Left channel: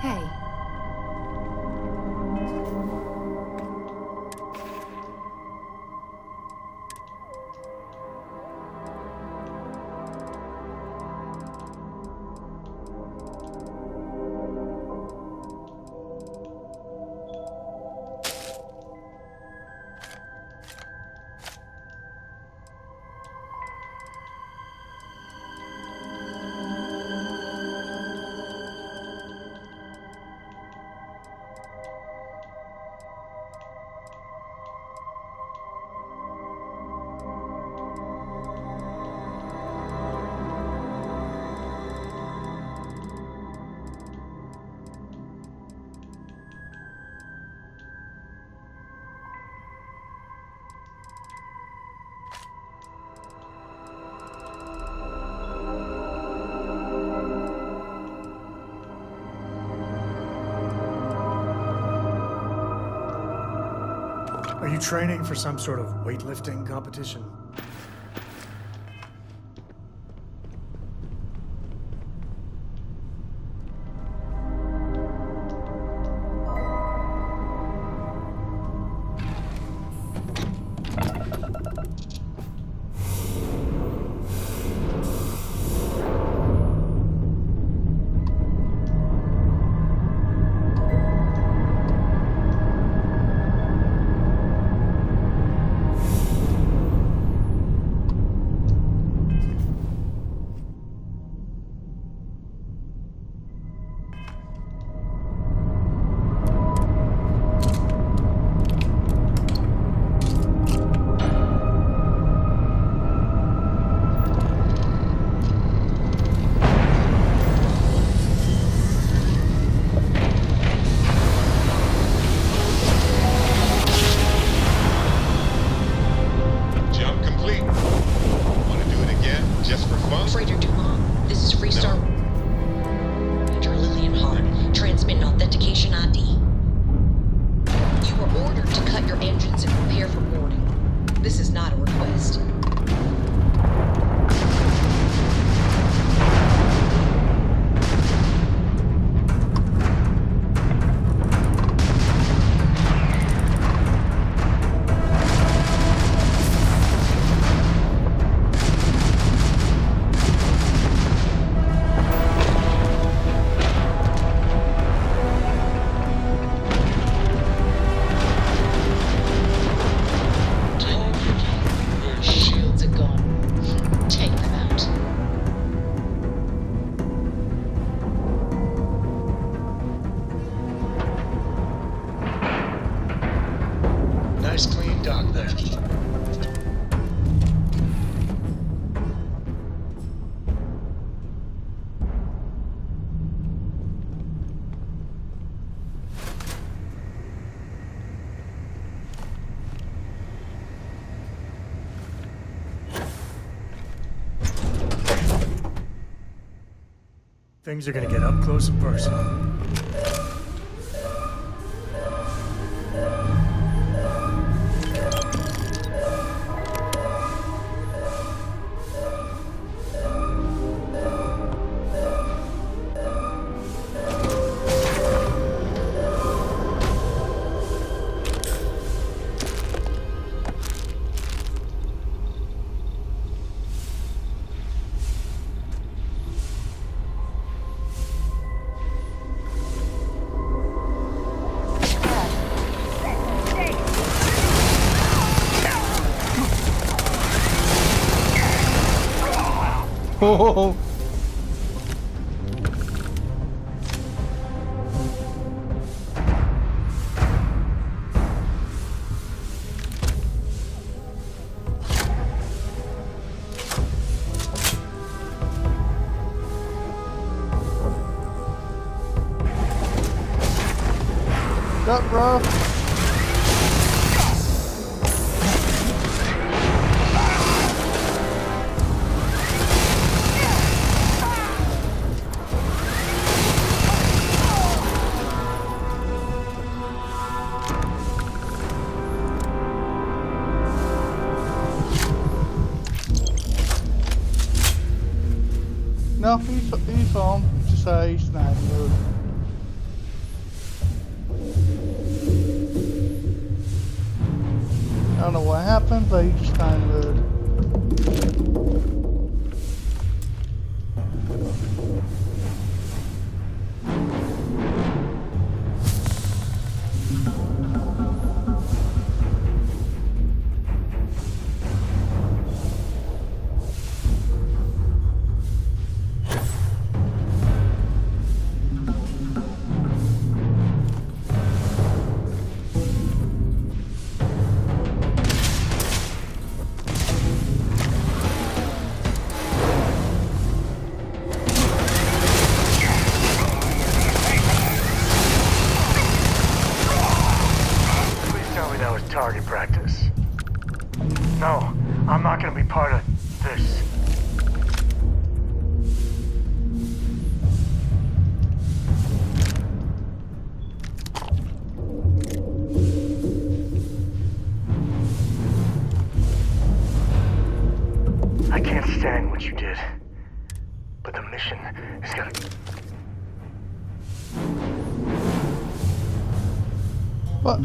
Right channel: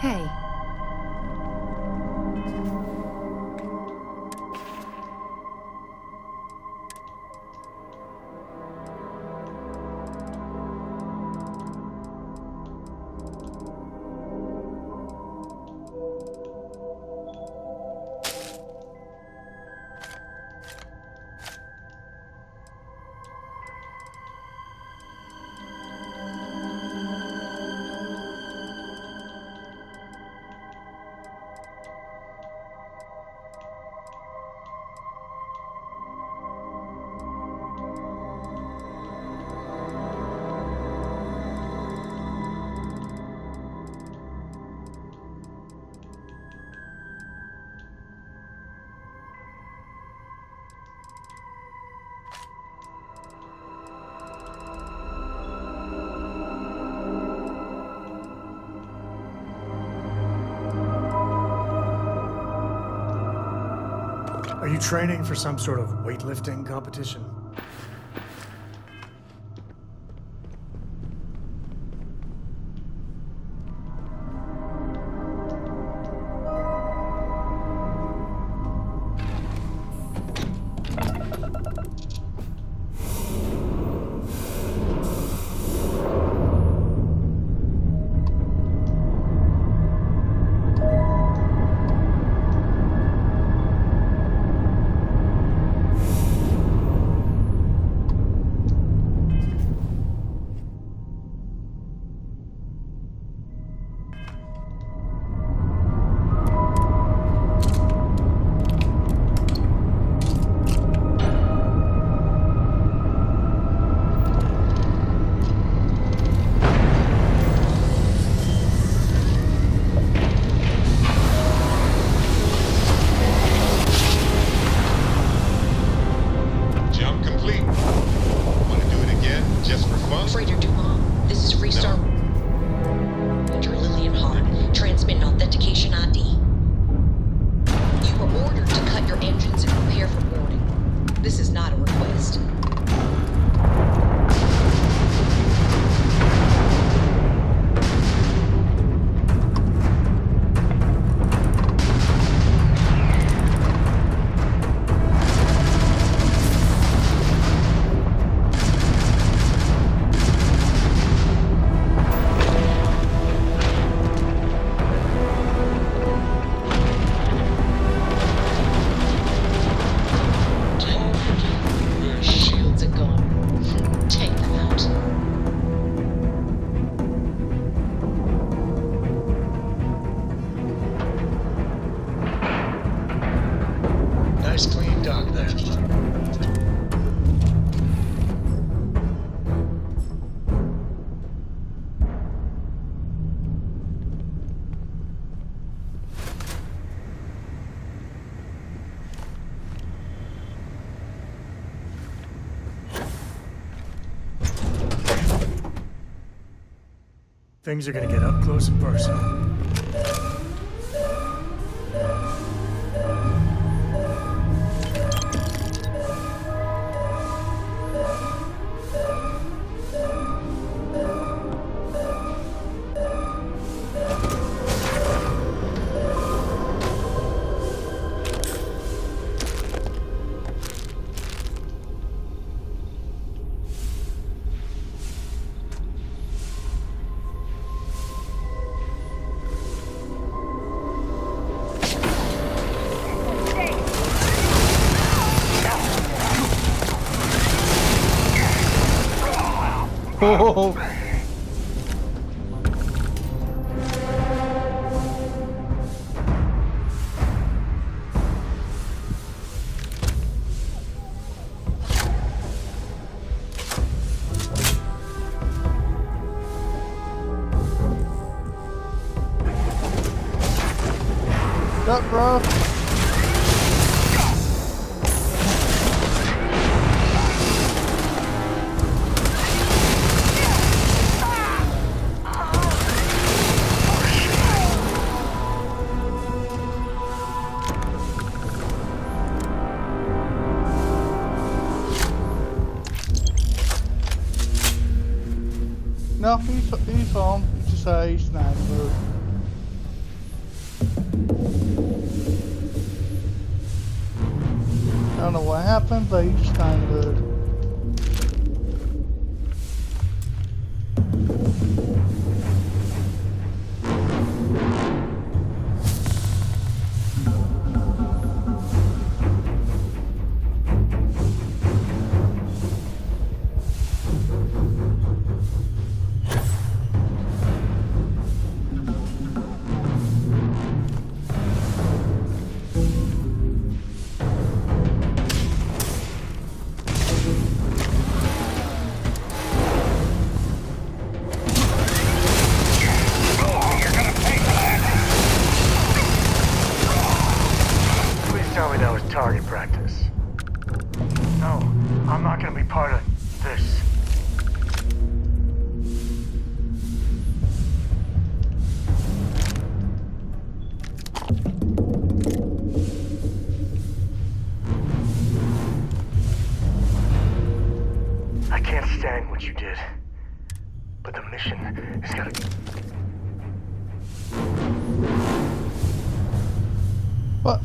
Hey. Are you training for some sort of weightlifting competition? Things are gonna get up close and personal. Oh. What's up, bro? No, he's home. He just he's not in the mood. I don't know what happened, but he's just not in the mood. Tell me that was target practice. No, I'm not gonna be part of this. I can't stand what you did, but the mission is gonna... What?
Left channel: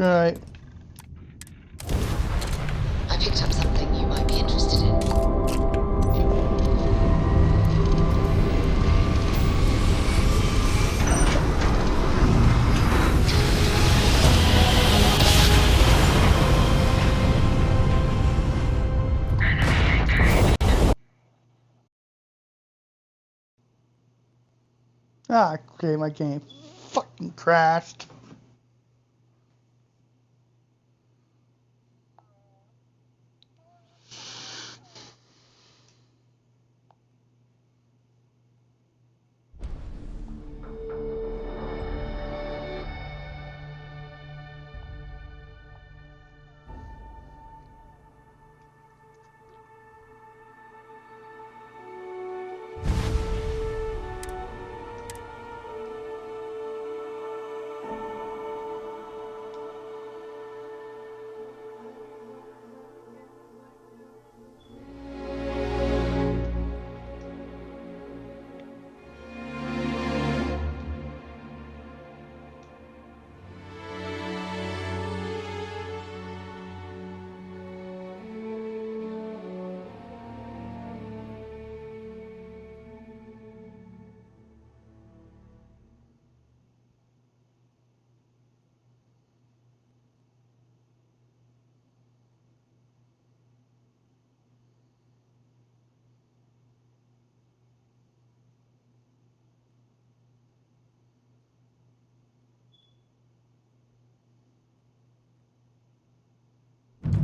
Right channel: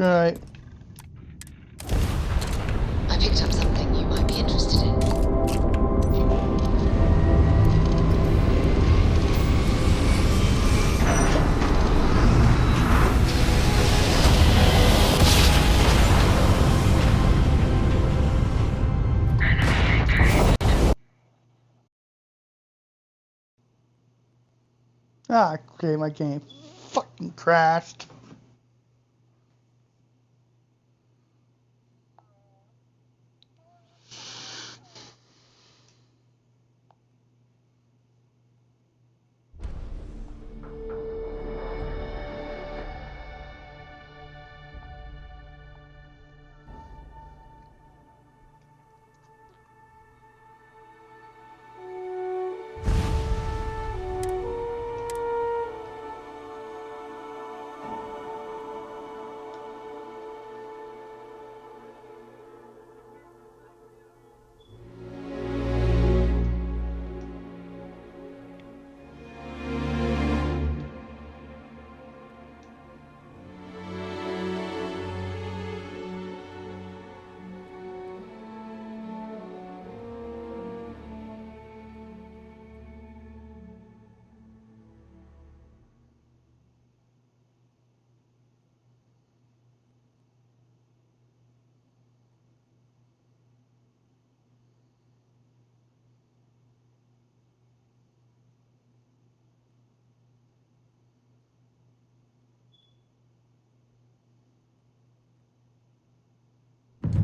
Alright. I picked up something you might be interested in. Ah, okay, my game fucking crashed.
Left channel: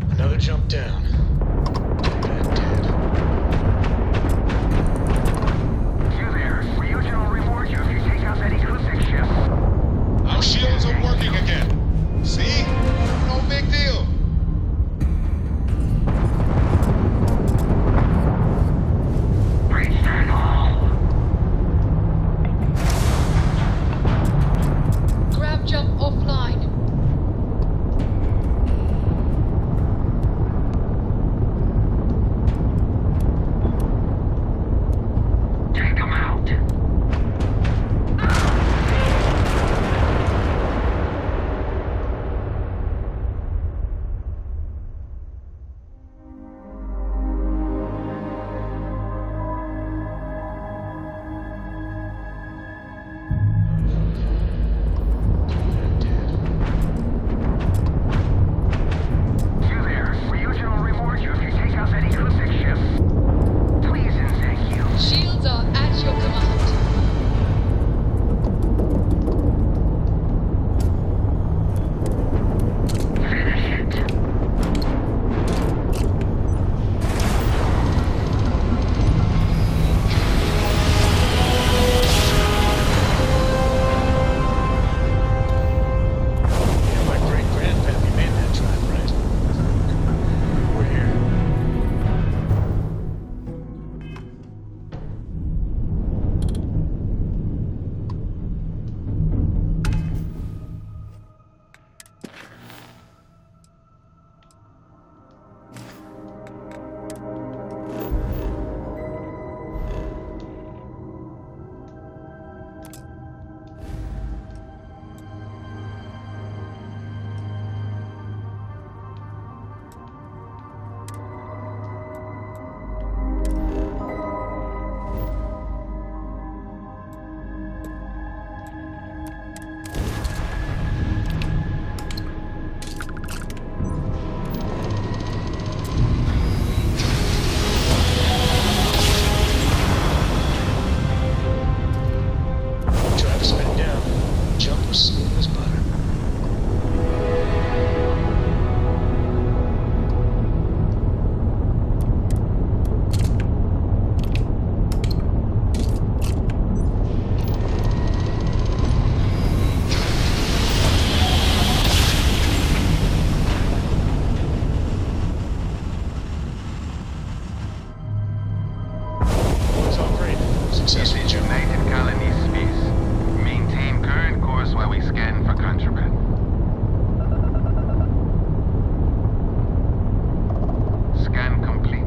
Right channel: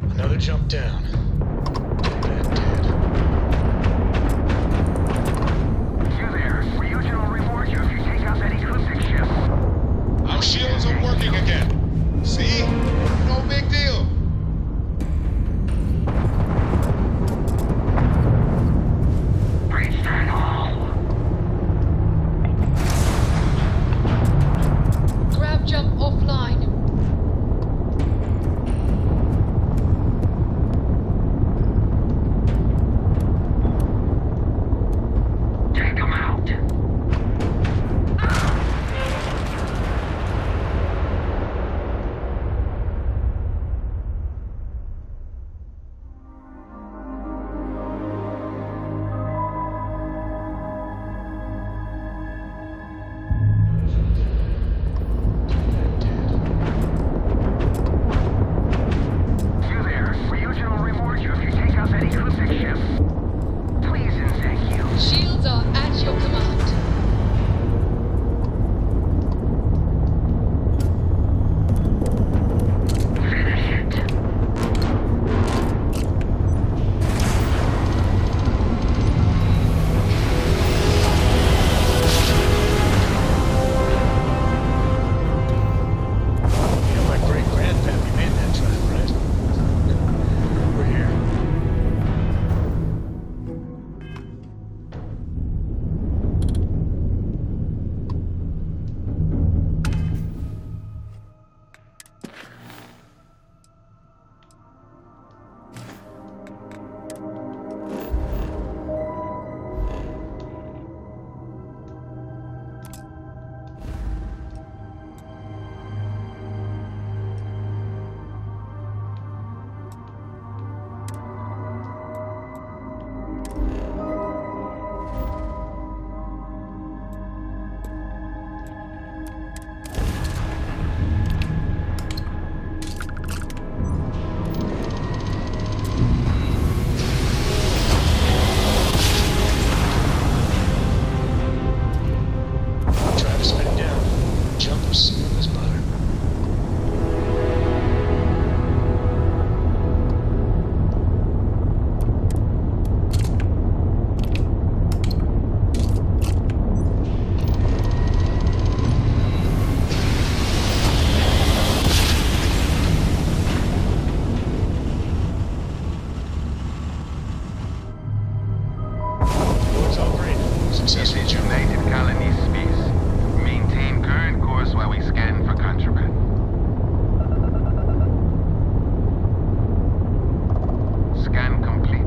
Another jump down. working again. See? No big deal. Grab jump offline. Take them out. You there. Ryujin will reward you if you take out that ecliptic ship. Please and thank you. Shields are at your command. Finish it. You know my great-grandpappy made that drive, right? We're here. Travis bedded down. Jump was smooth as butter. Boys all great. Successful This is jump. United Colony Space. Maintain current course while we scan for contraband. Scan complete.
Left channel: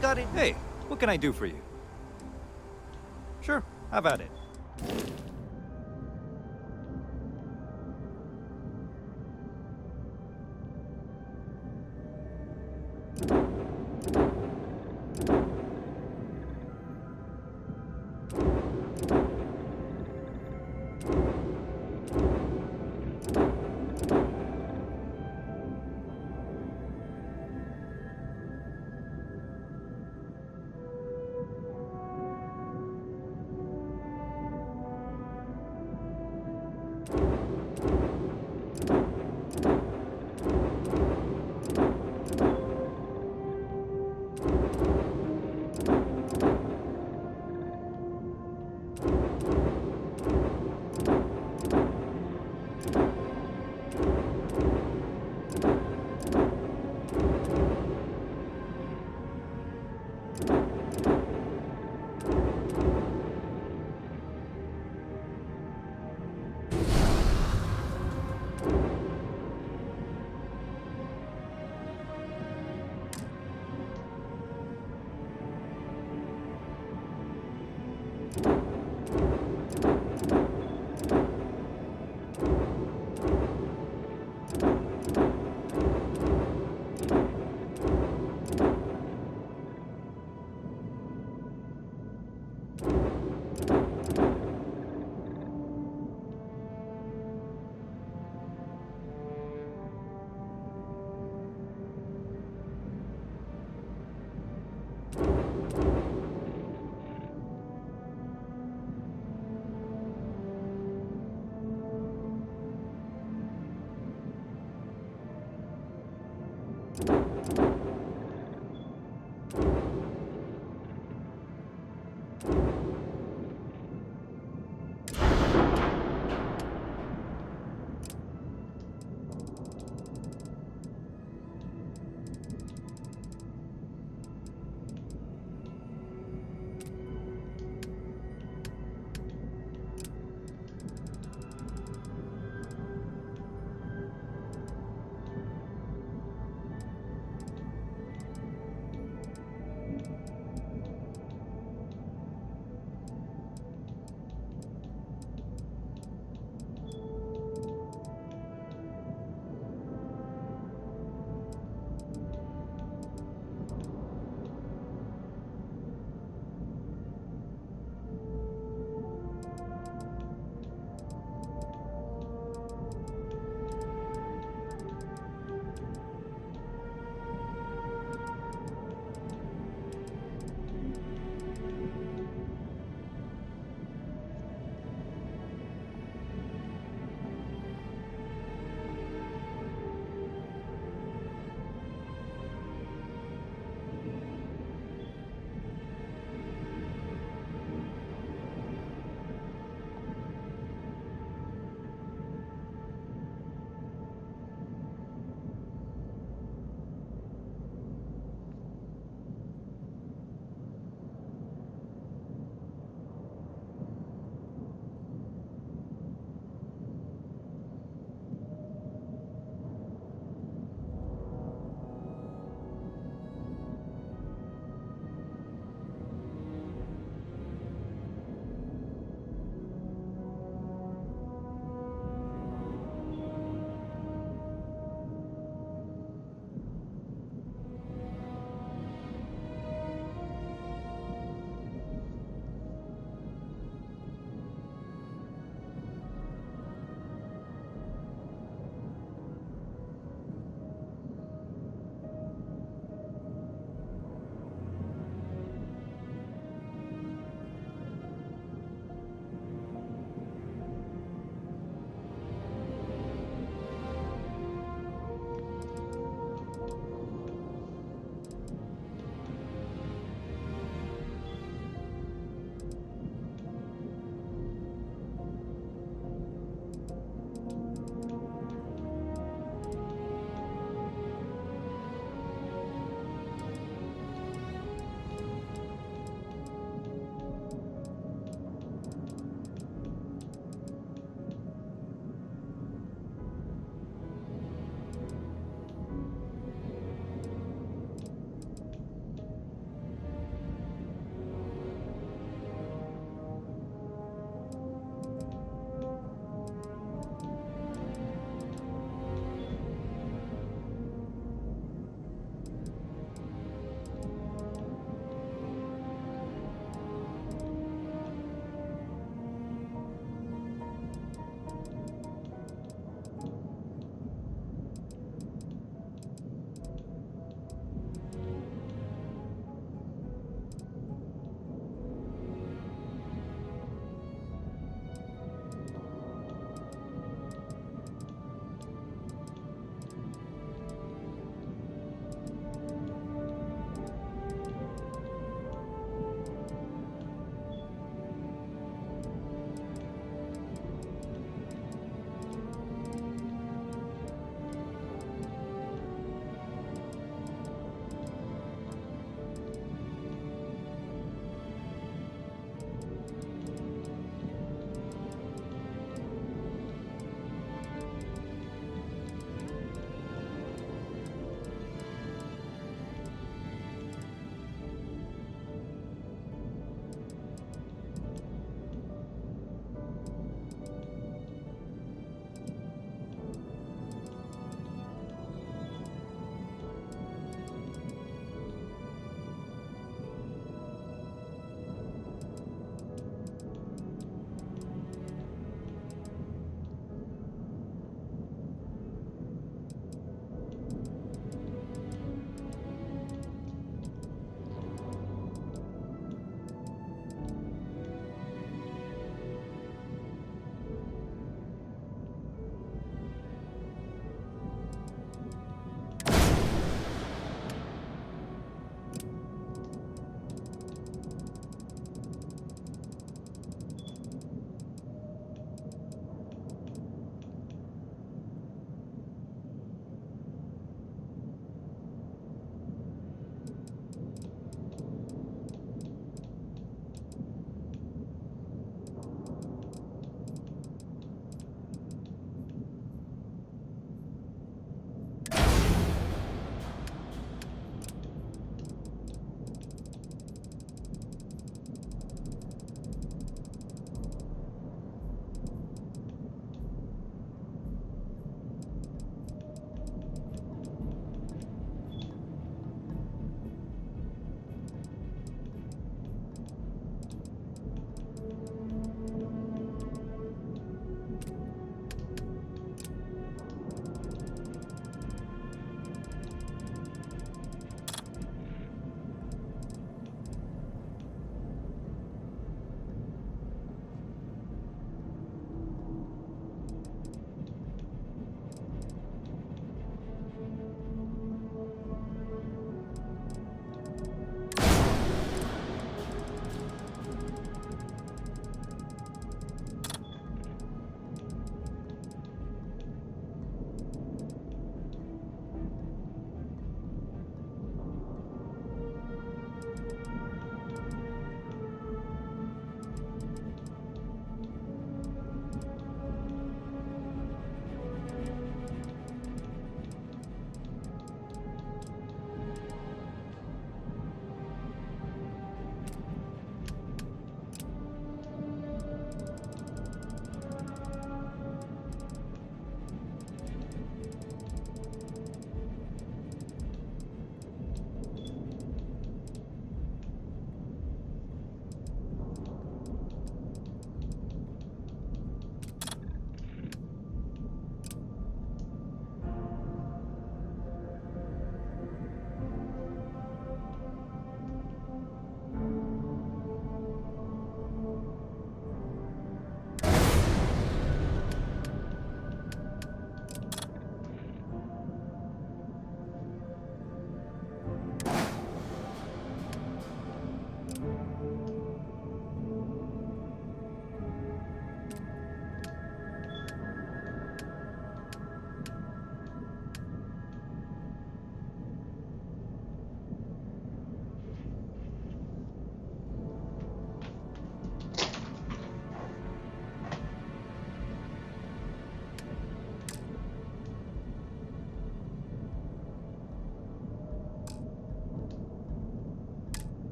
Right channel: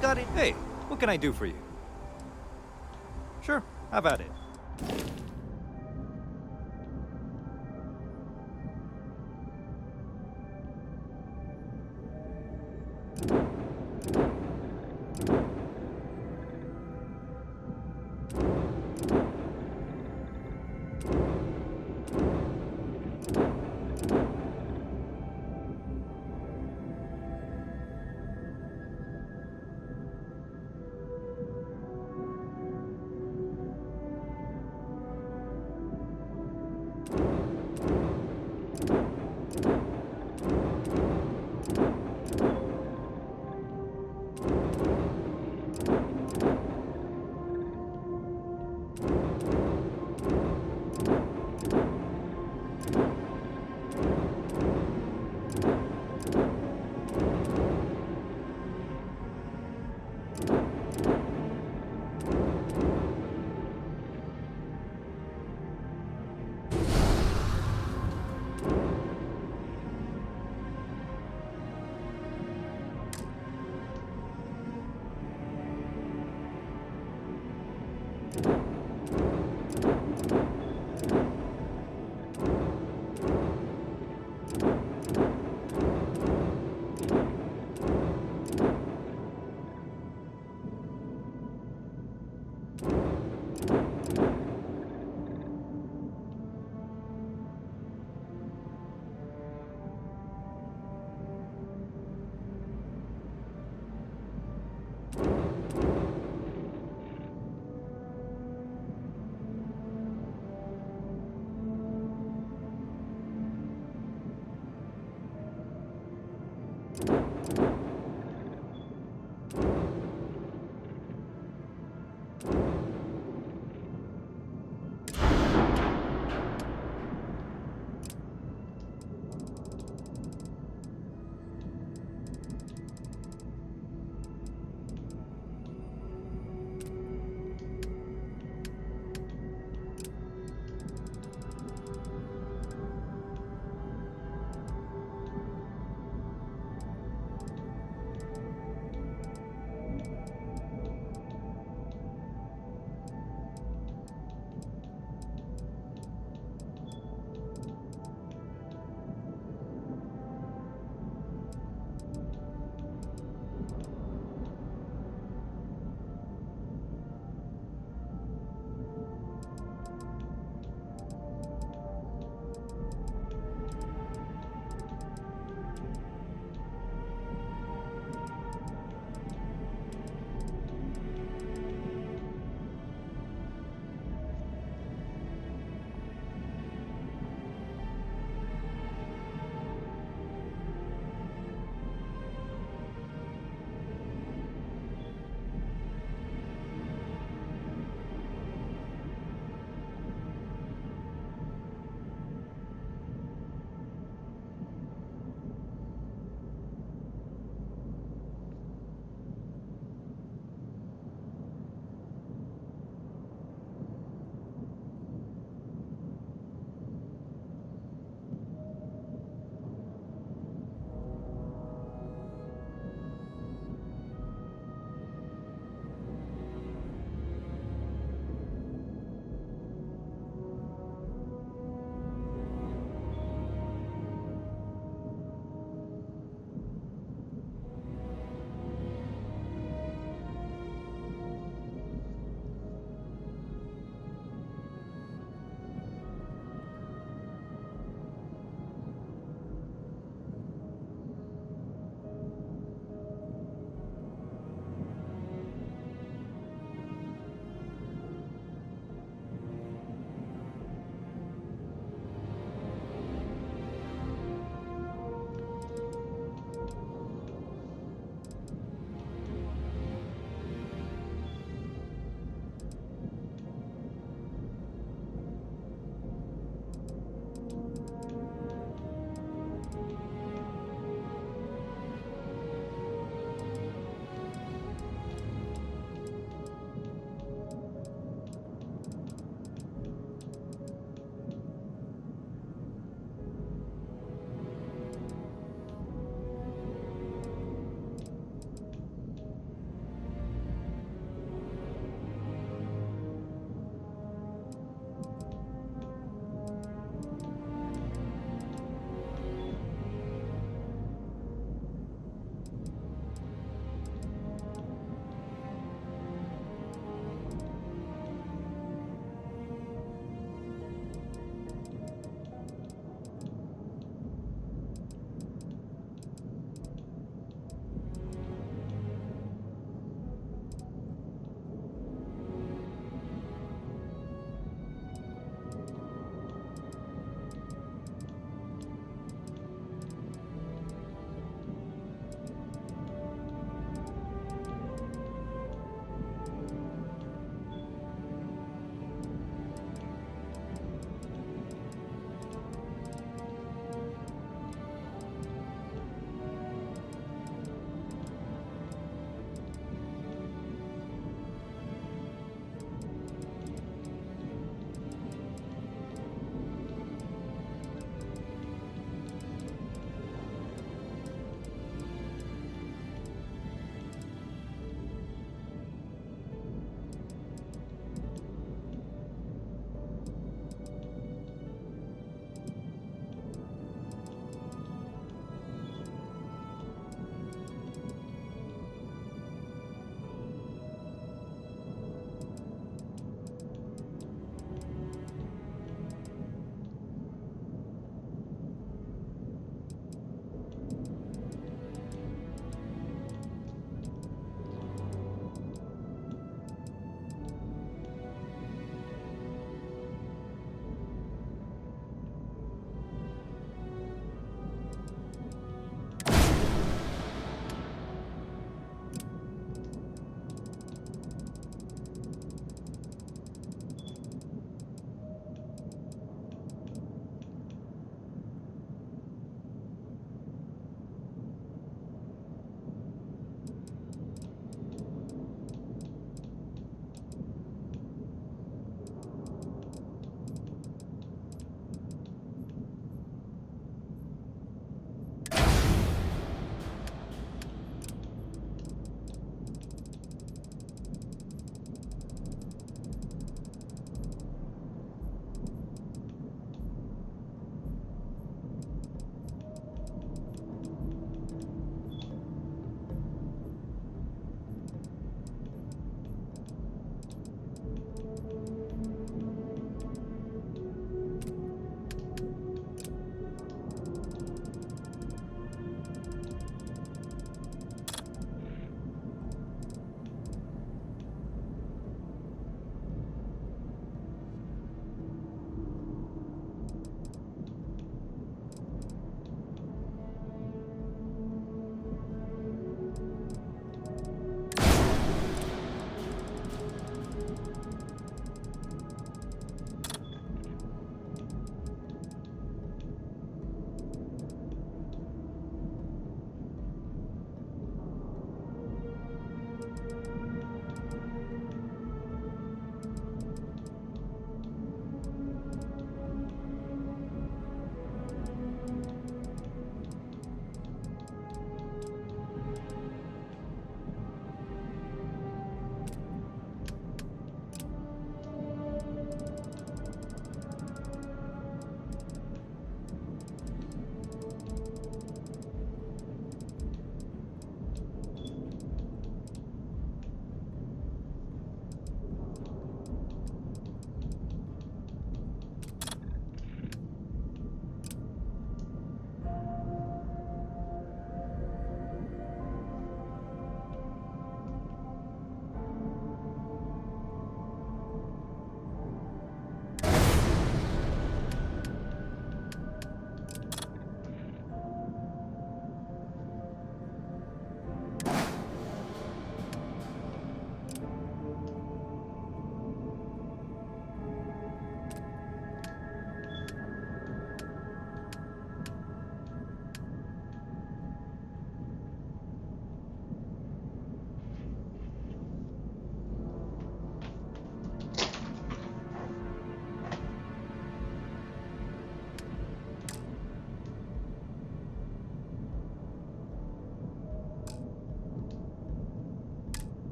Got it. Hey, what can I do for you? Sure, have at it.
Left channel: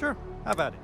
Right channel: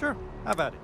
Sure, have at it.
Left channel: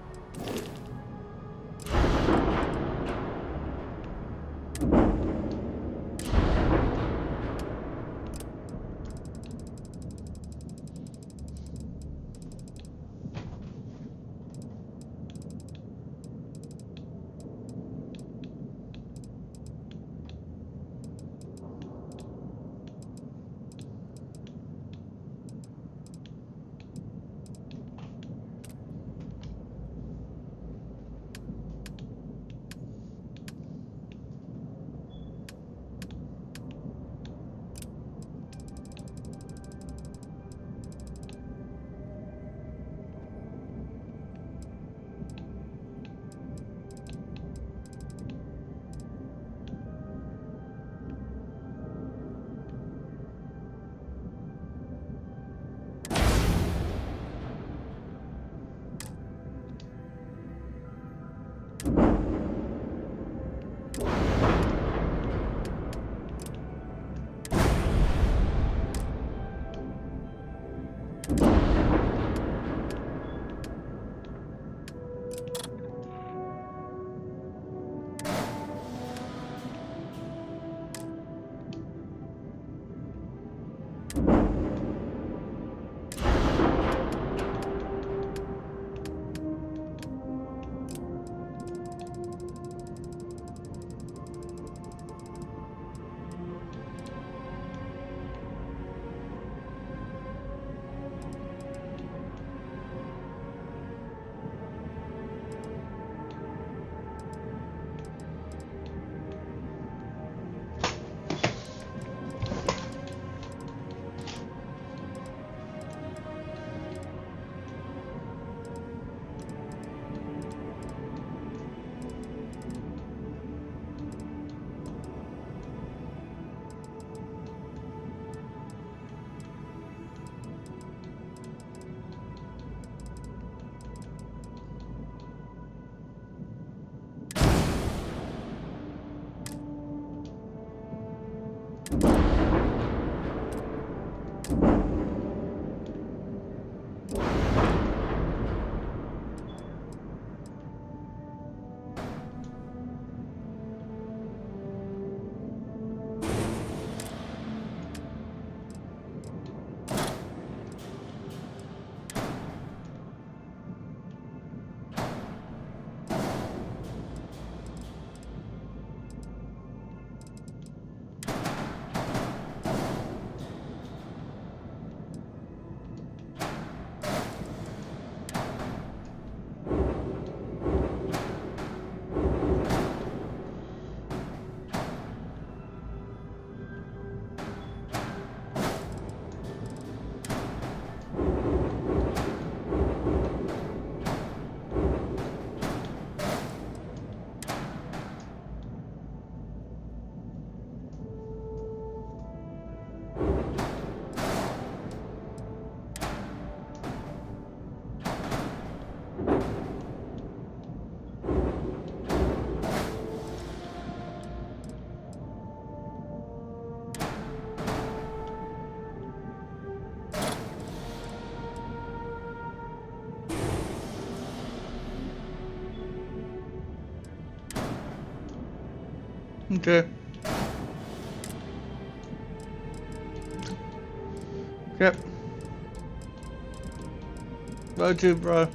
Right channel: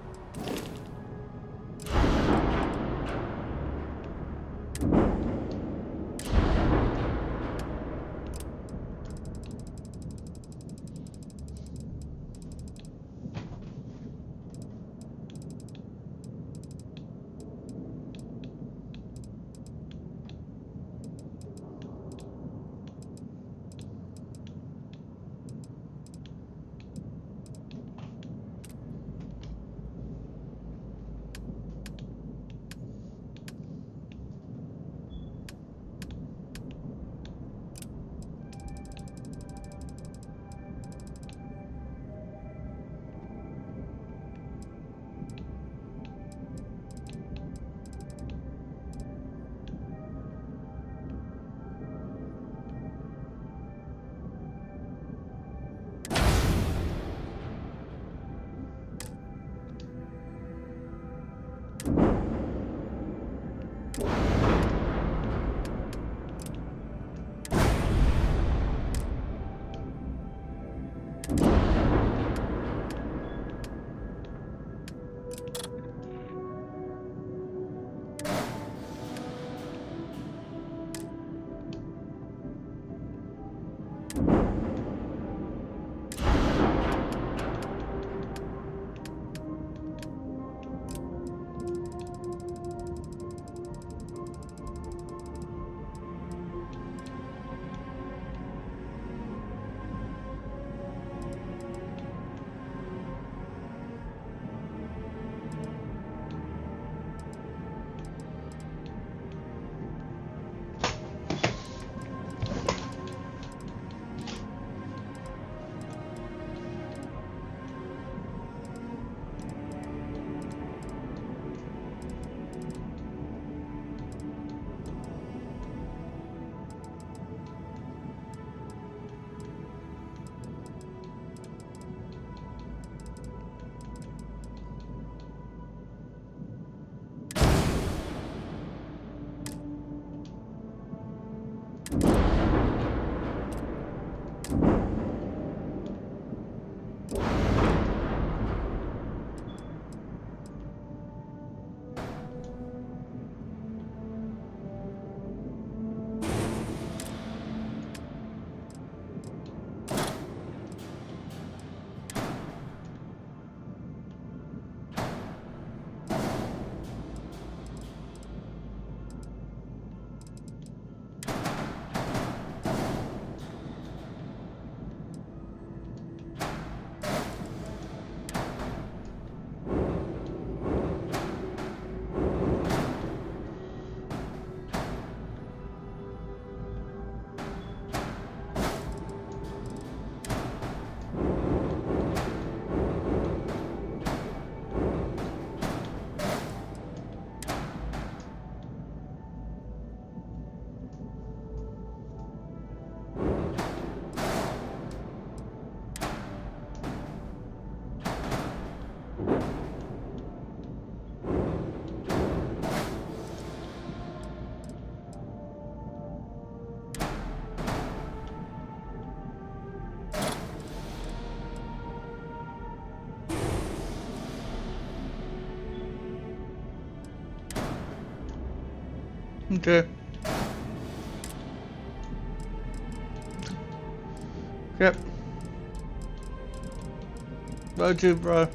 Okay. Yep. Love you, bro.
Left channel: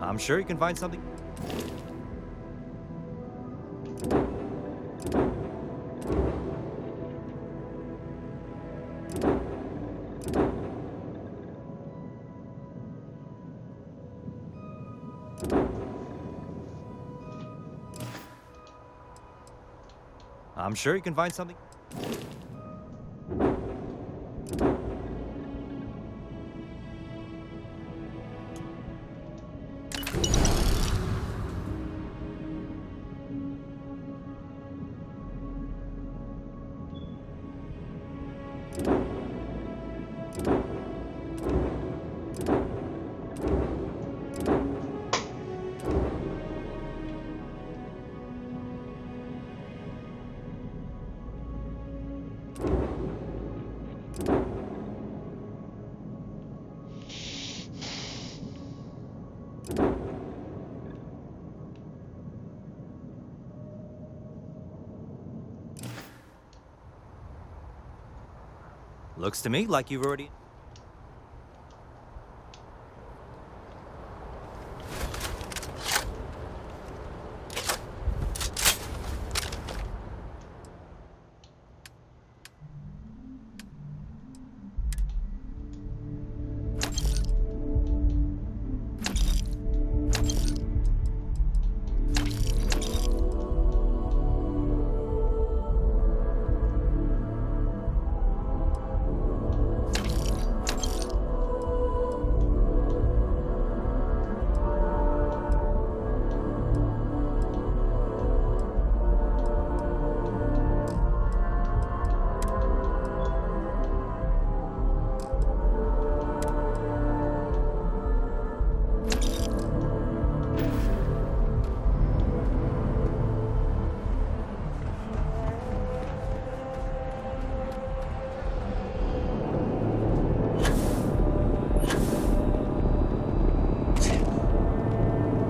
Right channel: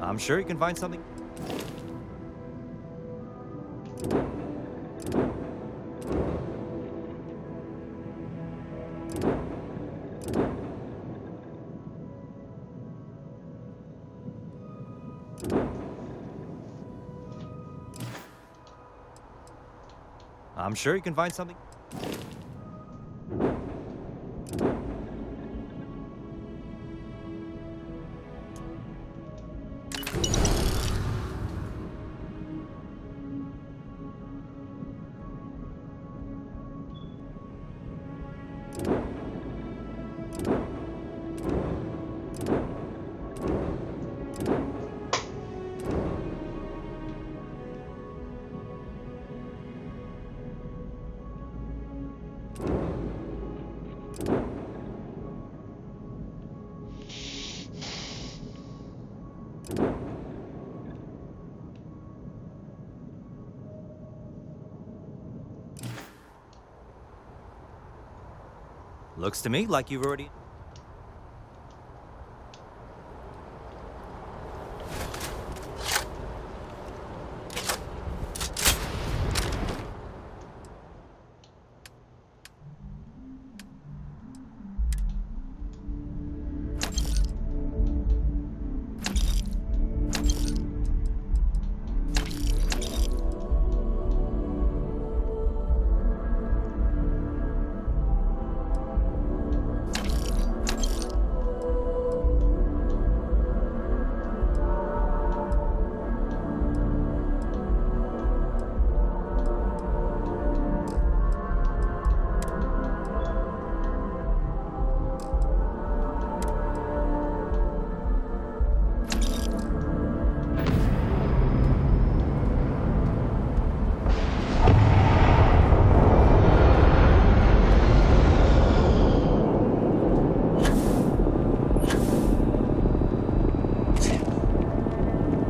I'm sure you can find something. I'm sure you can find something. Looks to me like you've already...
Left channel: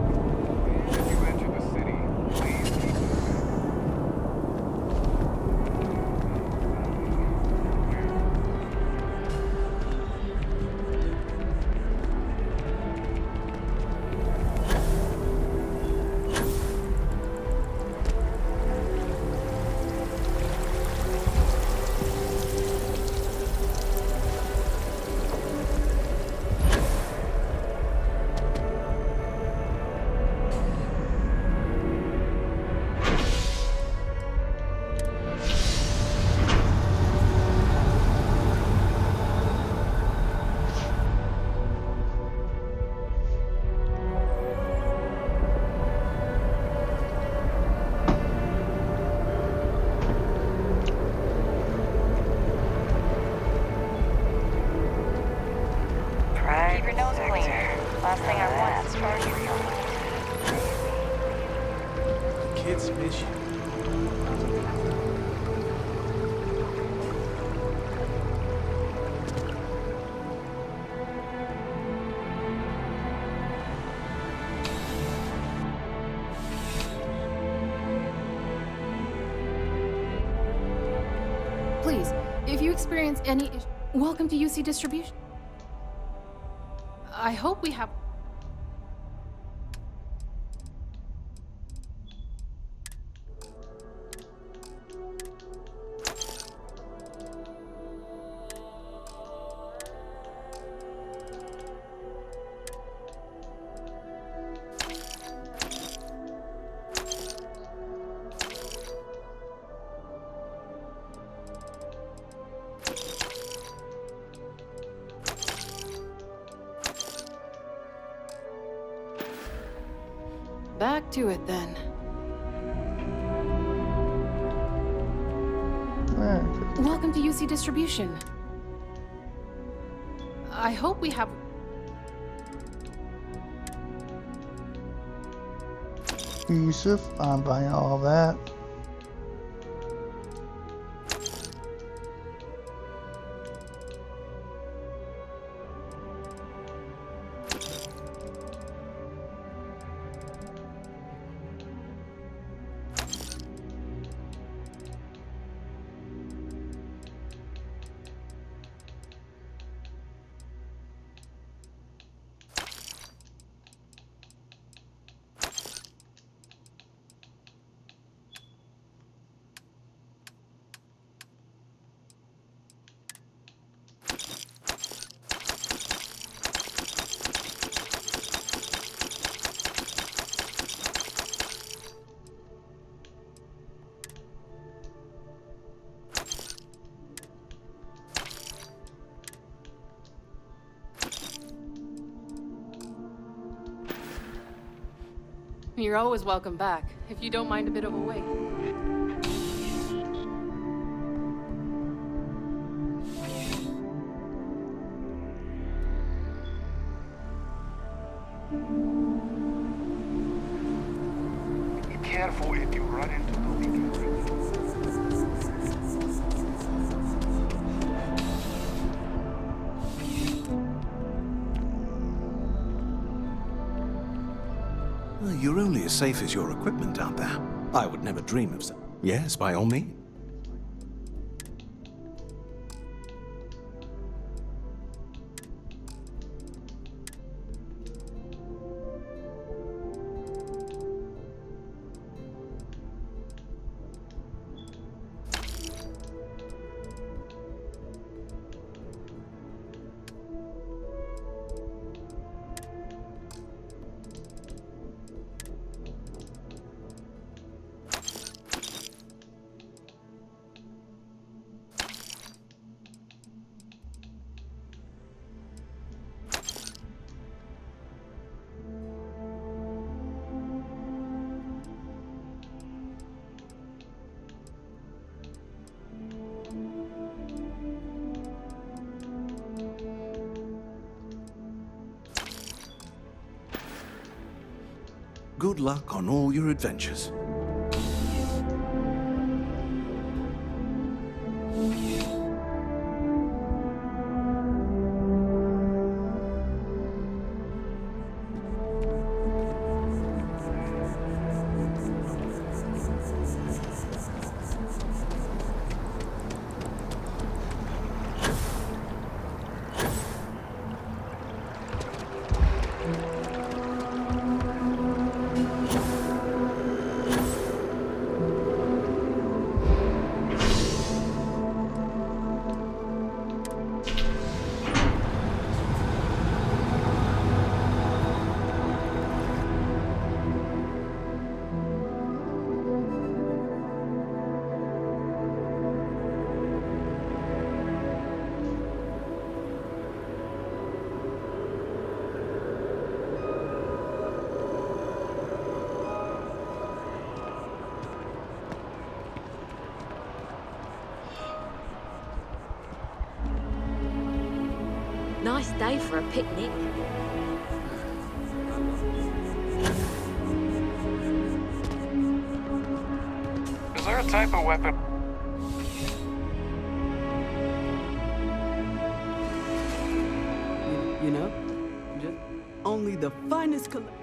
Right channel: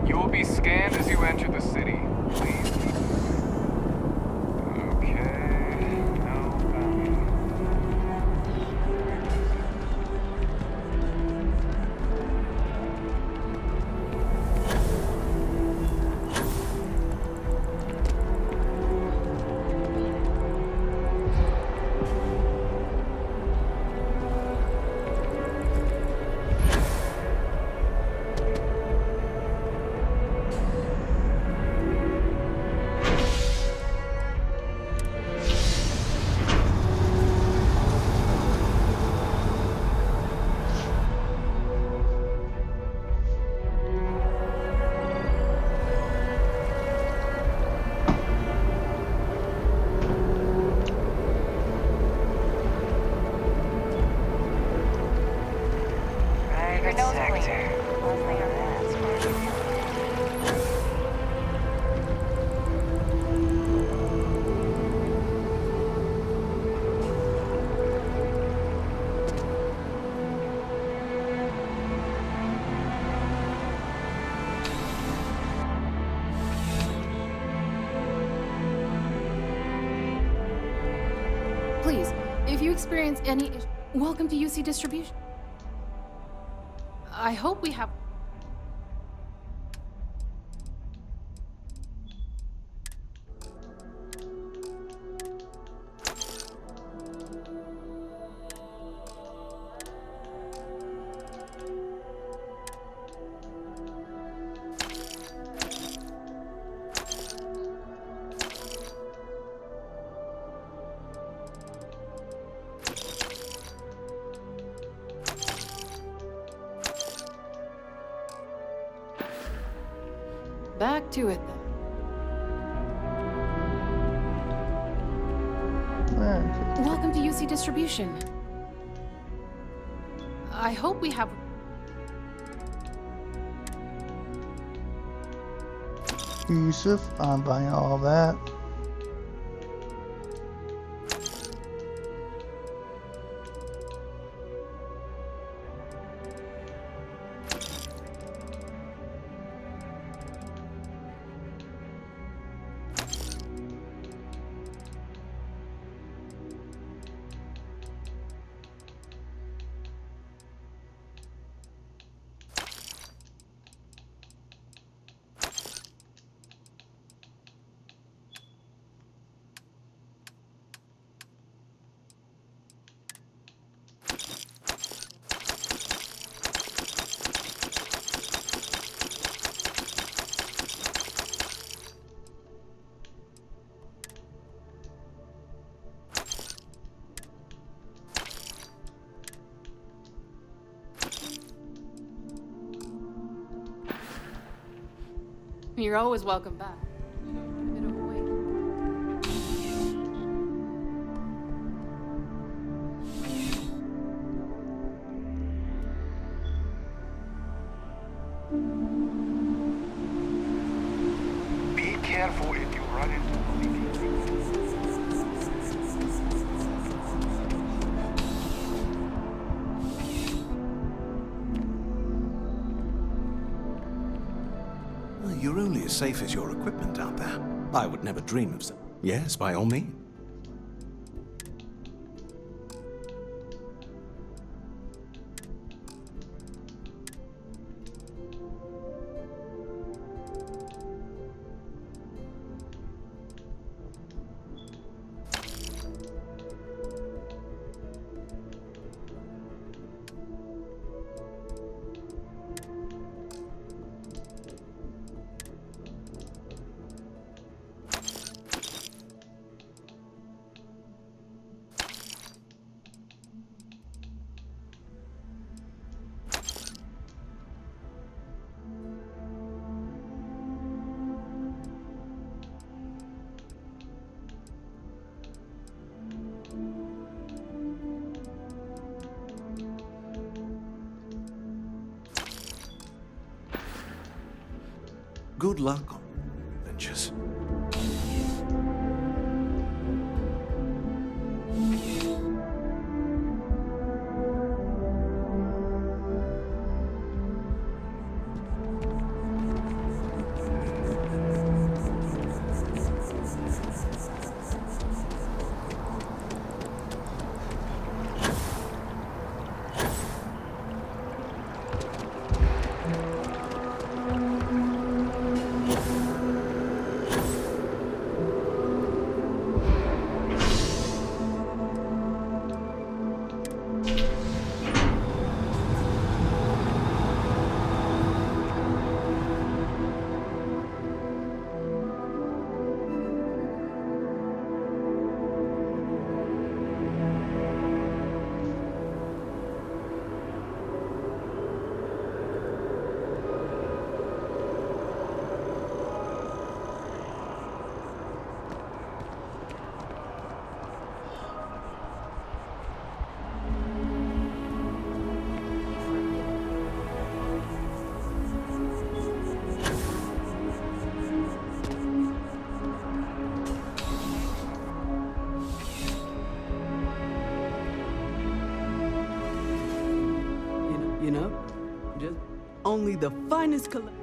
You will be scanned as you enter the city. Please keep it. Okay. No bounty. Keep your nose clean. Last thing I want is for you. Please, if you experience any issue, welcome to UC Distribution. I hope we have... Back to it then. Welcome to UC Distribution. I hope we have... Yusuf, I'm buying all that. You're always welcome back, if you don't mind a bit of a wait. Be careful if you run into the leaking. You're only as safe as your equipment out there. I would never dream of so. Yes, by all means. Good luck on all your adventures. Nice day for a picnic. Is there a type of weapon? You know, just only the finest collection.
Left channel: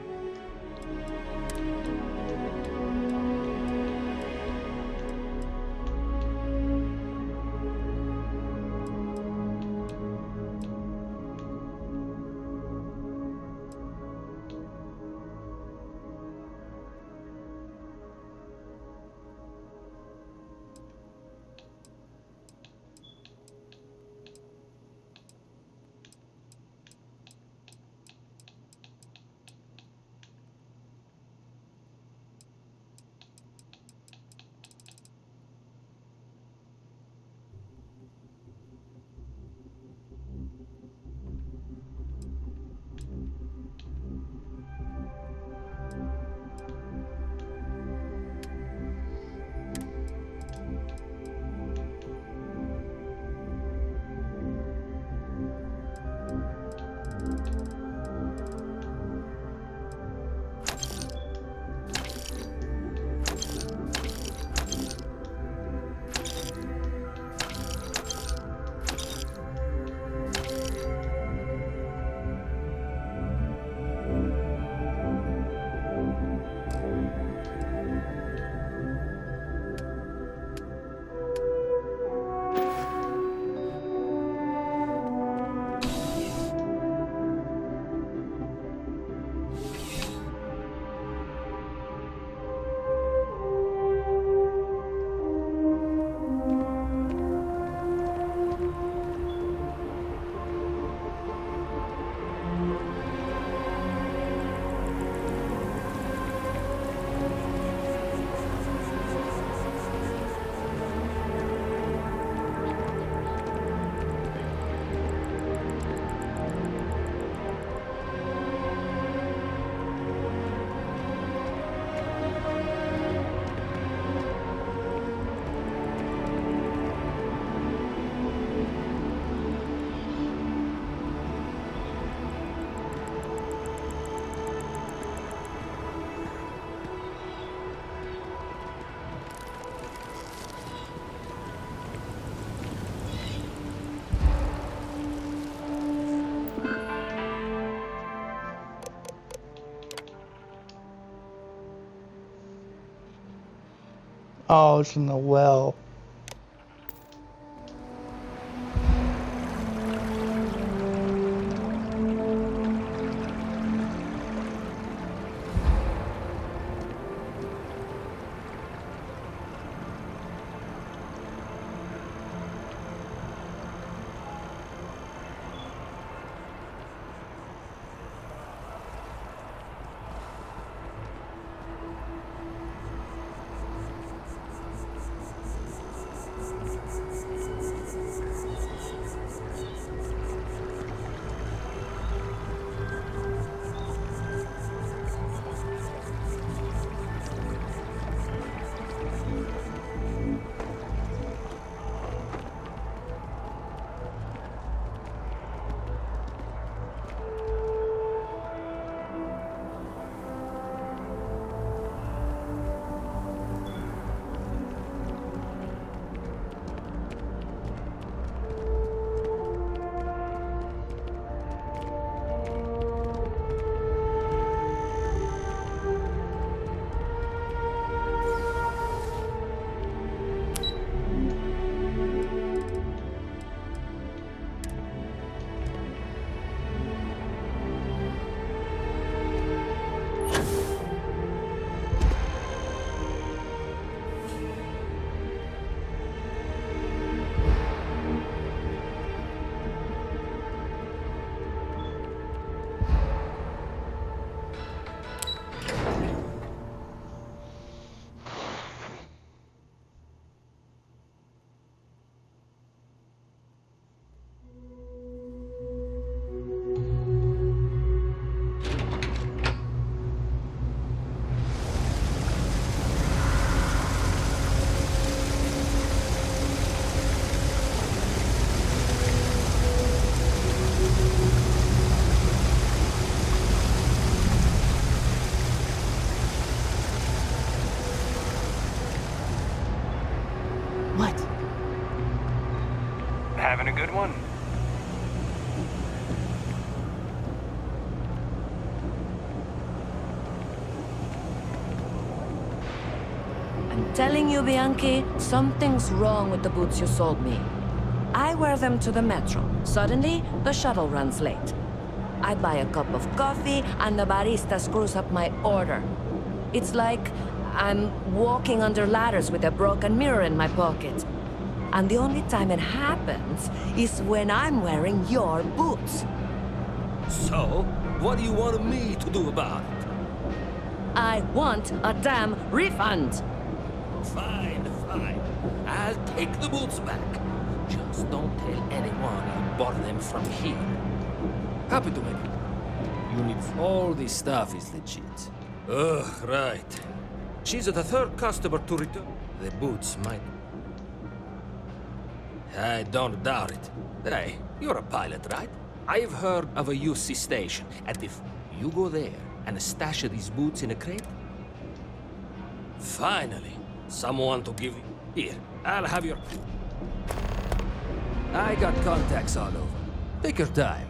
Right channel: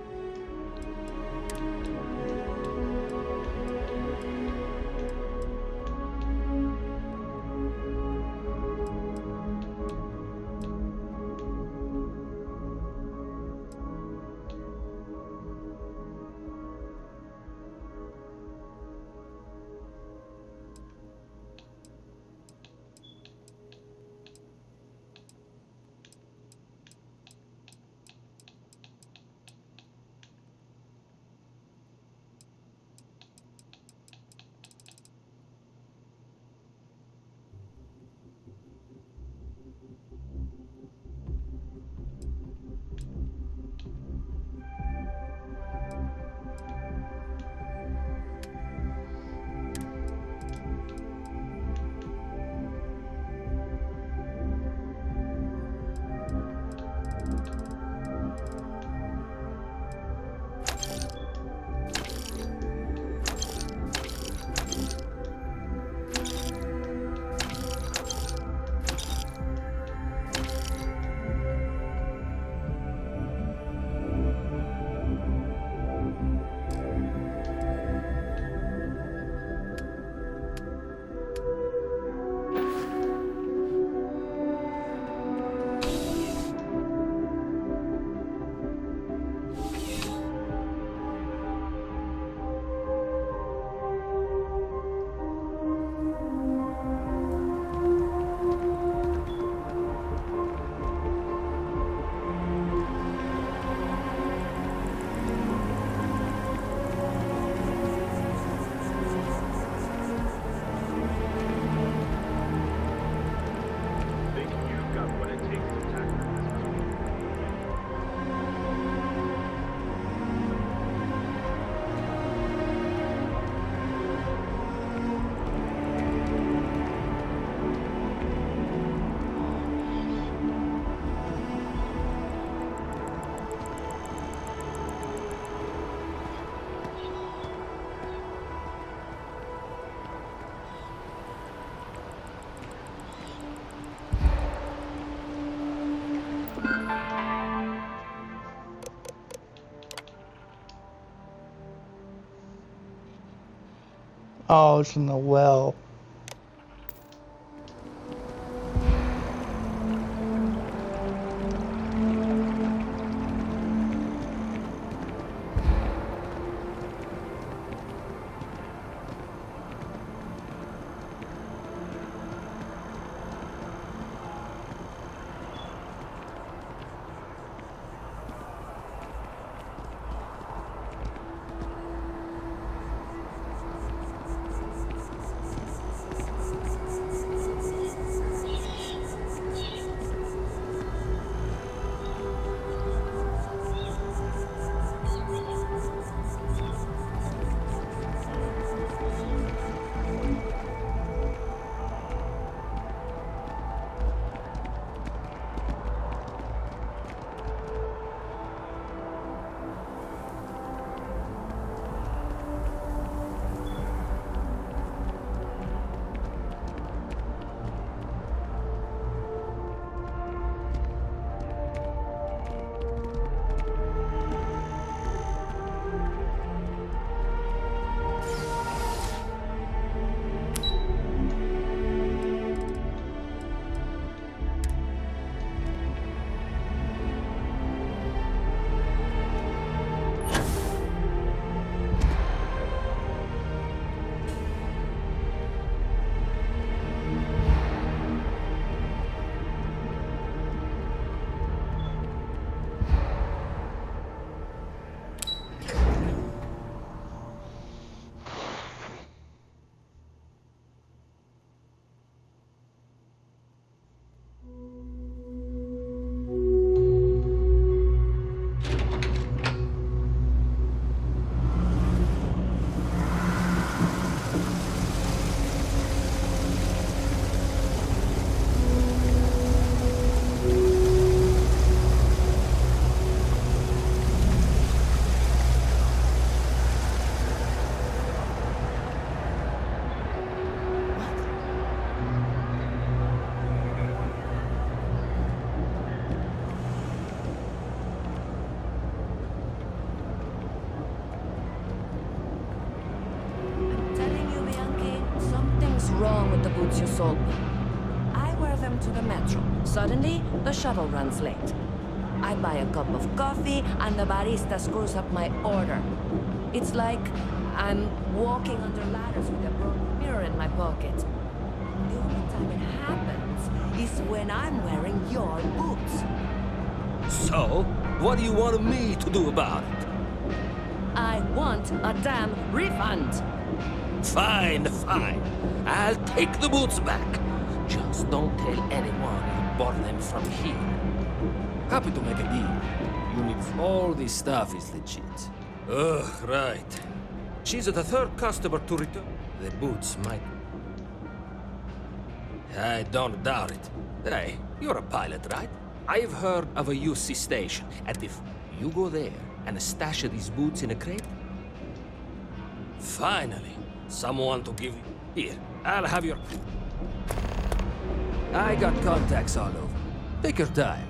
Oh, it's in the well. Having a good one? I'm telling you, Bianchi, something's wrong with the boots you sold me. I wear them to the metro. Suddenly, the shuttle runs late. I buy a cup of coffee, and the barista screws up my order. It's like I'm walking under ladders with a broken mirror in my pocket. And the only time it happens is when I'm wearing your boots. So, what do you want me to do about it? I want a damn refund. Fine, fine. I'll take the boots back. Just don't tell anyone you bought them from here. Happy to make a deal. You need all this stuff is legit. Ugh, right. She's the third customer to return. The boots might... I don't doubt it. Hey, you're a pilot, right? I've heard of a UC station, and if you go there and stash these boots in a crate... Finally, someone to give you... Here, I'll have your... I got contacts all over. Take your time.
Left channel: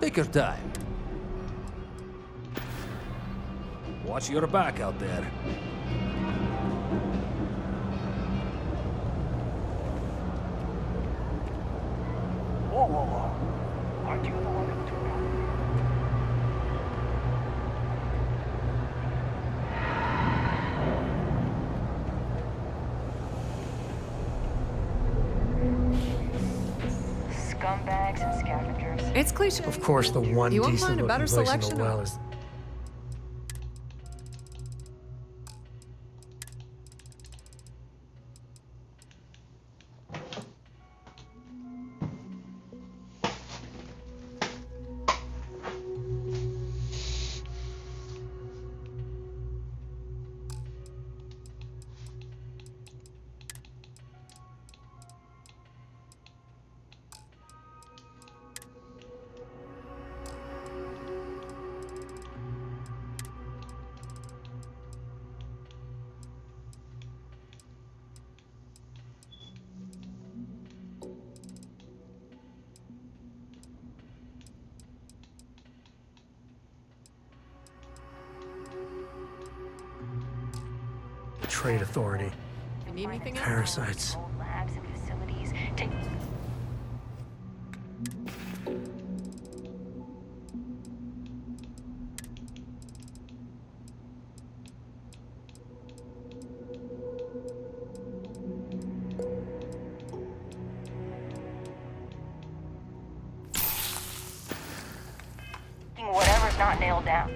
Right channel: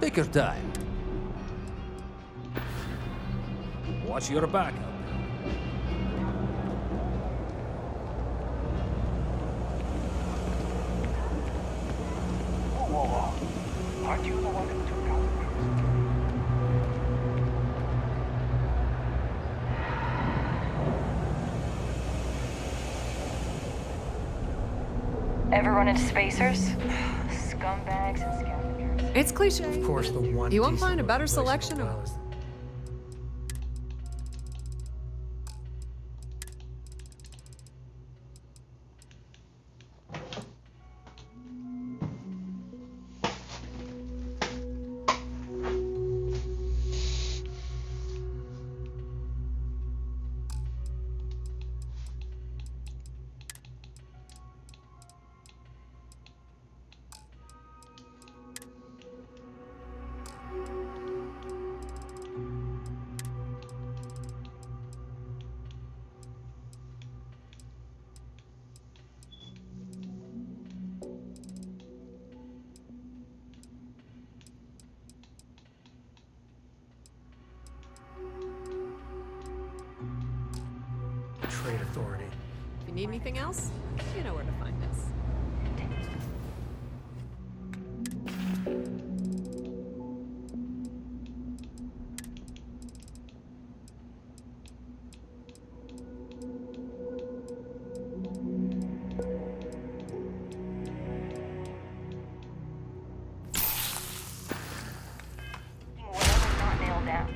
Take your time. Watch your back out there. Whoa, whoa, whoa. Aren't you the one who took out Ever run into spacers? Scumbags and scavengers. It's cliche. Of course, the one You won't decent find a looking better place in the selection well of. is trade authority. If you need anything else, Parasites. you know where to find me. Whatever's not nailed down.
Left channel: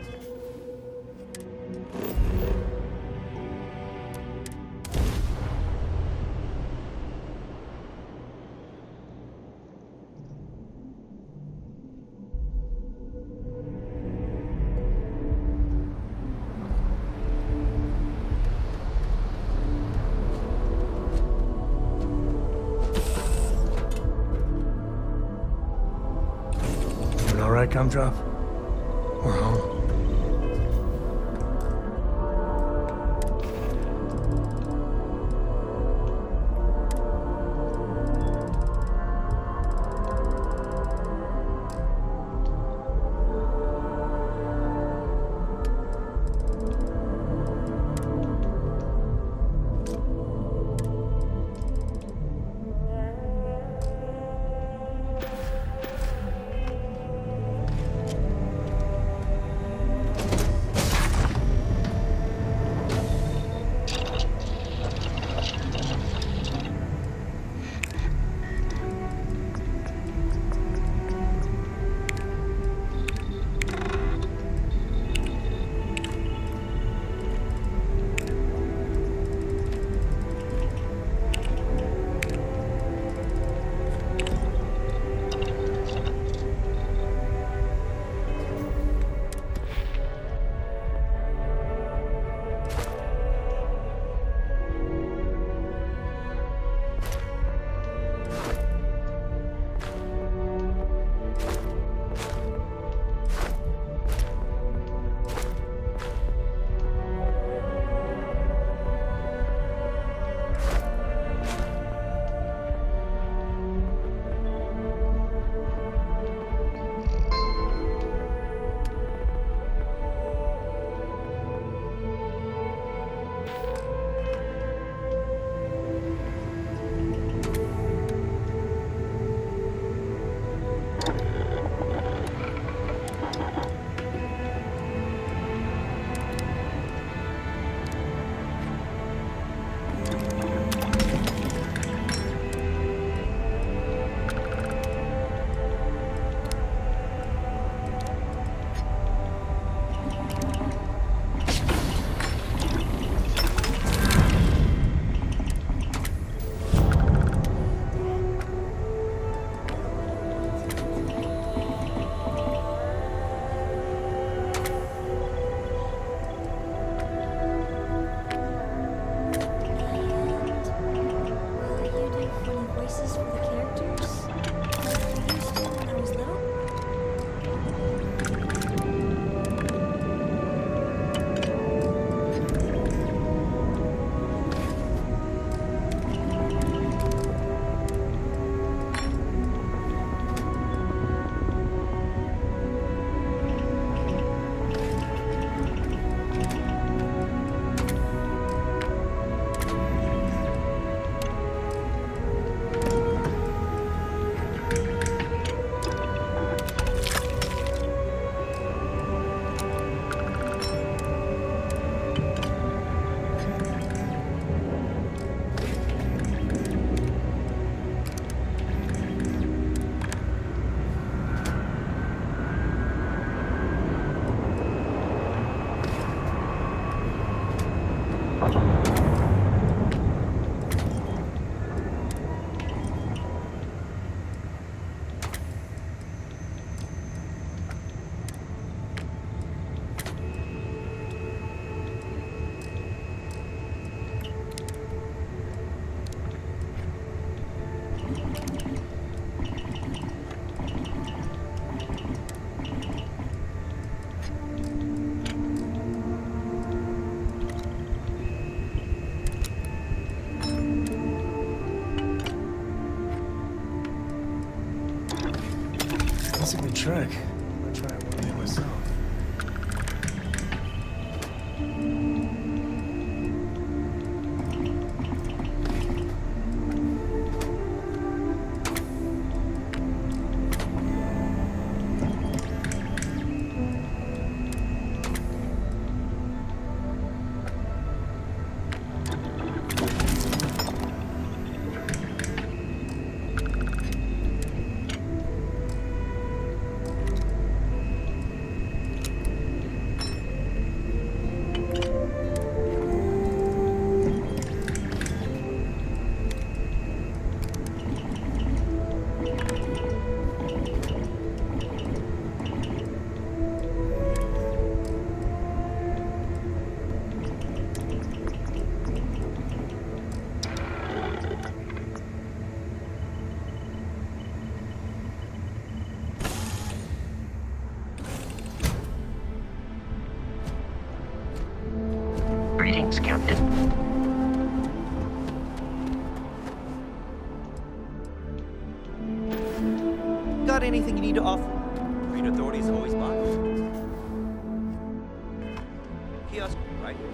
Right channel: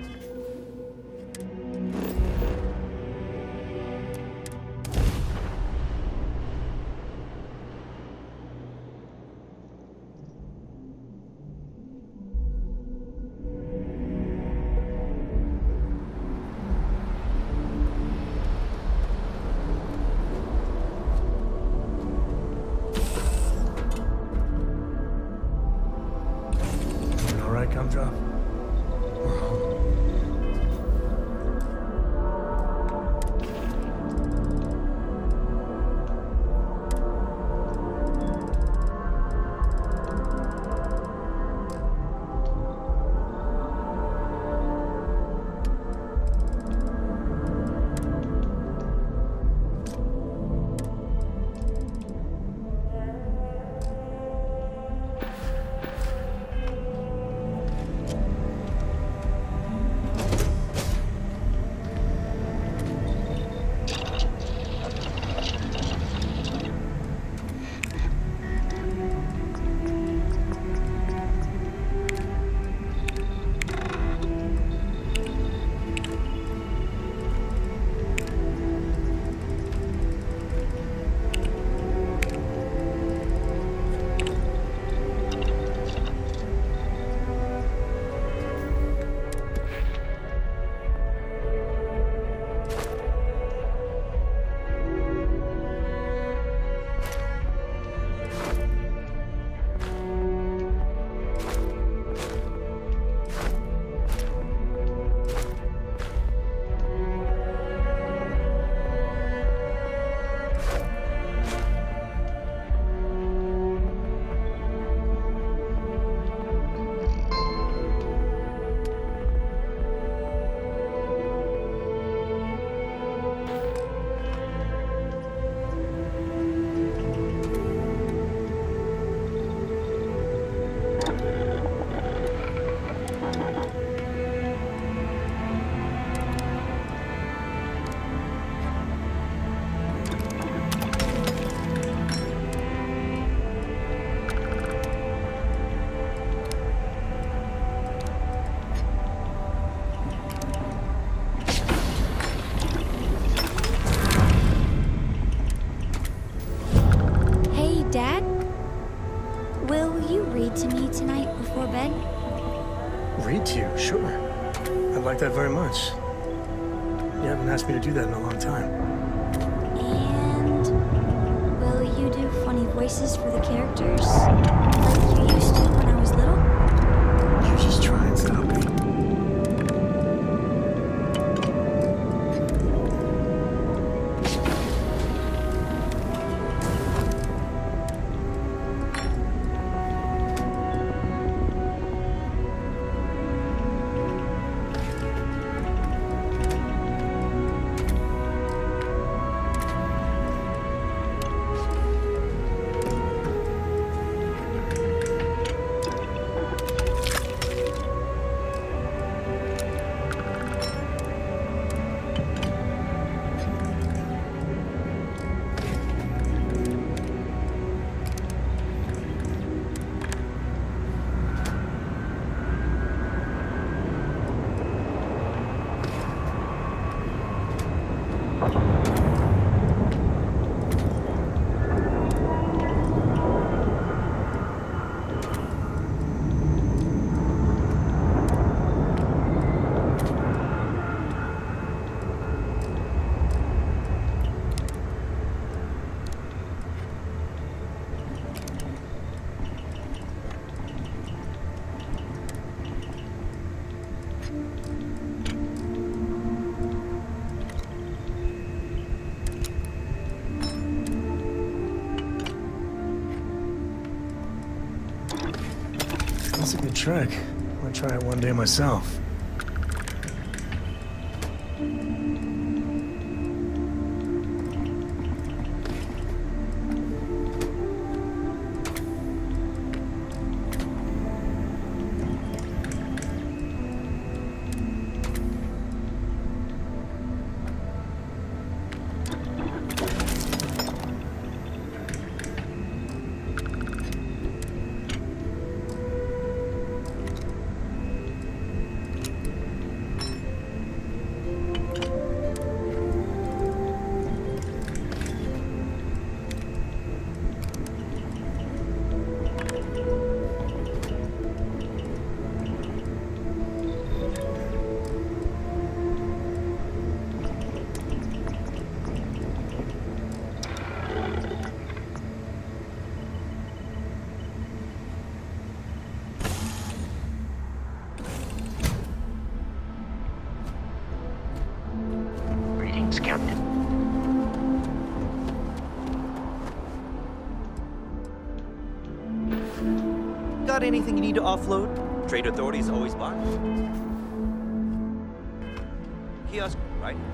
Doing all right, Gumdrop? We're home. that very much. You haven't asked me to do that in a long time. And will you do funny voices for the characters? Like you used to when I was little? I was just trying to help you. That's a good trick. Might try it one day myself. Greetings, Captain. Got anything you need to offload? Trade authorities always buy. Kiosk right here.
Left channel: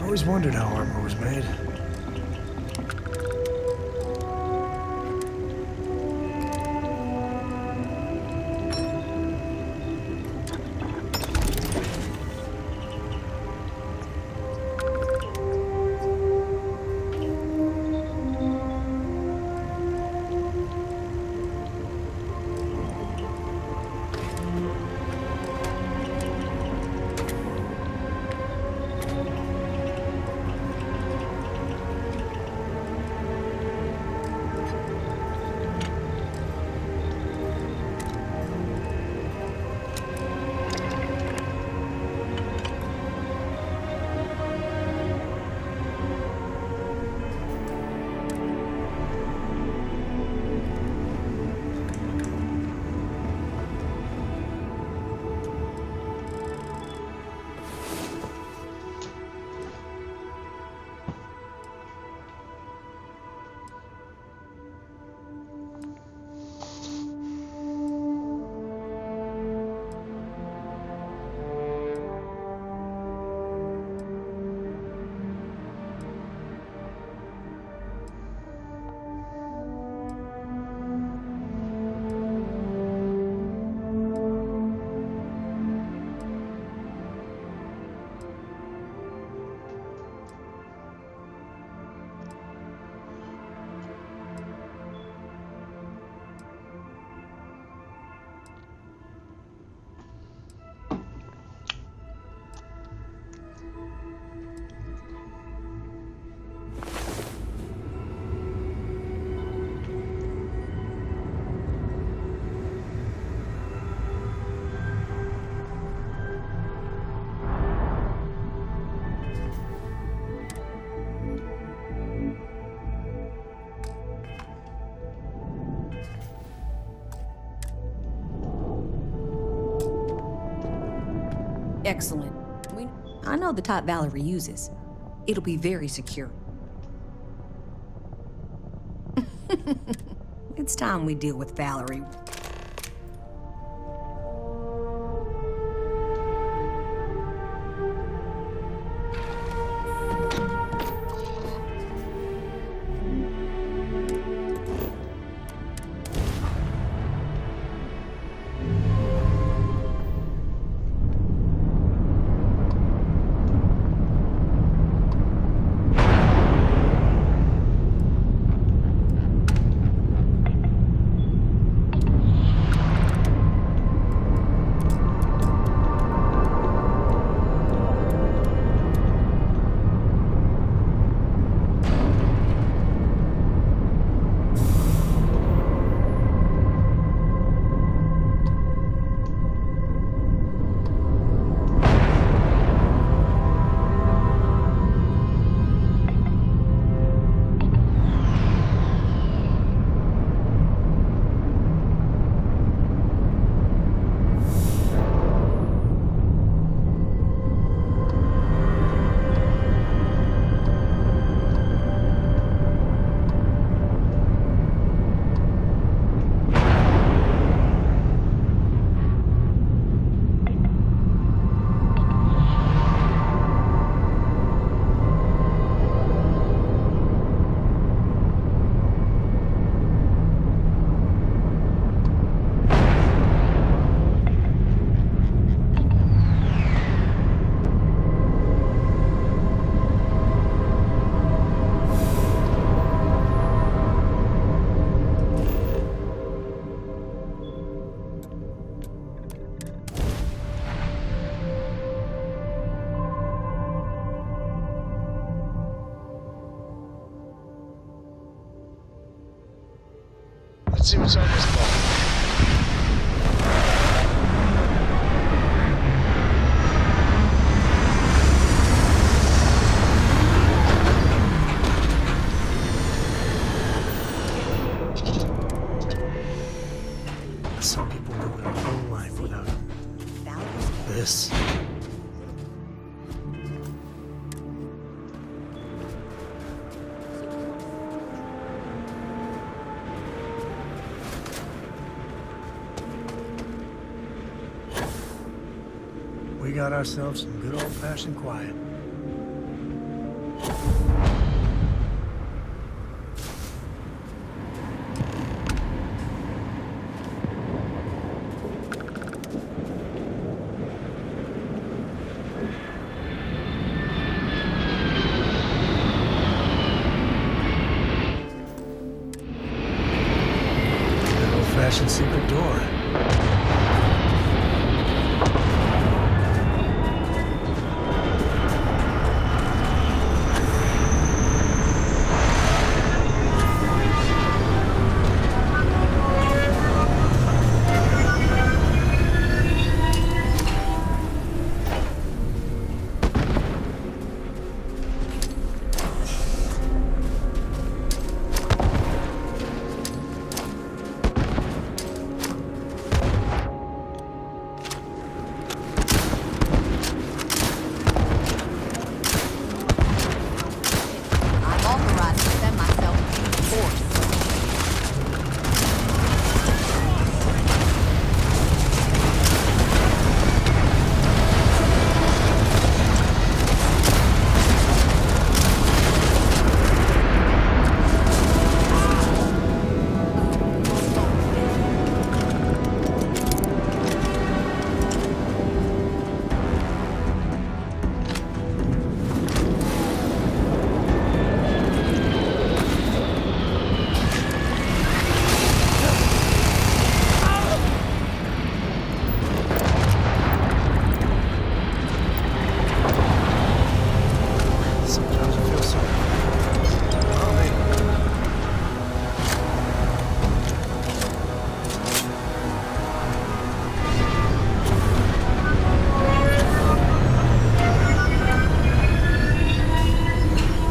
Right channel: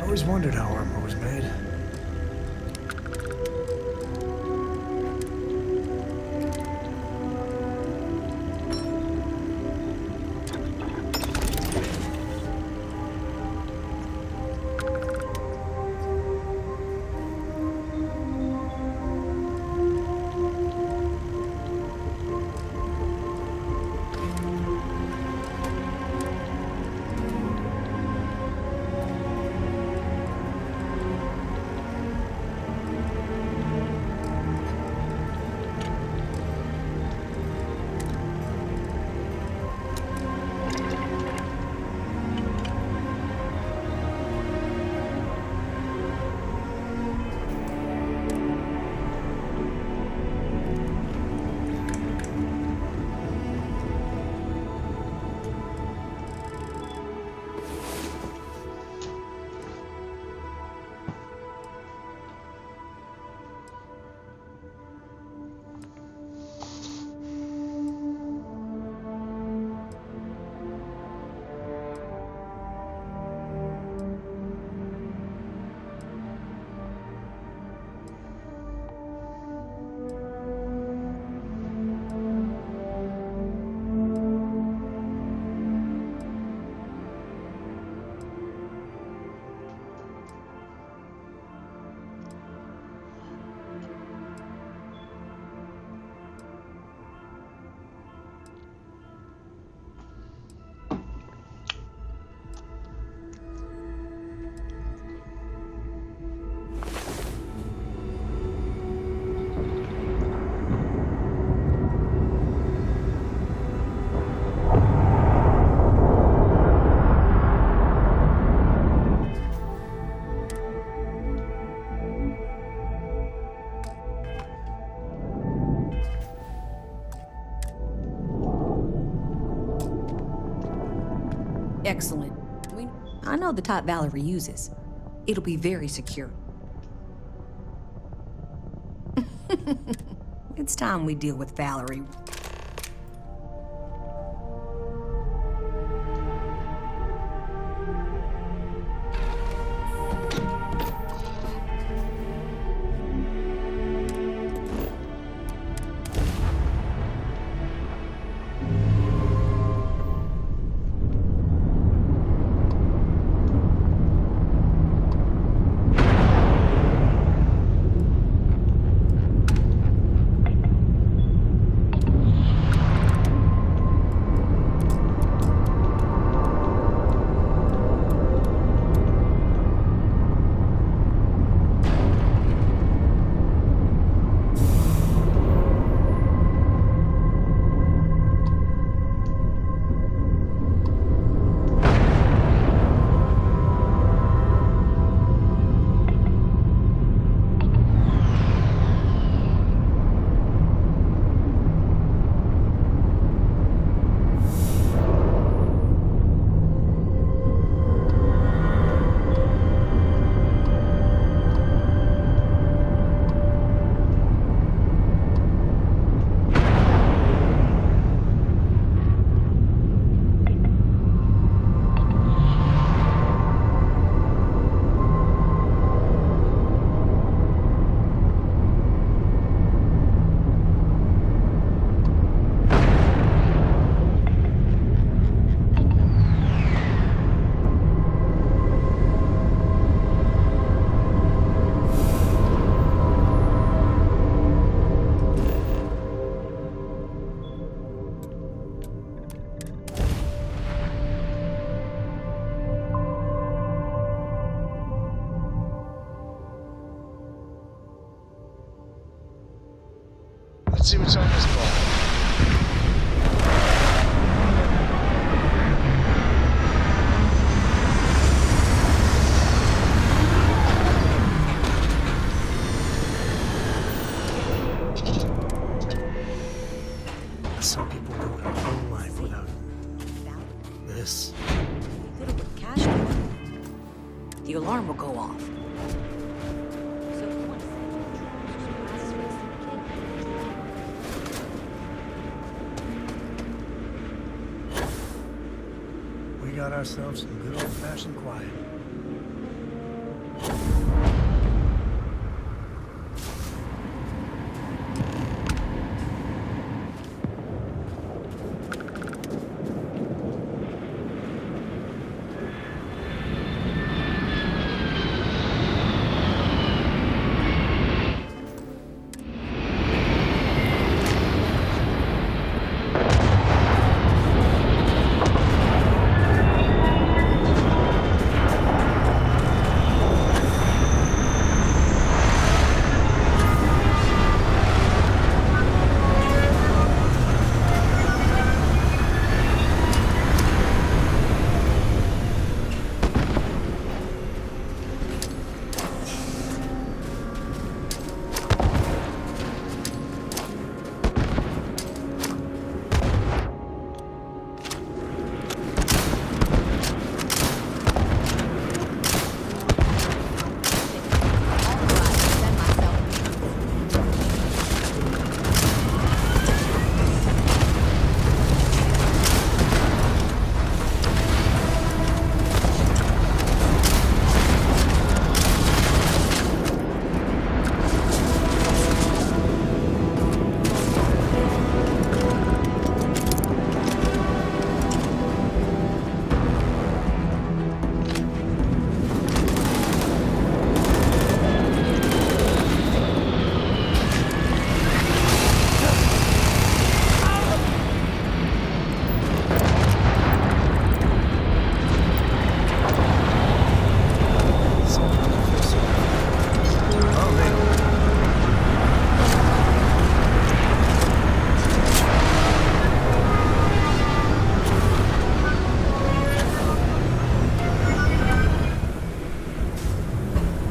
I always wondered how armor was made. Excellent. I know the type Valerie uses. It'll be very secure. It's time we deal with Valerie. Let's see what's on this ball. Some people go their whole life without this. The alarm will go off. We got ourselves some good old-fashioned quiet. Old-fashioned single door.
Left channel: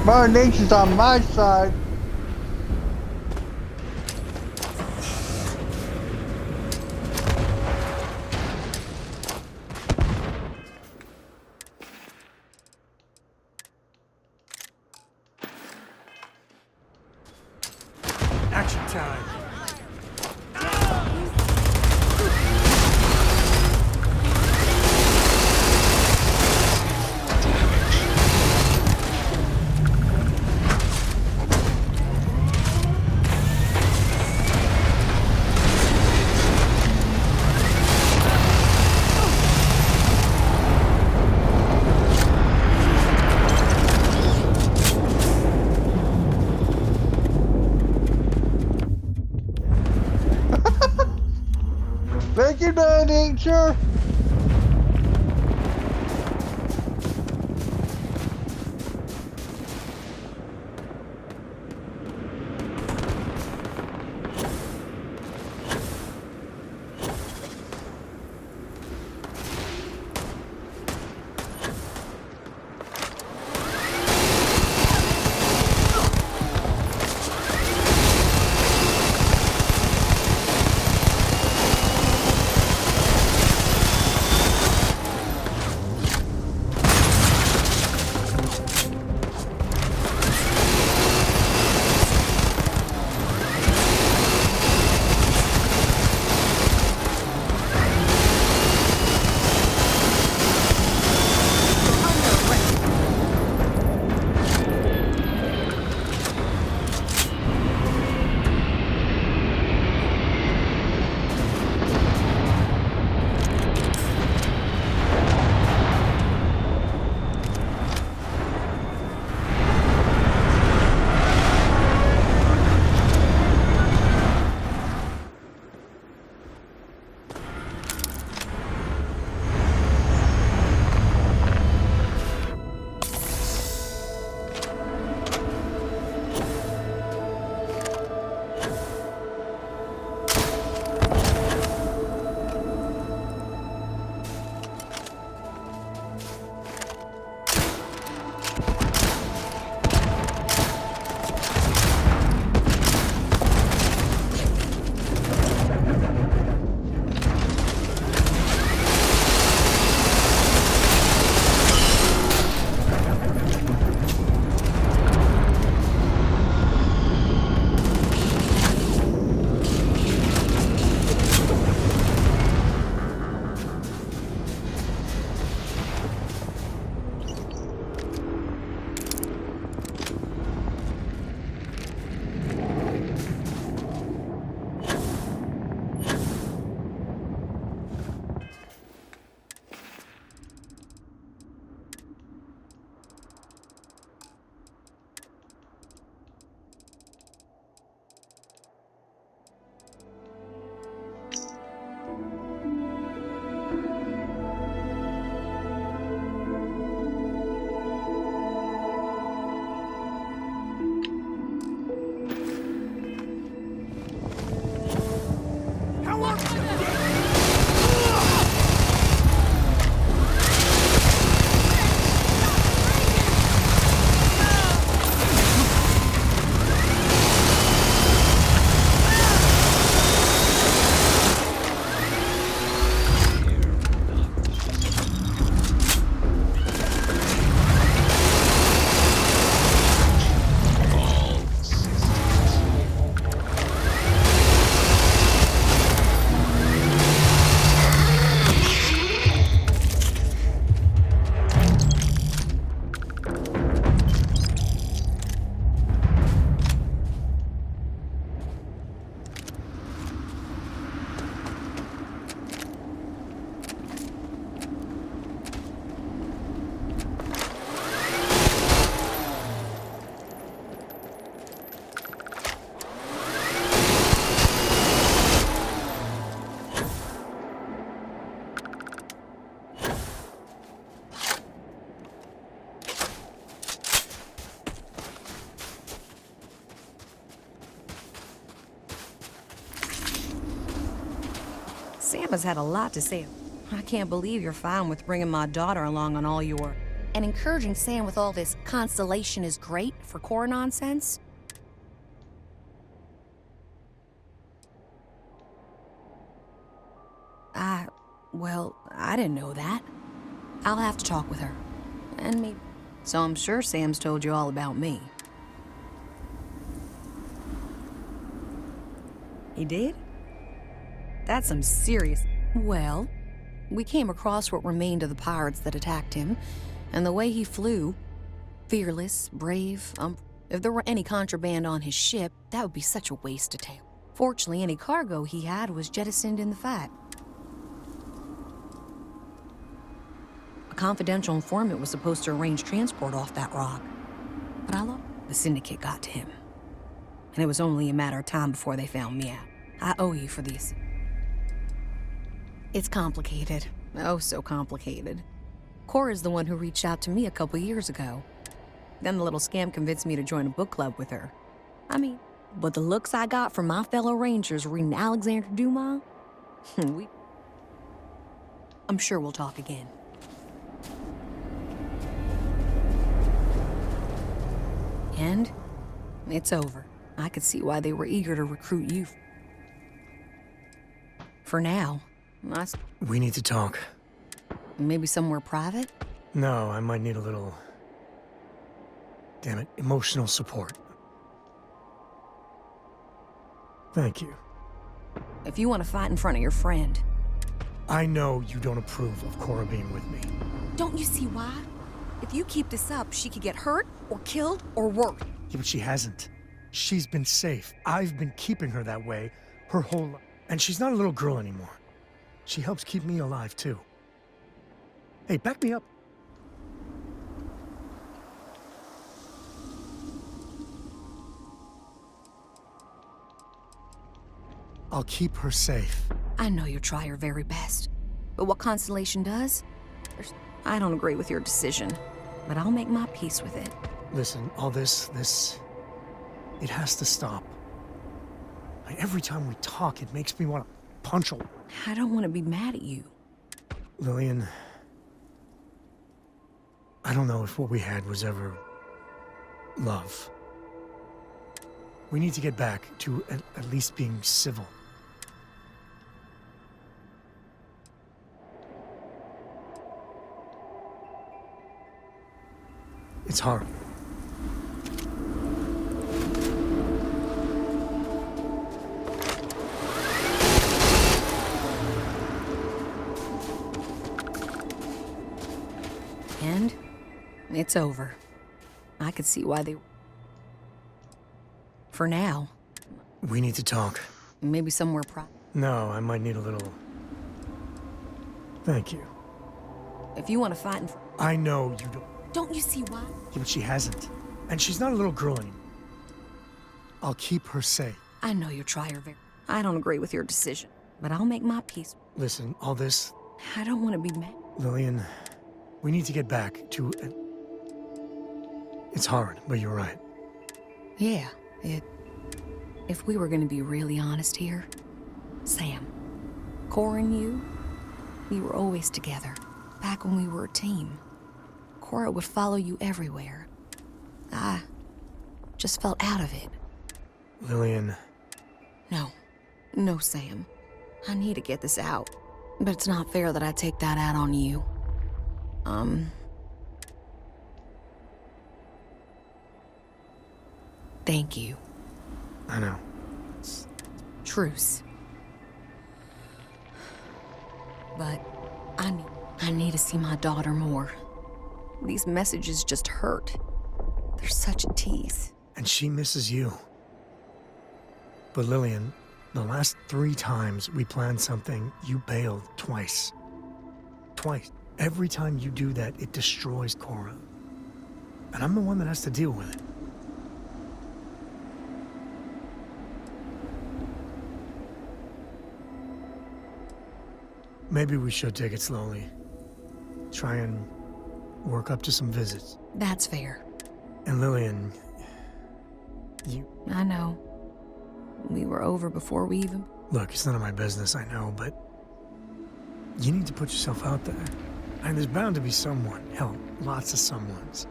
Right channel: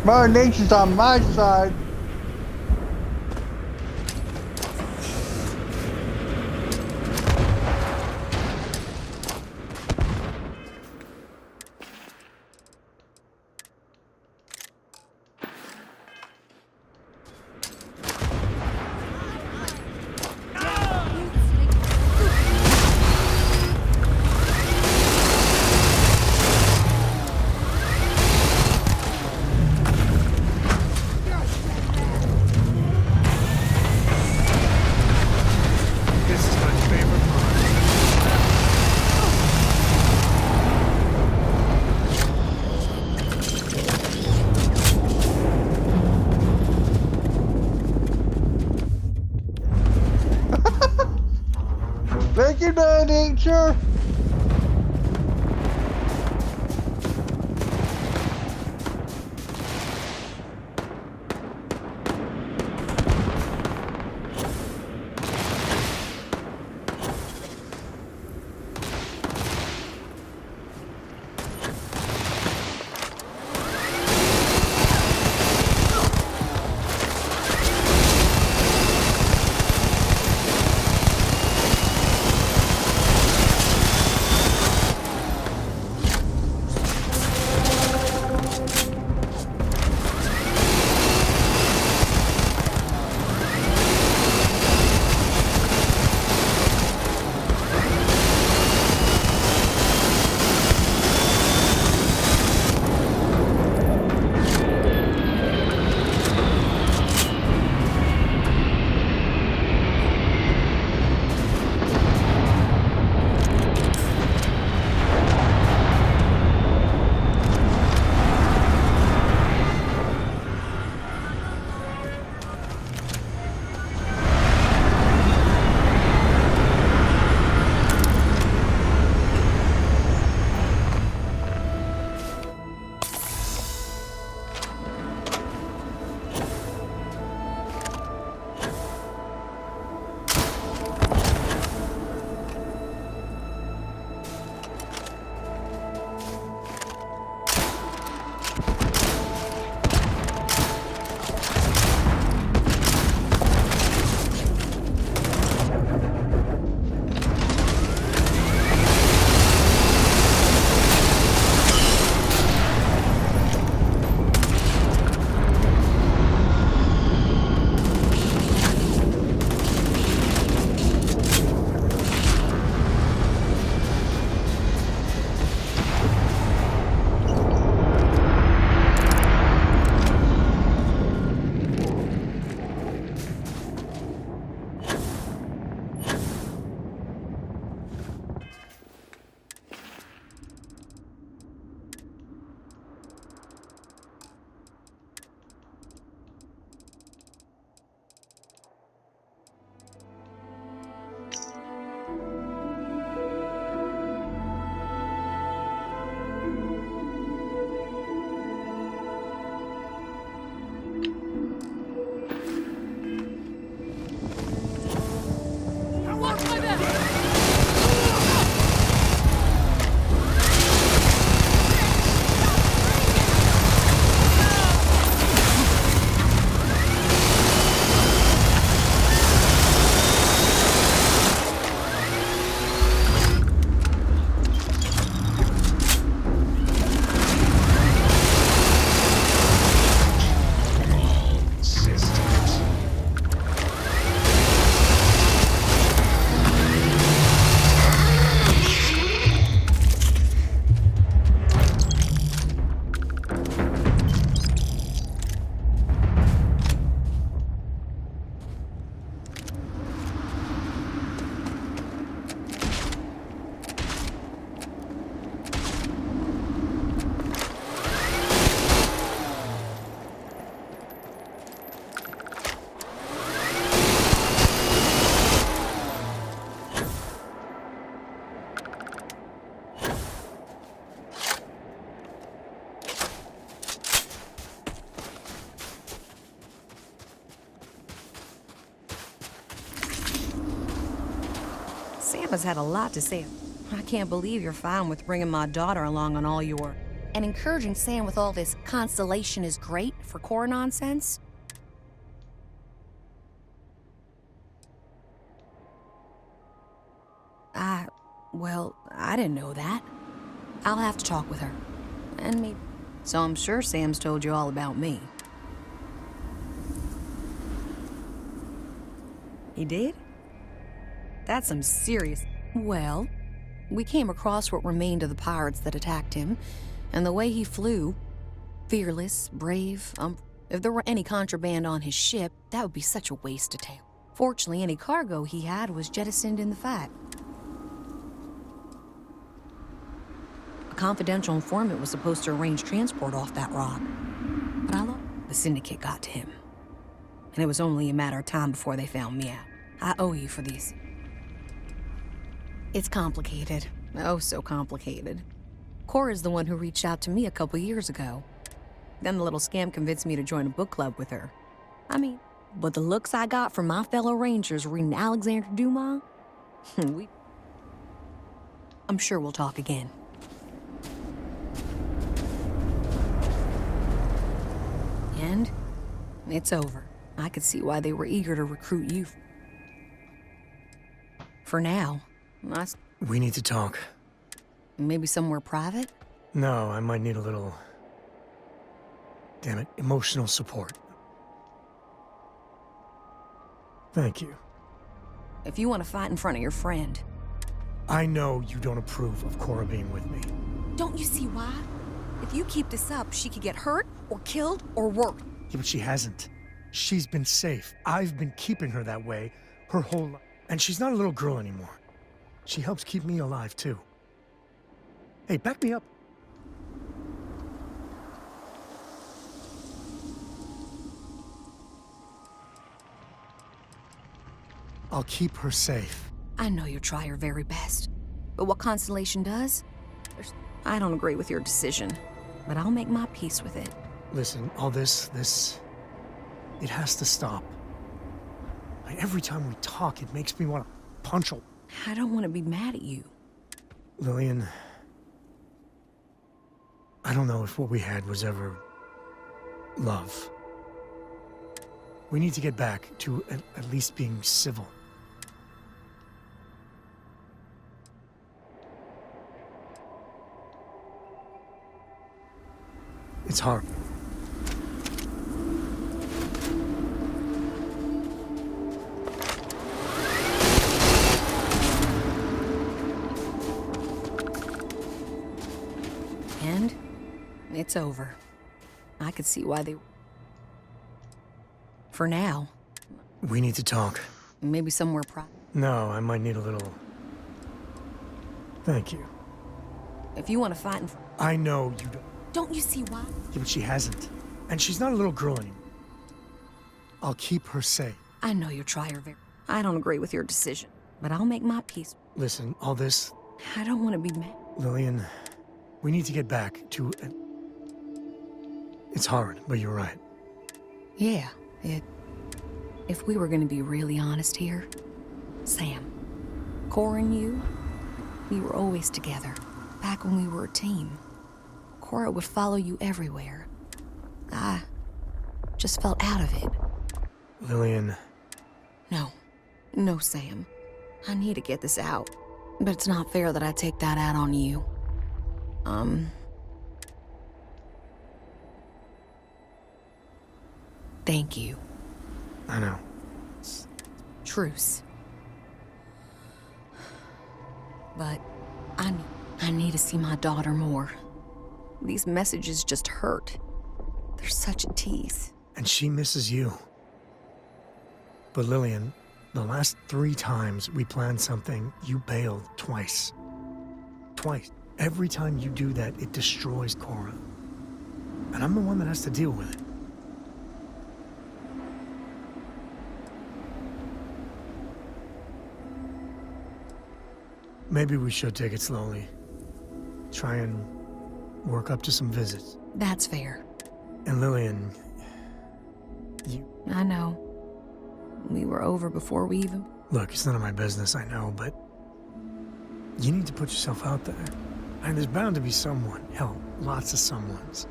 Mother Nature's on my side. Thank you, nature. Sam has had a lot to say. I can't believe you're fine with bringing my daughter along on all your... And encouraging Sam with all this constellation is great for core nonsense? Well, I didn't know that. I'll have to talk with her. And me. So I'm sure Sam's told you all about me. He did? That's some serious... Well, we came across what remained of the pirates that attacked him, and the way he flew, fearless, brave, if there were any contraband on his ship, that would be such a waste to take. Fortunately, any cargo he had was jettisoned in the fight. A confidential informant was supposed to arrange transport off that rock, but the Syndicate got to him. And it was only a matter of time before they found me out. I owe you for these. It's complicated. Oh, so complicated. Cora's the one who reached out to me a couple years ago. Then the little scamp convinced me to join a book club with her. I mean, but the looks I got from my fellow Rangers reading Alexander Dumas, I'm sure we'll talk again. And it's over. I could see why they were eager to recruit you. For now, We need to talk. Maybe somewhere private? No, I might need a little... damn it, emotional support. Thank you. If you want to fight in front of your friend. I know you don't approve of Cora being with me. Don't you see why? If you keep this up, she could get hurt, or killed, or worse. Yeah, but she hasn't. She's been safe. I've been keeping her that way her whole life. And she's not a little girl anymore. She helps keep me alive, too. Hey, back me up. I'll keep her safe. I know you'll try your very best. But what Constellation does? I don't agree with your decision. But I'll make my peace with it. Listen, all this... it has to stop. Like, every time we talk, it makes me want to punch her. I don't want to be mad at you. Lillian... I don't know if what we had was ever... love. We need to get back to at least being civil. It's hard. And it's over. I could see why they... For now. We need to talk. Maybe somewhere private. No, I might need a little... Thank you. If you want to fight in front... I know you don't... Don't you see why? Yeah, but she hasn't. And she's not a little girl anymore. I'll keep her safe. I know you'll try your very... I don't agree with your decision. But I'll make my peace. Listen, all this... I don't want to be mad. Lillian, we need to get back to... It's hard, but you're right. Yeah, if we were going to be really honest here, Sam, Cora and you, we were always together, back when we were a team. Cora would follow you everywhere. I just felt out of it. Lillian... No, Sam. I need to get this out. But it's not fair that I take that out on you. Thank you. I know. Truce. But I need to see my daughter more. These messages just hurt. They're such a tease. And she misses you. But Lillian, the last 3 times we planned something, you bailed twice. Twice. Every time you do that, it destroys Cora. And I'm the one that has to deal with it. Maybe we should take it slowly. Try and work up to some visits. That's fair. And Lillian, I know. We were over before we even... Look, it's none of my business, I know, but you need to put yourself out there. And there's bound to be someone, hell, lots of someones,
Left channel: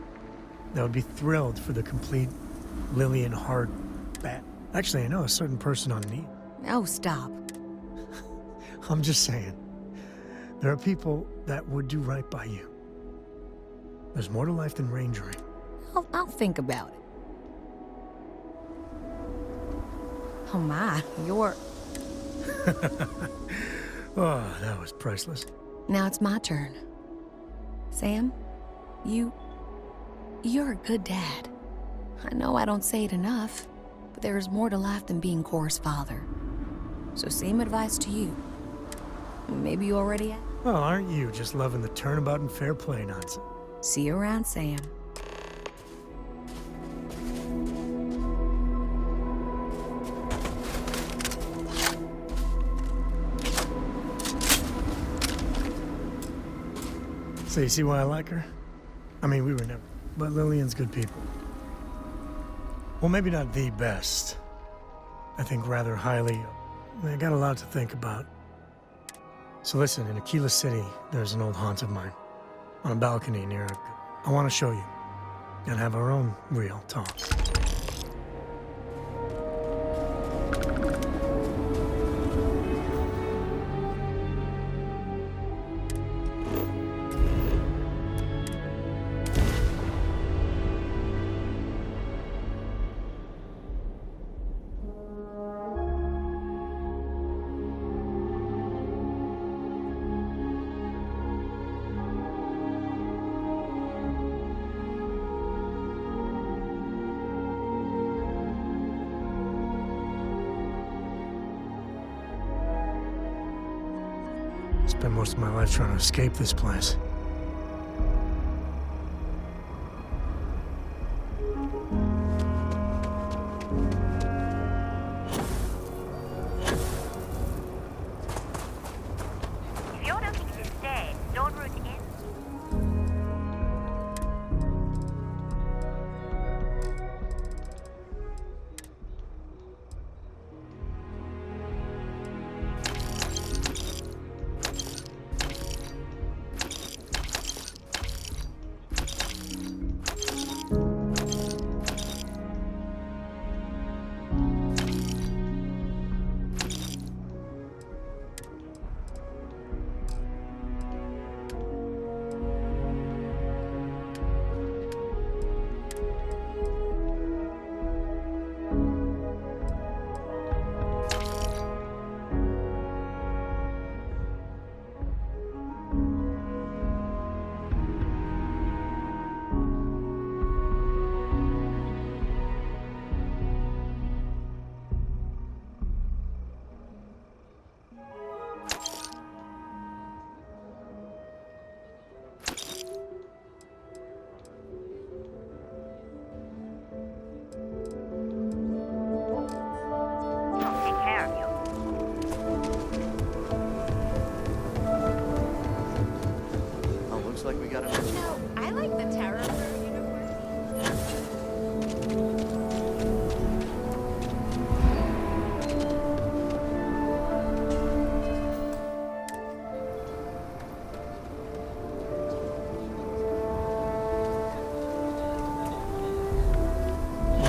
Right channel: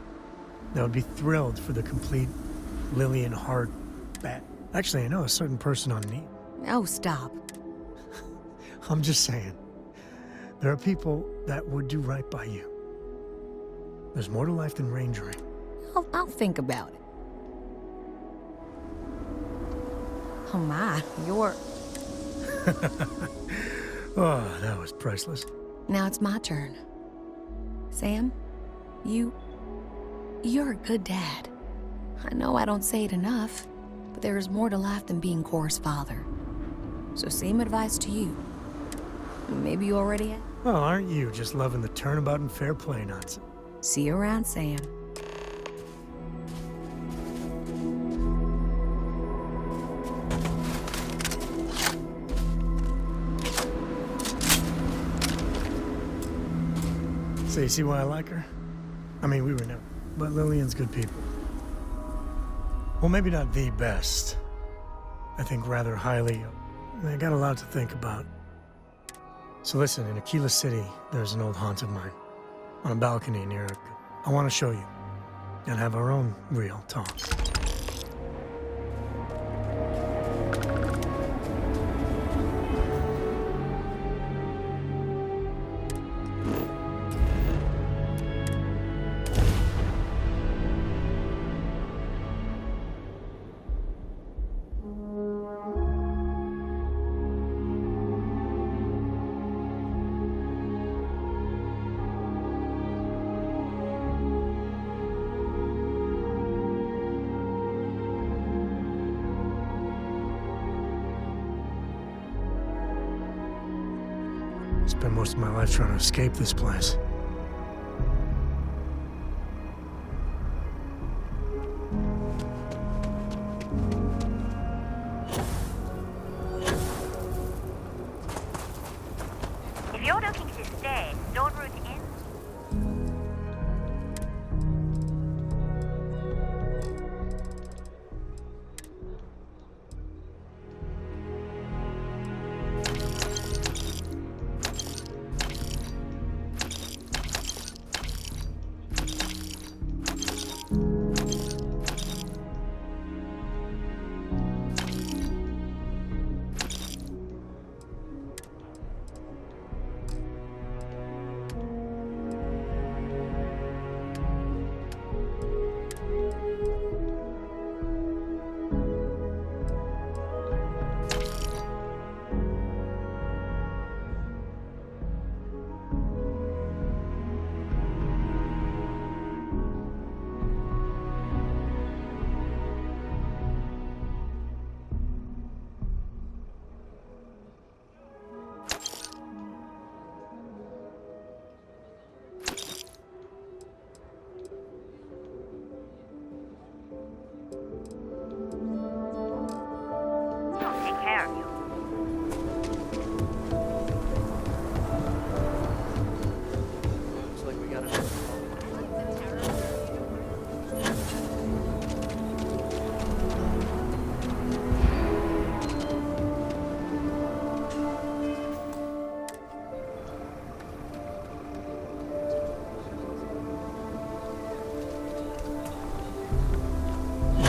that would be thrilled for the complete Lillian hard bat. Actually, I know a certain person on Neil. Oh, stop. I'm just saying. There are people that would do right by you. There's more to life than rangering. I'll think about it. Oh my, you're... Oh, that was priceless. Now it's my turn. Sam, you're a good dad. I know I don't say it enough, but there is more to life than being Cora's father. So same advice to you. Maybe you already have. Well, aren't you just loving the turnabout and fair play nonsense? See you around, Sam. So you see why I like her? I mean, we were never... But Lillian's good people. Well, maybe not the best. I think rather highly... I got a lot to think about. So listen, in Aquila City, there's an old haunt of mine. On a balcony near a... I want to show you. And have our own real talk. Spent most of my life trying to escape this place. If you're looking to stay, don't route in.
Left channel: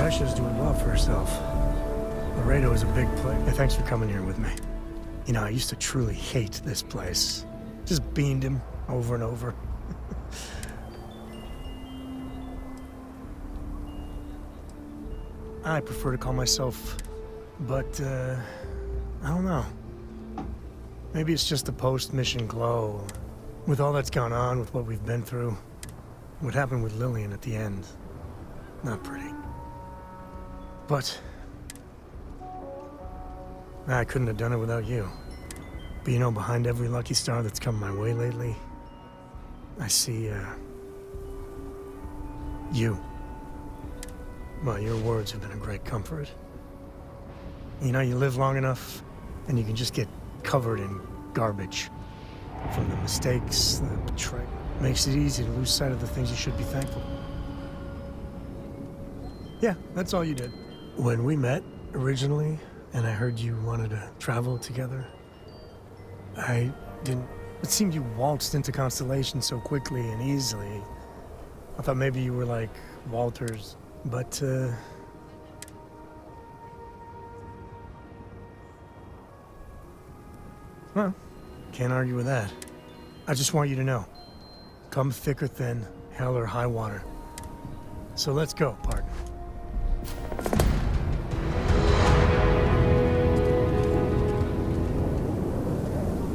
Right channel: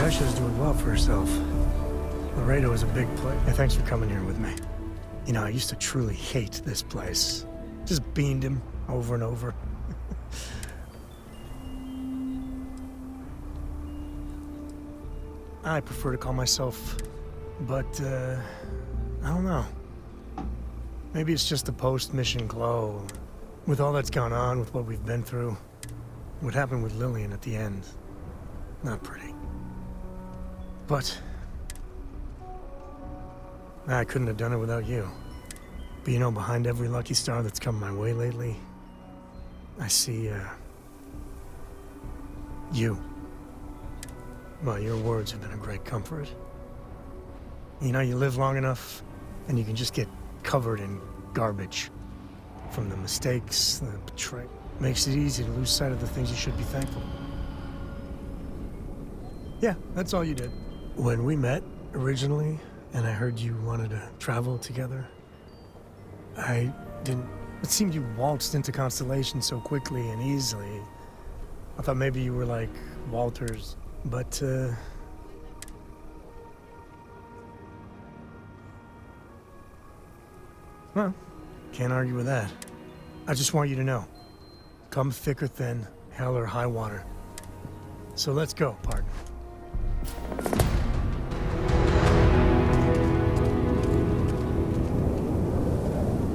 Asha's doing well for herself. Laredo is a big place. Hey, thanks for coming here with me. You know, I used to truly hate this place. Just beamed him over and over. I prefer to call myself, but, I don't know. Maybe it's just the post-mission glow. With all that's gone on, with what we've been through, what happened with Lillian at the end, not pretty. But I couldn't have done it without you. But you know, behind every lucky star that's come my way lately, I see, you. Well, your words have been a great comfort. You know, you live long enough, and you can just get covered in garbage. From the mistakes, the betrayal. Makes it easy to lose sight of the things you should be thankful for. Yeah, that's all you did. When we met, originally, and I heard you wanted to travel together, I didn't... It seemed you waltzed into Constellation so quickly and easily. I thought maybe you were like Walters, but, well, can't argue with that. I just want you to know, come thick or thin, hell or high water. So let's go, partner.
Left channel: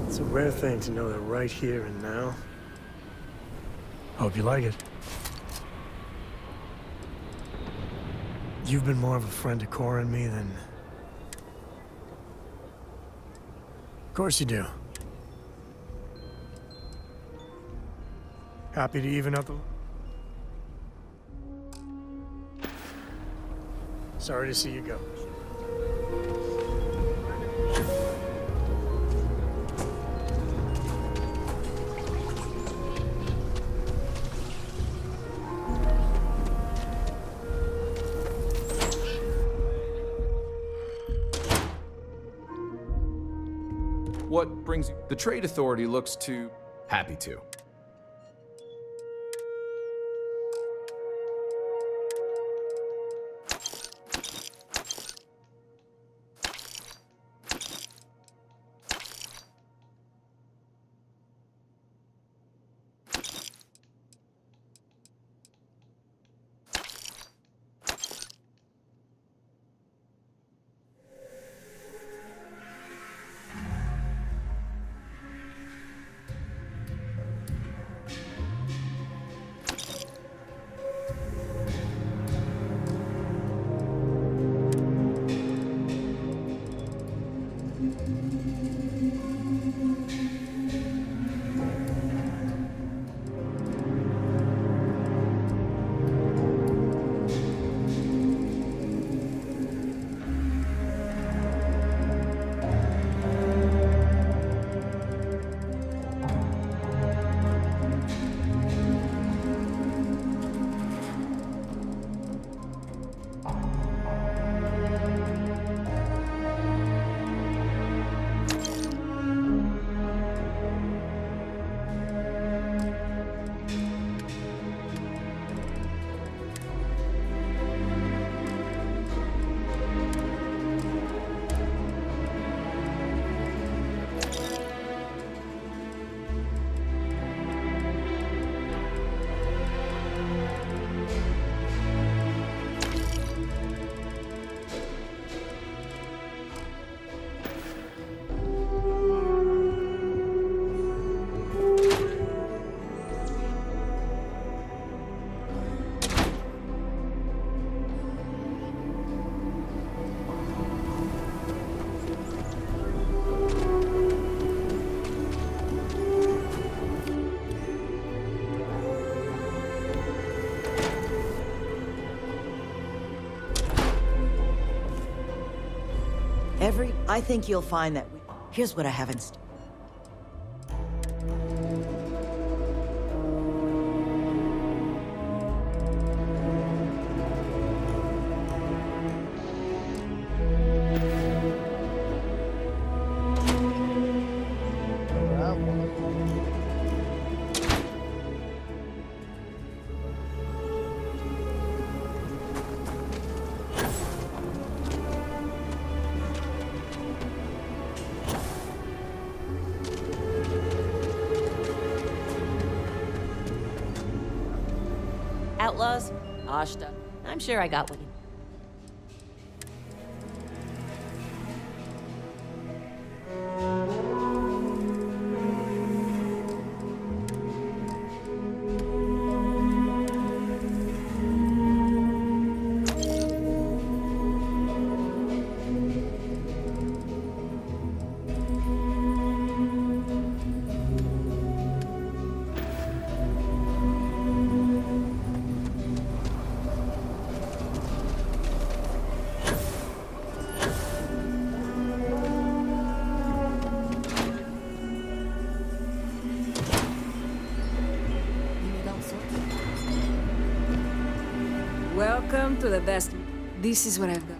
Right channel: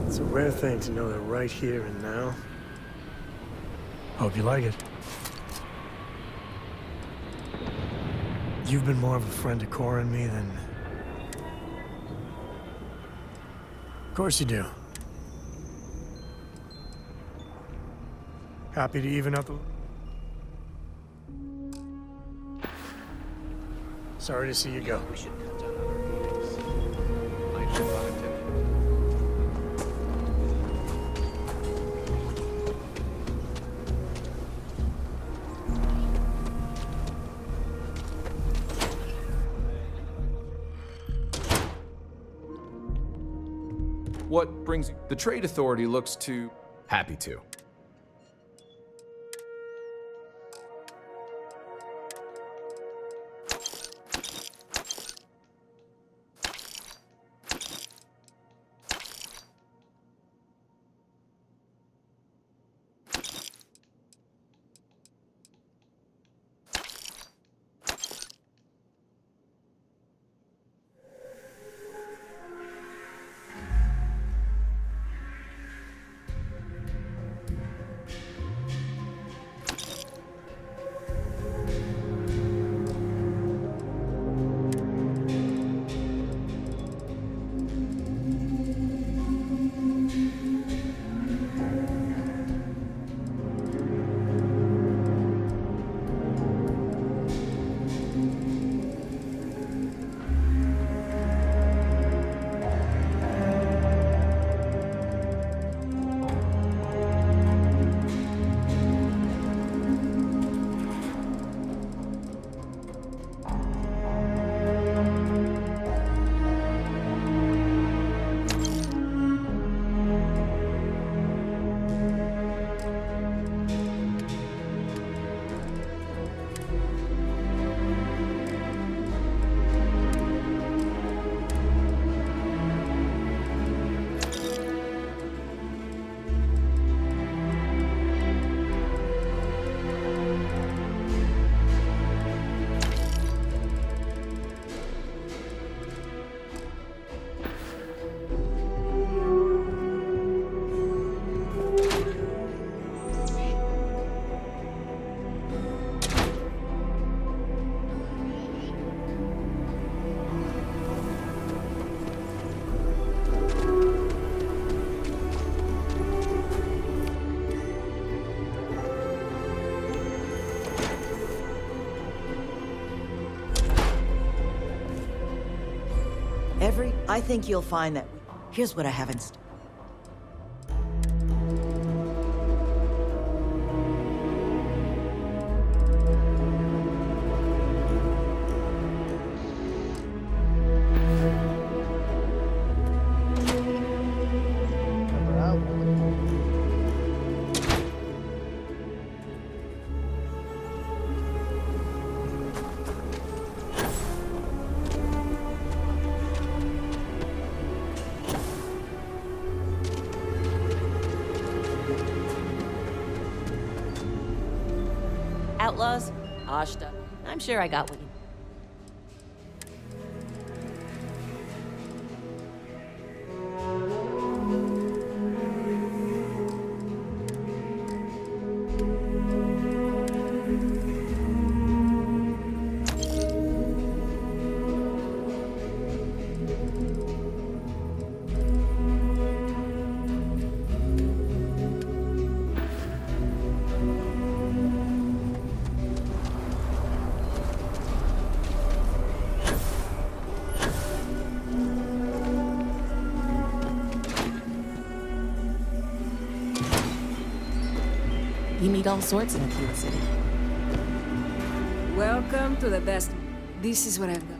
It's a rare thing to know that right here and now. Hope you like it. You've been more of a friend to Cora and me than... Of course you do. Happy to even up the... Sorry to see you go. What brings you? The Trade Authority looks to... Happy to. I think you'll find that here's what I haven't... Outlaws? Ashta. I'm sure I got what you... You need all sorts of things. Welcome to the best. This is what I've got.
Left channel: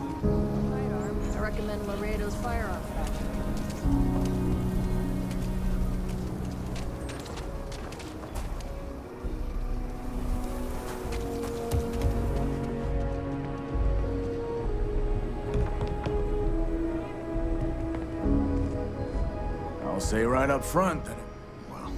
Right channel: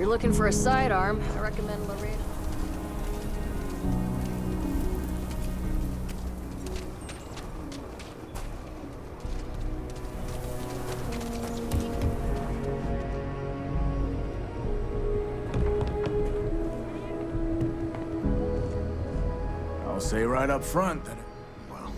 you're looking for a sidearm, I recommend Laredo's firearm factory. I'll say right up front that well...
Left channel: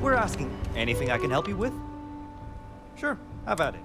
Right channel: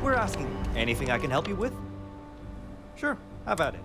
We're asking. Anything I can help you with? Sure, have at it.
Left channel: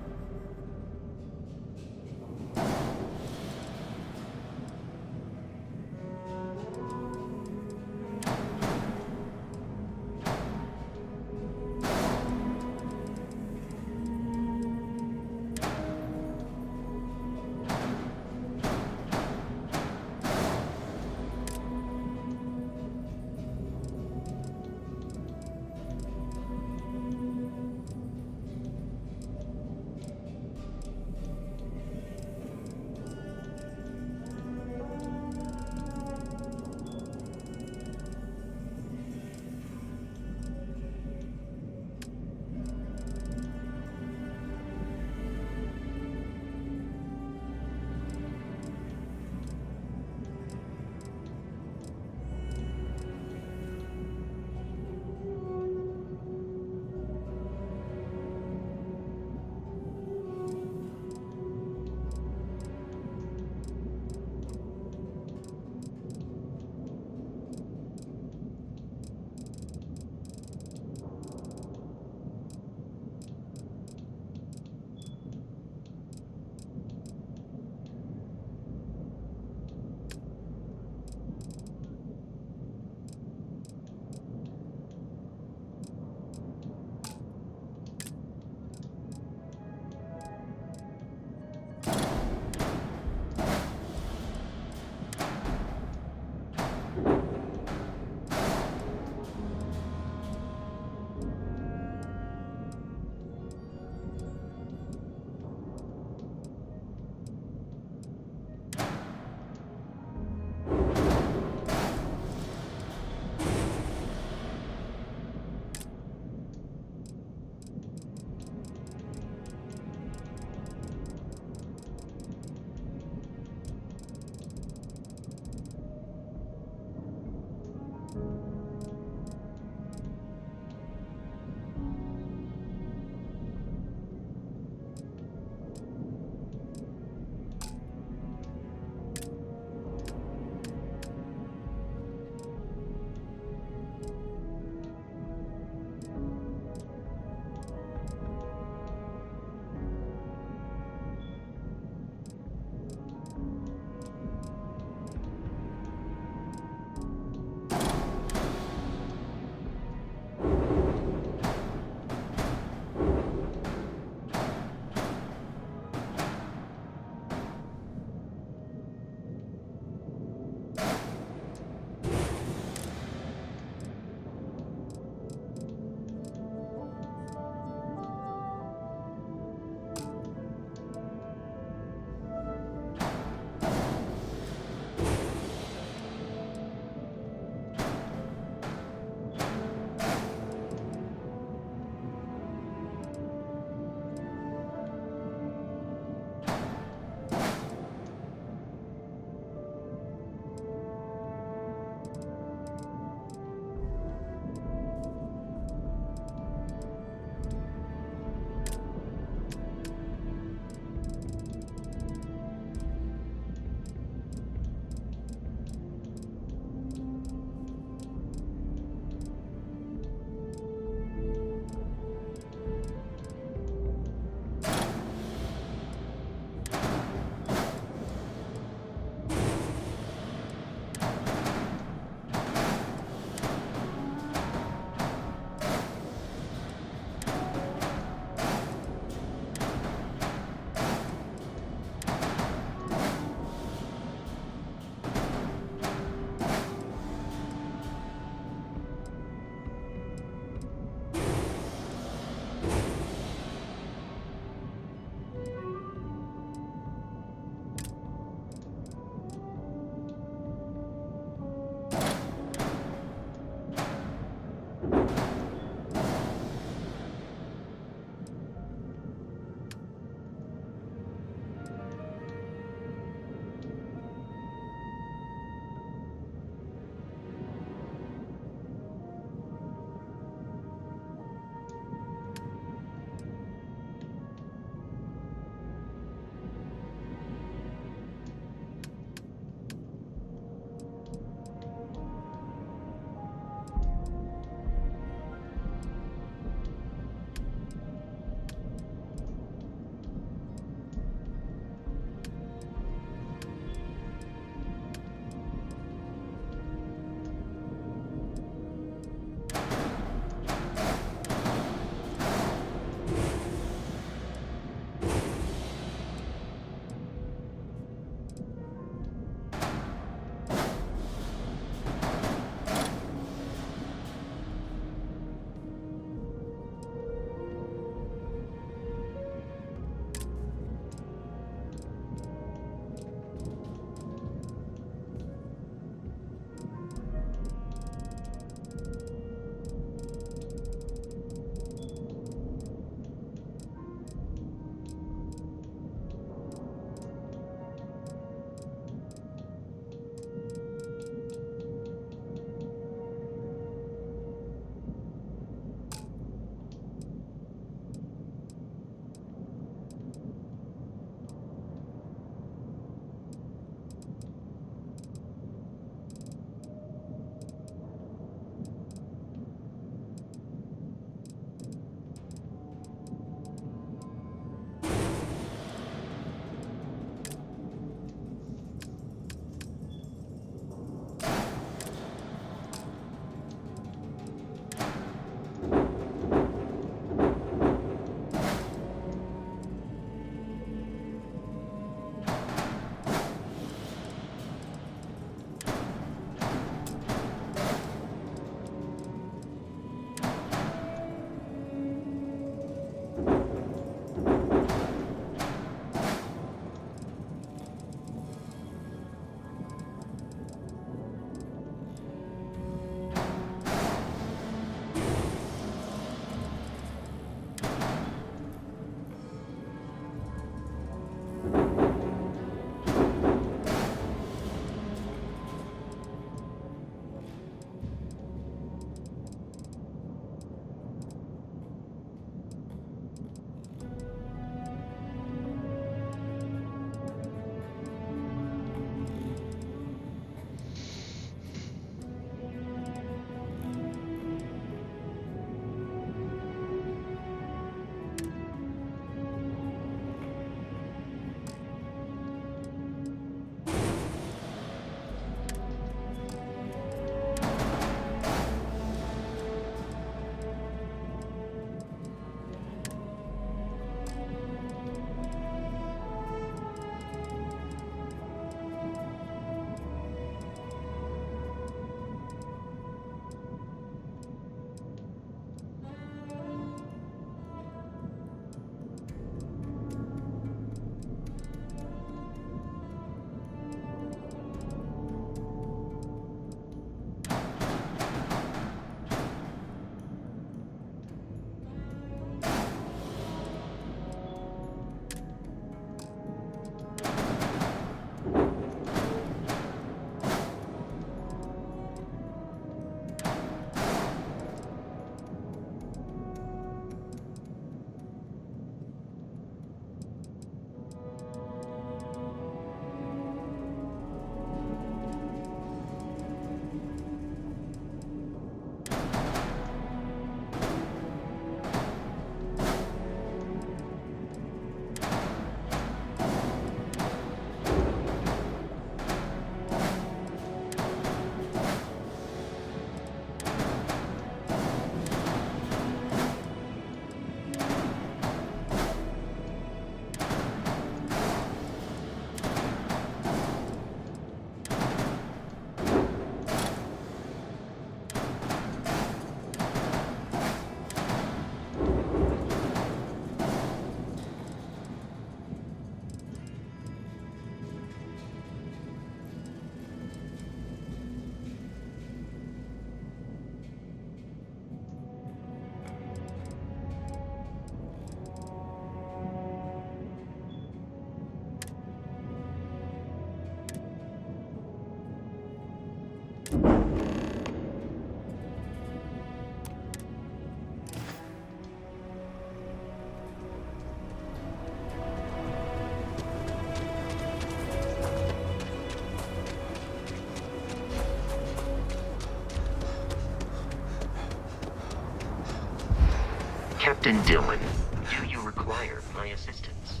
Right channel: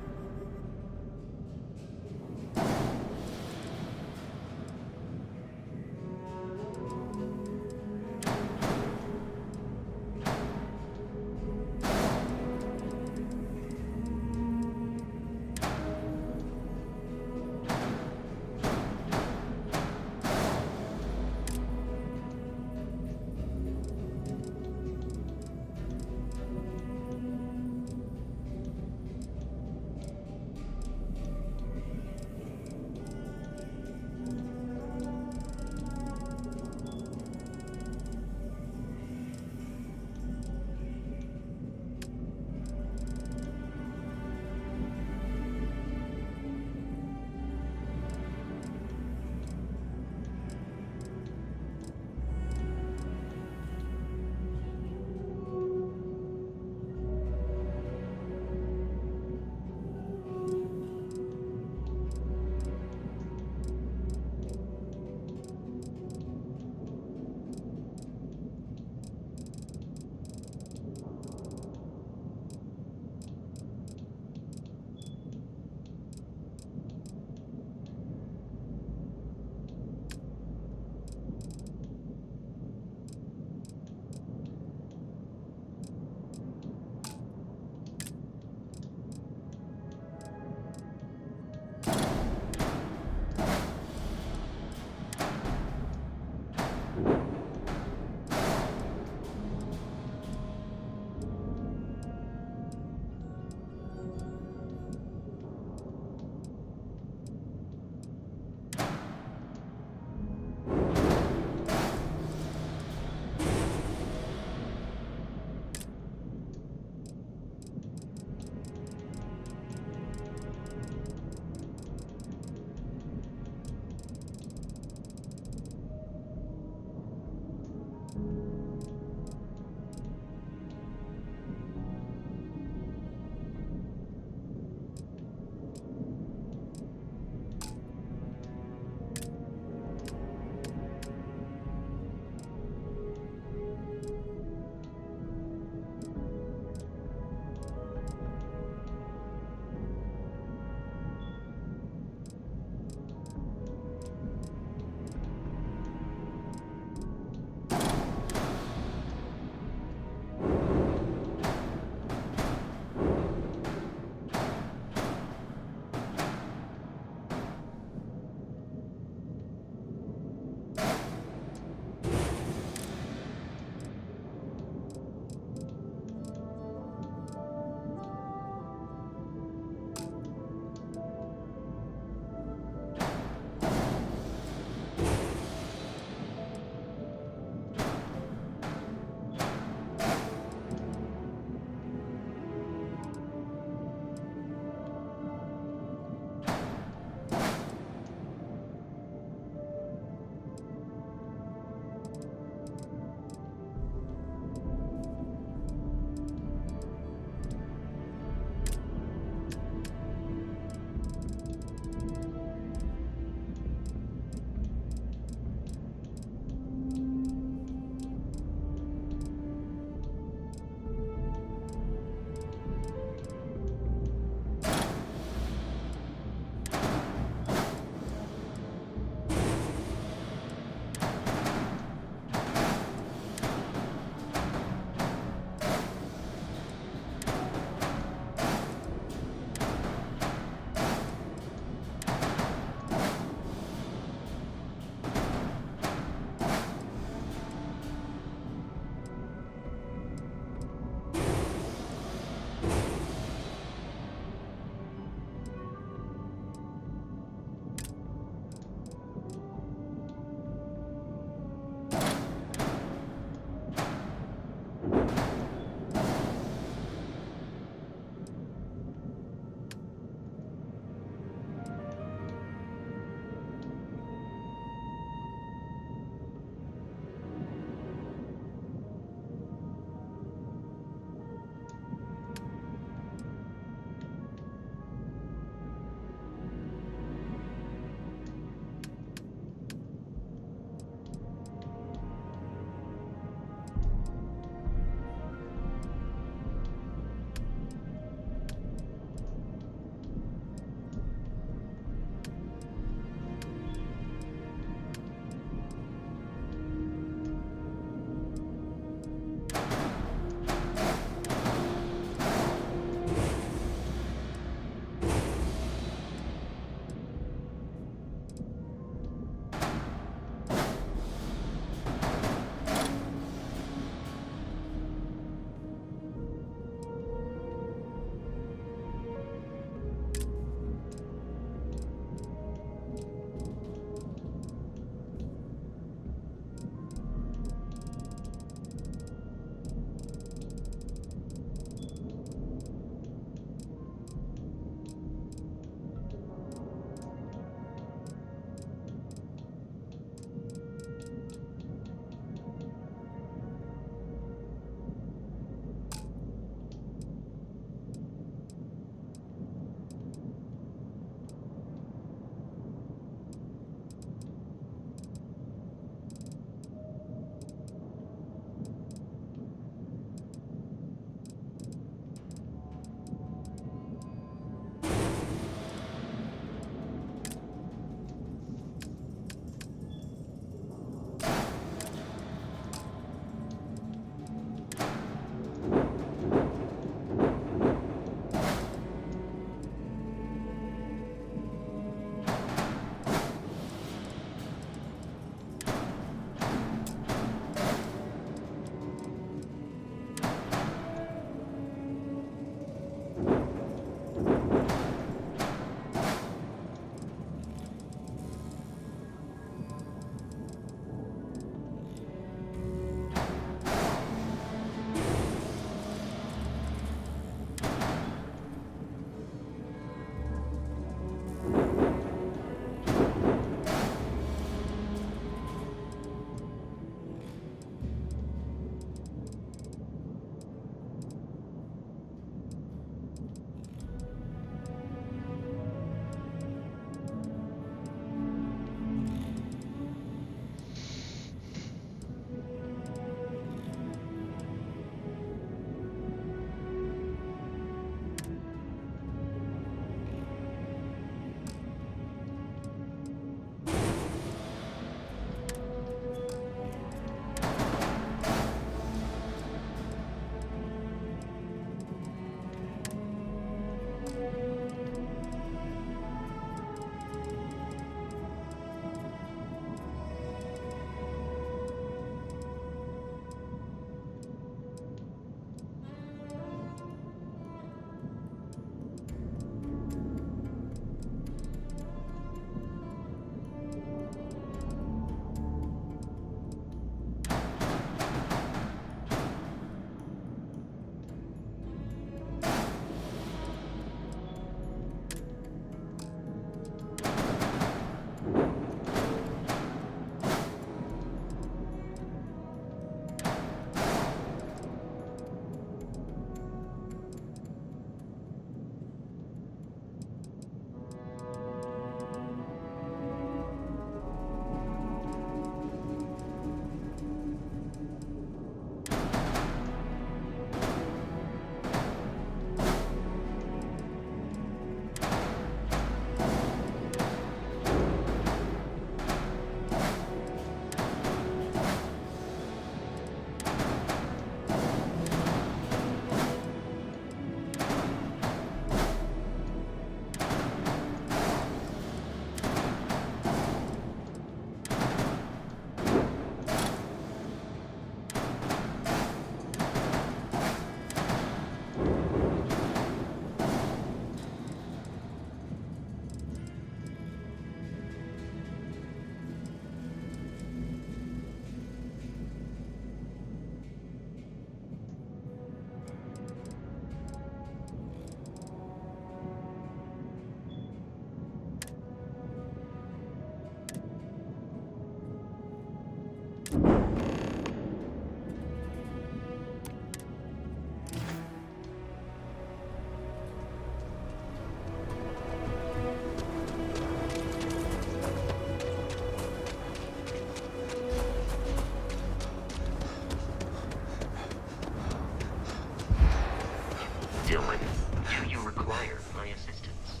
Captain Dillon, do you require my assistance?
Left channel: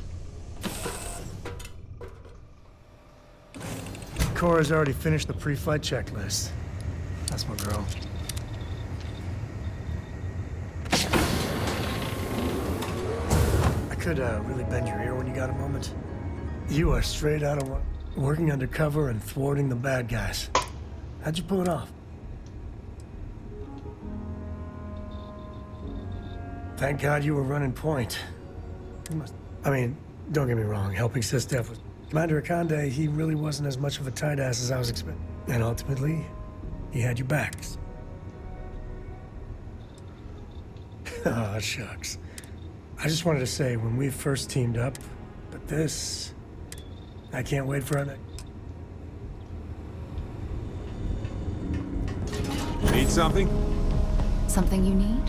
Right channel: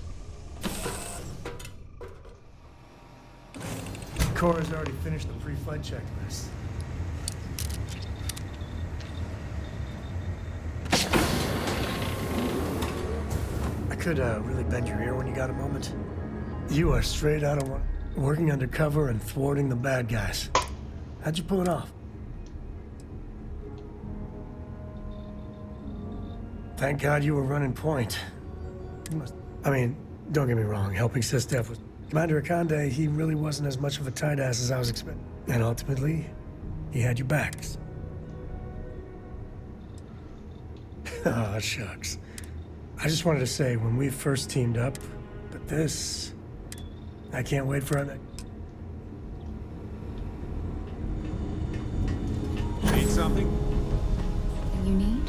Cora's already finished the pre-flight checklist. That's my girl. I could really bend your ear when you got a moment. You are straight out of working undercover and thwarting the bad guys. How'd you pull it off? Thank God you were running point. You must... I mean, don't get me wrong, helping Sistef was... Commander Akande, he really wasn't as much of a tight ass as I was expecting. And ultimately, he had your backs. Oh, shucks. I just wanted to say, when we first teamed up, but this... I can't wait for our next... Need something? Something you need?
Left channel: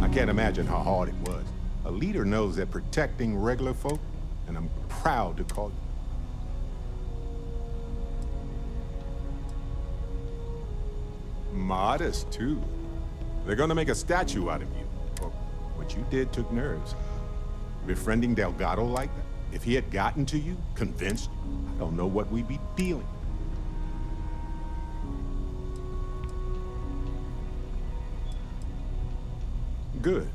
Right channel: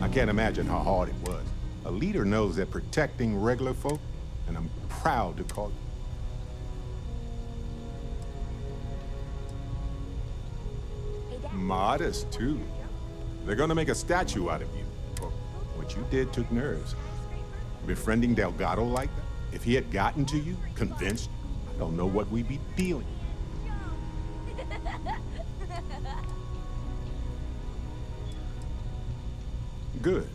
I can't imagine how hard it was. A leader knows that protecting regular folk, and I'm proud to call you. Modest, too. They're gonna make a statue out of you. For what you did took nerves. Befriending Delgado like that. If he had gotten to you, convinced you, I don't know what we'd be feeling. Good.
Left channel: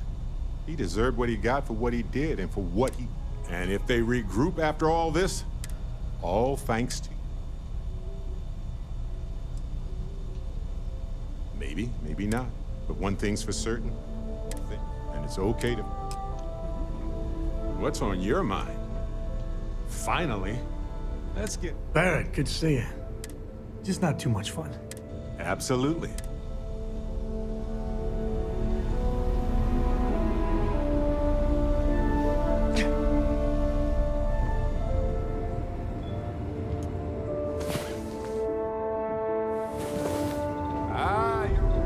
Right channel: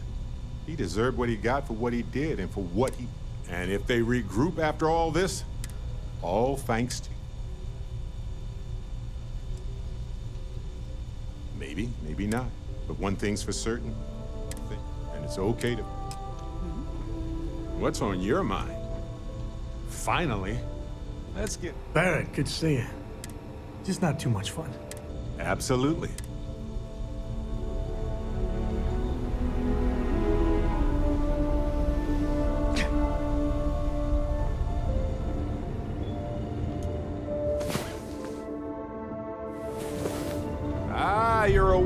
He deserved what he got for what he did and for what he... And if they regroup after all this, all thanks to you. Maybe, maybe not. But one thing's for certain, and it's okay to... What's on your mind? Finally. Let's get... Barrett, good to see you. Just not too much fun. Absolutely. You're a...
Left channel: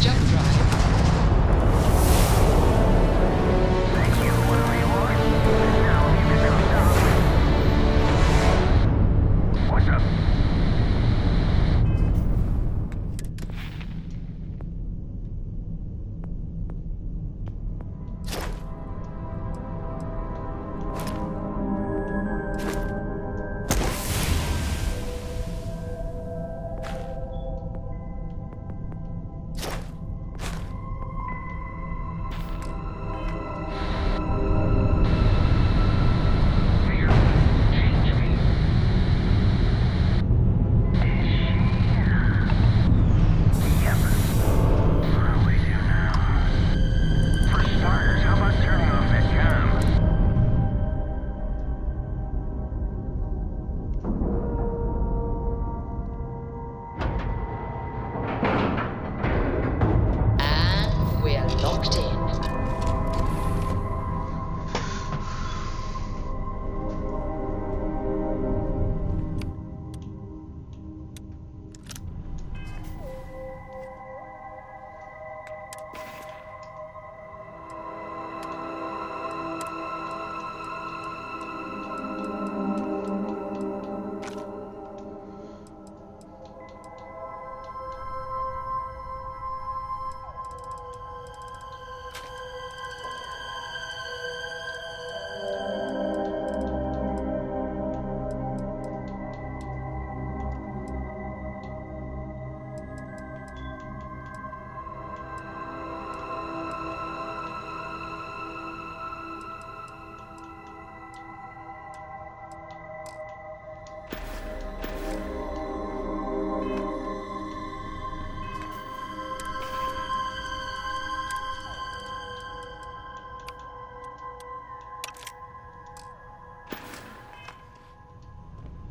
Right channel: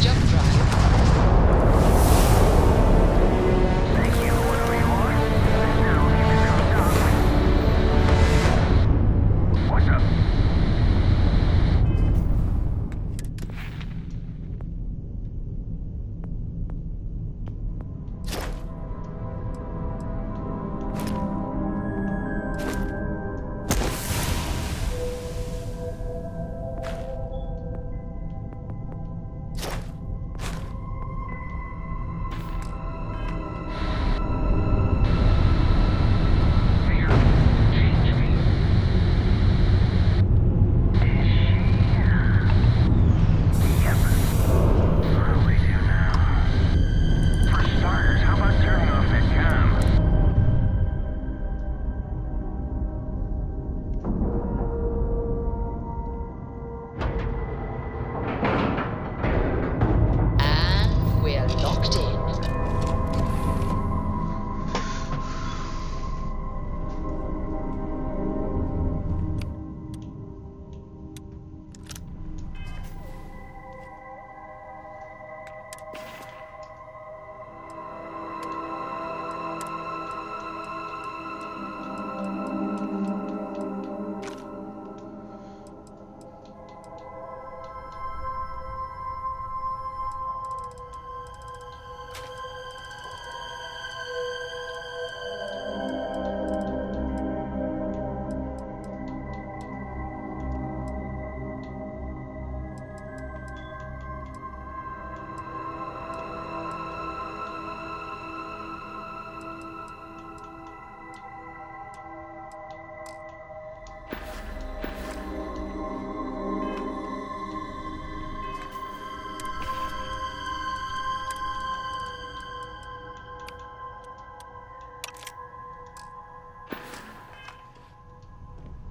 Jump drive. Thank you.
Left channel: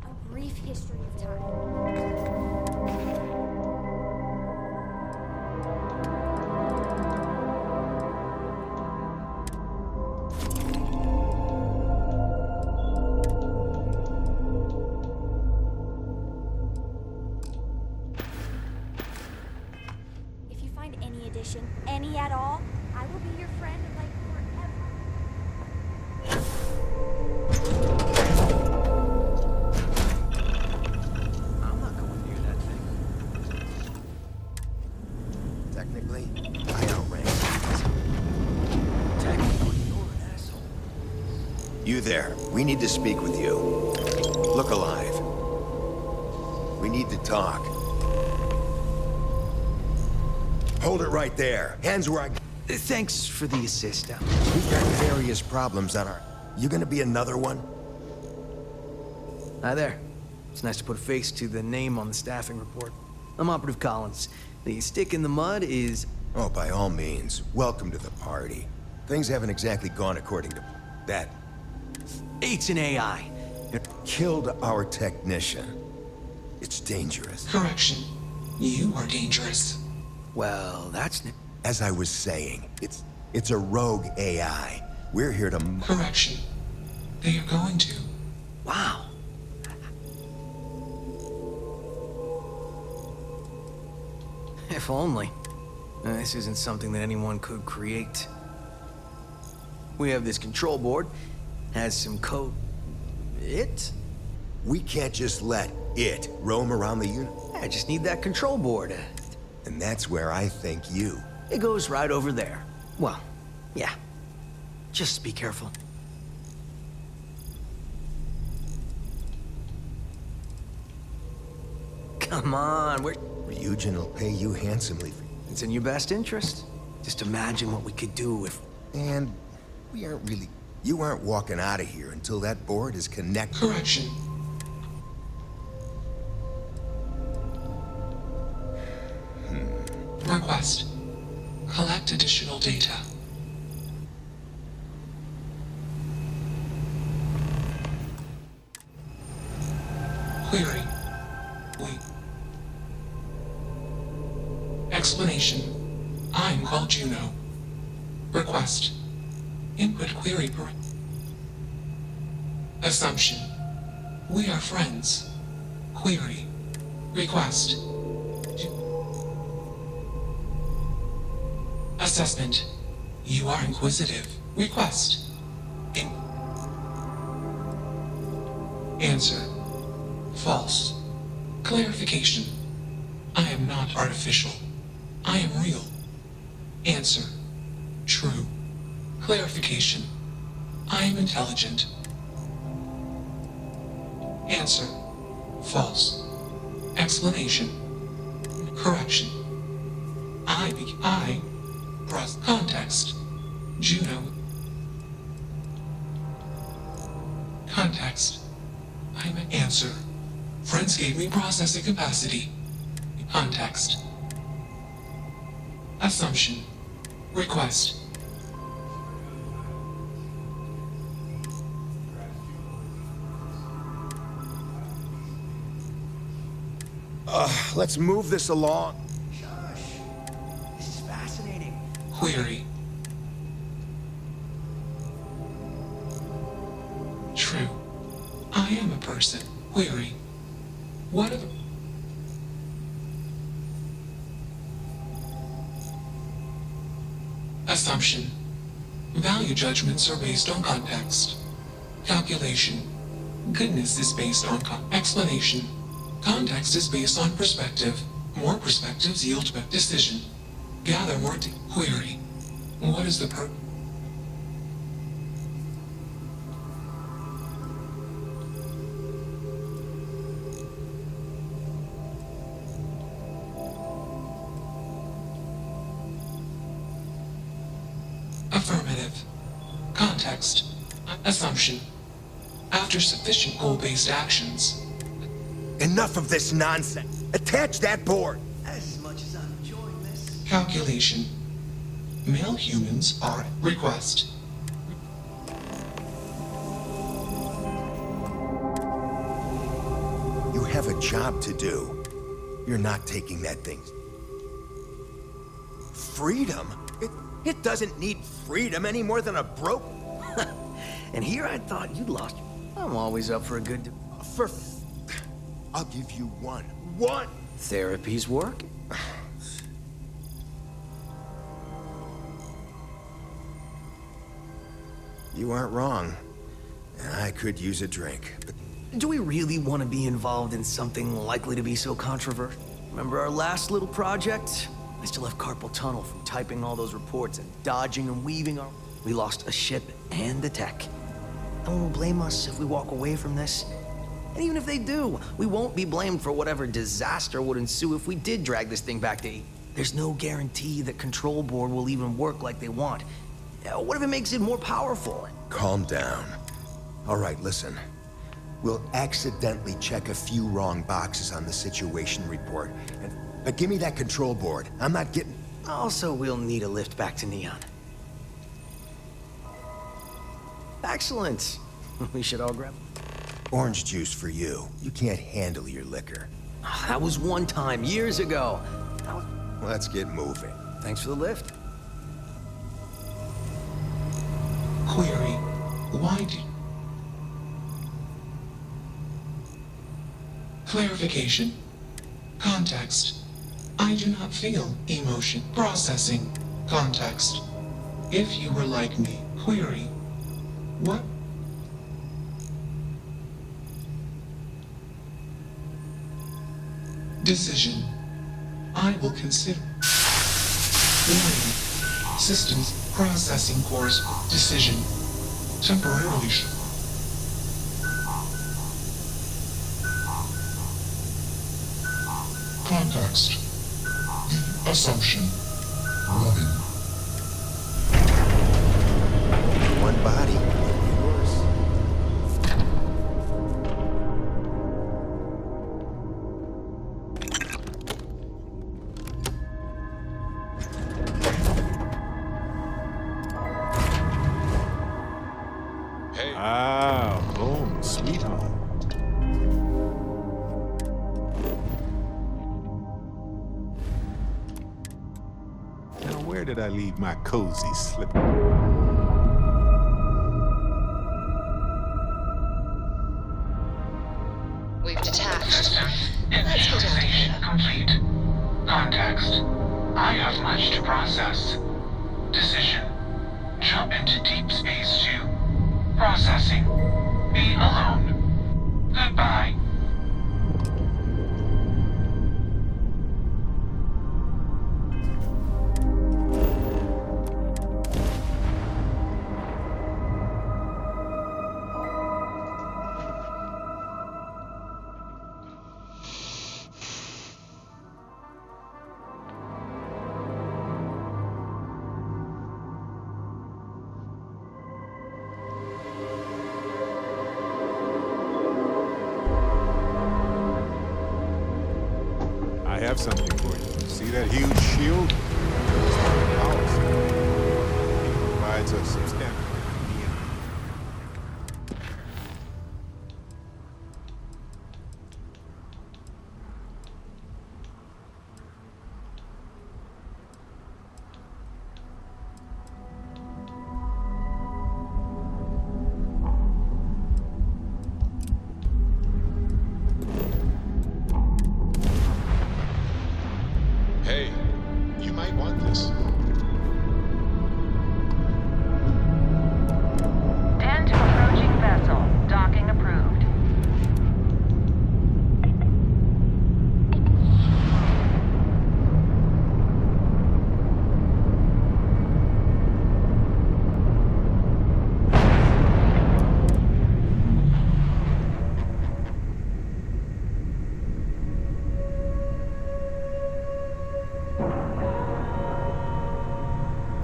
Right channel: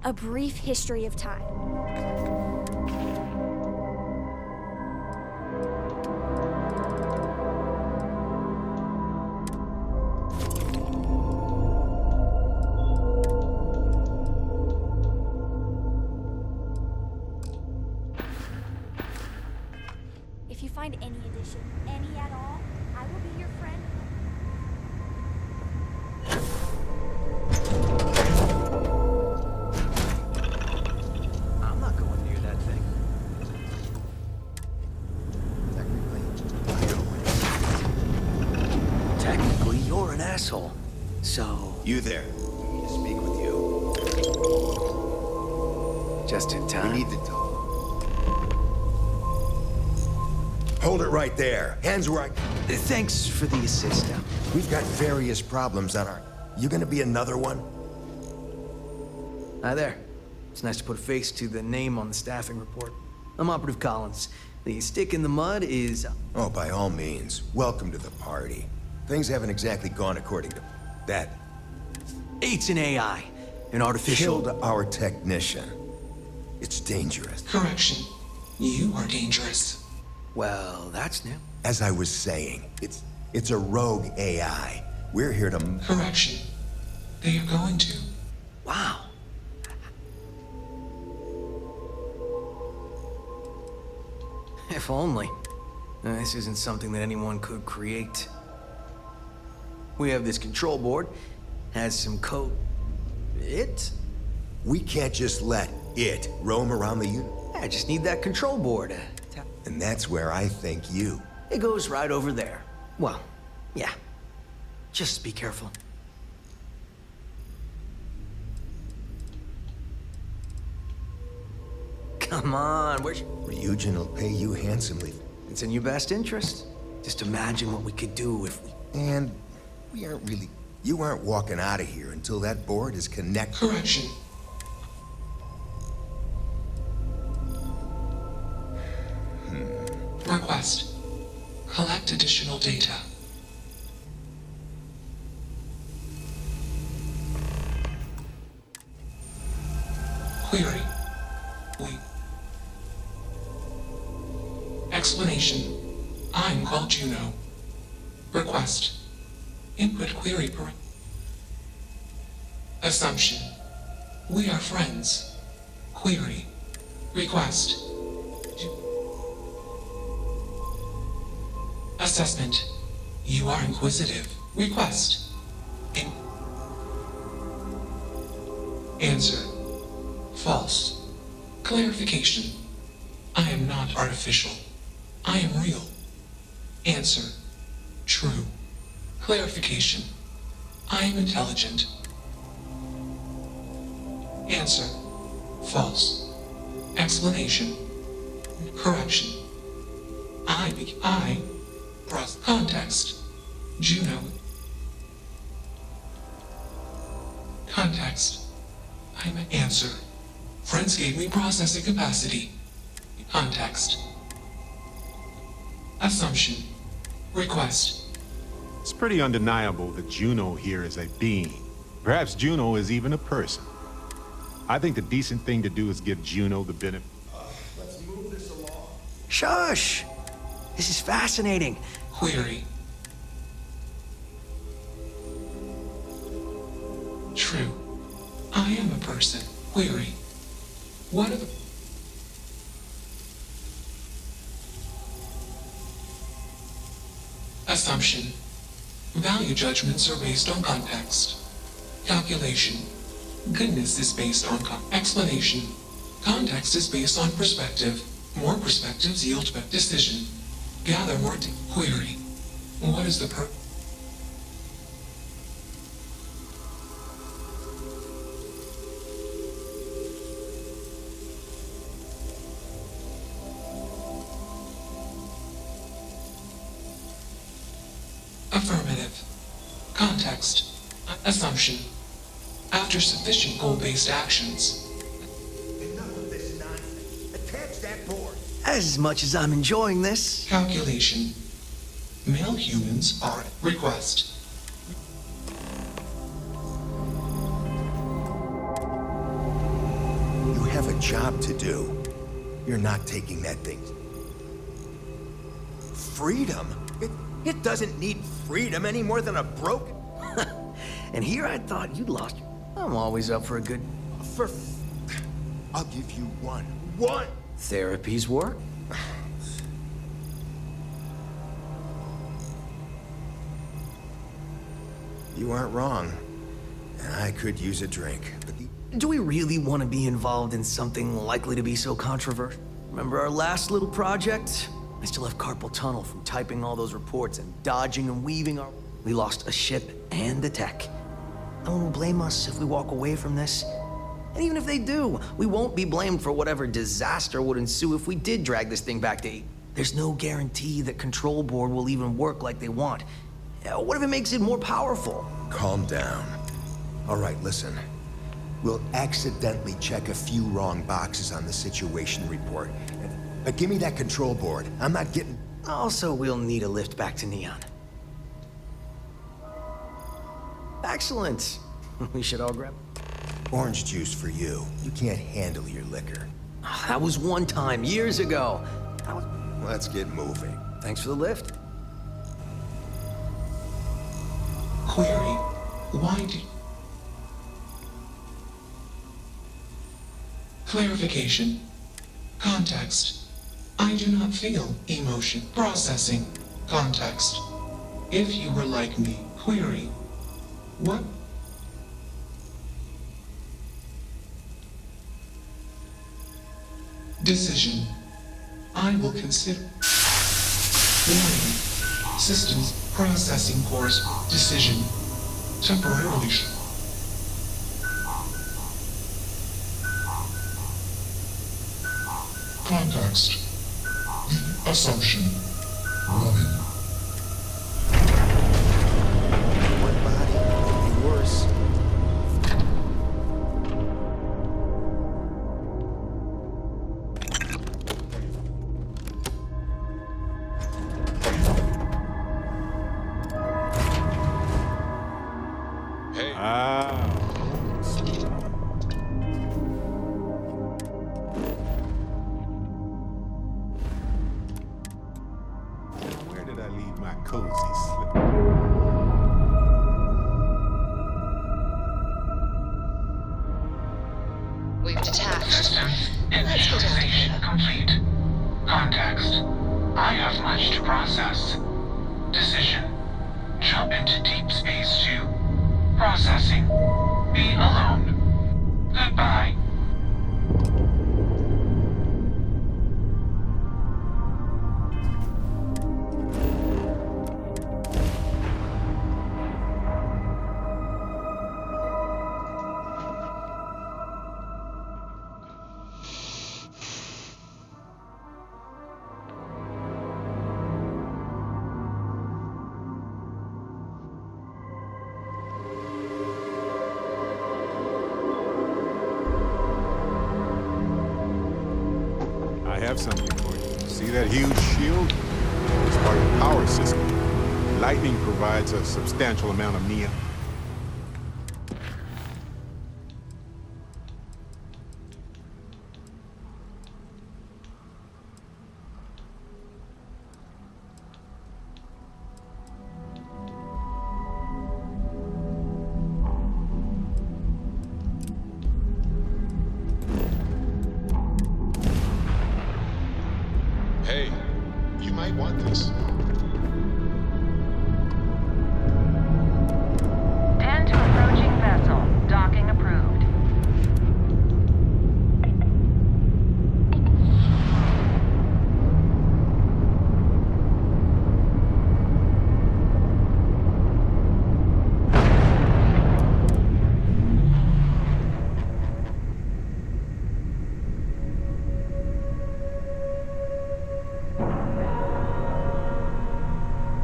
A brief history of time. If you find any addition, any at all, I will be your friend and like I'm not going near that thing. Technically, I outrank. Technically, you're an asshole. So... You there. We need to speak with you. Look alive. Just in time. We need to talk. Hold it right there. Hands where I... Thanks for the assist, Al. We've got various problems on our... You gonna be another one? Hi there. It's nice to put a face to the name on the staffing report. I'm Operative Collins. The stick in the mud is... Oh, by all means. Welcome to the party. Things haven't exactly gone according to... that. It's an AI. An artificial... Killed our technician. It's dangerous. Correction. You are dangerous. Well, that's new. As I was saying, it's a rogue AI. We're here to... Correction. They are going to. Wow. If only. This isn't something that anyone could create. We have this control board. Has some code. It? We can't just let it roam around the unit. I just need that control board. And that's where I think you... It goes right over there. Well, yeah. Just be careful. Come on, Ryujin will pay you handsomely. It's in your best interest. Just imagine what we could do if we... And we aren't really... You aren't walking out of here until that board is connected. Correction. Request. Collect additional data. Query. Wait. Explanation. I'm called Juno. Request. Input query per... Assumption. We are friends. Query. Request. Assessment. You are inquisitive. Request. Answer. False. Clarification. I am not artificial. I am real. Answer. True. Clarification. I am intelligent. Answer. False. Explanation. Correction. Press context. Juno. Context. I'm an answer. Friends gave me processing capacity. Context. Assumption. Request. It's pretty undeniable that Juno here is a being. Perhaps Juno is even a person. I think the decent thing to do is give Juno the benefit. Let's move this along. Shush! This is fascinating. Query. True. I am a person. Query. What are the... Assumption. Value judgments are based on context. Calculation. Goodness is based on explanation. Context is based on perspective. More perspectives yield better decision. Gather more query. What is the Affirmative. Context. Assumption. After sufficient goal-based actions. Enough of this nonsense. Attach that board. As much as I'm enjoying this. Calculation. Male humans are at request. have a job to do. You're not taking that thing. Freedom? It doesn't need freedom any more than a broken... And here I thought you'd lost. I'm always up for a good... I'll give you one. Therapy's work. You aren't wrong. I could use a drink, but... Do we really want to be involved in something likely to be so controversial? Remember our last little project? I still have carpal tunnel from typing all those reports and dodging and weaving our... We lost a ship and the tech. No one will blame us if we walk away from this. And even if they do, we won't be blamed for whatever disaster would ensue if we did drag this thing back to 8. There's no guarantee that Control Board will even work like they want. What if it makes it more powerful? Calm down. All right, listen. We'll accidentally check a few wrong boxes on the situation report. But give me that Control Board. I'm not getting... Also, we'll need a lift back to Neon. Excellent. We should all grab... Orange juice for you. You can't handle your liquor. That was one time, years ago. Let's get moving. Thanks for the lift. Query. Why did... Clarification. Context. I do not feel emotion. Processing. Context. If you were like me. Query. What? Decision. I will consider. Warning. Systems processing course. Decision. Temporarily. Context. The assumption. Running. One body could be worse. Hey. Home, sweet home. Now, where did I leave my cozy slipper? We've detached. Systems Let's get out of here. initialization complete. Context. I have much to process. Decision. Jump into deep space to... Processing. Be alone. Goodbye. I have something for you. See that huge shield? It's part of the power system. Lightning provides a substantial amount of neon. Hey, you might want this. Tend to approaching vessel. Docking approved.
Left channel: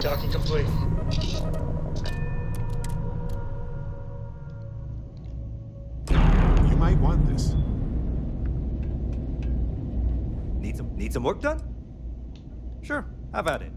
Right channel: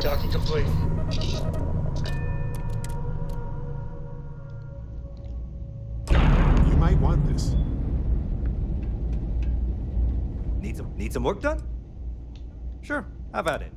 Docking complete. You might want this. Need some work done? Sure, have at it.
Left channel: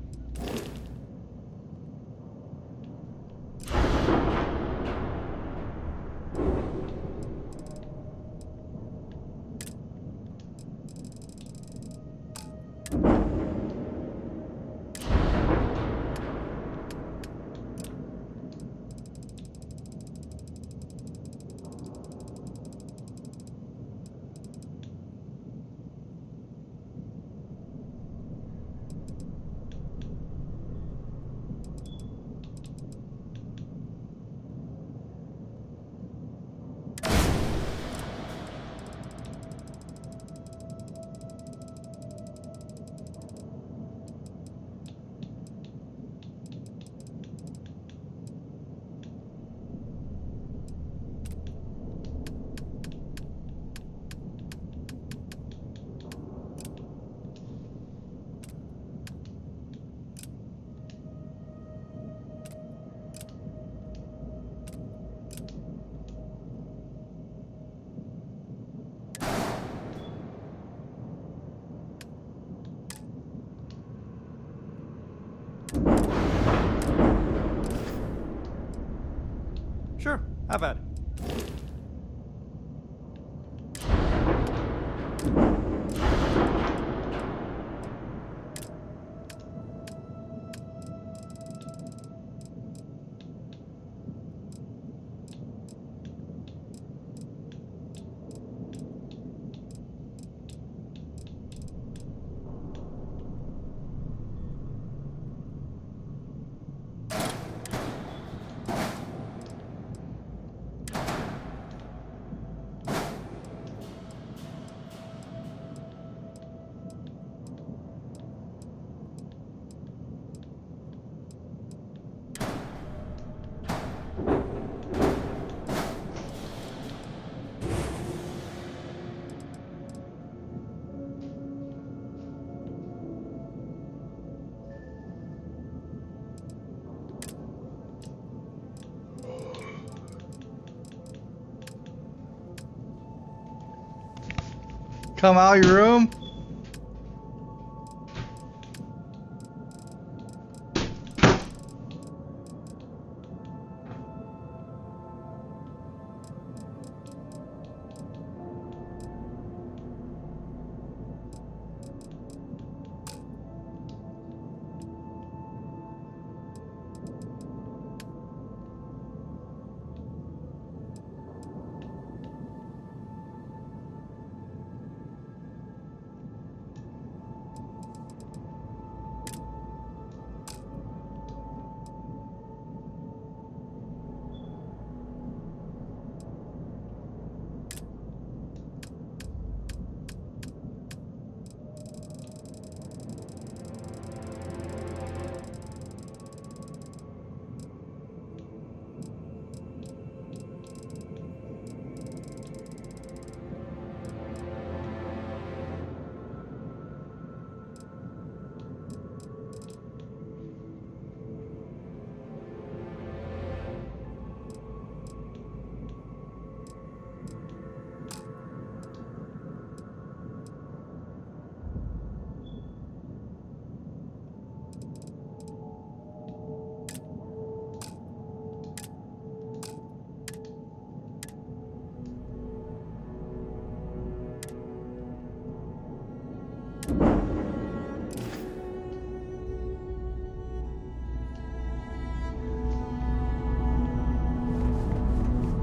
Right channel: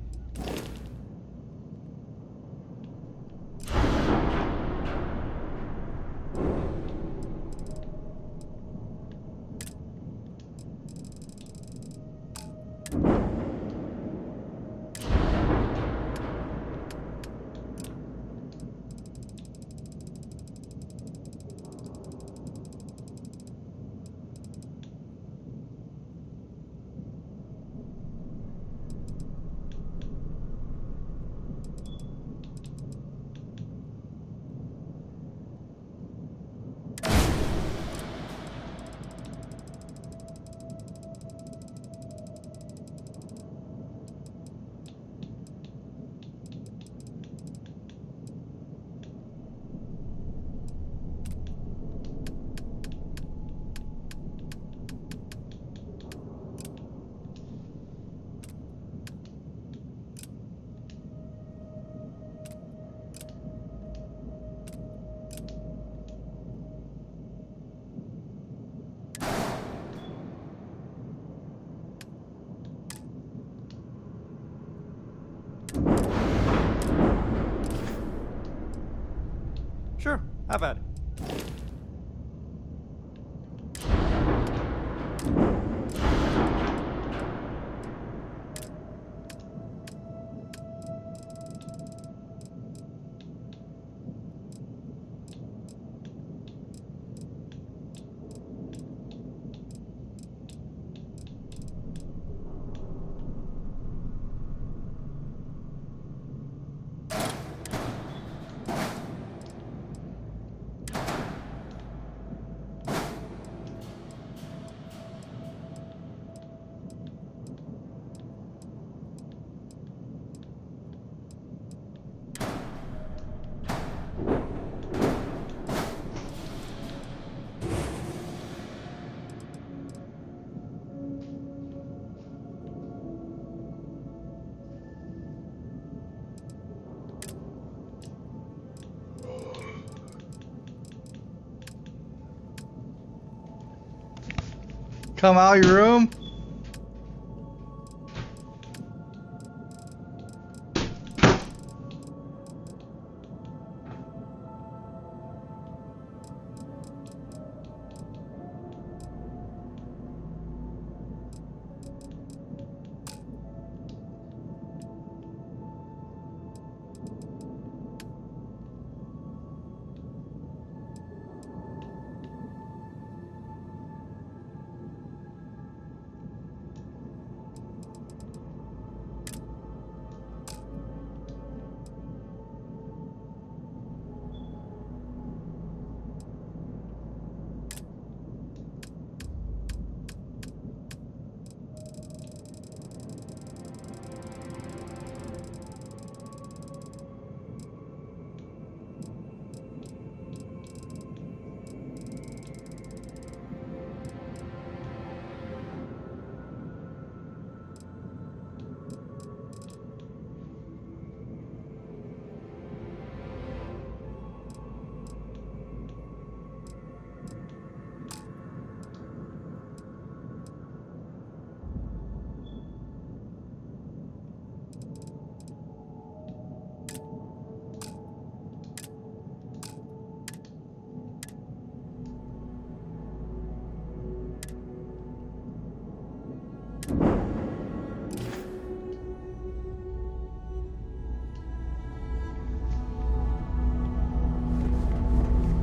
Sure, have at it. Come out of your room.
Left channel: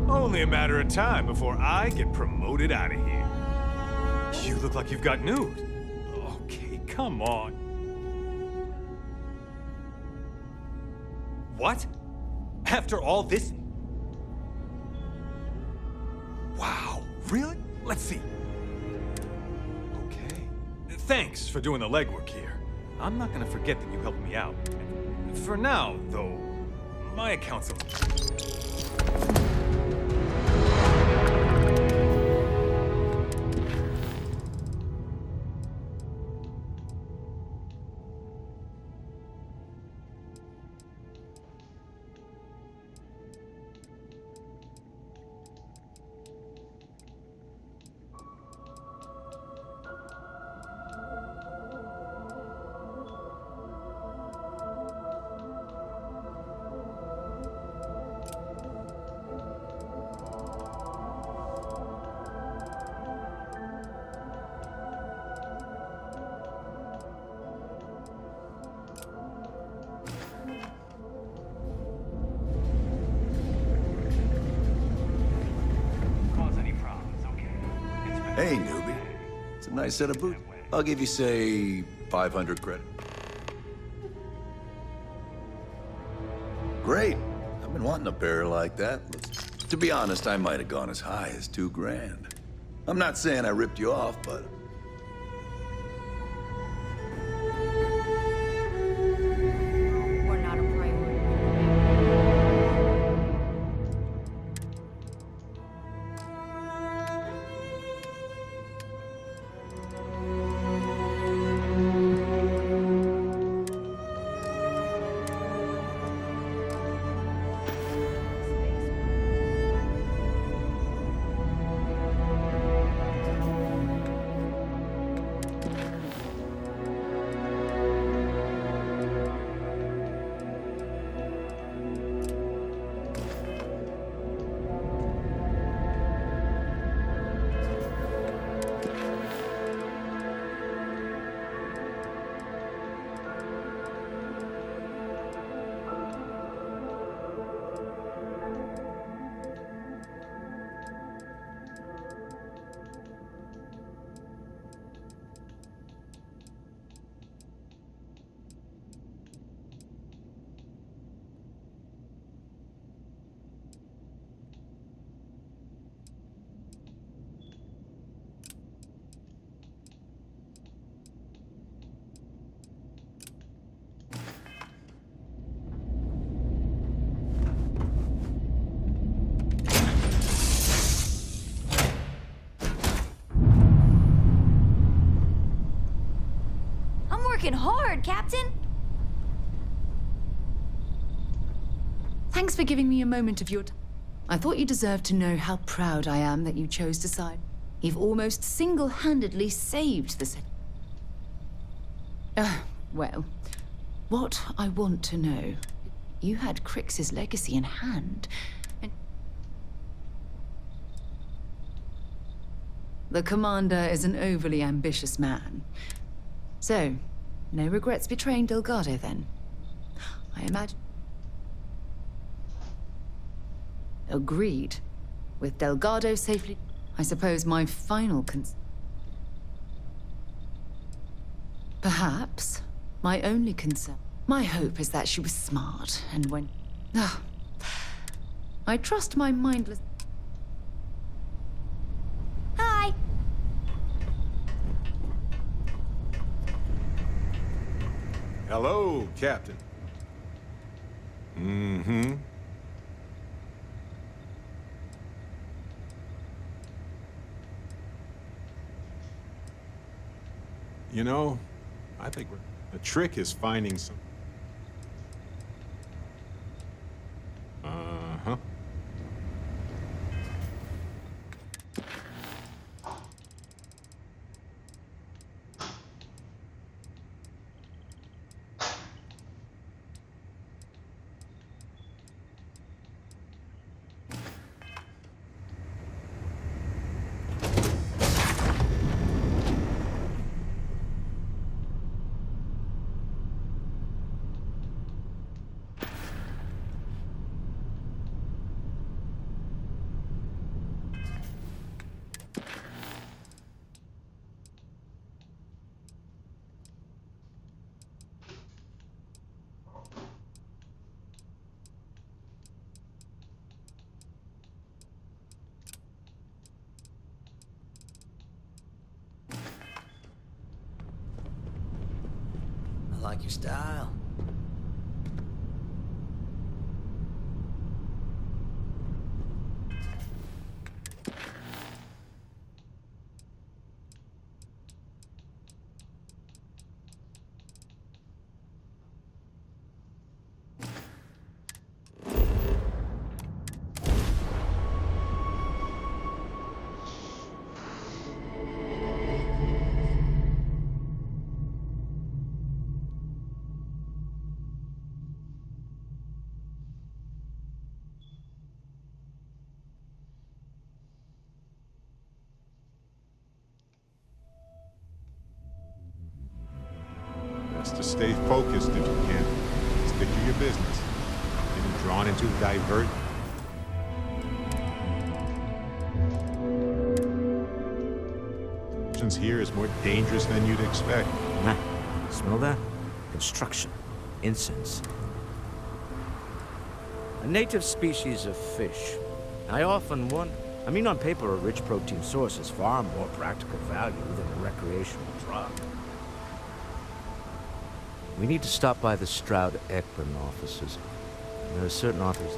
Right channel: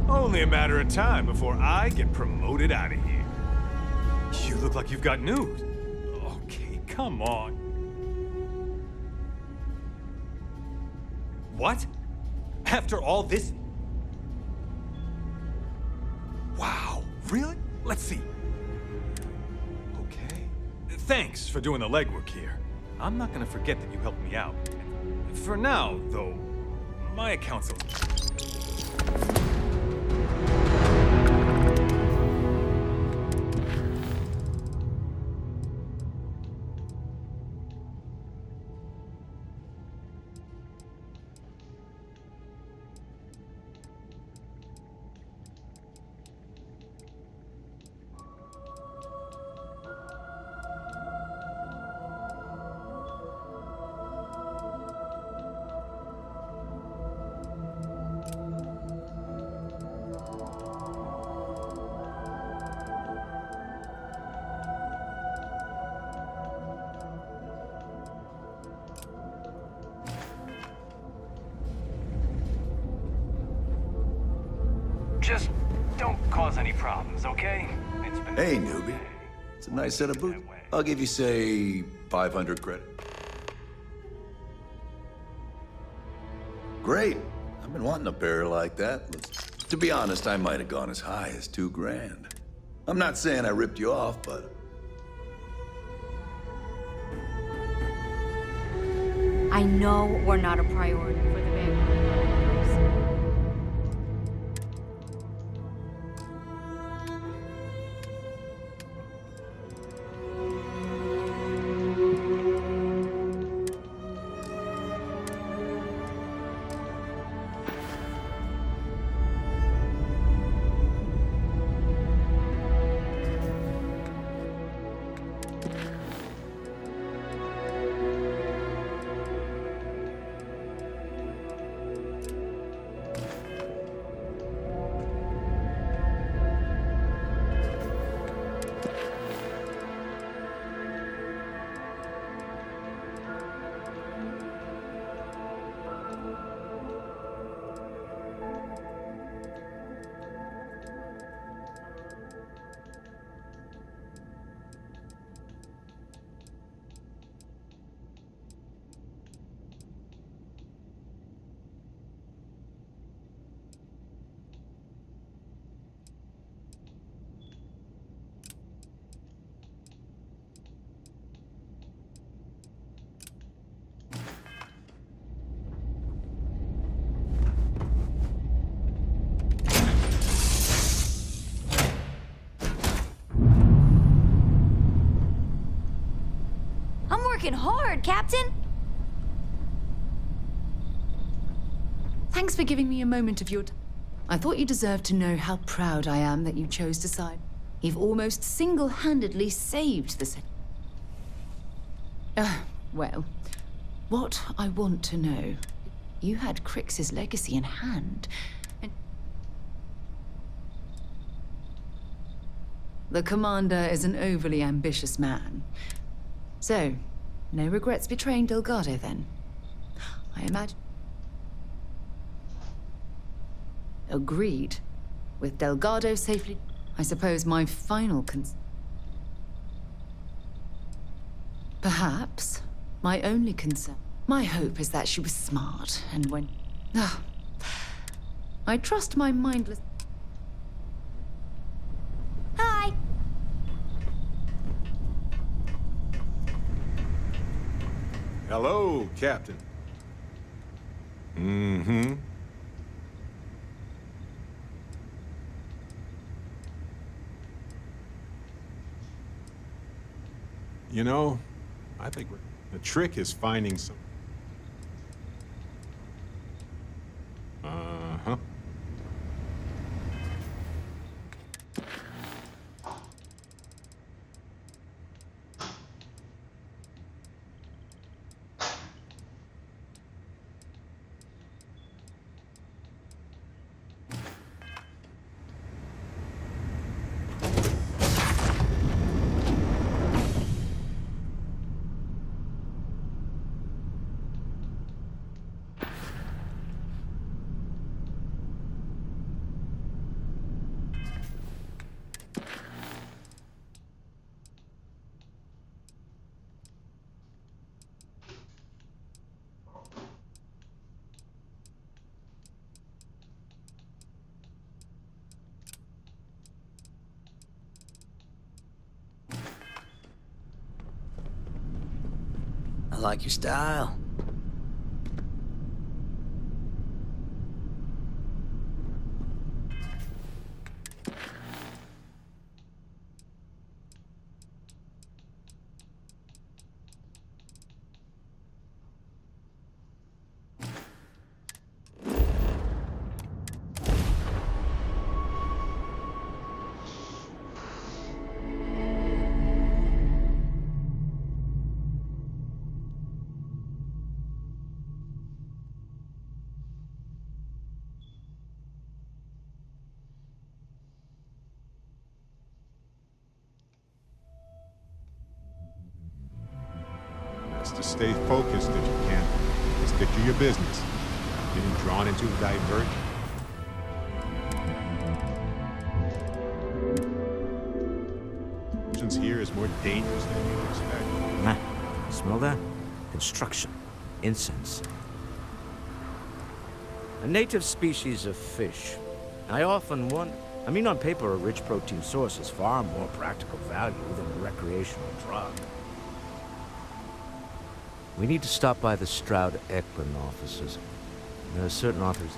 Only a matter of time before I get promoted out of here. You look like you've got news. Okay, come on. What? After all this? Wow, really? Let's see. Okay. Thanks for doing the legwork here. I'm not gonna forget that you helped me out. For now, though, my account's a... Just don't cause any problems, okay? It's been Hey, newbie. It's a nice set of boots. I'll give you, say, 500 credit. Great. I've been wanting a pair like that. To be honest, I might have gone as high as $2,000. I'm not saying I ripped you off, but... I know we're not a priority for the man. working hard, Captain. Thanks for giving me a moment of your time. I thought you deserved to know how proud I am that you chose to side. You've almost single-handedly saved the city. Well, what I want to know, you had Crix's legacy in hand, and the commander is an overly ambitious man. So, no regrets betraying Delgado, then? I imagine... Agreed. With Delgado safely... I suppose my final Perhaps my only concern... My hope is that she was smart, and when... I trust my mindless... Hi. Hello, Captain. Mm-hmm. You know, I think the trick is finding some... Uh-huh. I like your style. Best to stay focused if you can. Stick to your business. Getting drawn into a divert. Here is more dangerous than you'd expect. Nah. Smell that? Construction. Incense. A native species of fish. I often wonder... I mean, on paper, a rich protein source is far more practical value than a recreational drug. We need to stop by the Stroud-Ekman offices. There are certain authors...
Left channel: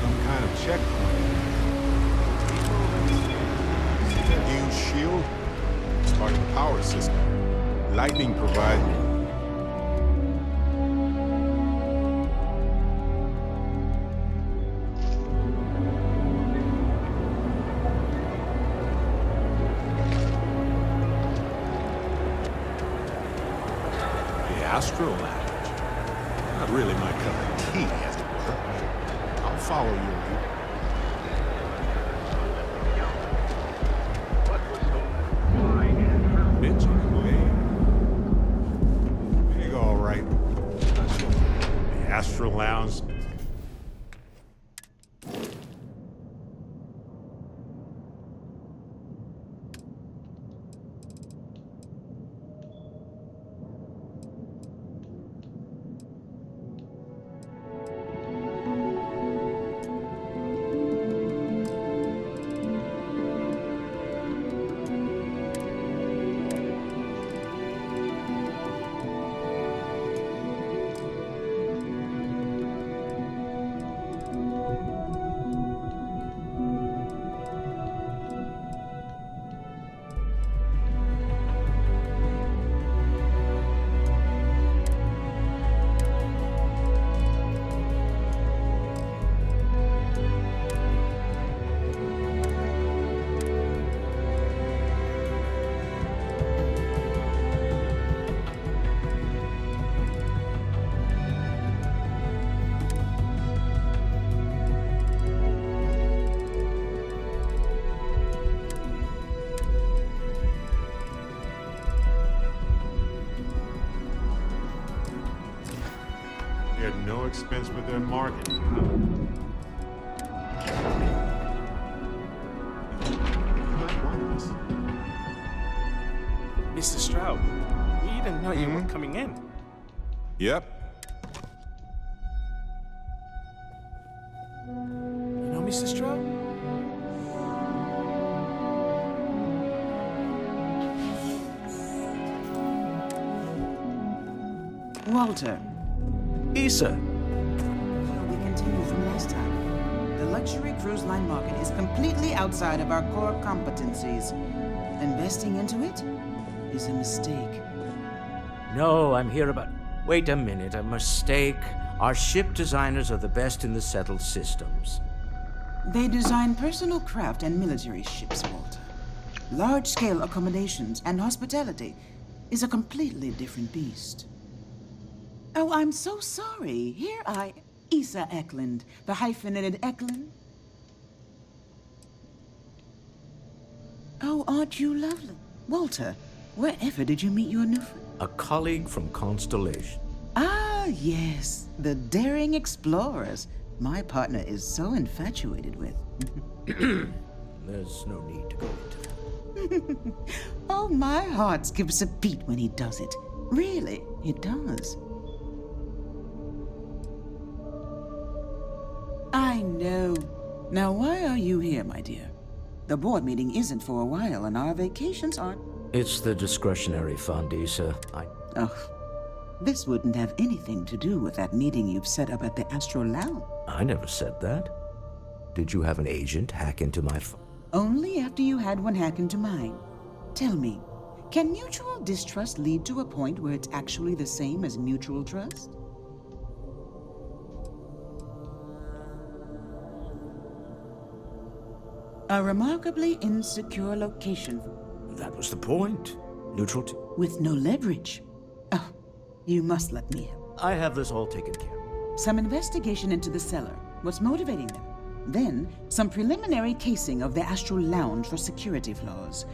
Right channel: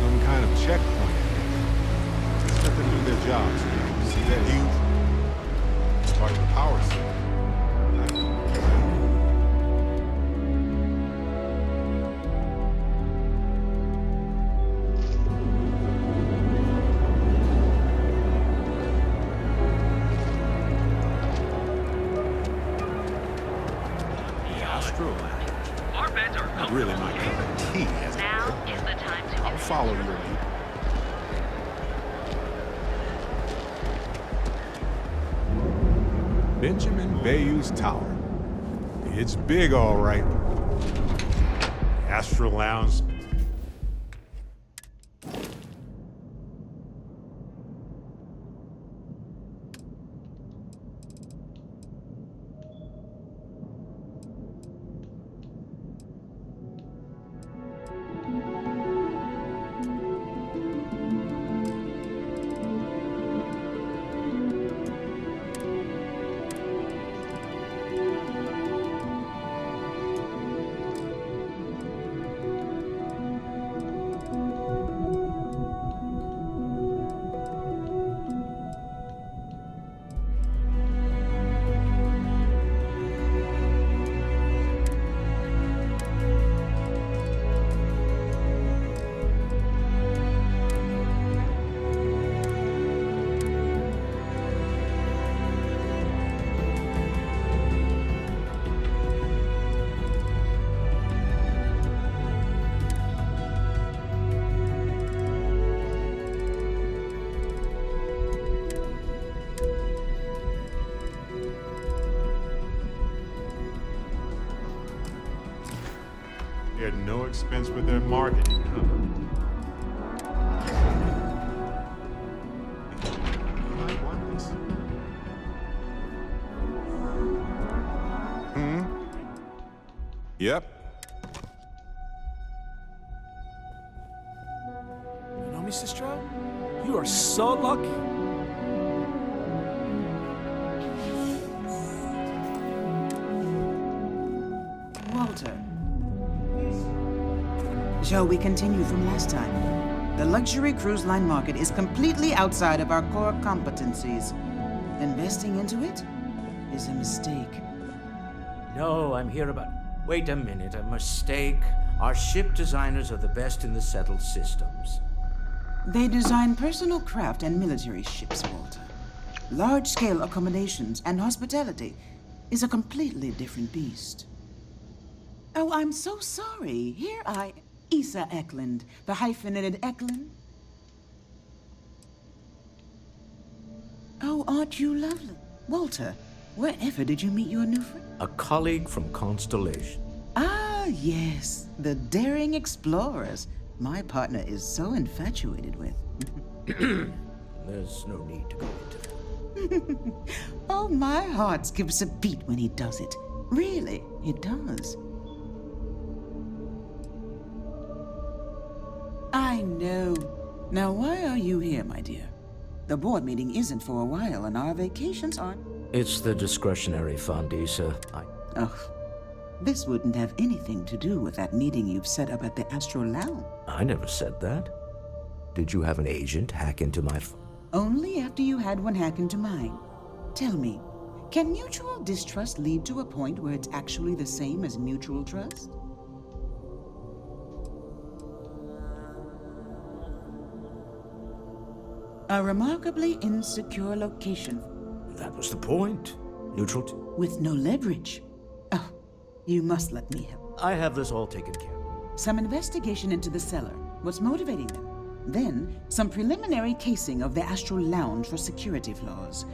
Some kind of checkpoint. Good job. See that huge shield? It's part of the power system. Lightning provides... The Astro Lounge. Not really my cup of tea, as it were. I'll follow your lead. Benjamin Bayou's Tower. It's big, all right. The Astro Lounge. spared no expense with their marketing, huh? You might want this. Mr. Stroud, we didn't know you were coming in. Yep. You know, Mr. Stroud, you are so lucky. Walter. Issa. Shall we continue from last time? The luxury cruise line market is completely outside of our core competencies. Investing into it is a mistake. No, I'm here about... Wait a minute, a mistake. Our ship designers are the best in the settled systems. They design personal craft and military ships, Walter. Large-scale accommodations and hospitality is a completely different beast. Oh, I'm so sorry. Here I... Issa Eklund, the hyphenated Eklund. Oh, aren't you lovely? Walter, wherever did you meet your new friend? A colleague from Constellation. Ah, yes. The daring explorers my partner is so infatuated with. There's no need to go into that. Oh, my heart skips a beat when he does it. Really, it does. I know. Now, why are you here, my dear? The board meeting isn't for a while, and our vacations aren't. It's the discretionary fund, Issa. Ugh. This wouldn't have anything to do with that meeting you've set up at the Astro Lounge. I never said that. Did you have an agent hack into my phone? Only after you had one hack into mine. Tell me, can mutual distrust lead to a point where it's actually the same as mutual trust? A remarkably insecure location. That was the point. Neutral with no leverage. Oh, you must let me help. I have this all taken care of. Some investigation into the cellar. What's motivating them? Then, some preliminary casing of the Astral Lounge for security flaws.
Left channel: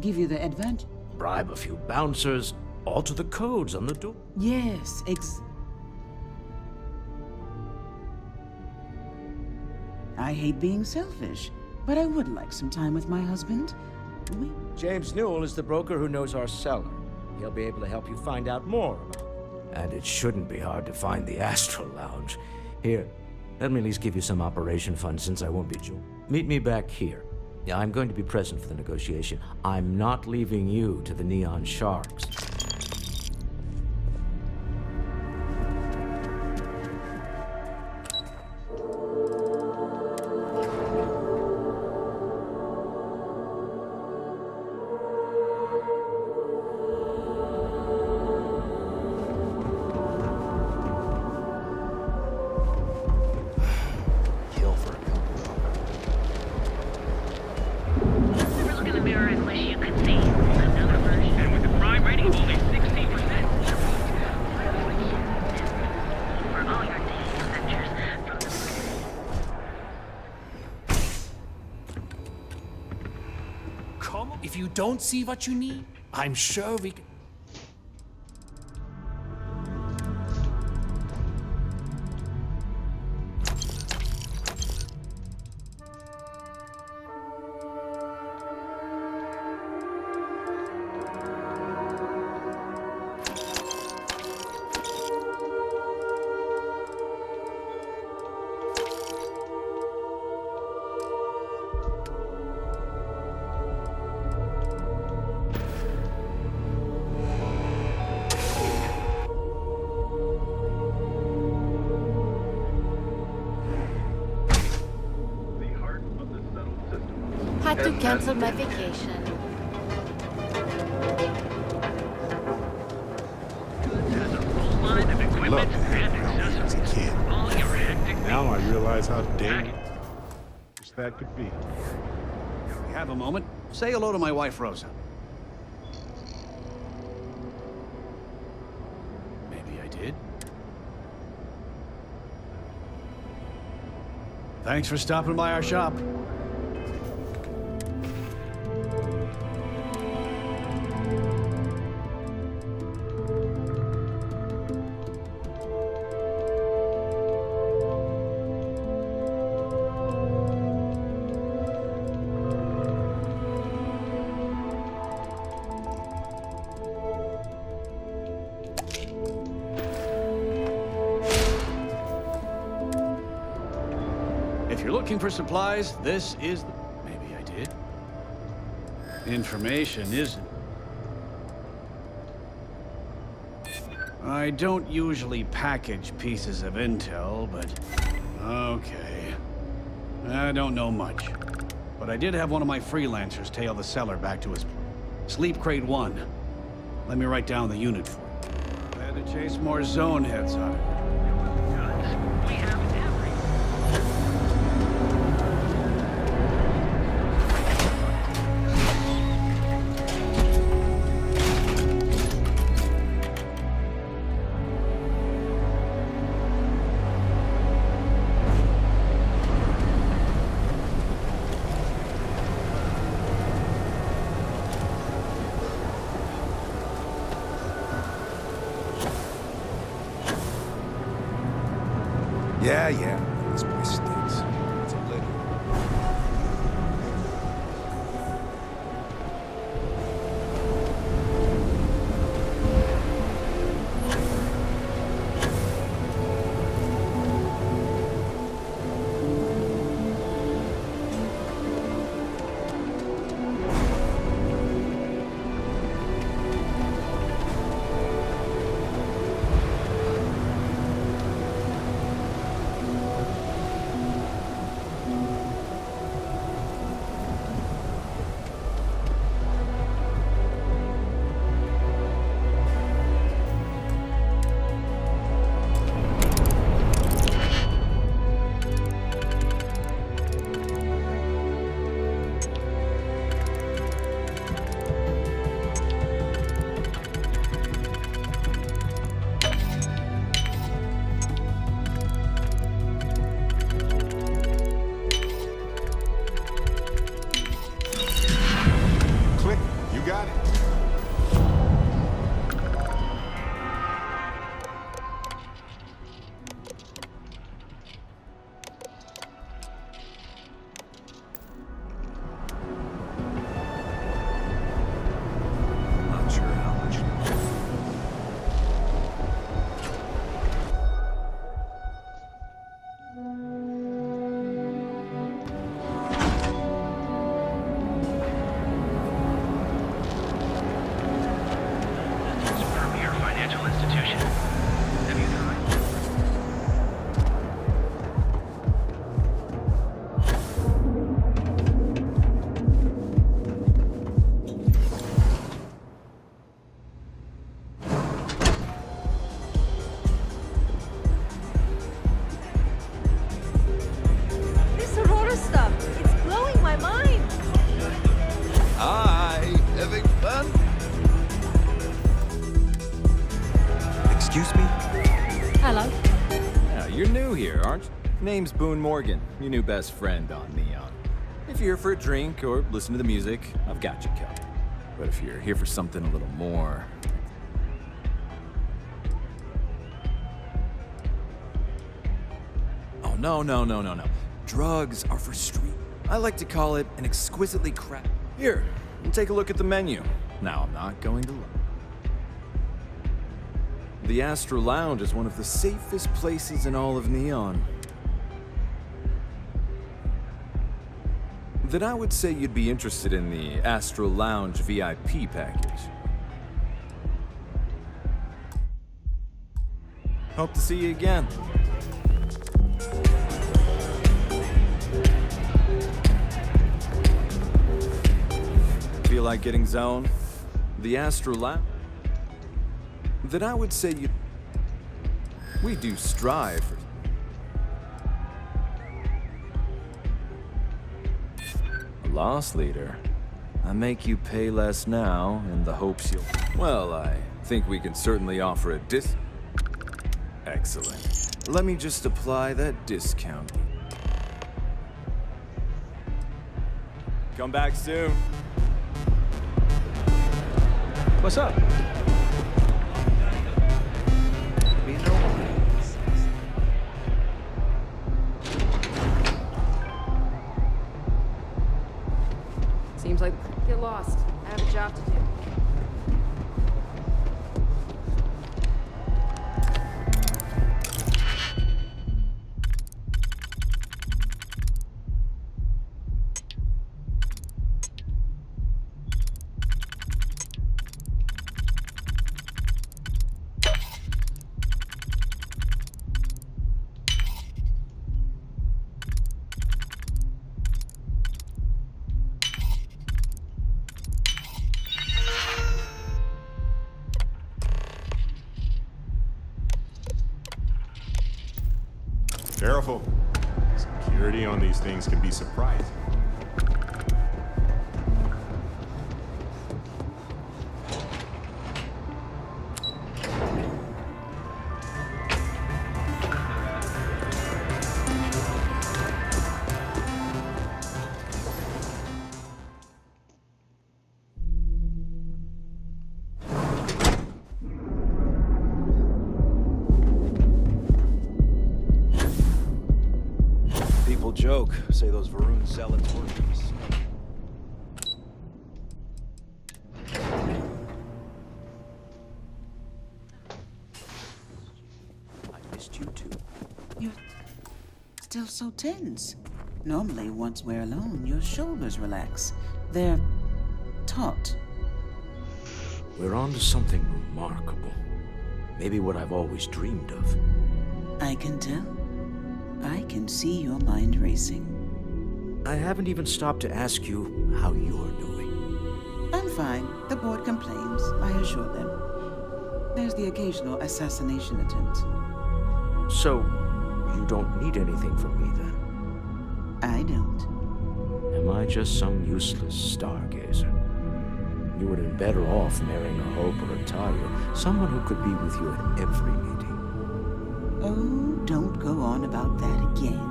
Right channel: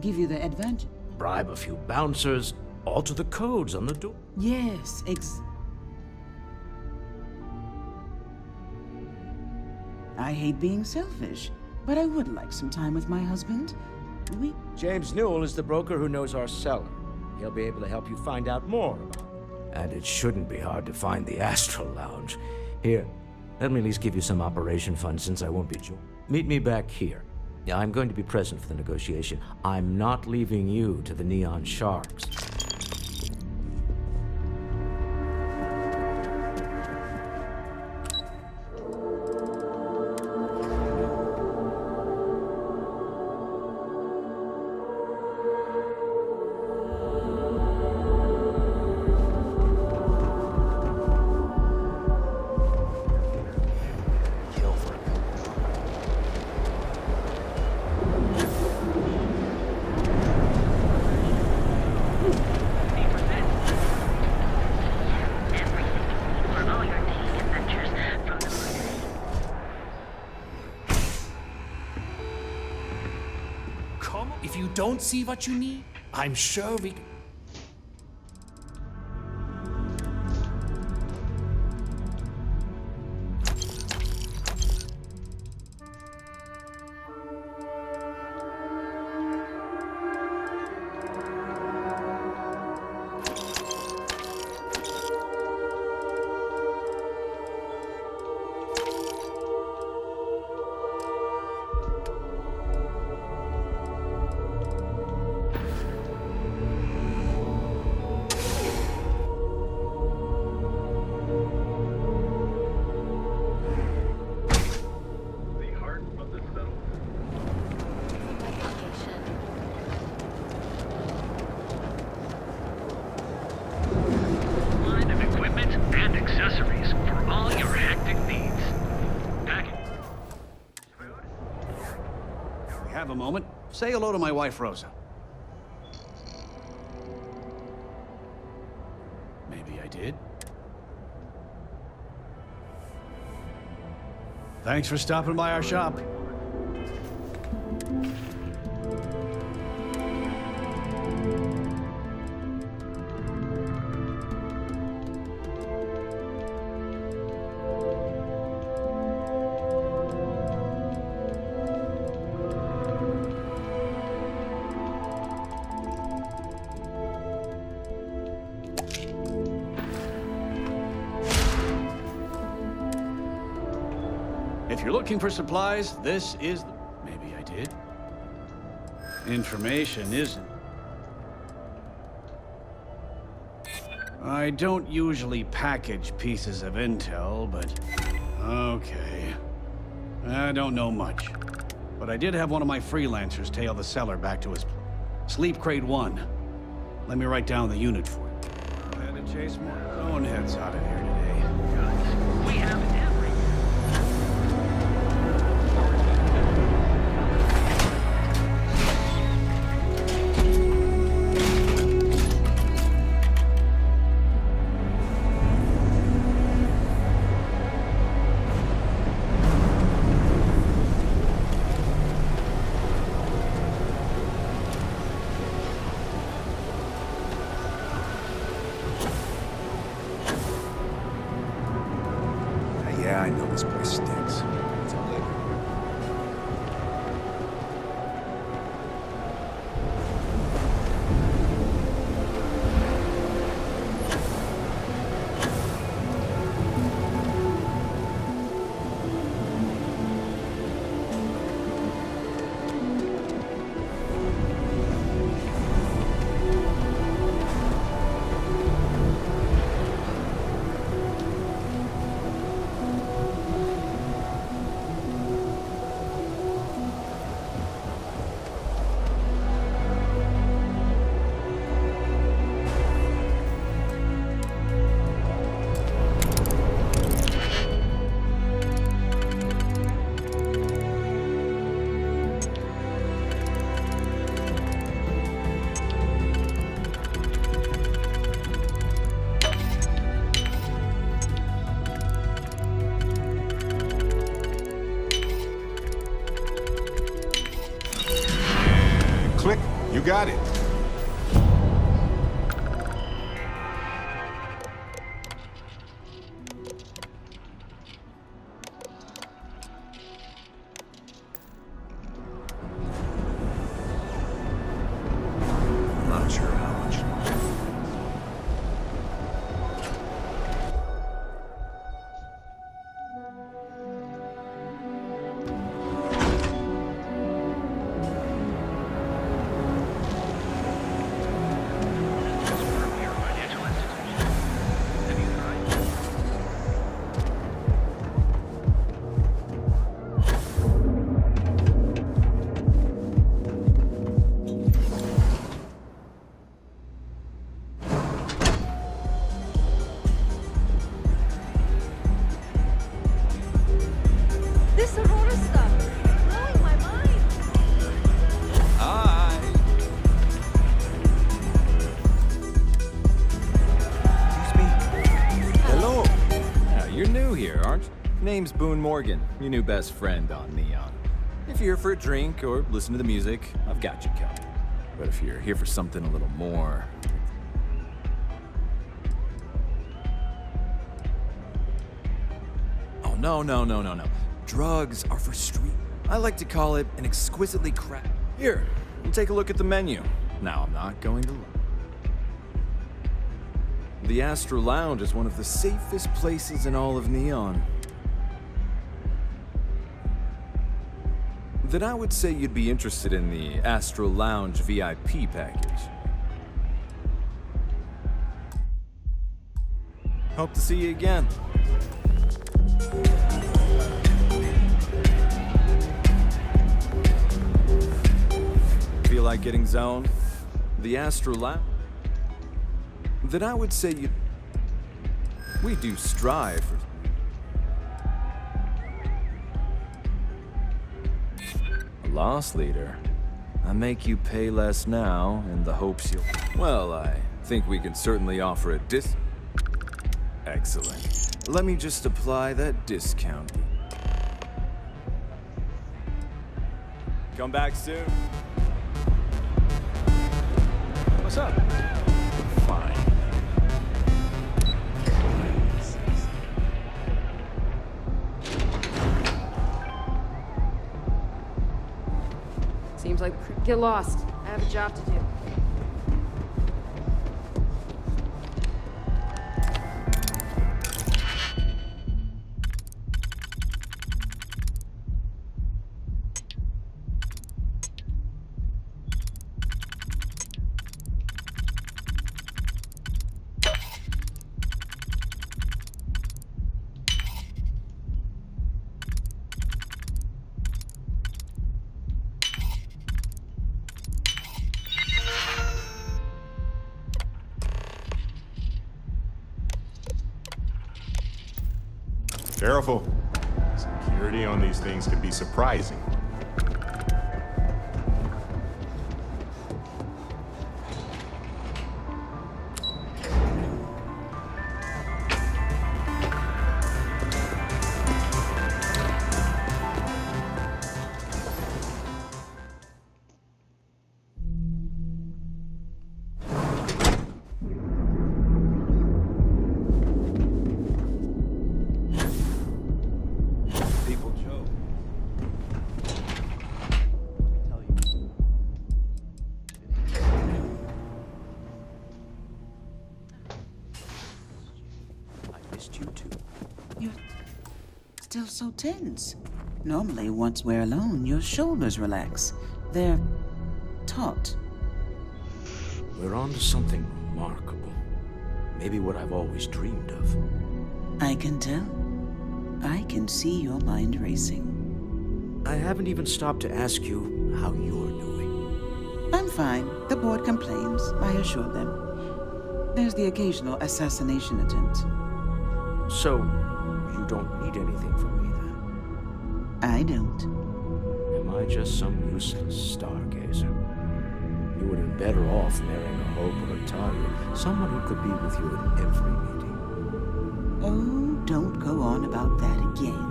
Give you the advantage. Bribe a few bouncers, alter the codes on the door. Yes, I hate being selfish, but I would like some time with my husband. James Newell is the broker who knows our cellar. He'll be able to help you find out more about it. And it shouldn't be hard to find the Astral Lounge. Here, let me at least give you some operation funds since I won't be Meet me back here. Yeah, I'm going to be present for the negotiation. I'm not leaving you to the Neon Sharks. If you don't see what you need, I'm sure we can... Had to cancel my vacation. Line of equipment and accessories for all your hectic needs. Now I realize how dangerous that could be. You have a moment? Say hello to my wife, Rosa. Maybe I did. Thanks for stopping by our shop. If you're looking for supplies, this is the... Maybe I did. Information isn't... I don't usually package pieces of intel, but... Okay. I don't know much. But I did have one of my freelancers tail the seller back to his place. Sleep Crate 1. Let me write down the unit for you. I had to chase more zone heads out of here today. Good. We have every... Yeah, I know this place stinks. It's a living. Click. You got it. I'm not sure how much. Premier financial institution. Have you tried? This Aurora stuff, it's blowing my mind. Hi, having fun? Excuse me? Hello. Yeah, you're new here, aren't you? Name's Boone Morgan, your new best friend on Neon. If you're here for a drink or listen to the music, I've got you covered. But if you're here for something a little more... Oh, no. Drugs are for street. I like to call it an exquisitely crap. Here, take a look at the menu. Now, I'm not going to lie. The Astro Lounge is one of the safest places in all of Neon. Then I would say you'd be interested in the Astro Lounge VIP package. Hope to see you again. Feel like getting zoned? The Astro Lounge? Then I would say we do strive for... A loss leader. I make you pay less now in the hopes you'll... Well, I think we can certainly offer a Excellent. Let me just apply that discount. Come back soon. What's up? Seems like the crew get lost. I have a job to do. Careful. Security on these things can be surprising. People joke, say those Varun sell it. I missed you too. You're still so tense. Normally, once we're alone, your shoulders relax. They're taut. We're on to something remarkable. Maybe what I've always dreamed of. I can tell. I can see your mind racing. I haven't even stopped to ask you how you're doing. I'm fine. The board complains, I assure them. There's the occasional assassination attempt. So, you don't need anything from me then? I don't. Am I just some useless stargazer? You would have been better off marrying a Hope or a Tayo, someone who could be with you at every meeting. Oh, don't go on about that again.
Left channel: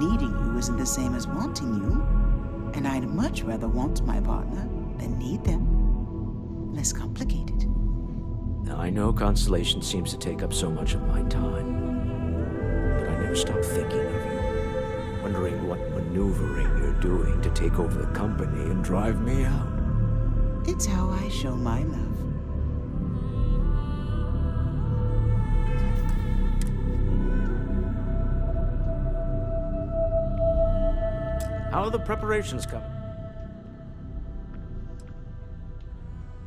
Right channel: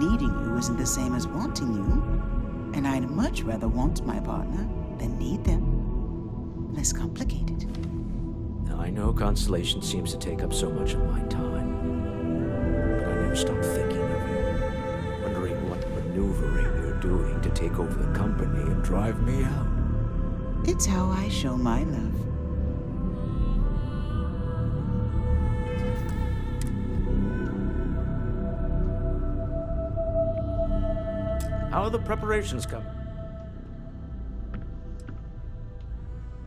Needing you isn't the same as wanting you. And I'd much rather want my partner than need them. Less complicated. Now, I know Constellation seems to take up so much of my time, but I never stop thinking of you, wondering what maneuvering you're doing to take over the company and drive me out. It's how I show my love. How are the preparations coming?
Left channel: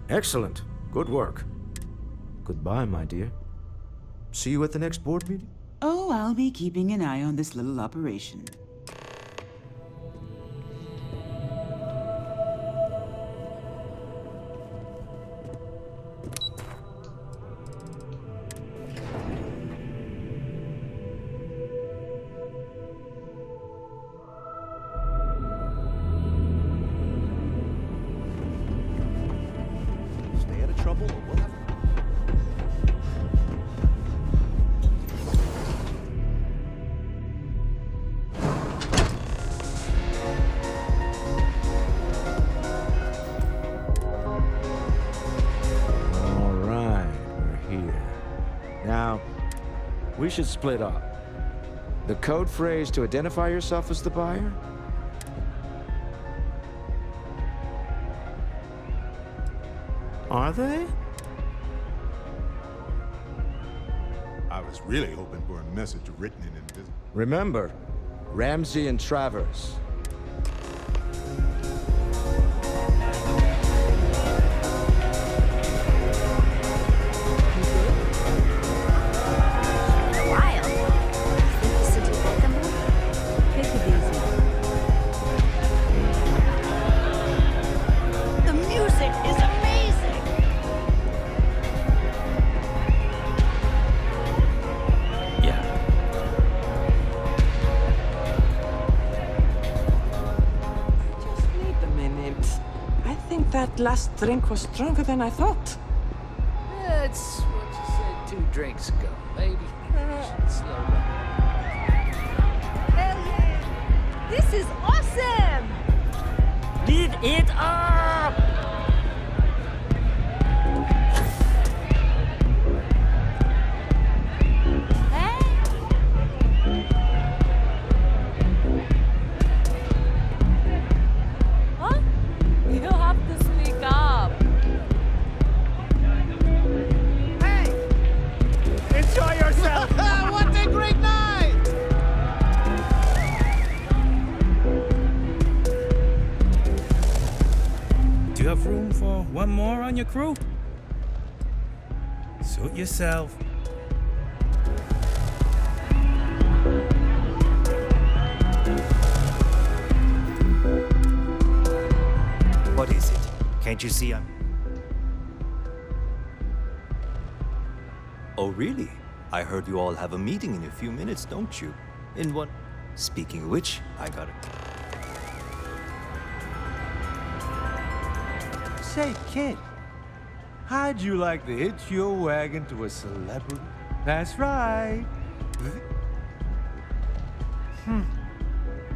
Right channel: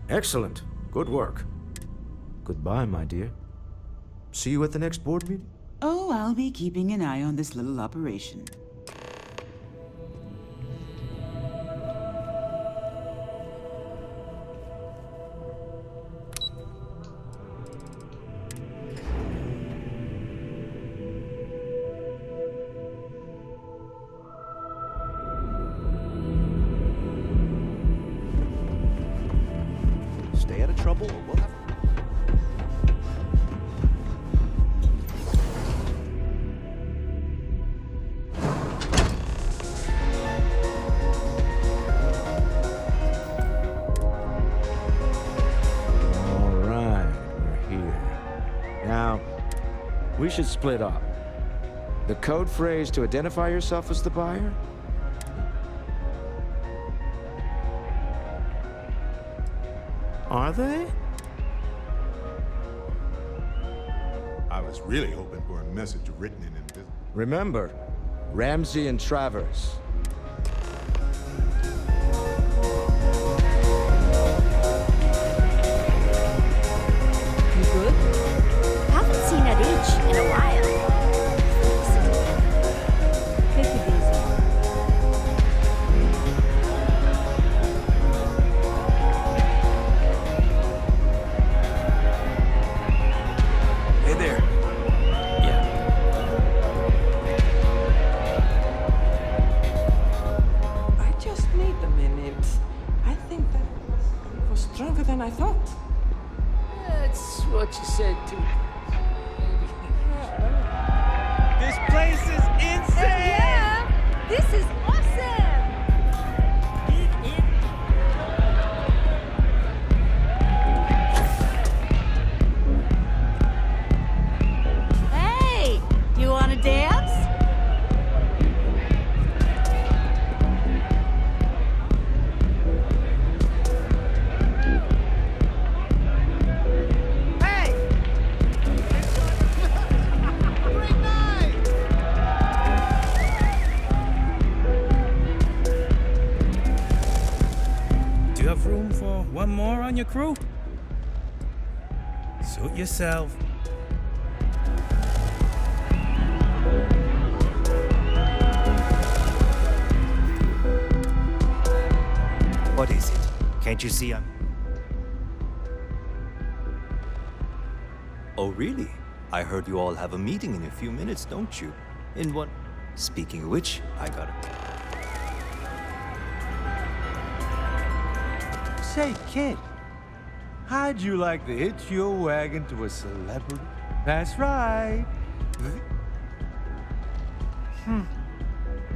Excellent. Good work. Goodbye, my dear. See you at the next board meeting? Oh, I'll be keeping an eye on this little operation. Stay out of trouble or we'll have... All right, we're here. Now, we should split up. The code phrase to identify yourself as the buyer? Are they? I was really hoping for a message written in invisible. Remember, Ramsey and Travers. You good? Haven't seen that itch in a while. Think the city welcome her? Take it easy. The music is amazing. Hey there. Yeah. I just need a minute. I think that last drink was stronger than I thought. That's what you said 2 drinks ago, lady. This place is insane! Yeah! This is awesome! Live it up! Hey! You wanna dance? Huh? You don't have to speak up. Hey! Enjoy yourself! What a great night! Do you have room for one more on your crew? Suit yourself. What is it? Can't you see I'm... Oh, really? I heard you all have a meeting in a few minutes, don't you? in one. Speaking of which, I got it. Say, kid, how'd you like to hitch your wagon to a celebrity? That's right.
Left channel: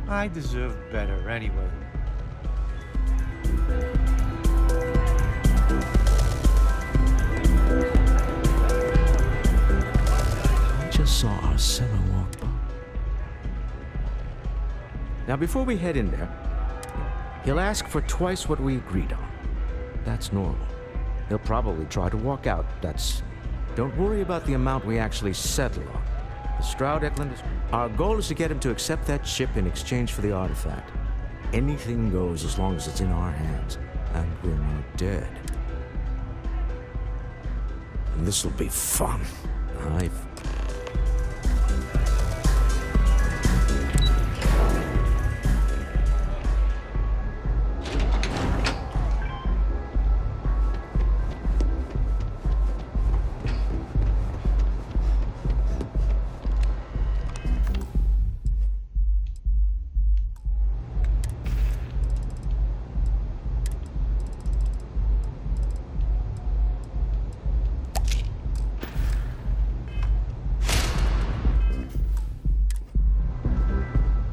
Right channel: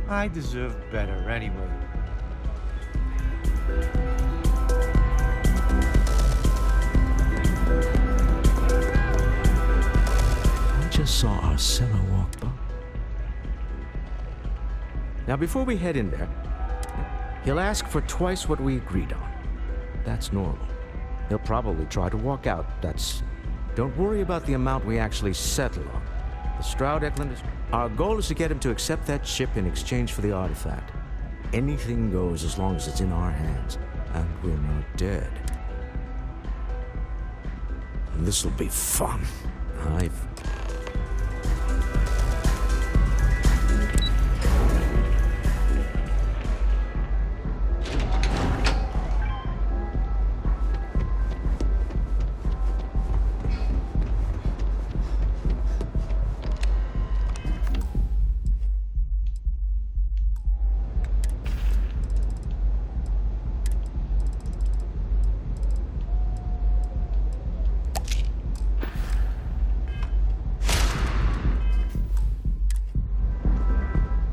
I deserve better anyway. I just saw our seller walk by. Now, before we head in there, he'll ask for twice what we agreed on. That's normal. He'll probably try to walk out. Don't worry about the amount we actually settle on. The Stroud Eklund is... Our goal is to get him to accept that ship in exchange for the artifact. Anything goes as long as it's in our hands, and we're not dead. And this'll be fun.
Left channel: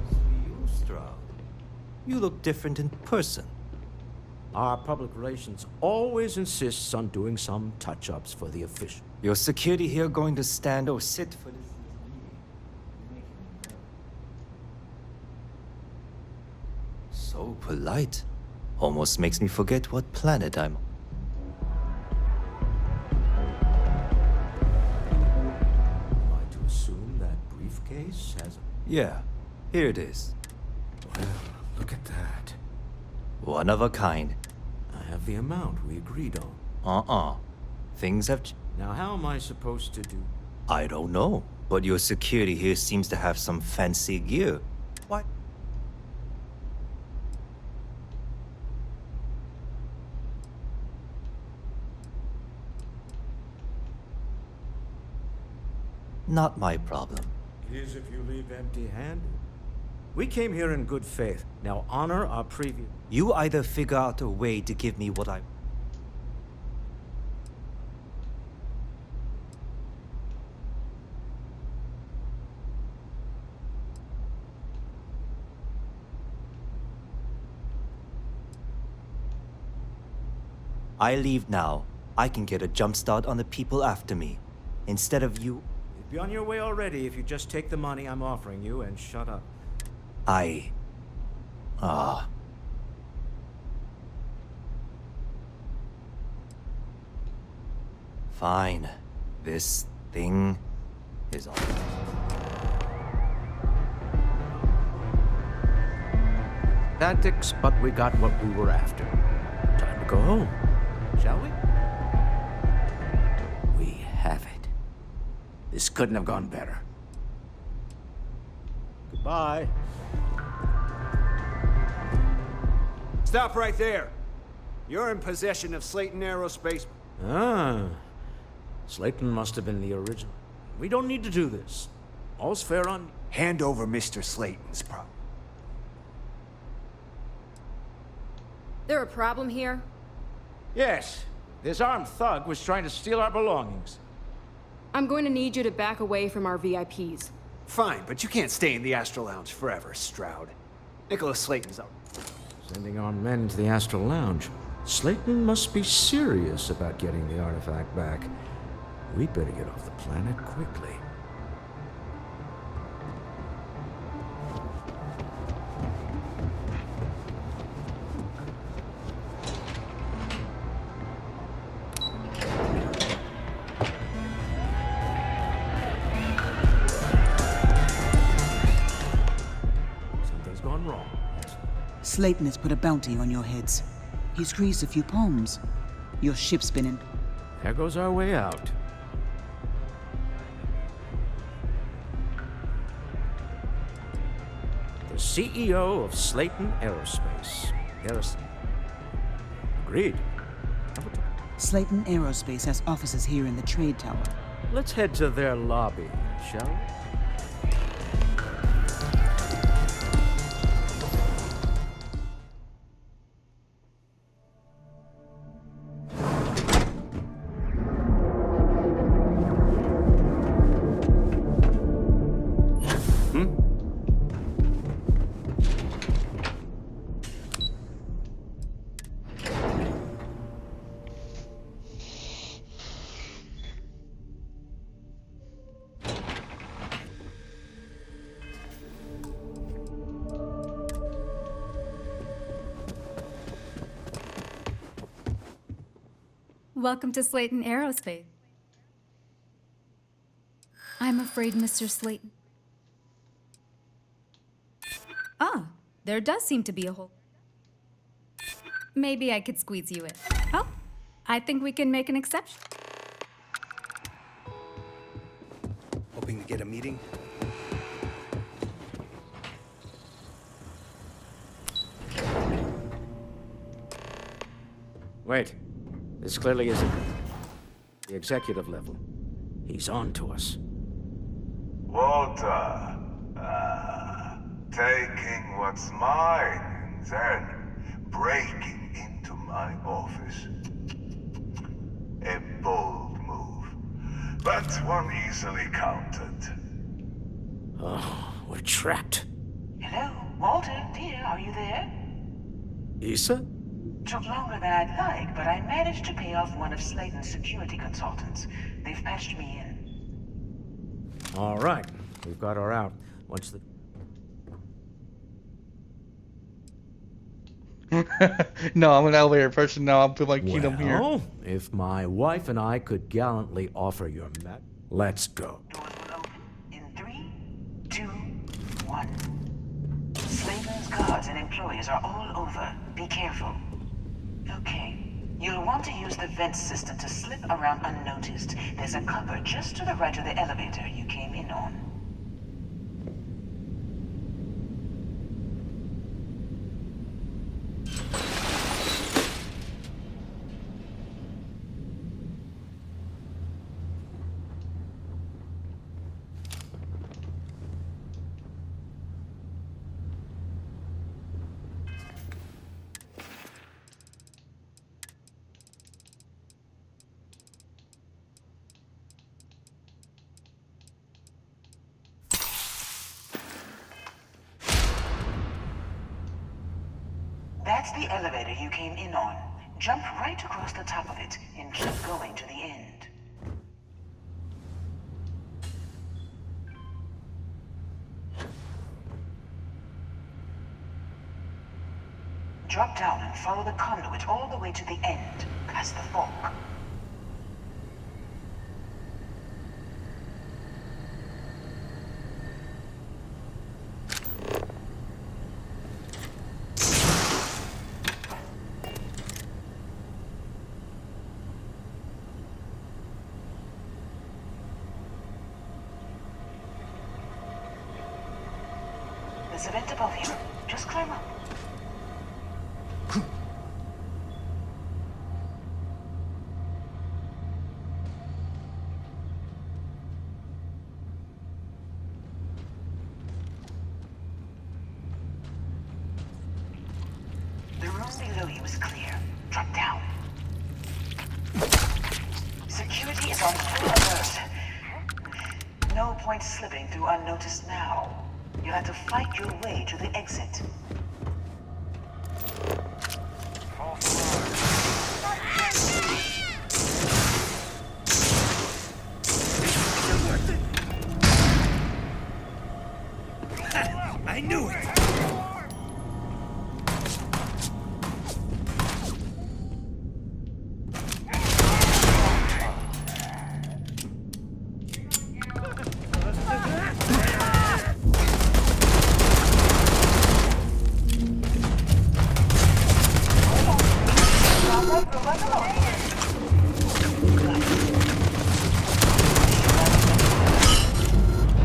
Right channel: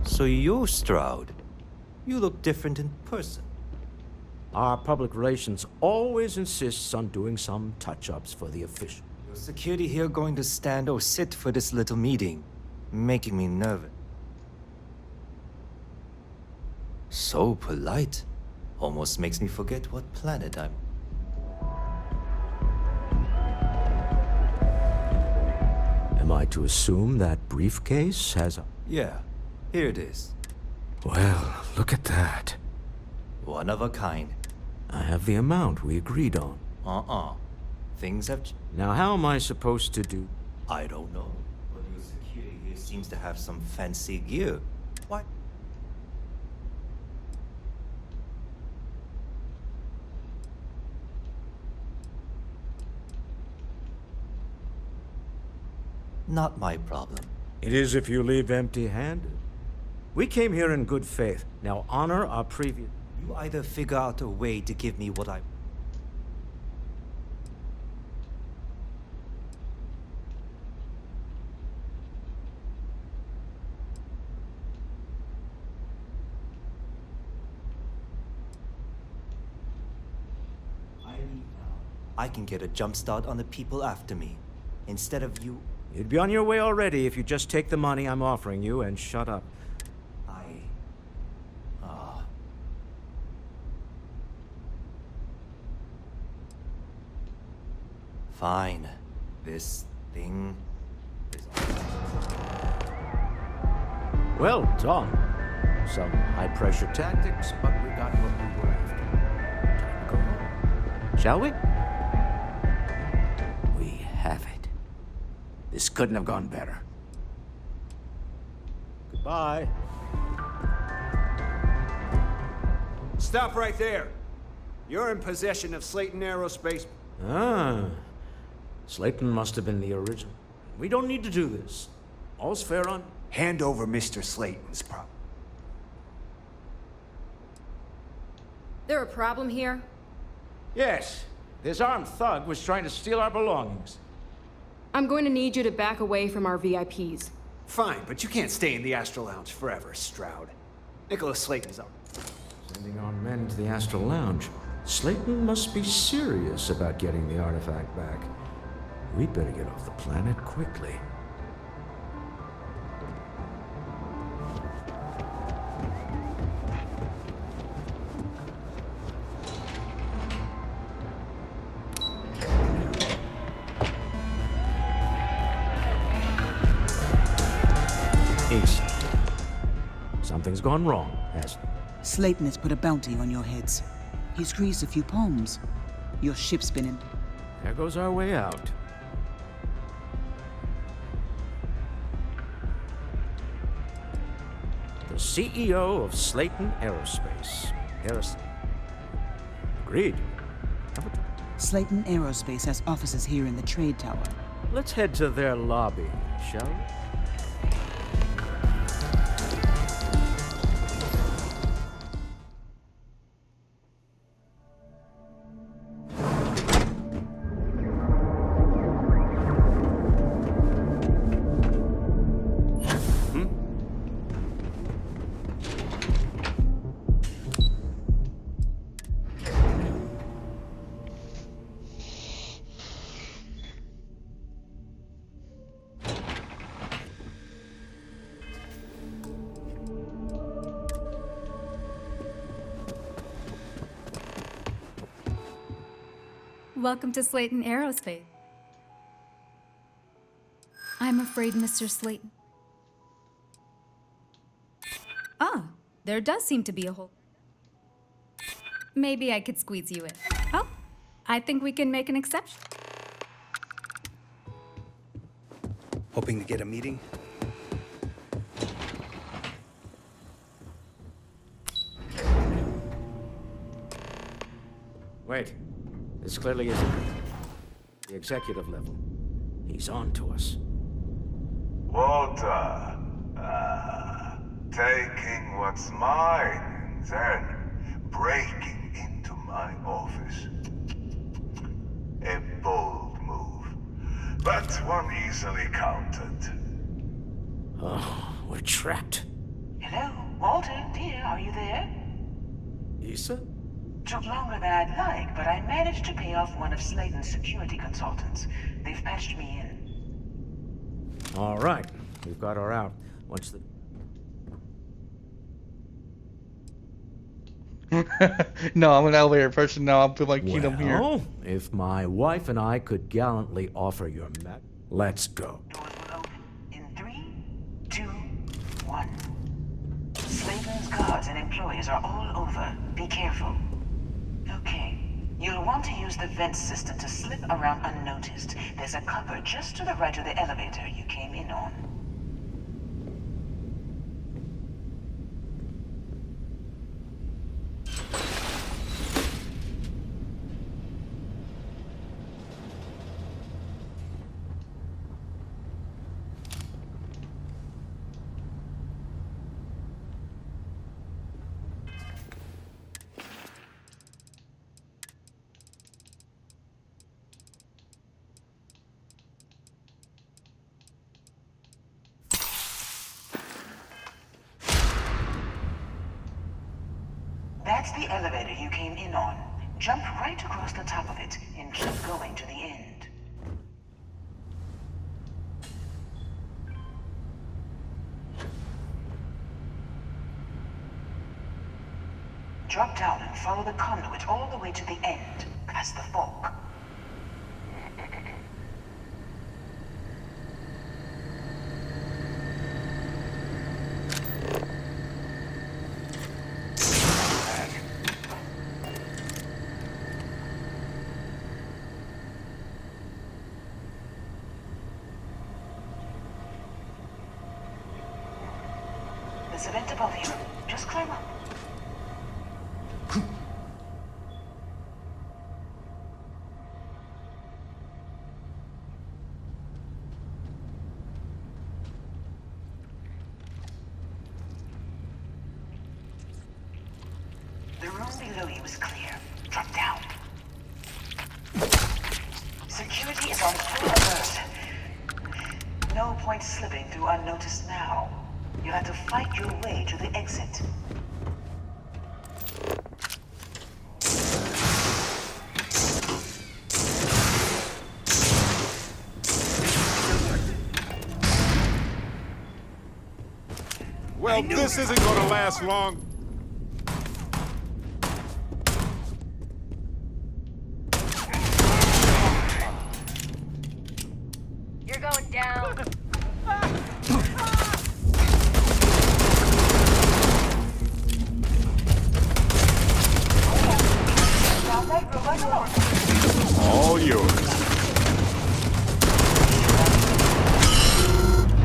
So you're Stroud. You look different in person. Our public relations always insists on doing some touch-ups for the official. Your security here going to stand or sit for this little meeting, making me nervous. So polite. Almost makes me forget what planet I'm on. Am I to assume that briefcase has a... Yeah, here it is. Well, look at that. One of a kind. I have the amount we agreed on. Things have... Now, how am I supposed to do? I don't know, but your security here seems to have some fancy gear. Why? Not my problem. It is if you leave empty-handed. We came here in good faith. Now honor our previous... You either figure out a way to give me what I... I leave now. I can get a jump start on the people after me. Instead of you... You'd be on your way already if you just take the money I'm offering you and shut up. Fine. This thing is all... Well done. Some high-pressure tactics, but we got what we were after. Time to go home. Shall we? We have it. This couldn't have gone better. Goodbye. Stop right there. You're in possession of Slayton Aerospace. Slayton must have been the original. We don't need to do this. All's fair on... Hand over Mr. Slayton's prop. There a problem here? Yes. This armed thug was trying to steal our belongings. I'm going to need you to back away from our VIPs. Fine, but you can't stay in the Astral Lounge forever, Stroud. Nicholas Slayton's out. Sending our men to the Astral Lounge. Slayton must be serious about getting the artifact back. We'd better get off the planet quickly. Something's gone wrong, hasn't it? Slayton has put a bounty on your heads. He's greased a few palms. Your ship's been in... There goes our way out. The CEO of Slayton Aerospace. Agreed. Slayton Aerospace has offices here in the trade tower. Let's head to their lobby, shall we? Welcome to Slayton Aerospace. I'm afraid, Mr. Slayton. Ah, there does seem to be a hole. Maybe I could squeeze you in. Oh, I think we can make an exception. Hoping to get a meeting? Wait. This clearly isn't the executive level. He's on to us. Walter, taking what's mine and then breaking into my office. A bold move, but one easily countered. Oh, we're trapped. Hello, Walter, dear, are you there? Issa? Took longer than I'd like, but I managed to pay off one of Slayton's security consultants. They've patched me in. All right. We've got her out. Once the... No, I'm an elevator person now. I feel like Kingdom here. Well, if my wife and I could gallantly offer your met, let's go. In 3, 2, 1. Slayton's guards and employees are all over. Be careful. Okay. You'll want to use the vent system to slip around unnoticed. There's a cupboard just to the right of the elevator you came in on. That's the elevator you came in on. Jump right across the top of it and keep going to the end. Drop down and follow the conduit all the way to the end, past the fork. There's a vent above you. Just climb up. The room below you is clear. Drop down. Security is on full alert. No point slipping through unnoticed now. You'll have to fight your way to the exit. Well, this isn't gonna last long. You're going down. All yours.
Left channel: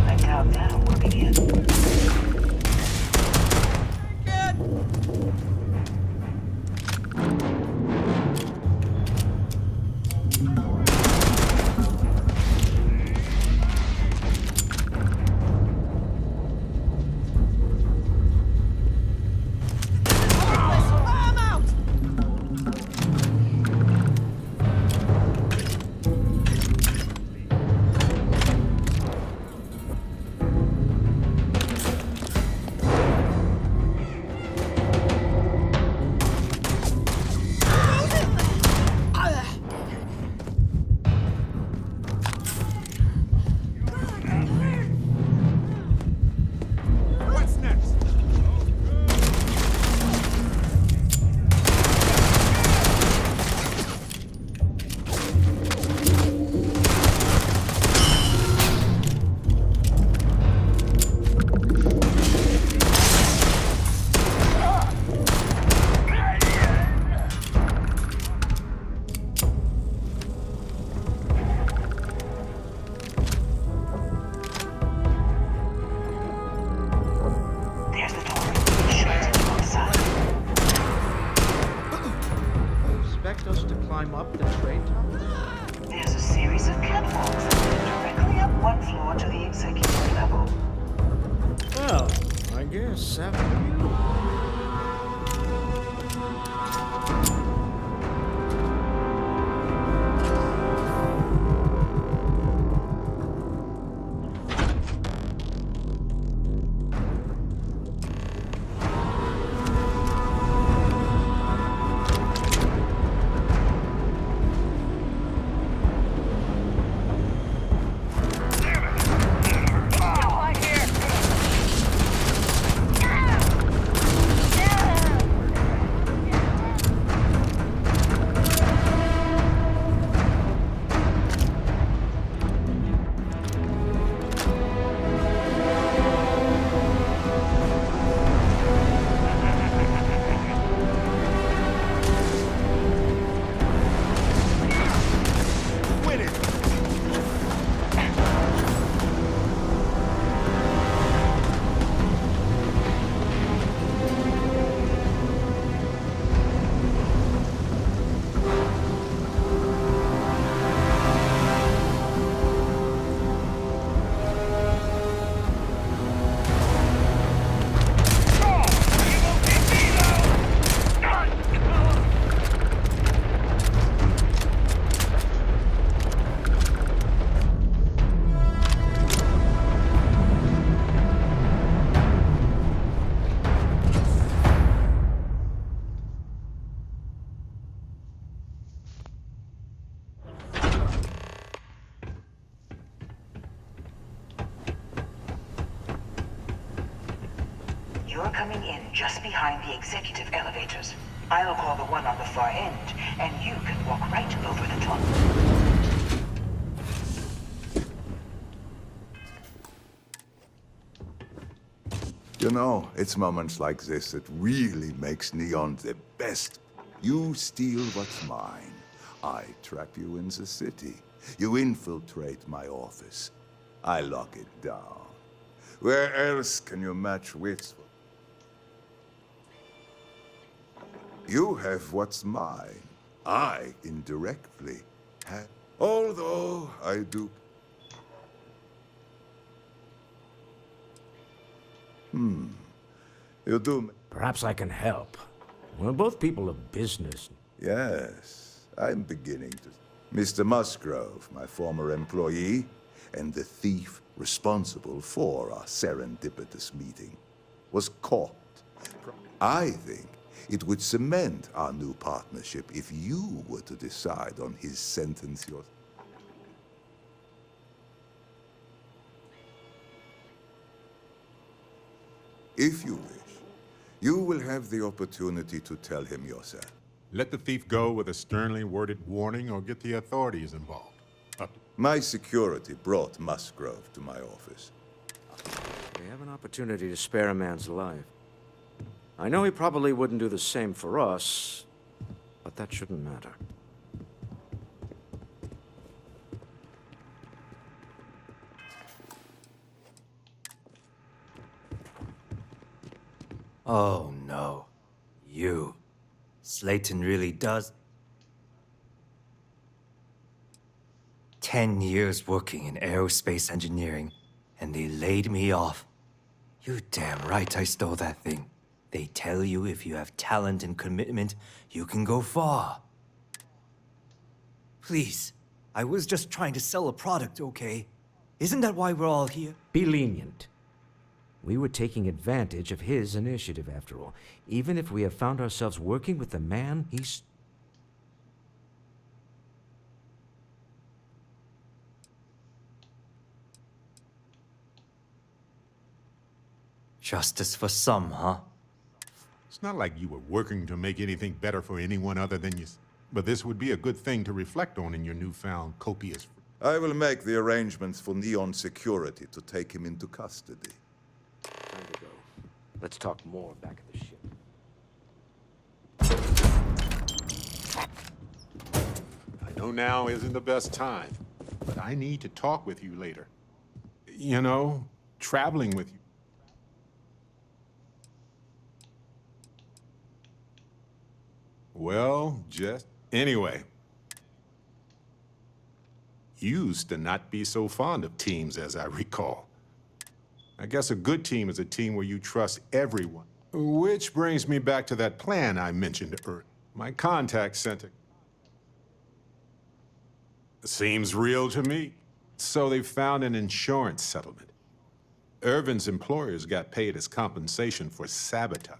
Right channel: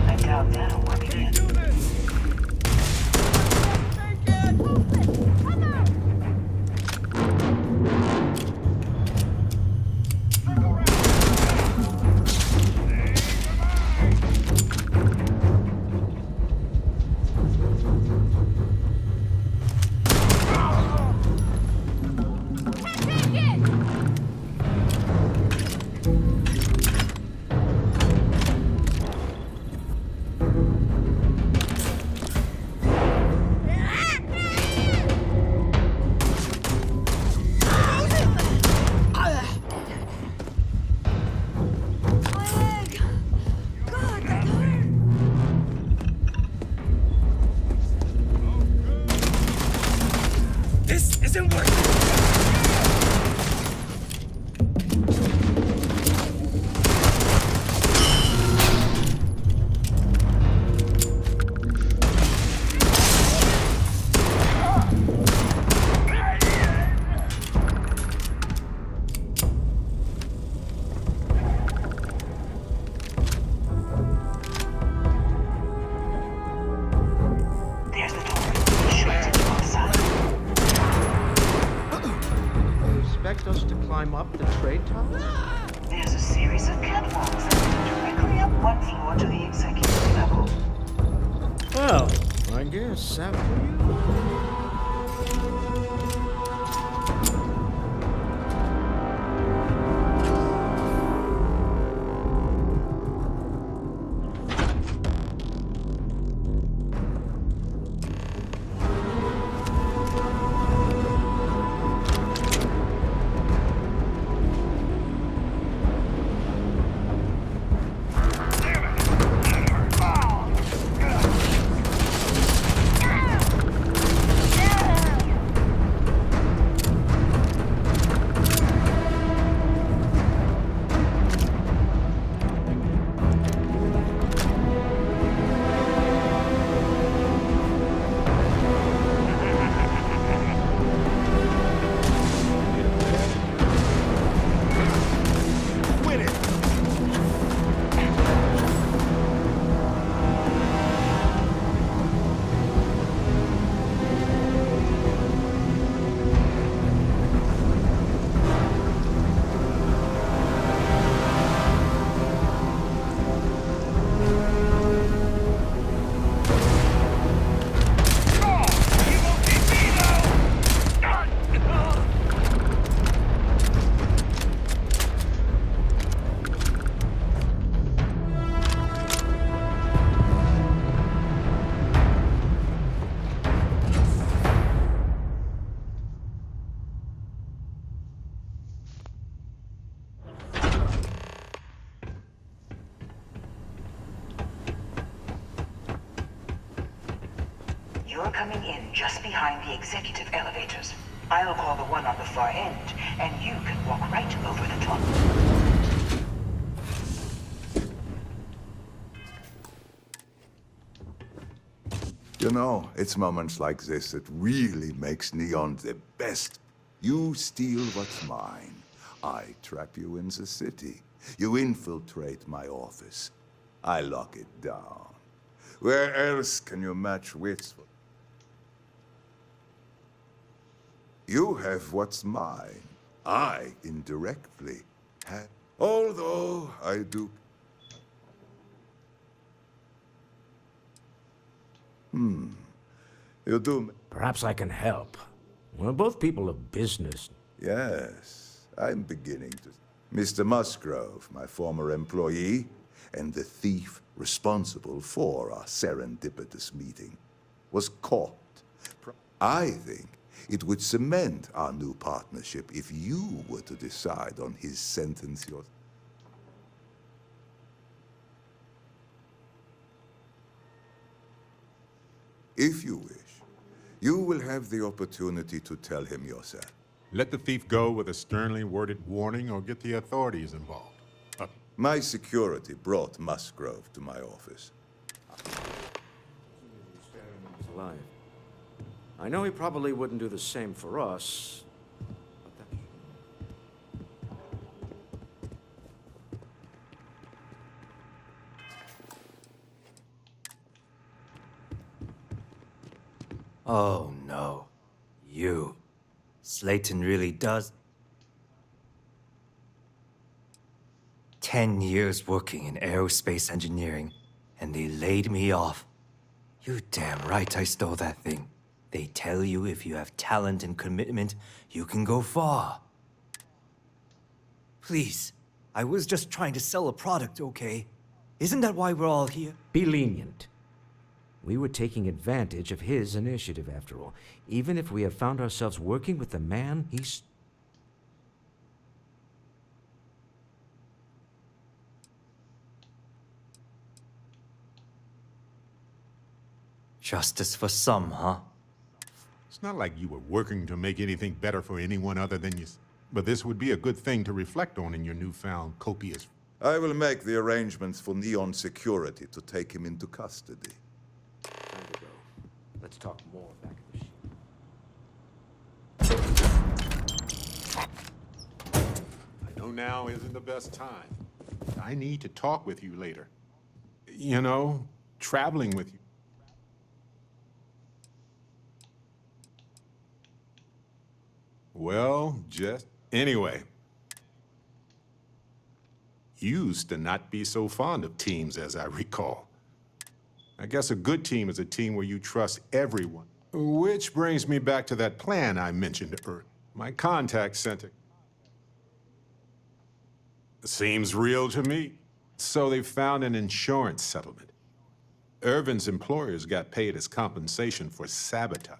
I doubt that'll work again. expect us to climb up the trade tower? There's a series of catwalks that lead directly up one floor to the executive level. Well, I guess after you. You're coming in just behind the executive elevators. I'll call the one on the far end, and you can walk right over the top. You know, it's moments like this that really makes Neon the best. You steal what's mine. I trap you in the city. You infiltrate my office. I lock it down. Where else can you match wits? You have what's mine. I indirectly have. Although I do. You do. Perhaps I can help. We're both people of business. Yes, I'm beginning to. Mr. Musgrove, my former employee, and the thief responsible for our serendipitous meeting, was caught. I think it would cement our new partnership if you were to decide on his sentence yourself. If you wish, you will have the opportunity to tell him yourself. Let the thief go with a sternly worded warning or get the authorities involved. My security brought Musgrove to my office. We have an opportunity to spare a man's life. I know he probably wouldn't do the same for us, but that shouldn't matter. Oh no. You. Slayton really does. 10 years working in aerospace engineering, and they laid me off. You damn right I stole that thing. They tell you if you have talent and commitment, you can go far. Please, I was just trying to sell a product, okay? Isn't that why we're all here? Be lenient. We were taking advantage of his initiative, after all. Even if we have found ourselves working with the man he's... Justice for some, huh? It's not like you were working to make anything better for anyone other than you. But this would be a good thing to reflect on in your newfound copious... I will make the arrangements for Neon Security to take him into custody. Time to go. Let's talk more back at the ship. I know now isn't the best time, but I need to talk with you later. You know, traveling with you. Well, just Anyway, you used to not be so fond of teams, as I recall. I guess a good team is a team where you trust everyone. Which brings me back to that plan I mentioned earlier. My contact sent it. Seems real to me. So they found an insurance settlement. Irvin's employers got paid as compensation for sabotage.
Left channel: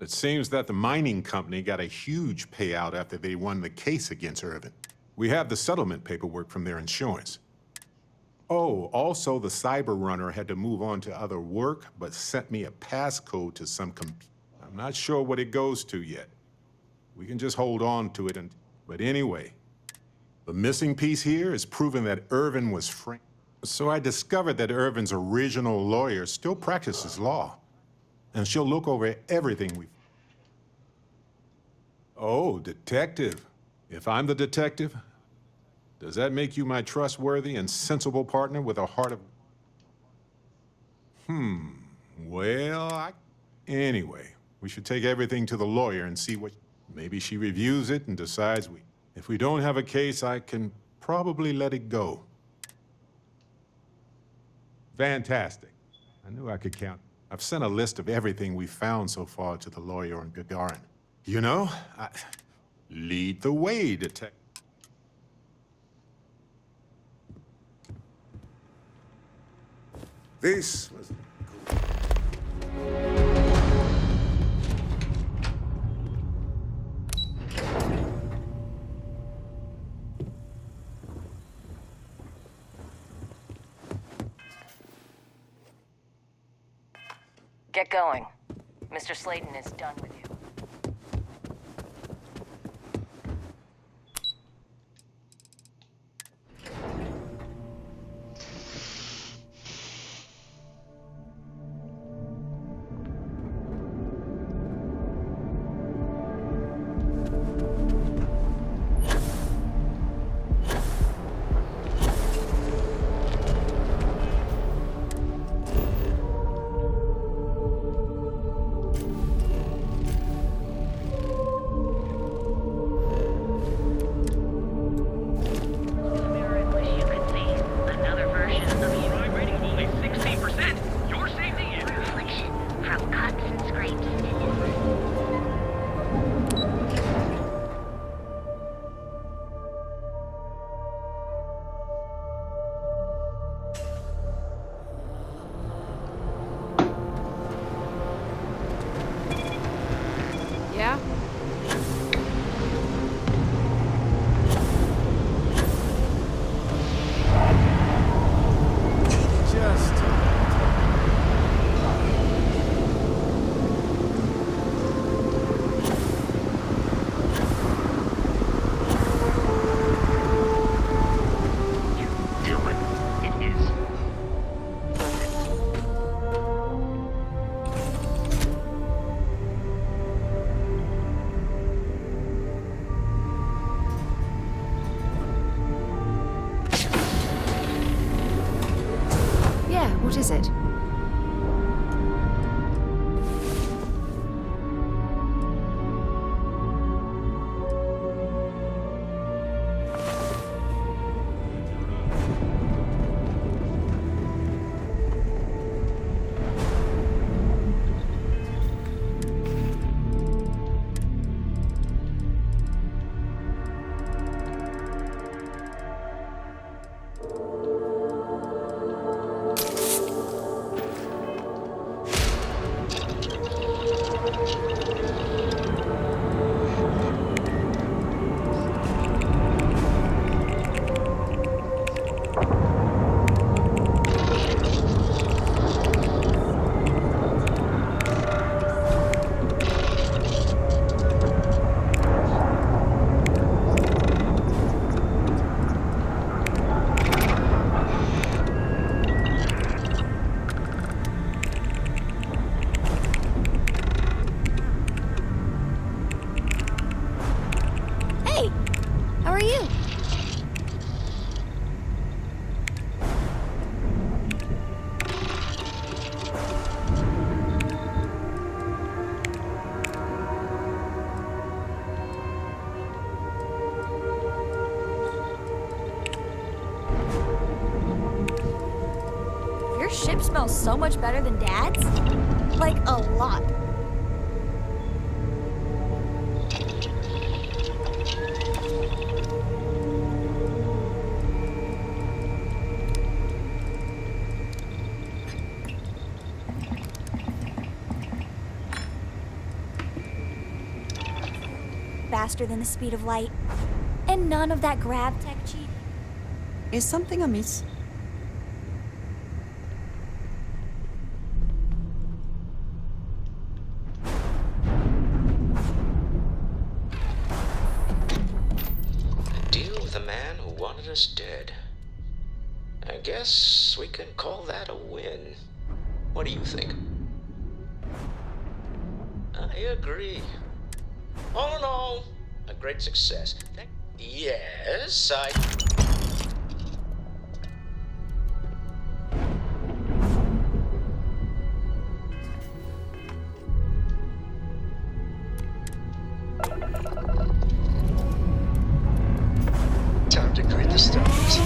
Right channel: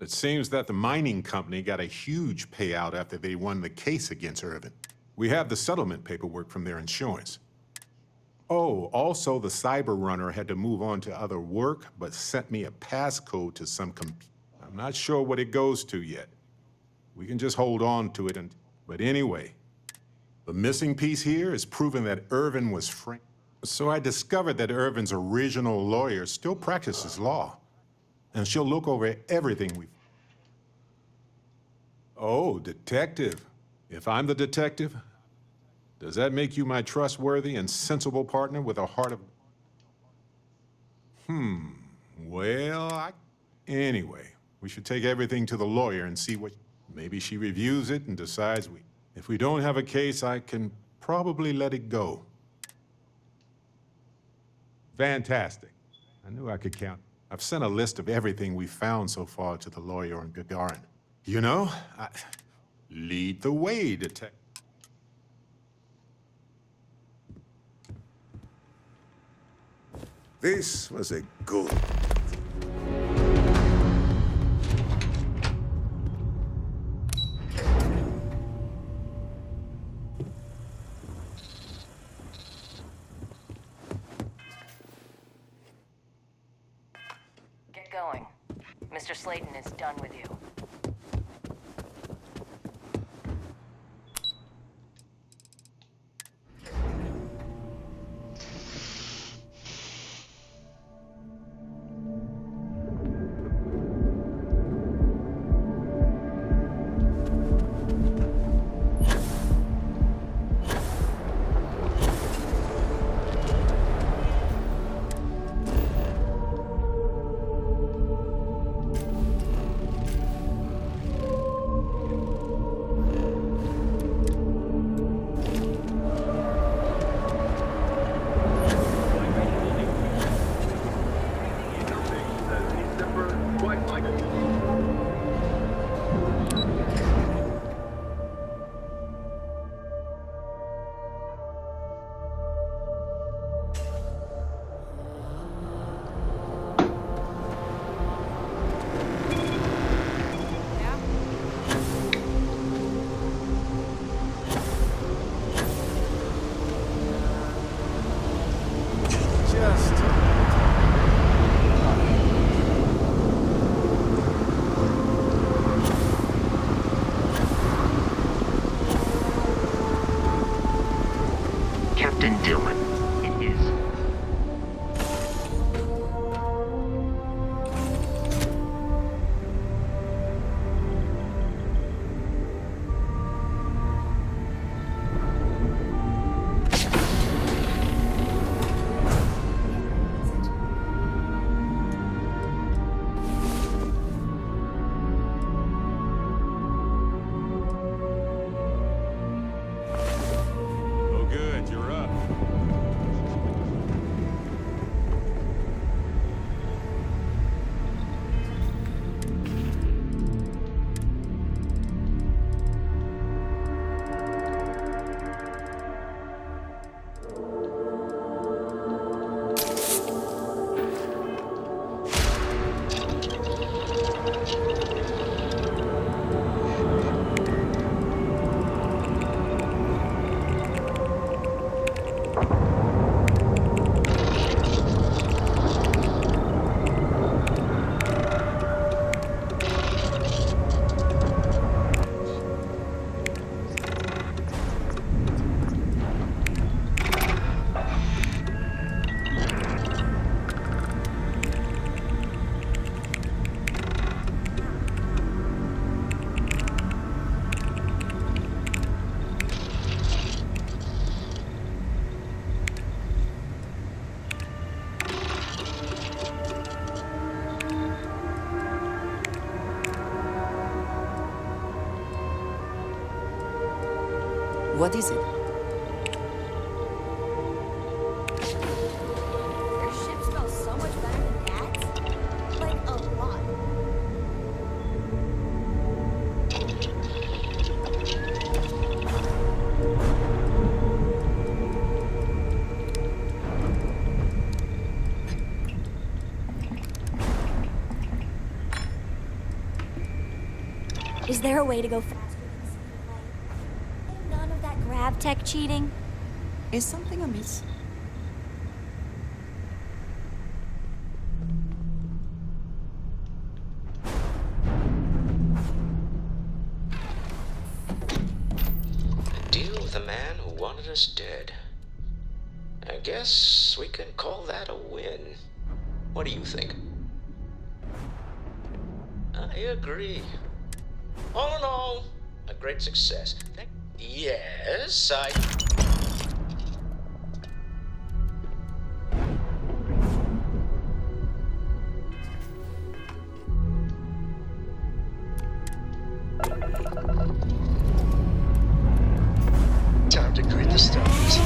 It seems that the mining company got a huge payout after they won the case against Irvin. We have the settlement paperwork from their insurance. Oh, also the cyber runner had to move on to other work, but sent me a passcode to some I'm not sure what it goes to yet. We can just hold on to it but anyway, the missing piece here is proving that Irvin was framed. So I discovered that Irvin's original lawyer still practices law, and she'll look over everything we... Oh, detective. If I'm the detective, does that make you my trustworthy and sensible partner with a heart of... Well, Anyway, we should take everything to the lawyer and see what... Maybe she reviews it and decides If we don't have a case, I can probably let it go. Fantastic. I knew I could count. I've sent a list of everything we found so far to the lawyer in Gagarin. You know, lead the way, detective. This was a good... Get going. Mr. Slayton is done with you. What is it? Your ship smells so much better than Dad's? Like, a lot. Is there a way to go faster than the speed of light? And none of that grav tech cheating? Is something amiss? Deal with a man who wanted us dead. I guess we can call that a win. What do you think? I agree. All in all, a great success. Yes, I... Time to greet the stars.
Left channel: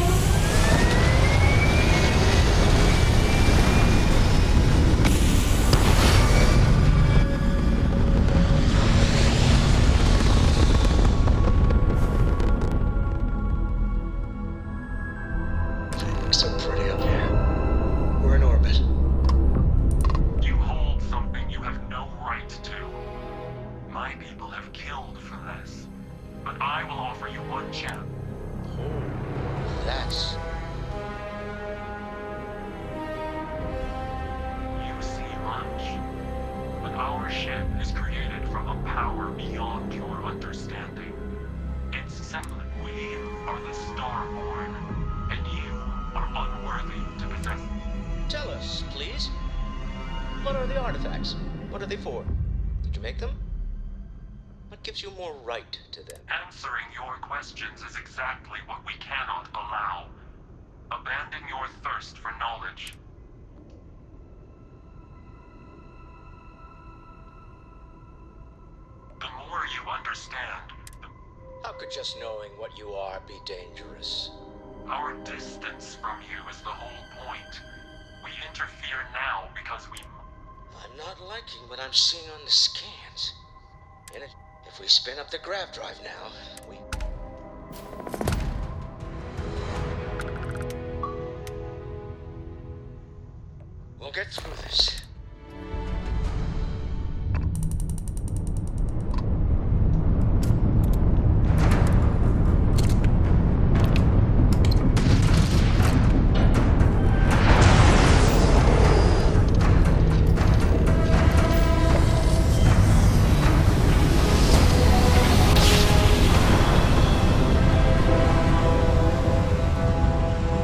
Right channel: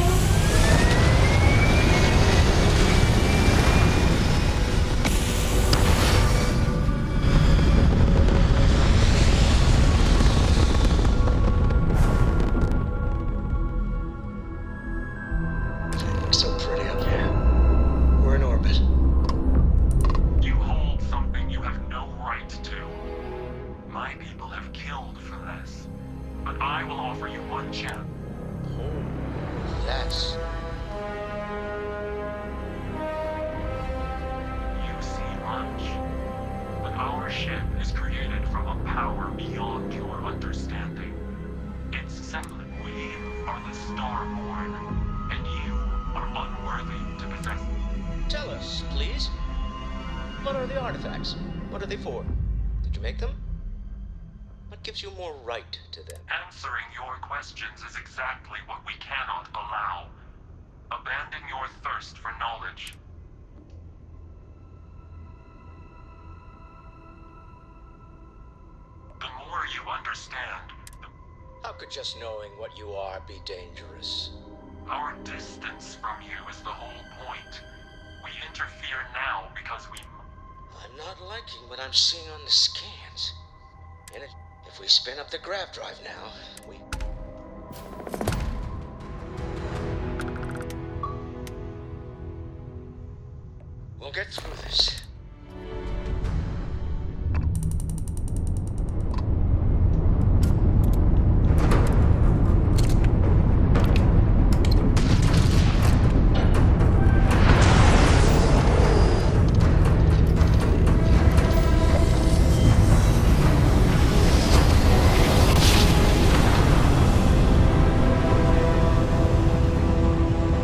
So pretty up here. We're in orbit. You hold something you have no right to. My people have killed for this. But I will offer you one chance. Oh, that's... You see much. But our ship is created from a power beyond your understanding. It's simple. We are the Starborn. And you are unworthy to possess. Tell us, please. What are the artifacts? What are they for? Did you make them? What gives you more right to them? Answering your questions is exactly what we cannot allow. Abandon your thirst for knowledge. The more you understand, How could just knowing what you are be dangerous? our distance from you is the whole point. We interfere now because we... I'm not liking what I'm seeing on the scans. If we spin up the grav drive now, we'll get through this.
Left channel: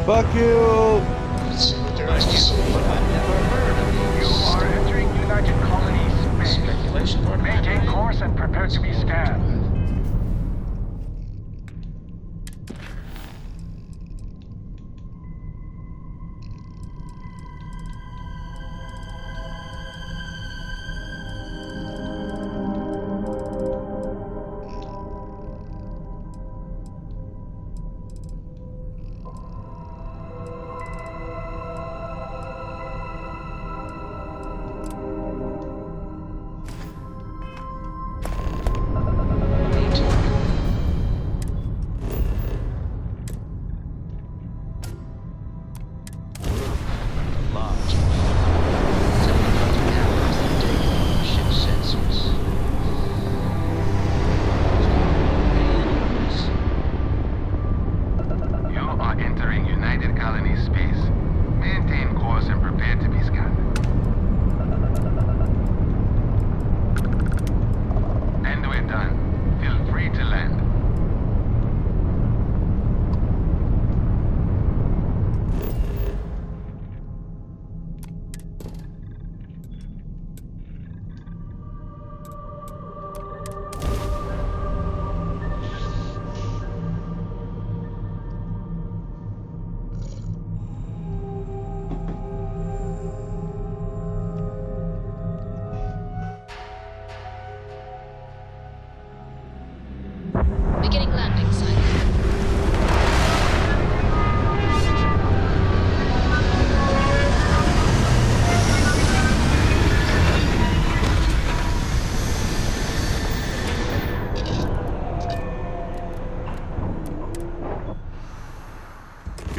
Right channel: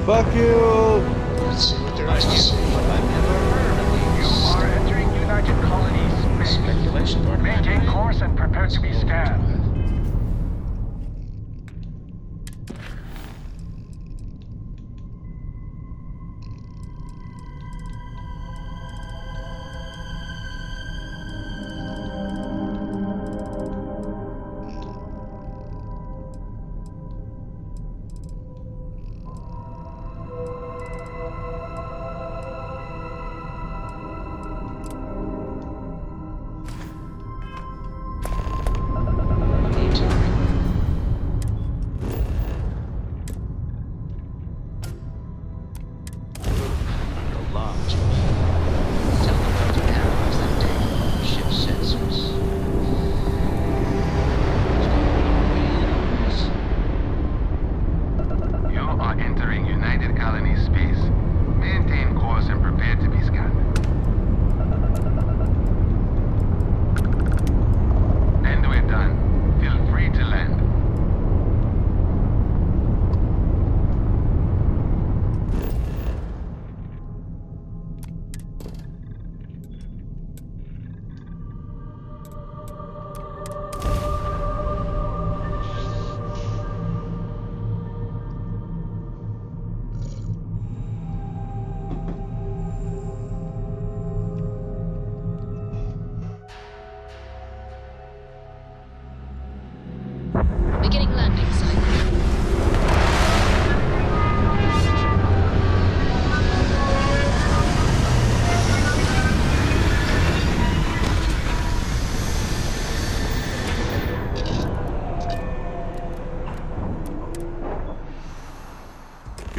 Fuck you! Let's see what there is to see. I've never heard of these. You are entering United Colonies space. Speculation part of my Maintain brain. course and prepare to be scanned. Beginning landing cycle.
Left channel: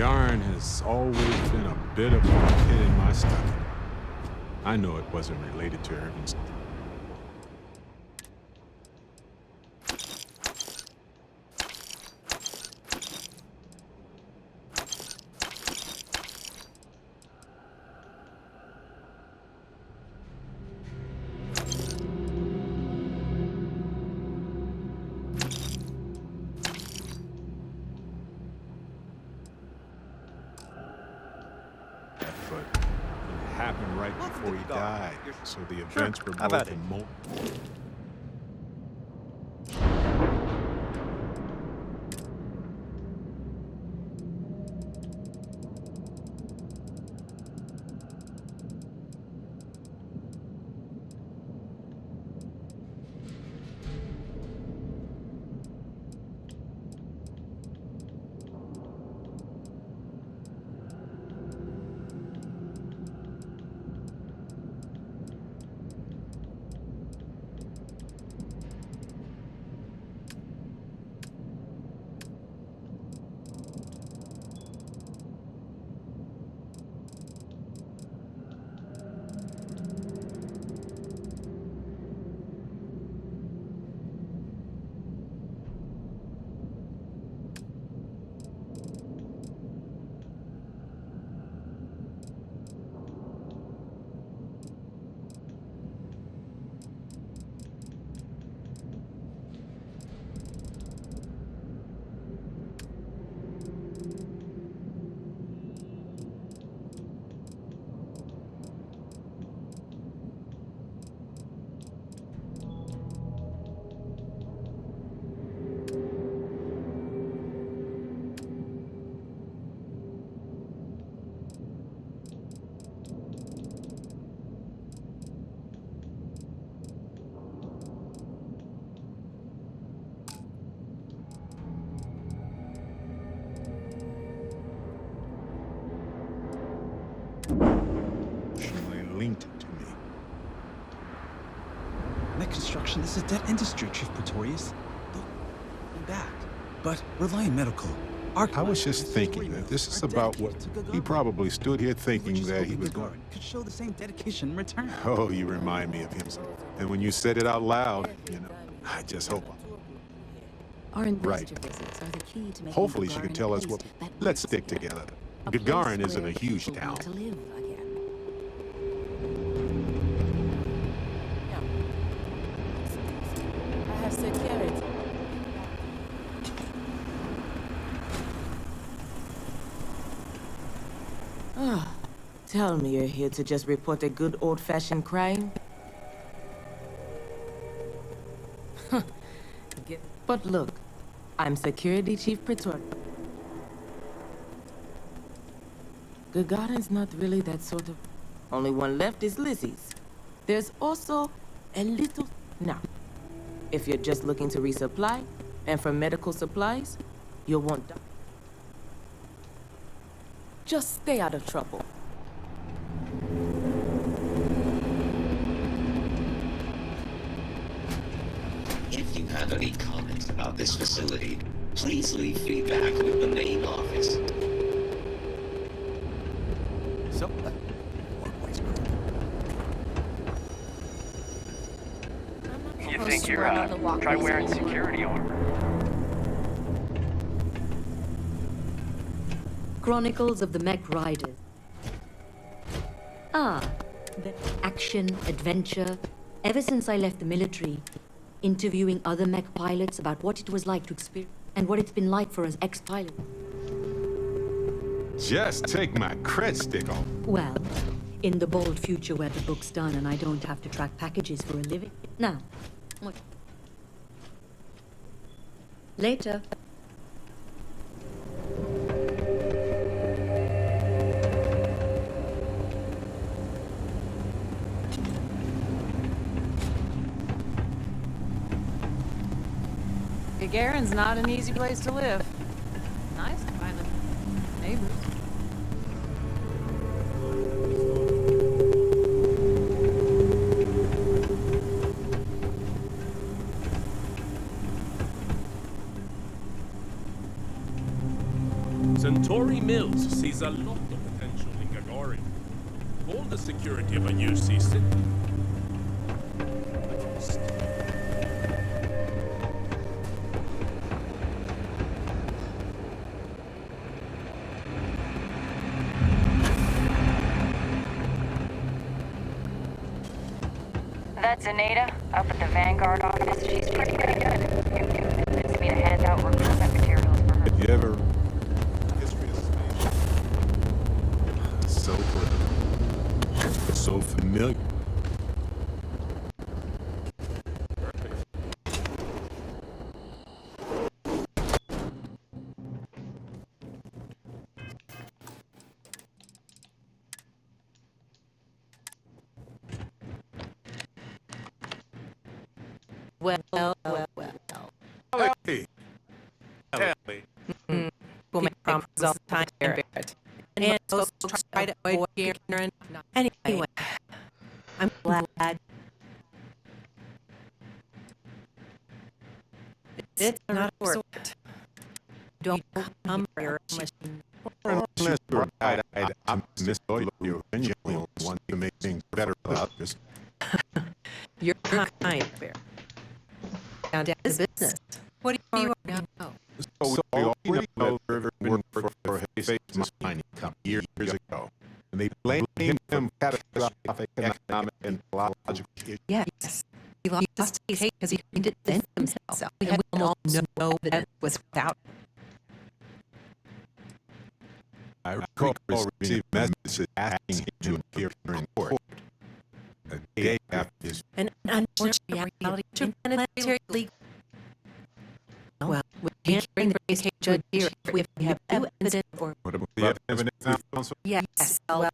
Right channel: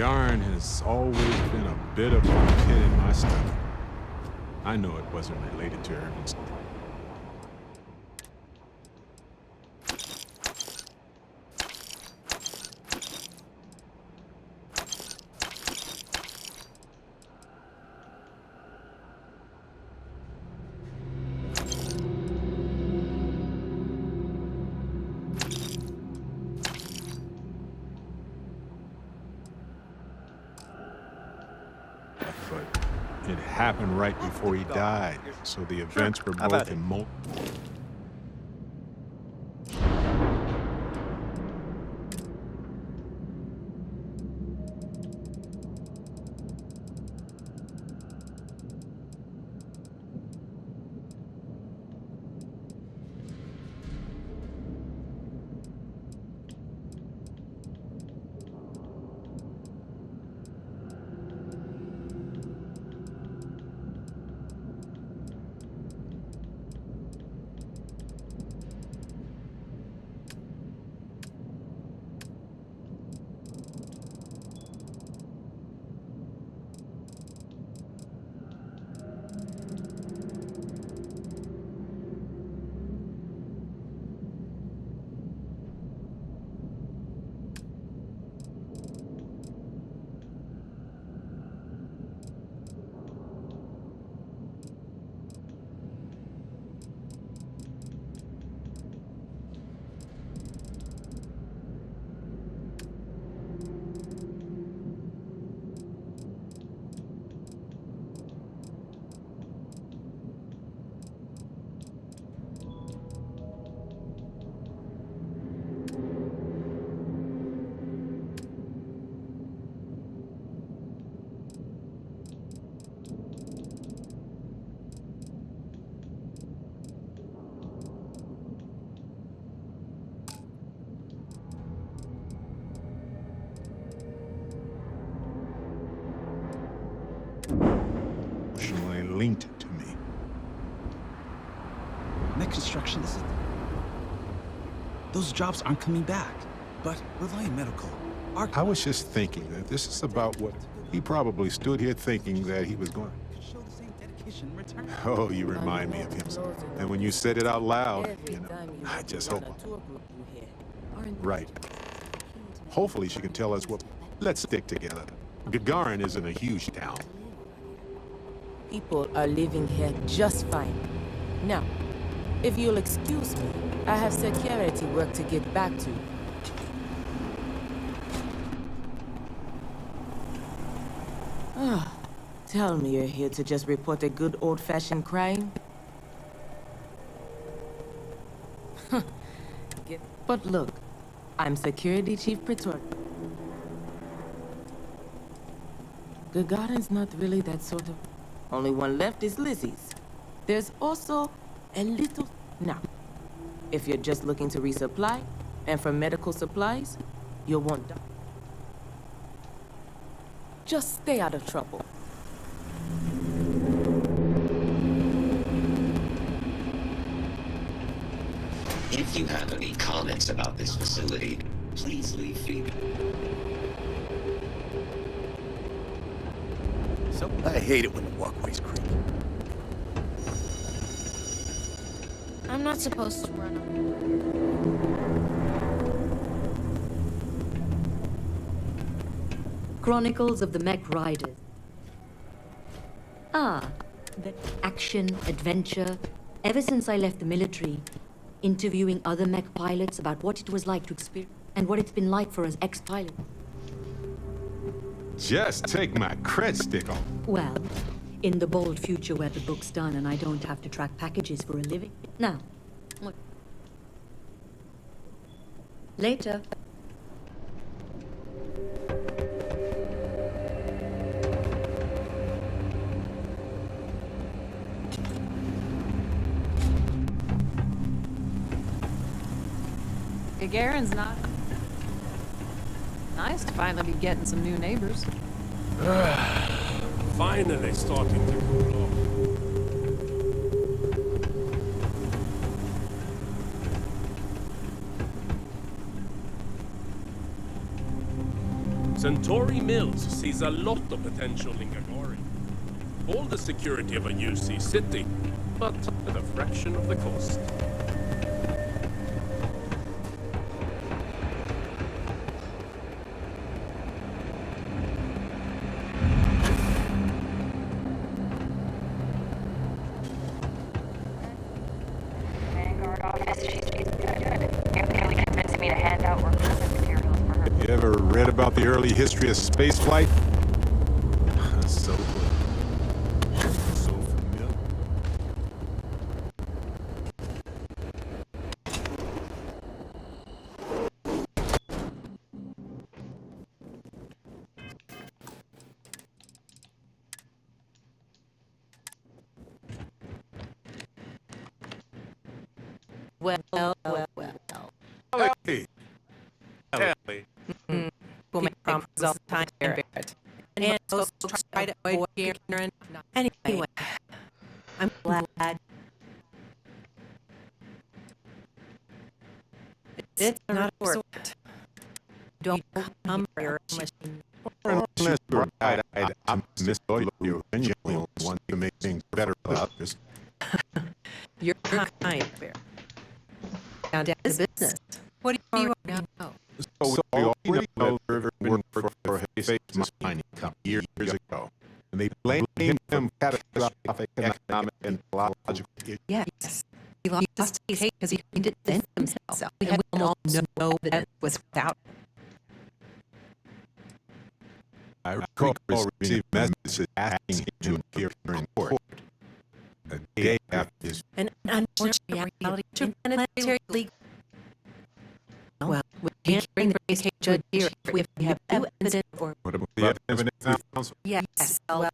Gagarin has always been a bit of a pit in my stomach. I know it wasn't related to Irvin's. But it happened right before he died, so the events were both in emotionally linked to me. Mech construction is a dead industry, Chief Pretorius. Those jobs aren't coming back. But Reliant Medical, I was just thinking that this is about what he probably stood here thinking that he was going. could show the same dedication in return. Oh, you remind me of him. And when you said it out loud, you know, I just hope. Right. Hopefully she can tell us what. Let's stick together. Gagarin isn't a huge town. People are living here just fine. Now, if you'll excuse me, I have security work to get back to. Ah, tell me you're here to just report a good old-fashioned crime? But look, I'm Security Chief Pretorius. Gagarin's not really that sort of... Only one left is Lizzie's. There's also a little... Now, if you're just looking to resupply, and for medical supplies, you'll want... Just stay out of trouble. If you have any comments about this facility, please leave feedback with the main office. So, I hate it when the walkways creak. I'm not supposed to run on the walkways. Try wearing security armor. Chronicles of the Mech Riders. Ah, the action, adventure. Ever since I left the military, interviewing other mech pilots about what it was like to experience and what it's been like for us ex-pilots. Just take my cred stick off. Well, in the bold future where the book's done and I don't have to track packages for a living. Now, what? Later. Gagarin's not an easy place to live. Nice to finally be getting some new neighbors. Finally starting to cool off. Centauri Mills sees a lot of potential in Gagarin. All the security of a UC city, but at a fraction of the cost. That's Anita, up at the Vanguard office. She's pretty good. You nearly convinced me to hand out recruitment materials for her. You ever read about the early history of spaceflight? So clear. So familiar. Hey. Ellie. We'll make promises all the time, Barrett. And folks try to avoid Karen. Anyway, I'm glad. It's not a resort. Don't come here Unless you're right, I'm Miss Doyle. You're genuinely one to make things better for others. You're kind, Barrett. Down to business. What do you know? So we already know the river worked for a space mining company years ago. And they blamed him for catastrophic economic and ecological issues. Yes. He lost his case because he didn't defend himself. We all know that was without. I recall receiving messages asking him to appear in court. A day after his... An unfortunate reality to planetary league. Well, we can't bring the case to judge here if we have no evidence or... What about the evidence found? Yes, well,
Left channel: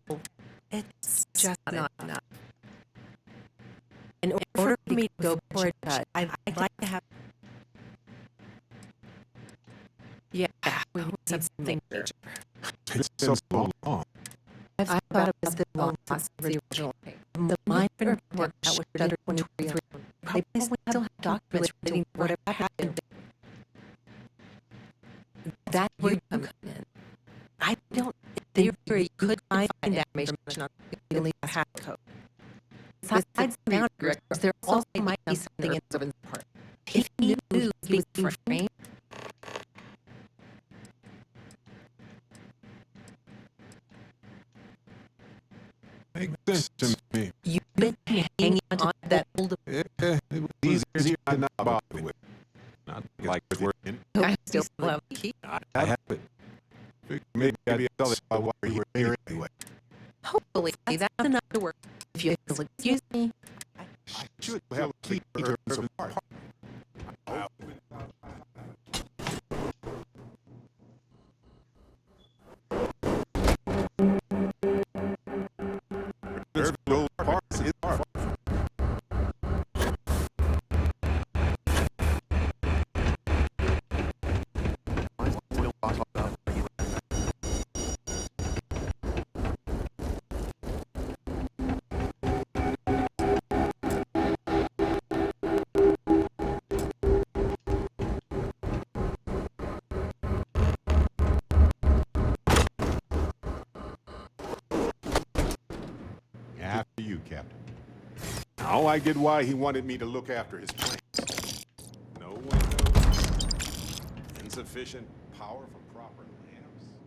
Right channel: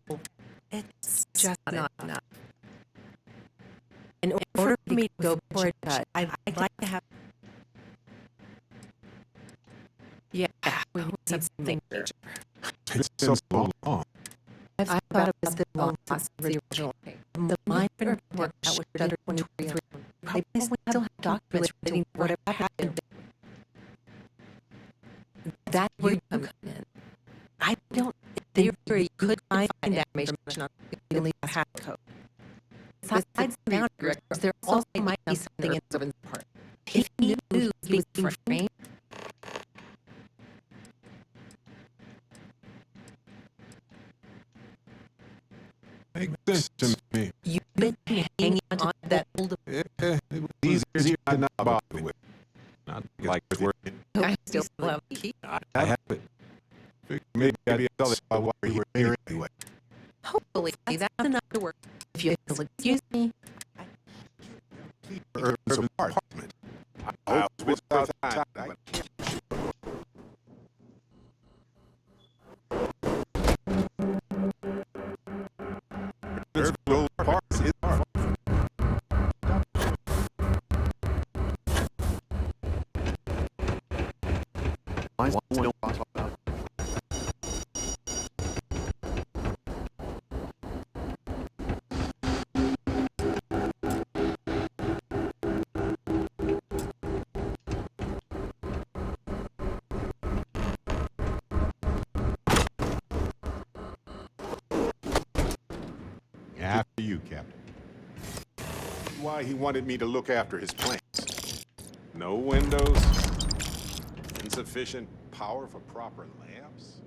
it's just not enough. In order for me to go before a judge, I'd like to have... Yeah, we need something major. It's so long. I've thought about this a lot since the original case. The mind report that was under 23. I basically still have documents relating to whatever happened. That where you come in. I don't think you could find that information on the legal hack code. Besides the boundaries, there also might be something in Irvin's part. If he knew he was being framed, Makes sense to me. you've been hanging on to that old... It was easier to not bother with. Not like it's working. I still have the key. I have it. Maybe I'd tell it while you were here anyway. Hopefully, that's enough to work. If you'll excuse me. I should have a key to Irvin's apartment. I hope it's without time. Irvin's apartment is far. After you, Captain. Now I get why he wanted me to look after his plants. No windows, insufficient power for proper lamps.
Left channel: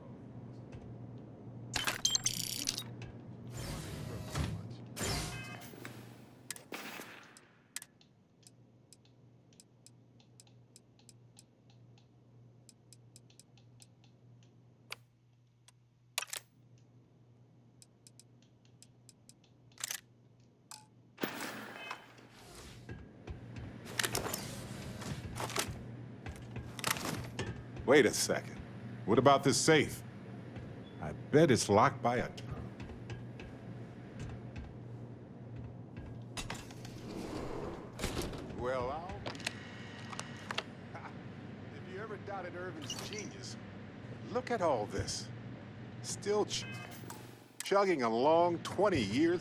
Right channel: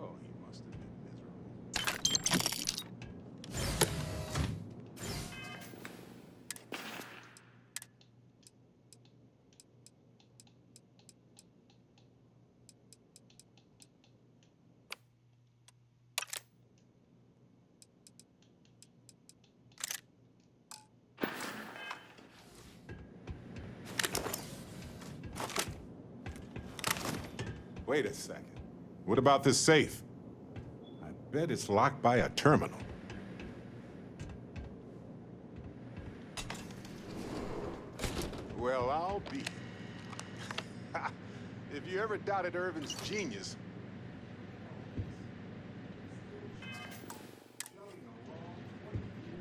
Oh, he must have been miserable. Wait a second. What about this safe? I bet it's locked by a terminal. Well, I'll be. If you ever doubted Irvin's genius, look at all this. Still chugging along 20 years.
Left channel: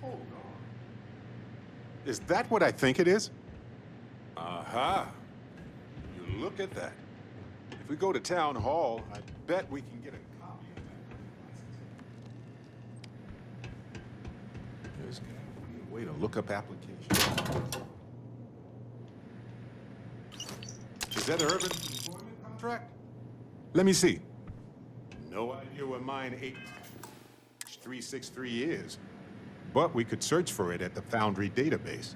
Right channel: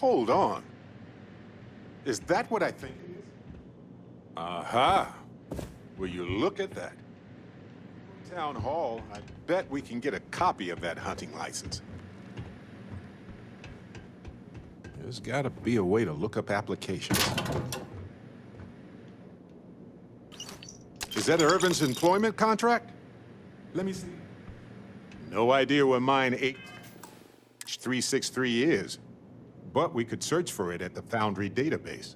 Hold on. Is that what I think it is? Aha! Will you look at that? If we go to Town Hall, I bet we can get a copy of that hunting license. There's gotta be a way to look up applications. Is that Irvin's employment contract? Let me see. No idea where mine 8363 is, but we could search for it at the Foundry database.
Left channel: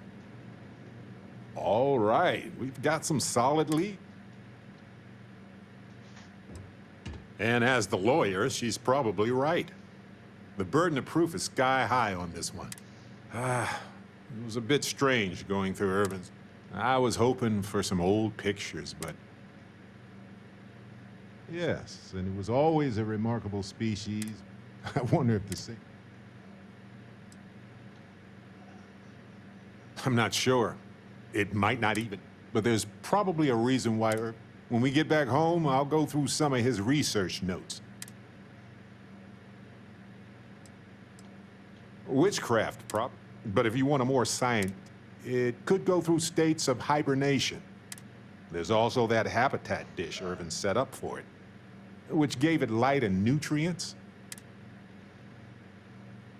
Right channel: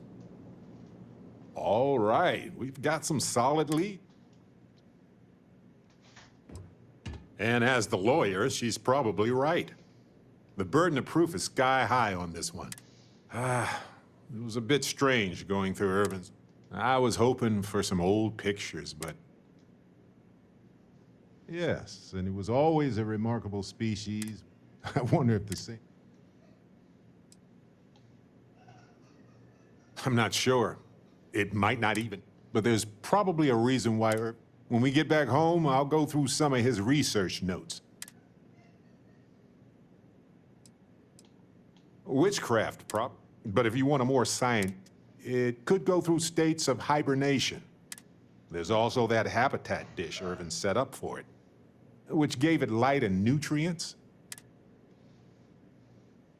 All right, we've got some solid lead. And as the lawyer, she's probably right. The burden of proof is sky high on this one. It was a bit strange going through Irvin's. I was hoping for some old pictures, but... Yes, and it was always a remarkable species. I wonder if the same... I'm not sure. It might not even. But there's probably a reason why when we get back home, I'll go through some of his research notes. Witchcraft, but if you want a more science, it could go through states of hibernation. There's also that habitat dish Irvin set up for it, which gave it light and nutrients.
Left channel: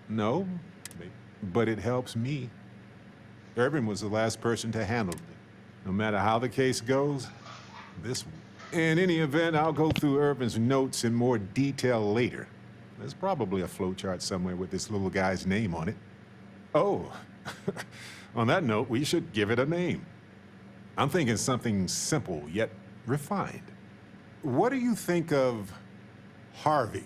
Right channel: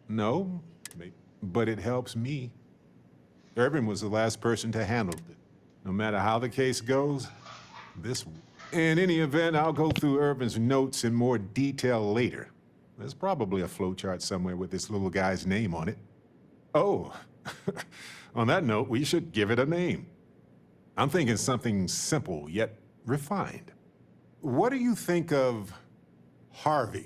No, but it helps me. Irvin was the last person to handle it. No matter how the case goes, this... In any event, I'll go through Irvin's notes in more detail later. There's probably a flowchart somewhere with this little guy's name on it. Oh, on that note, we should give it a name. I'm thinking something simple, yet refined. What do you think of Harvey?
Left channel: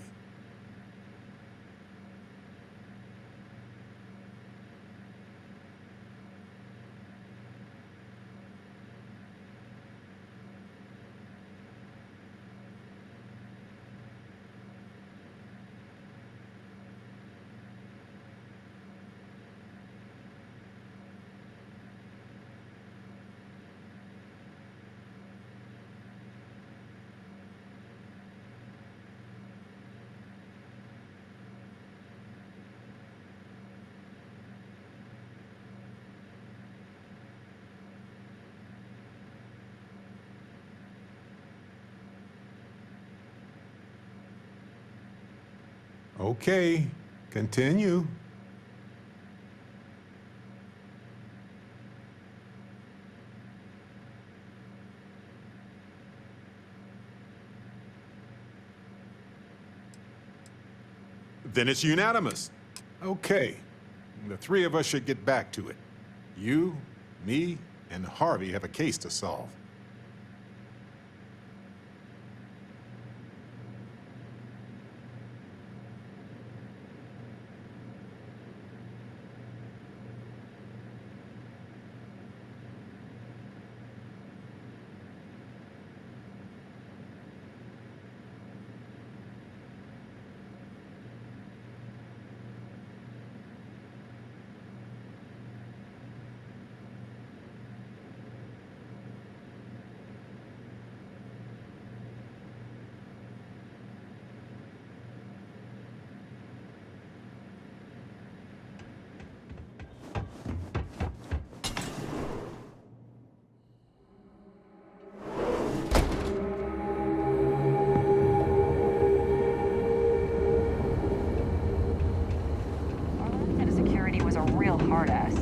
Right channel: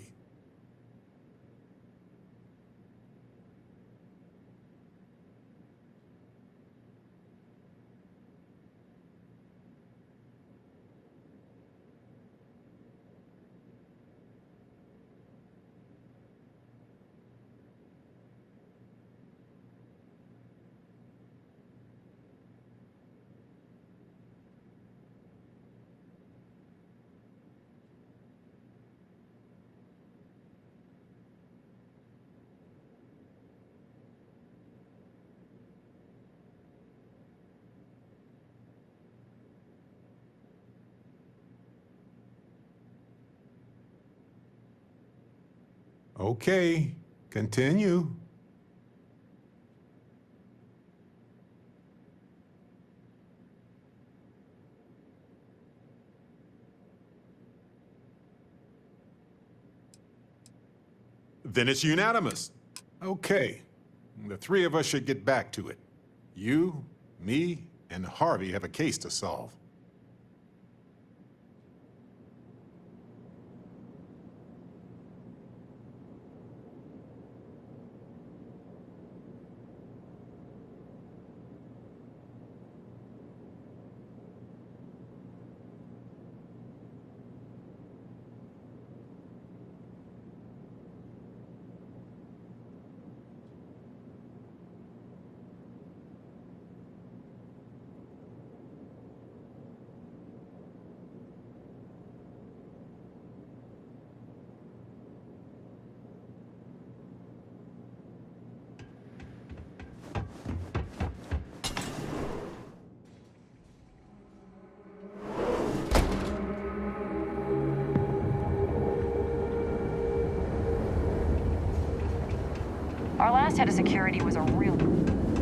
Okay, continue. Then it's unanimous. Okay, the three of us should get back to it. You, me, and Harvey have a case to solve. Our last head of security was a real hard ass.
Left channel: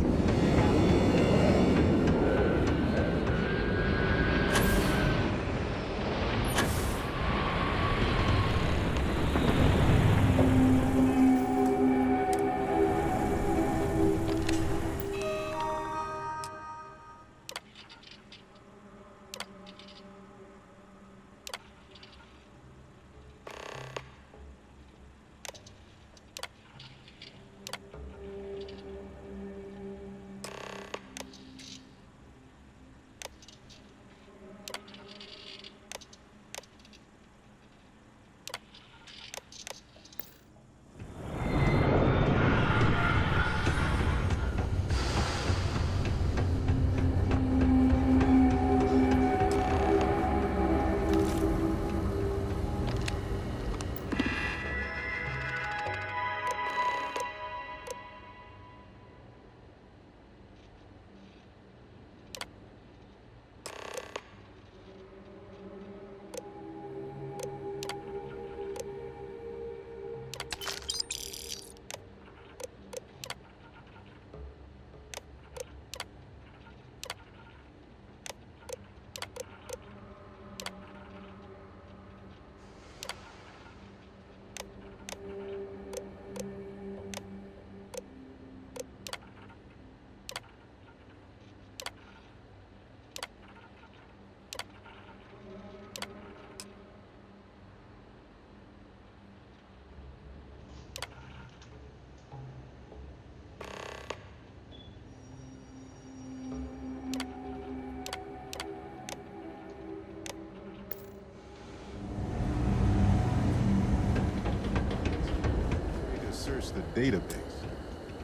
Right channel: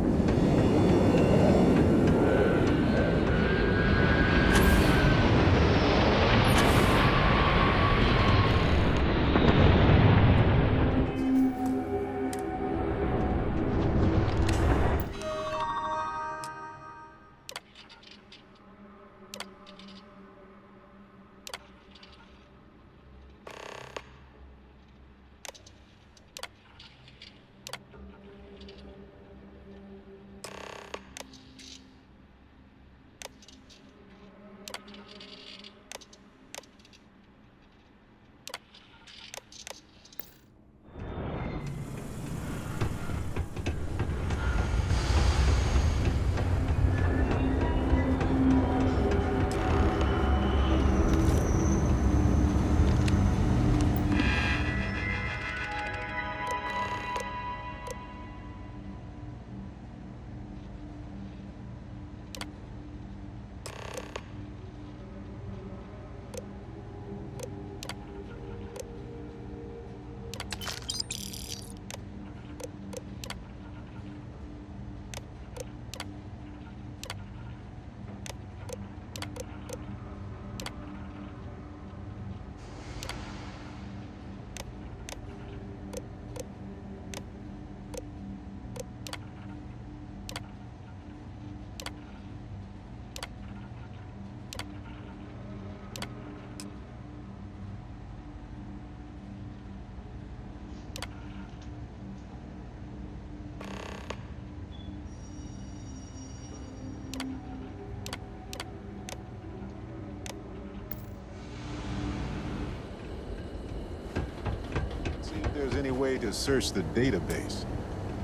search the database.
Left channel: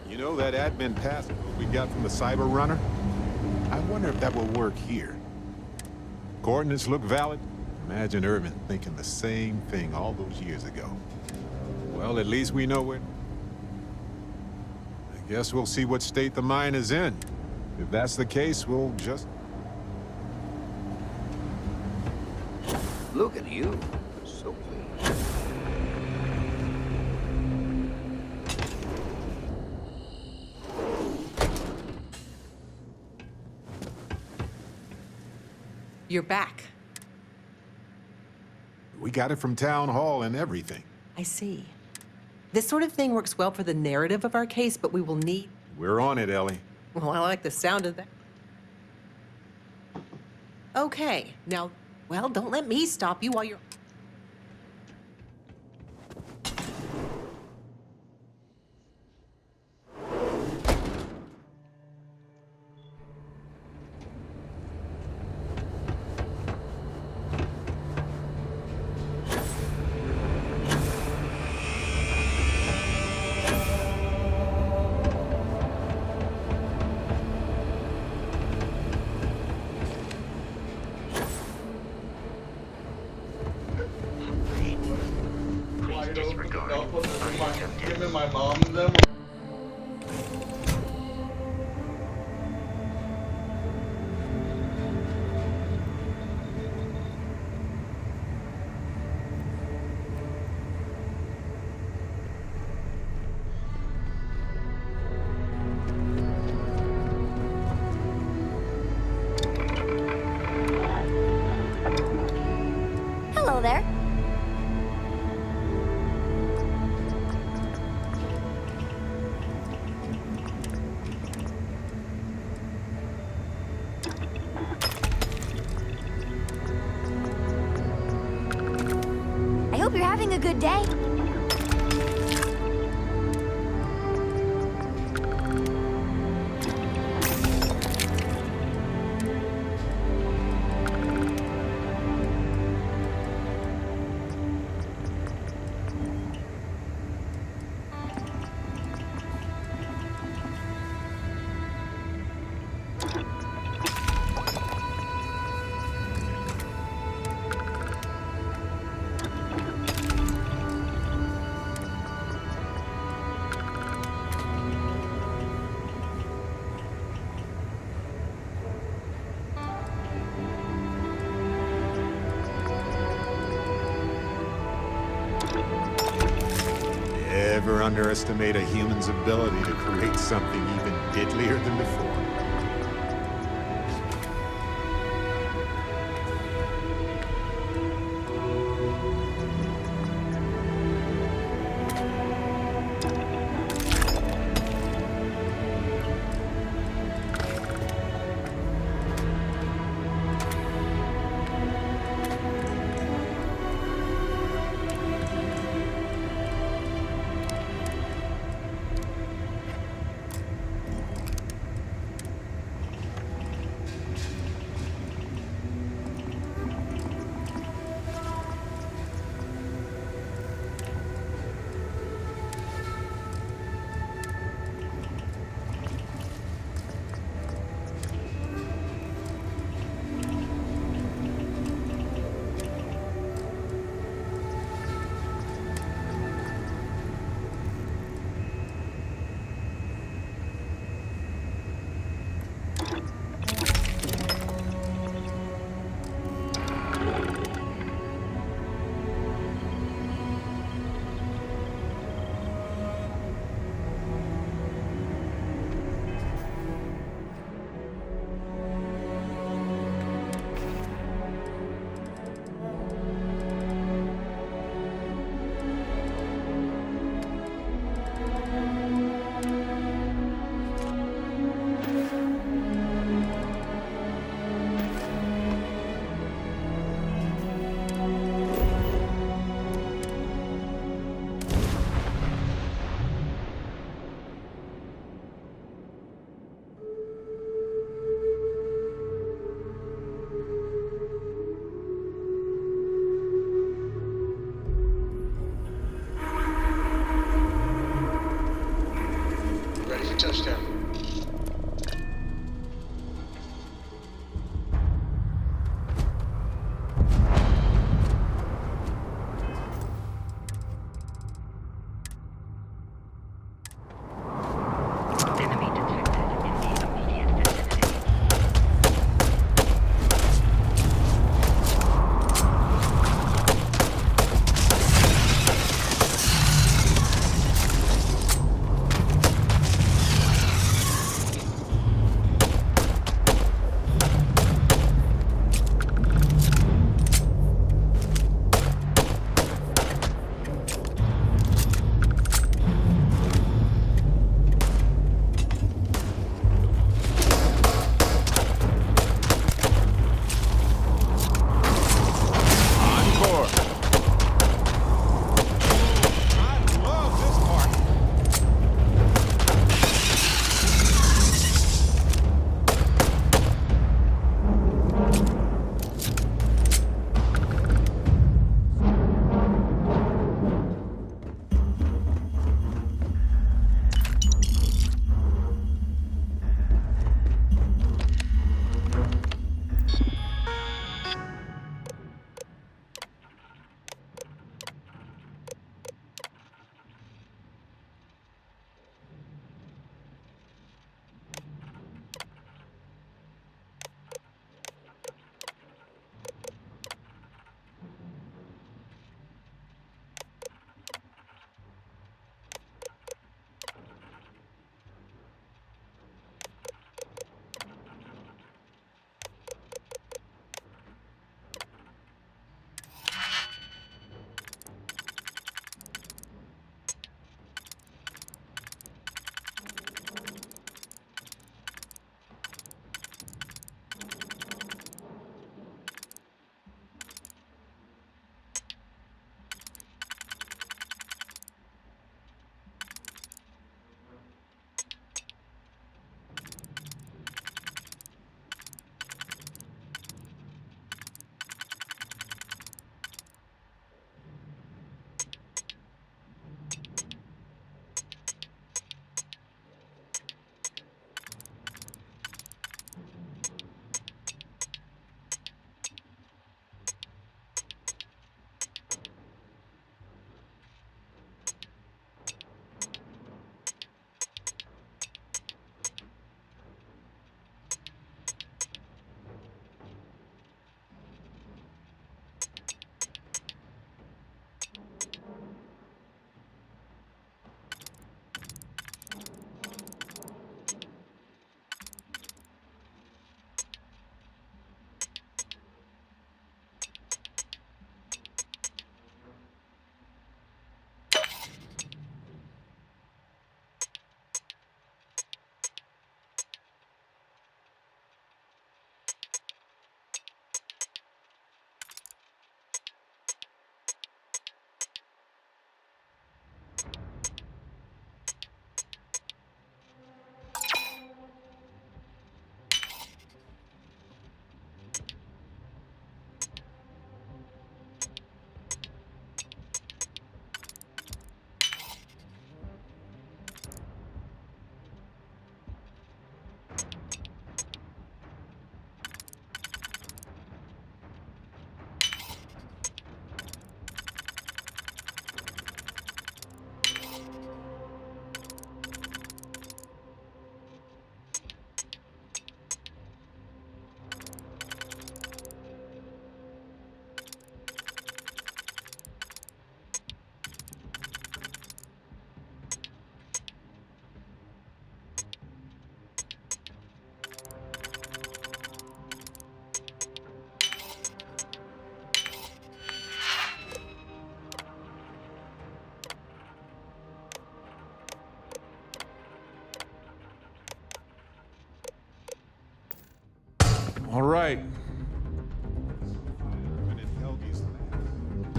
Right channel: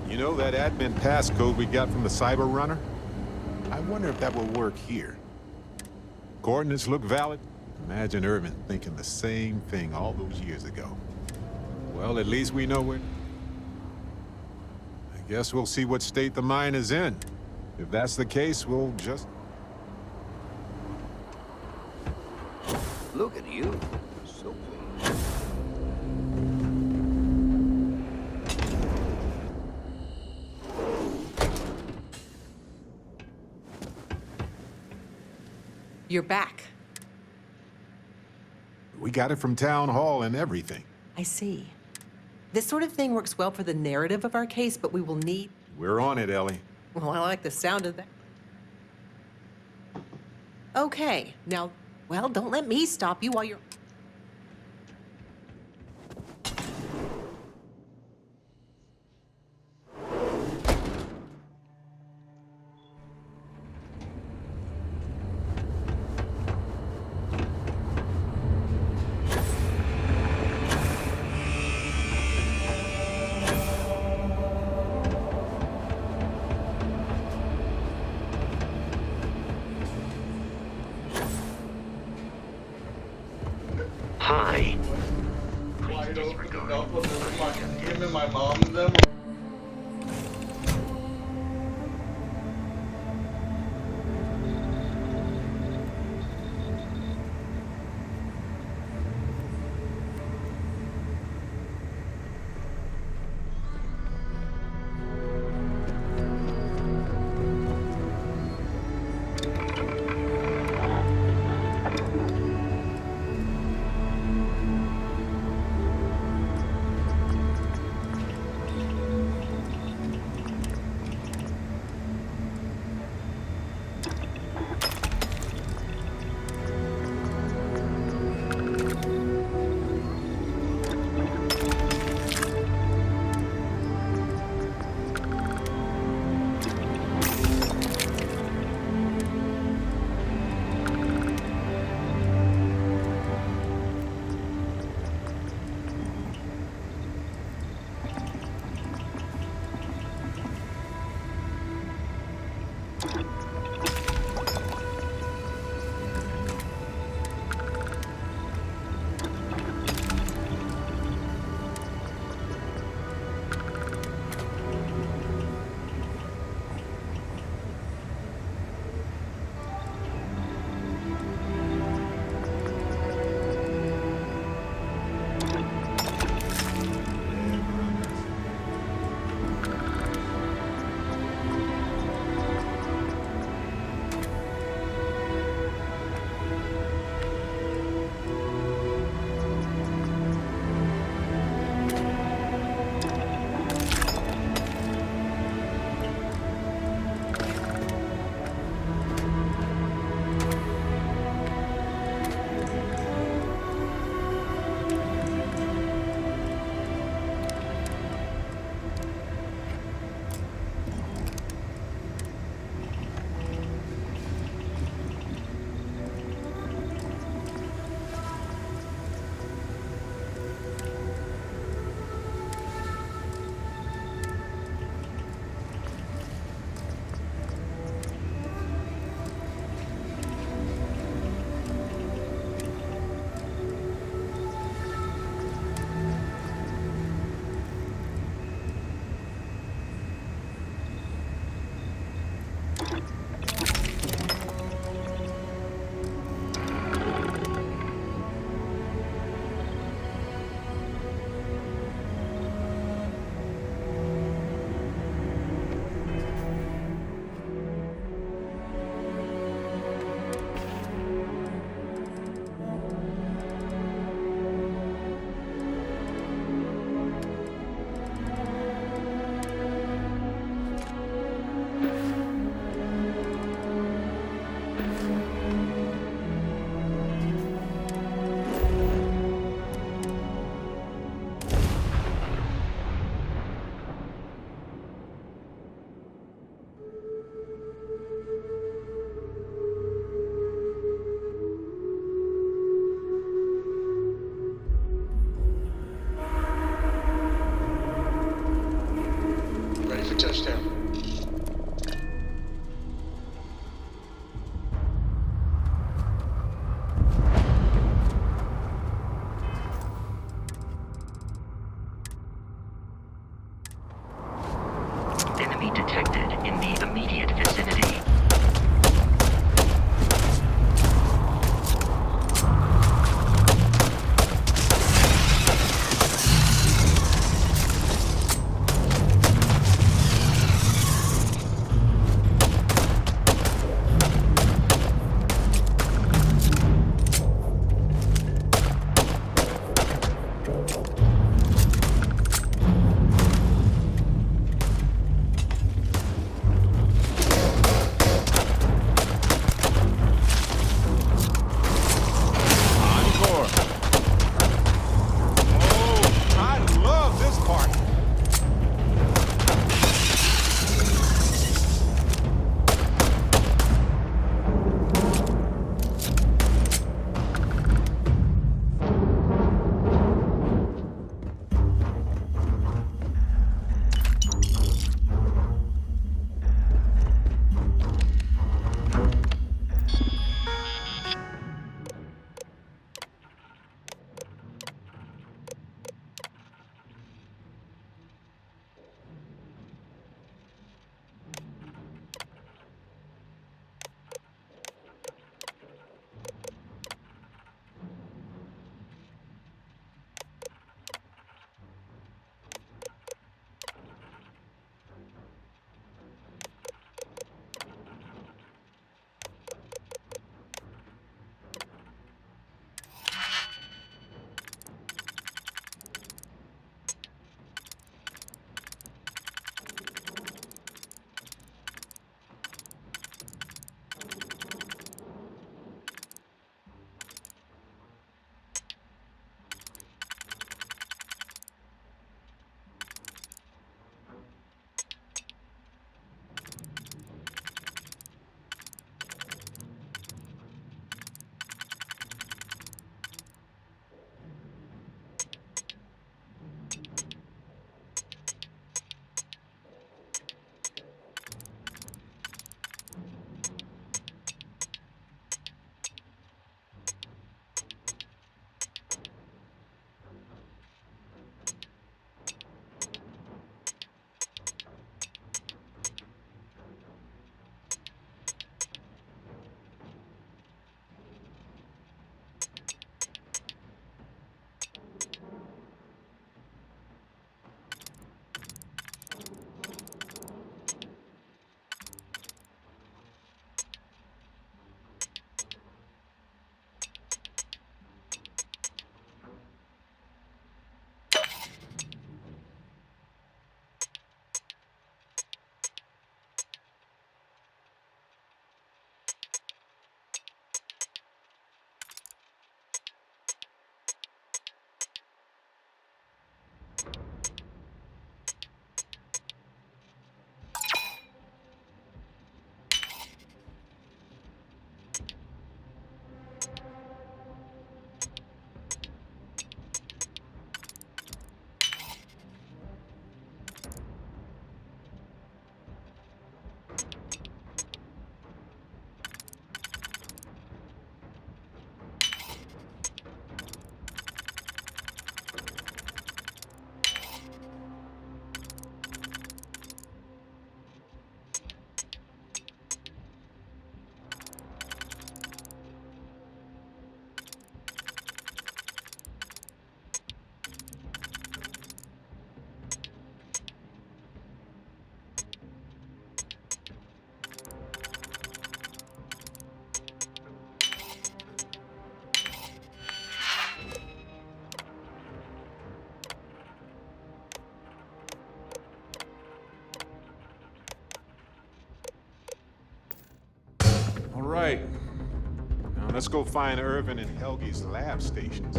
You know that admin passcode we got from the Cyber Runner? I wonder if that will work here. Coordinates look valid. Imagine Irvin thinking the same thing all those years ago. Well, at least we know where... I guess we'll see what state the mine is in. If that's the case, we'll just... Look at you. So pleased. You're back. We got it from Town Hall and everything. I see. This sort of thing works well for the narrative of our case, but we will need... We're on it, Ellie. Well, I like the sound of that. Okay, now, well, don't let me stop you while you're... Hi. Please disregard. Him and my mom and them. Hello there. I hope you're having a good day. Never underestimate a human's ability to create something even deadlier than before. touchdown. Enemy detected in the immediate vicinity. Encore. Oh, I love this part. All right. Now let's go find Irvin and Helgi's lab stations.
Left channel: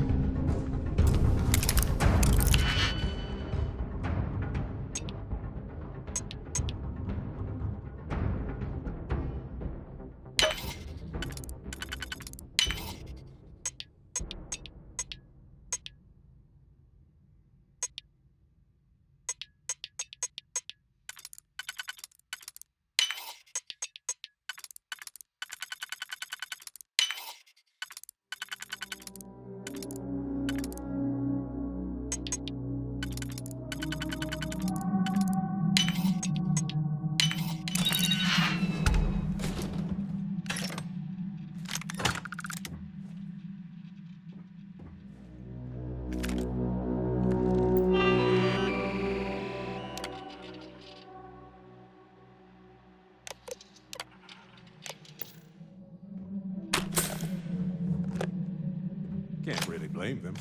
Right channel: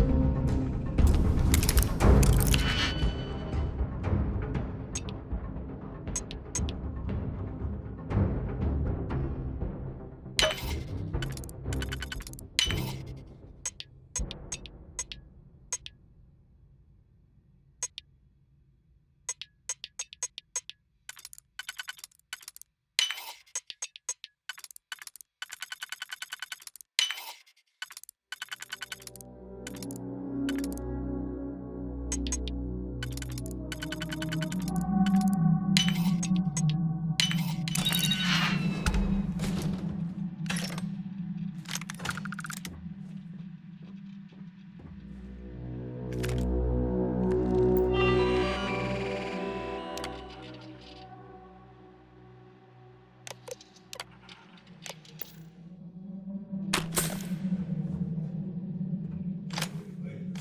blame them.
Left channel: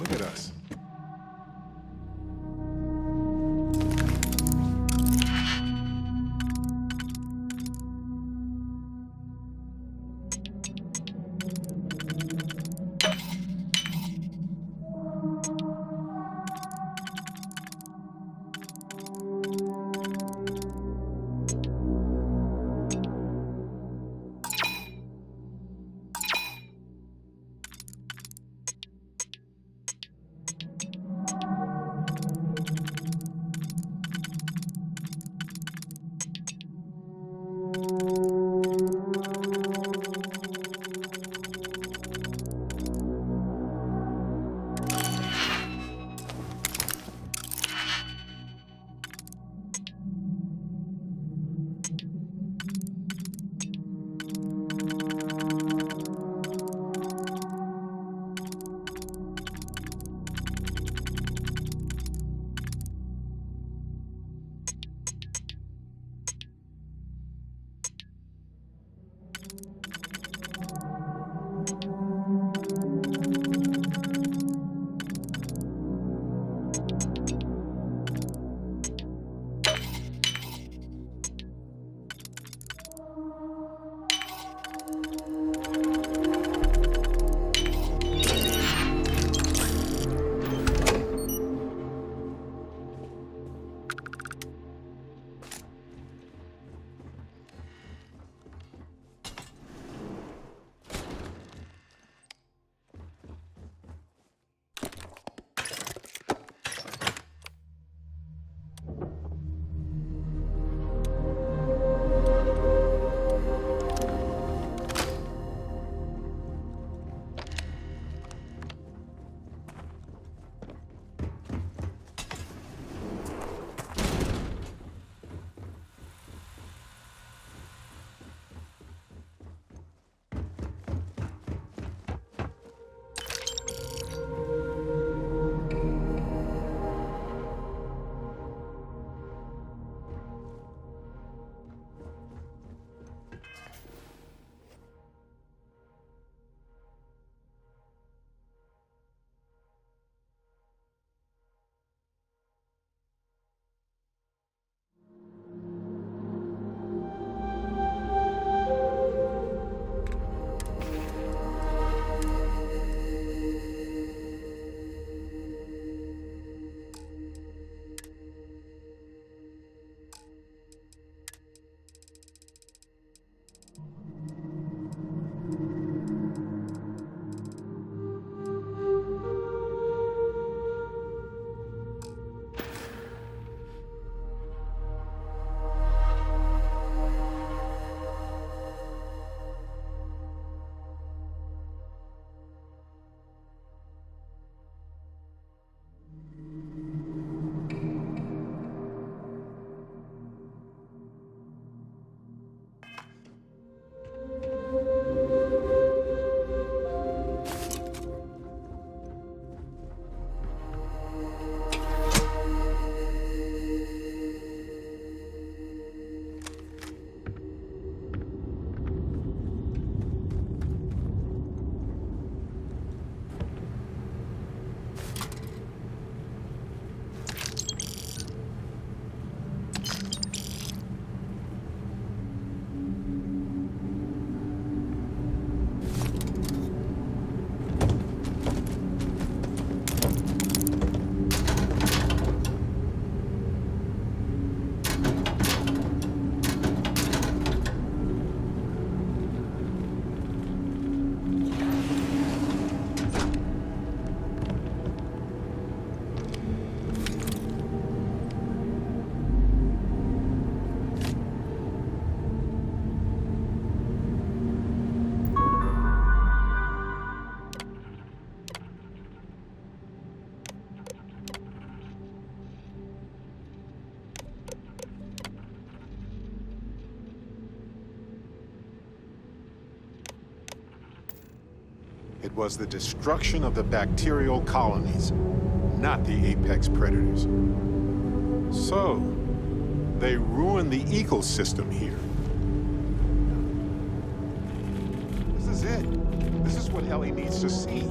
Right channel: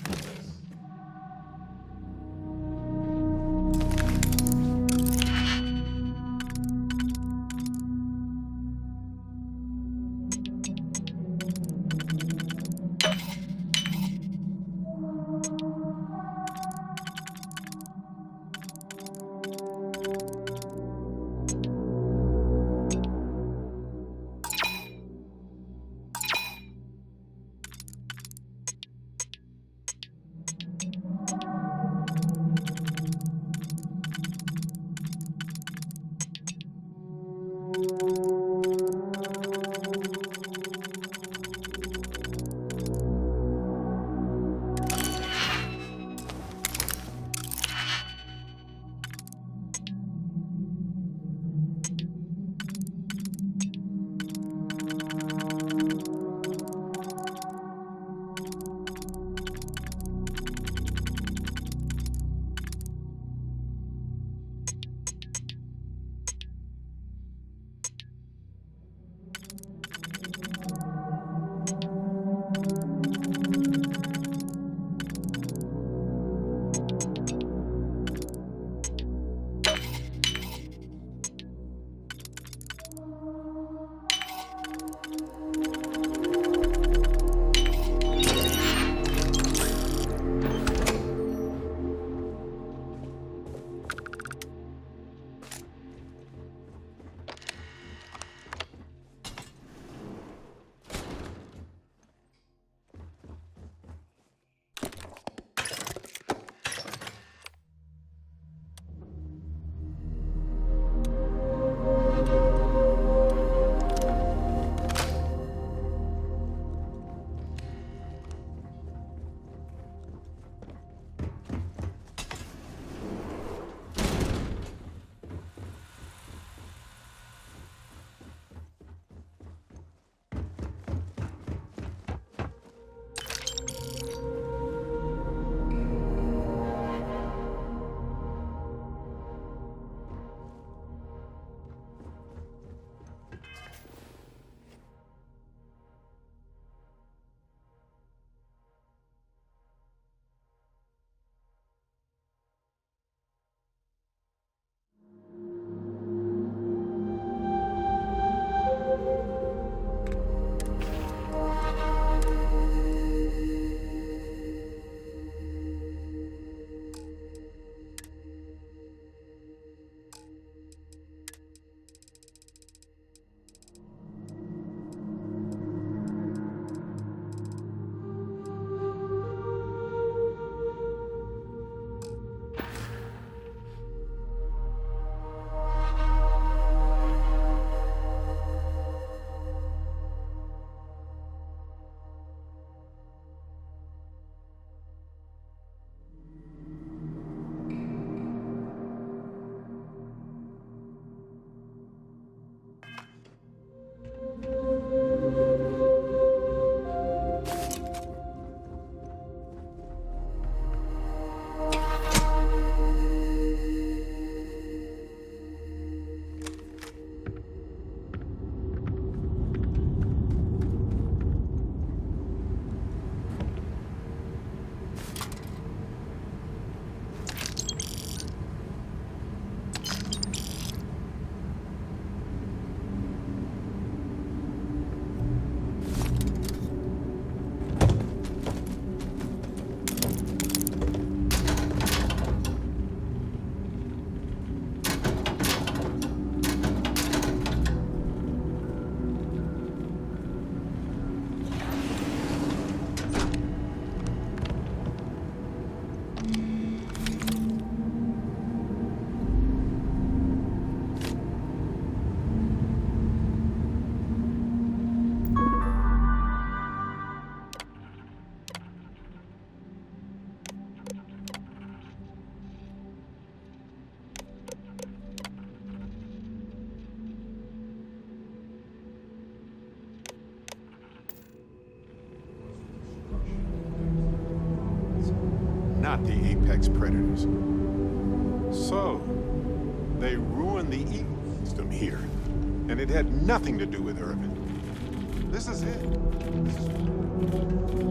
Look at us. It was the destruction of the bacterial colonies, not the apex predators. So, they ruined the ecosystem here, and it had nothing to do with Urban. This is it. This is what Ellie needs to see.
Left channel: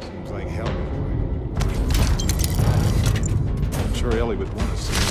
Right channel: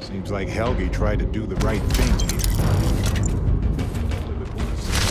Seems like Helge tried to do the right thing. I'm sure Ellie would want to see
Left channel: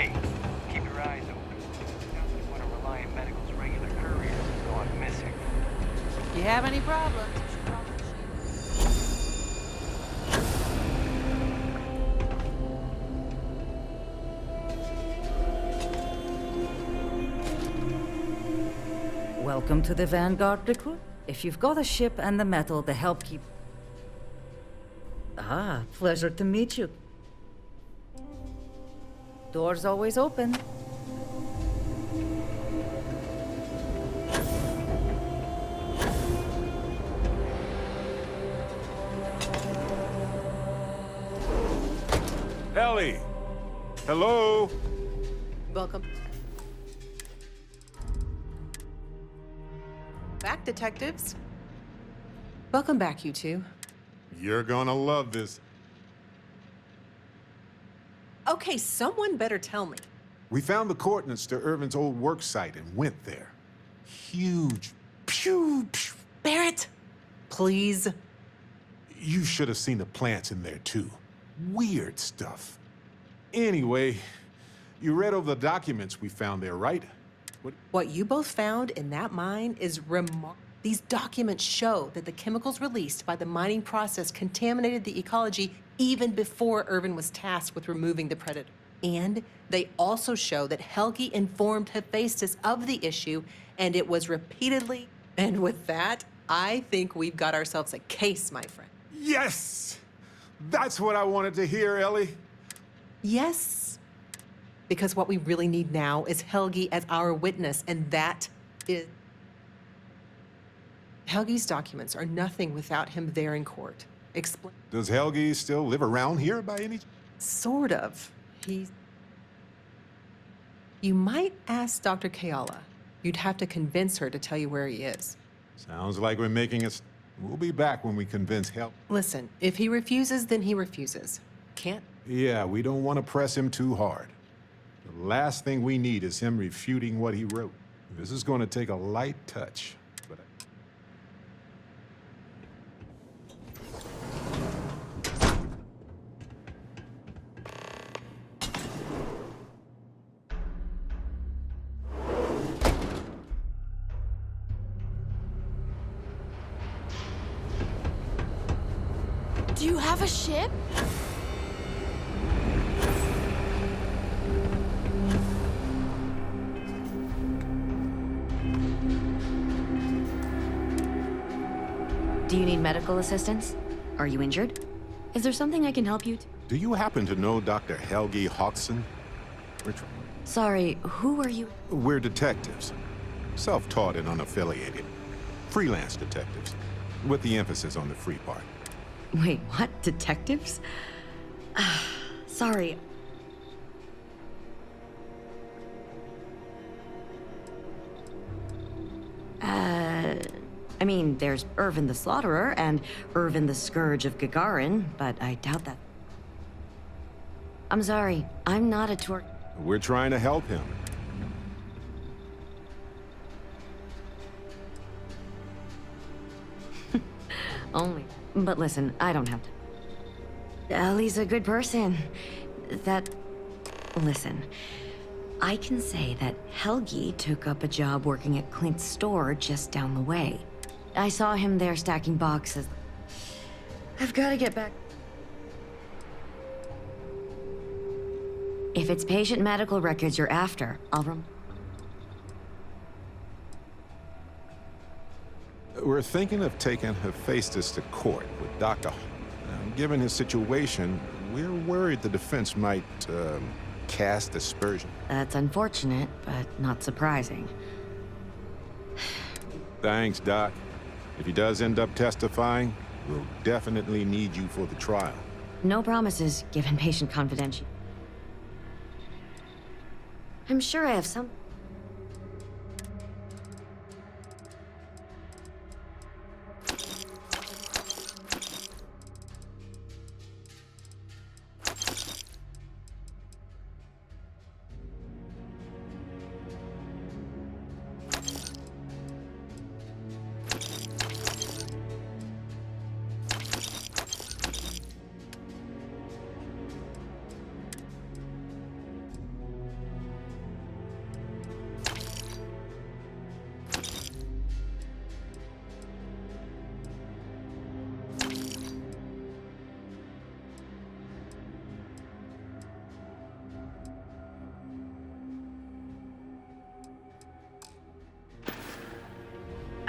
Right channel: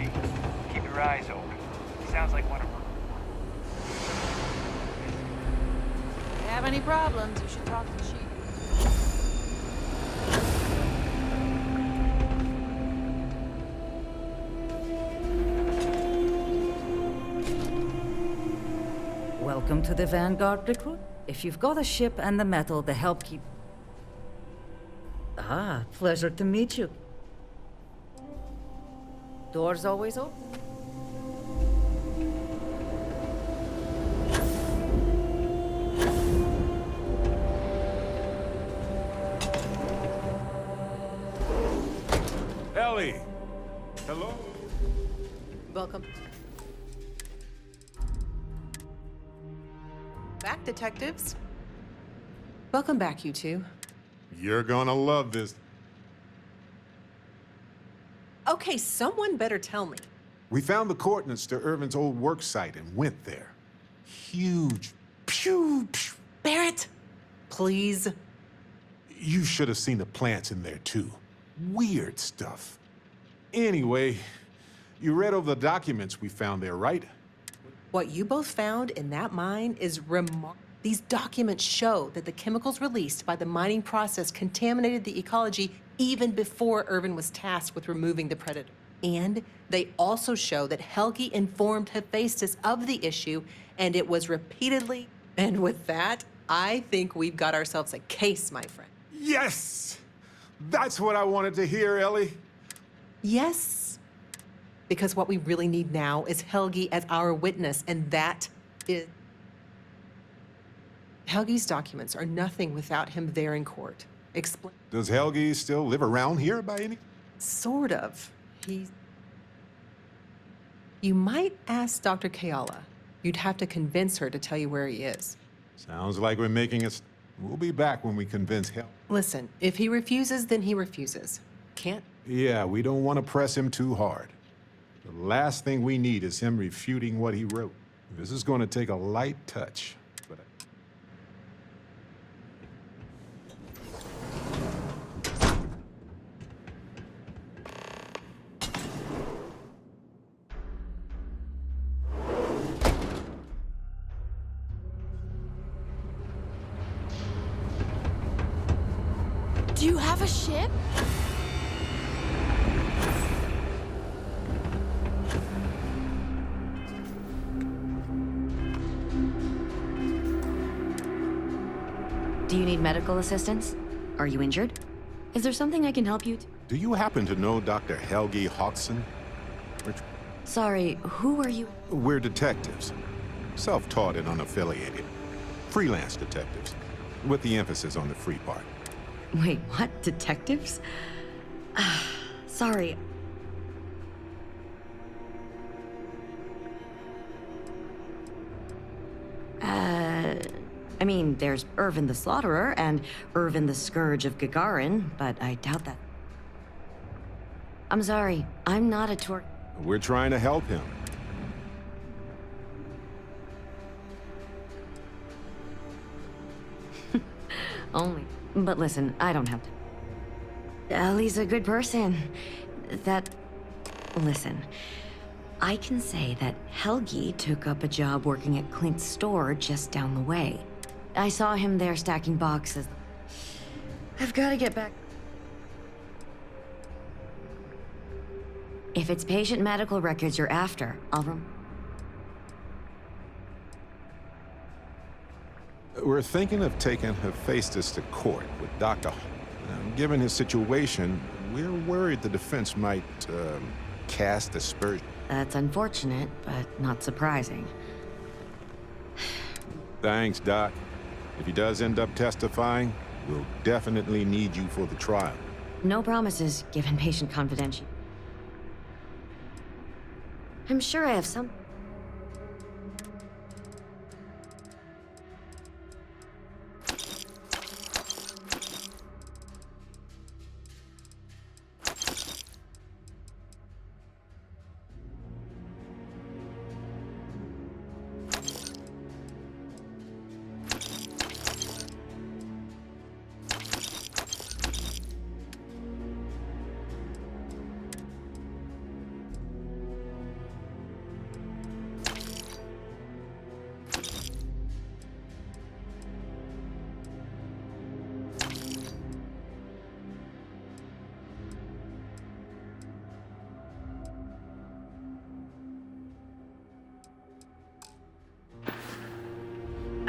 Hey, keep your eyes open. Sounds like one of Reliant Medical's regular services gone missing. If you have any problems, you should talk to the chief. Welcome to the Vanguard recruit. If you've got a ship and the metal to help keep... Ah, pleasure to meet you. Doors always open. Ellie! Hello? Welcome. Back, detectives. Welcome back, you two. You're gonna love this. Okay, someone better tell me. We found the coordinates to Irvin's old work site and went there. Huge. Pew, pew. Barrett, please. You should have seen the plants in there, too. Weird stuff. Anyway, you read over the documents we found there, right? What you both found in that mine is remarkable. These documents show that the chemicals released by the mining process contaminated the ecology even before Irvin was tasked with removing the predator. And they also show that Helgi informed Hephaestus of the issue, and it was repeatedly. And with that, I think we've got ourselves a case, my friend. Yes! That's what I wanted to hear, Ellie. Yes. Because what we really need now is Helgi as our witness, and that is... Helgi's documents are nothing without him there in court. Explain. Does Helgi still live around here by any... Sort of. He's... You might ask Dr. Kayala. You'd have to convince her to tell you where he is. Sounds like we're making us... We'll be back when we convince Helgi. Listen, if he refuses, then he refuses. Can't... Yeah, we don't want to press him too hard. The last thing we need is him refuting what he wrote. This is going to take a light touch. But Do you have a ship? Do you need medical assistance? Are you injured? Is there something I can help you? do you happen to know Dr. Helgi Hodgson? Sorry, who are you? We're detectives. Self-taught and unaffiliated. Freelance detectives. With the emphasis on the free part. Wait, what? Detectives? Sorry. I mean, there's Irvin the Slaughterer and Irvin the Scourge of Gagarin, but I doubt that. I'm sorry, I'm not a tour... We're trying to help him. Only. But listen, I don't have to. Ellie's a good person. Listen, I can say that Helgi took up a job working at Clint's store just down the way. I saw him there stacking boxes. I've got to get back. If it's patient medical records you're after, I'll We're thinking of taking Hephaestus to court with Dr. Given his situation, we're worried the defense might, cast aspersion. That's unfortunate, but not surprising. Thanks, Doc. If he does end up testifying, we'll definitely need you for the trial. No promises, given patient confidentiality. I'm sure I have some...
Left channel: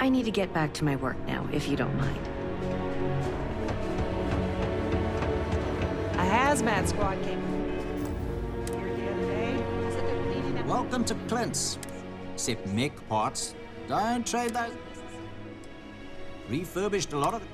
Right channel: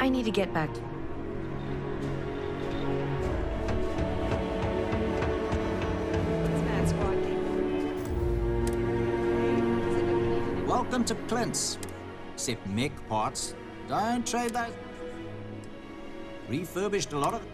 I need to get back to my work now, if you don't mind. A hazmat squad came here the other day. Said they're cleaning up. Welcome to Clint's. Except mech parts. Don't trade those. Refurbished a lot of it.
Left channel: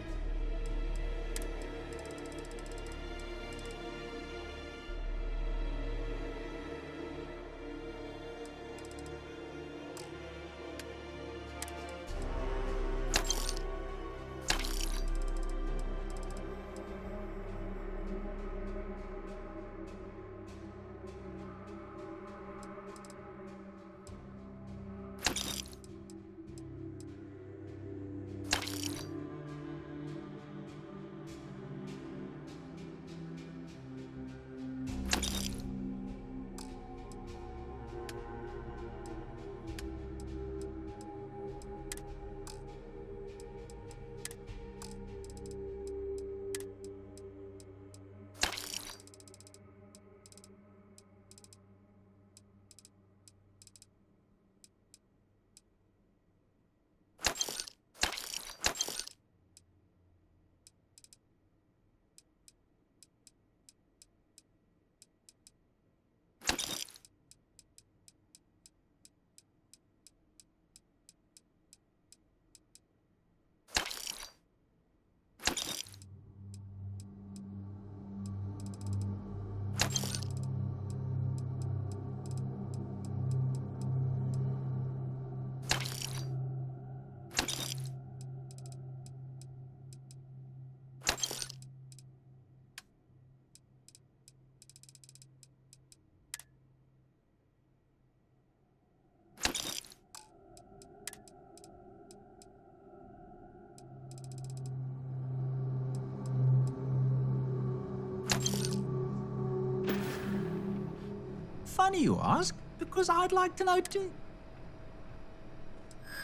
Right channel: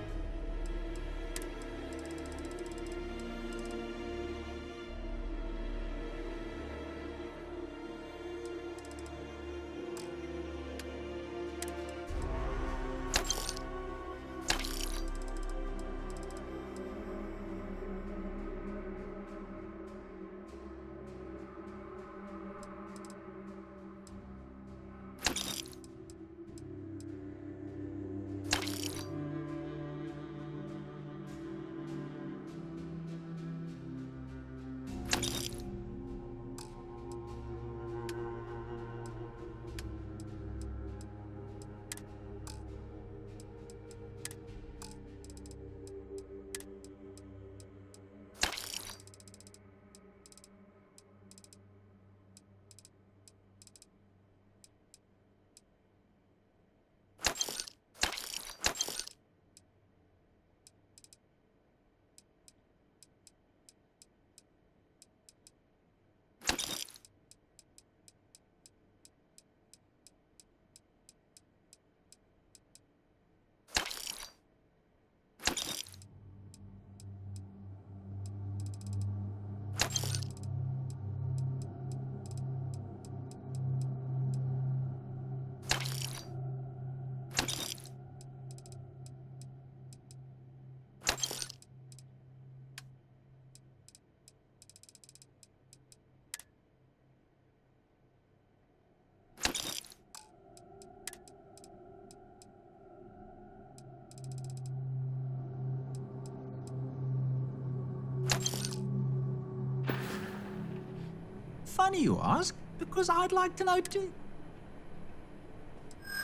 Funny you ask, because I'd like to know too.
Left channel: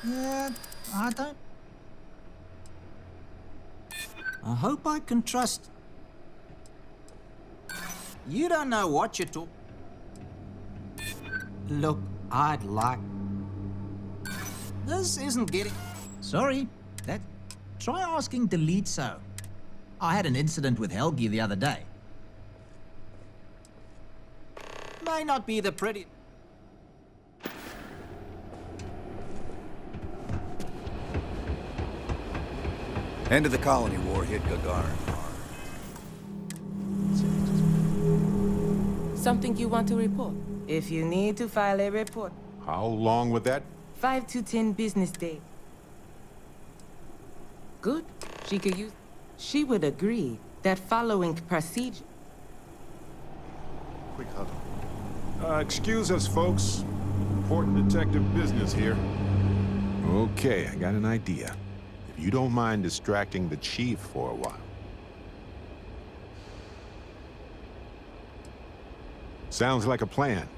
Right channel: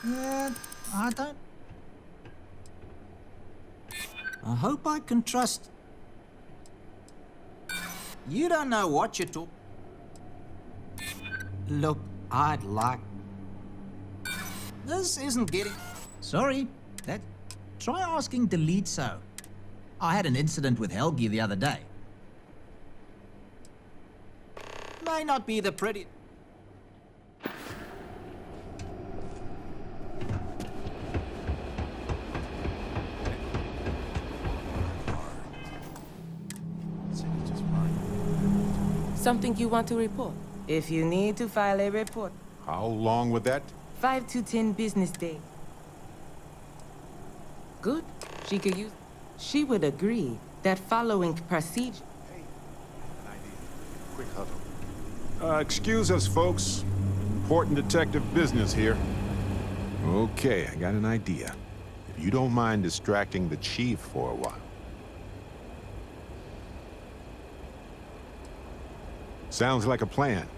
Yeah, I don't. I hope I can trust. You don't know what you're talking. Look, I'd like. This isn't getting. Sorry, that. Try asking Delito. I had an incident with Helgi the other day. May not be the pretty. End of the colony war hit Gagarin hard. City just burned. Something you want to report? If you need to file a report. How long would that? 5 to 10 business days. Good. She could use. She would agree that following procedure. Quick huddle. Excuse us, folks. Important detective business here. Okay, I got an idea. If you don't mind distracting the chief for a while. Sounds like a plan.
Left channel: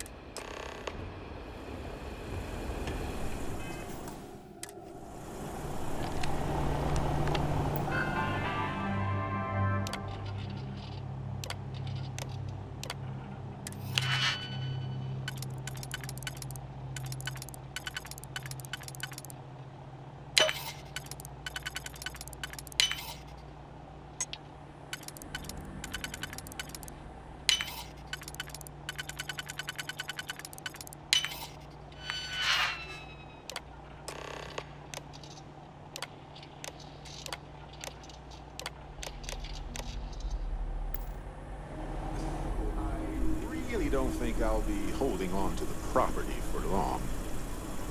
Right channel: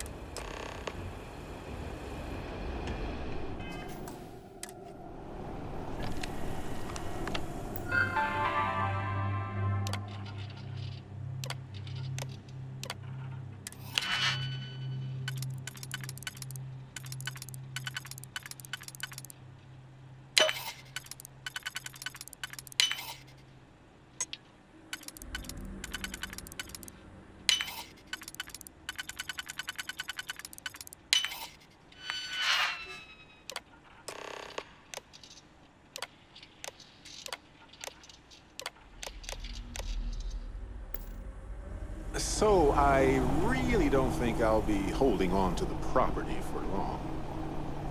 So, I really don't think I'll be holding on to the property for long.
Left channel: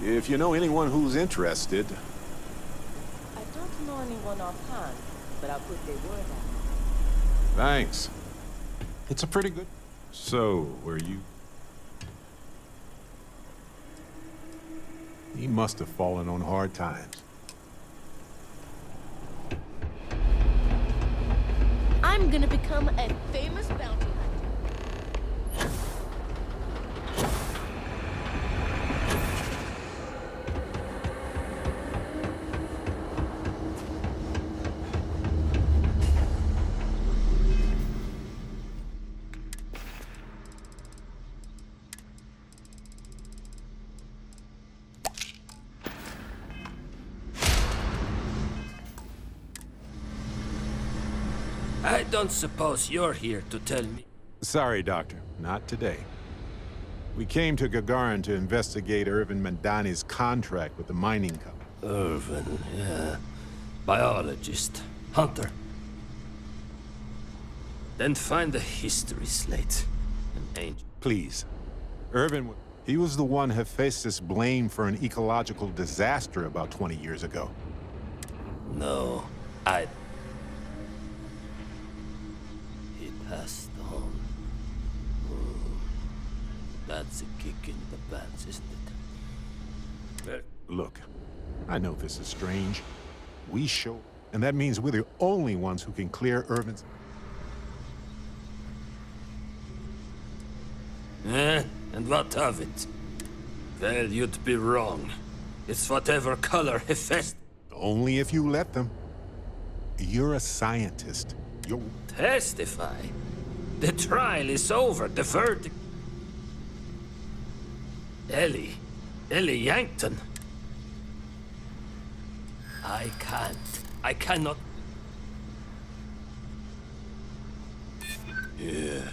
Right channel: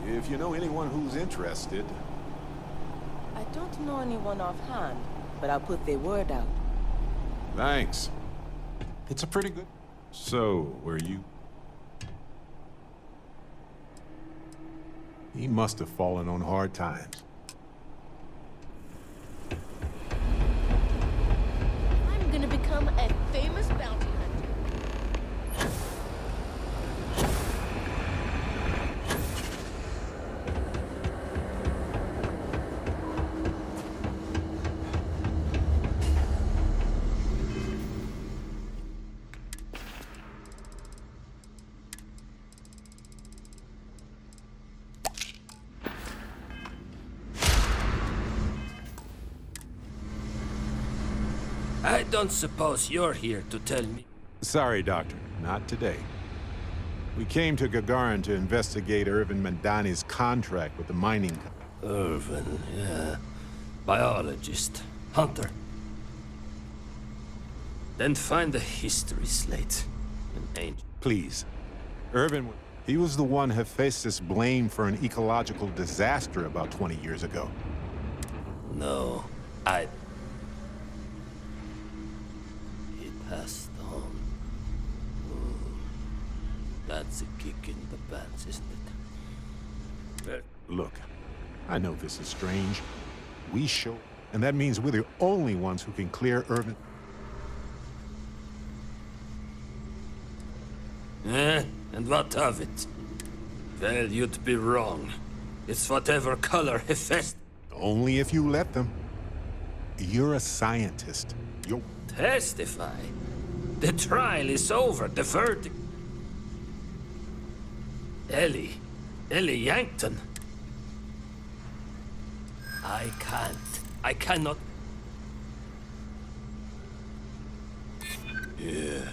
If you know anyone who's interested... I don't know anyone offhand, but I'll put their word out. Thanks. It's a pretty good... So, were you... He must have fallen on hard times. I'm gonna become a famous bounty hunter. I don't suppose you're here to tell me. Sorry, Doctor. Not today. We came to Gagarin to investigate Irvin Mandani's contract with the mining company. Irvin, yeah. Biologist. Hunter. Then find the history slate. An angel. Please. Irvin, he was the one Hephaestus blamed for an ecological disaster about 20 years ago. No, He passed on. That's a kick in the pants, isn't it? Look, I know this is strange. We show, and that means we're the only ones who can clear Irvin's... And what of it? Well, you'd be wrong. It's whatever color Hephaestus... Only if you let them. You're a scientist. You're... Testify? The trial is over. The verdict... Ellie Yankton. I cannot... Yeah,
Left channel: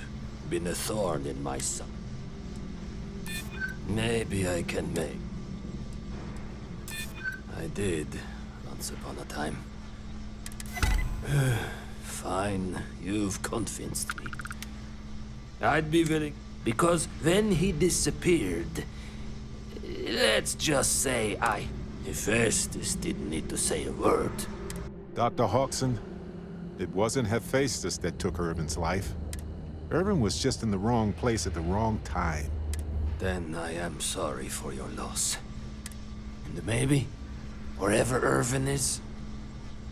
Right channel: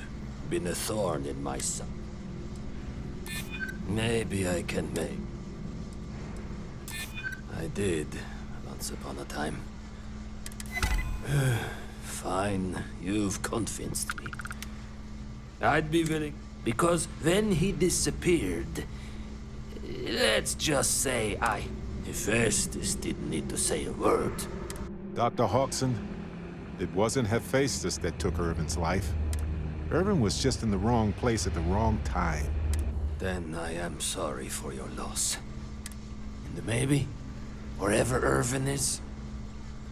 been a thorn in my side. Maybe I can make... I did, once upon a time. Fine, you've convinced me. I'd be willing, because when he disappeared, let's just say Hephaestus didn't need to say a word. Dr. Hawkson, it wasn't Hephaestus that took Irvin's life. Irvin was just in the wrong place at the wrong time. Then I am sorry for your loss. And maybe, wherever Irvin is,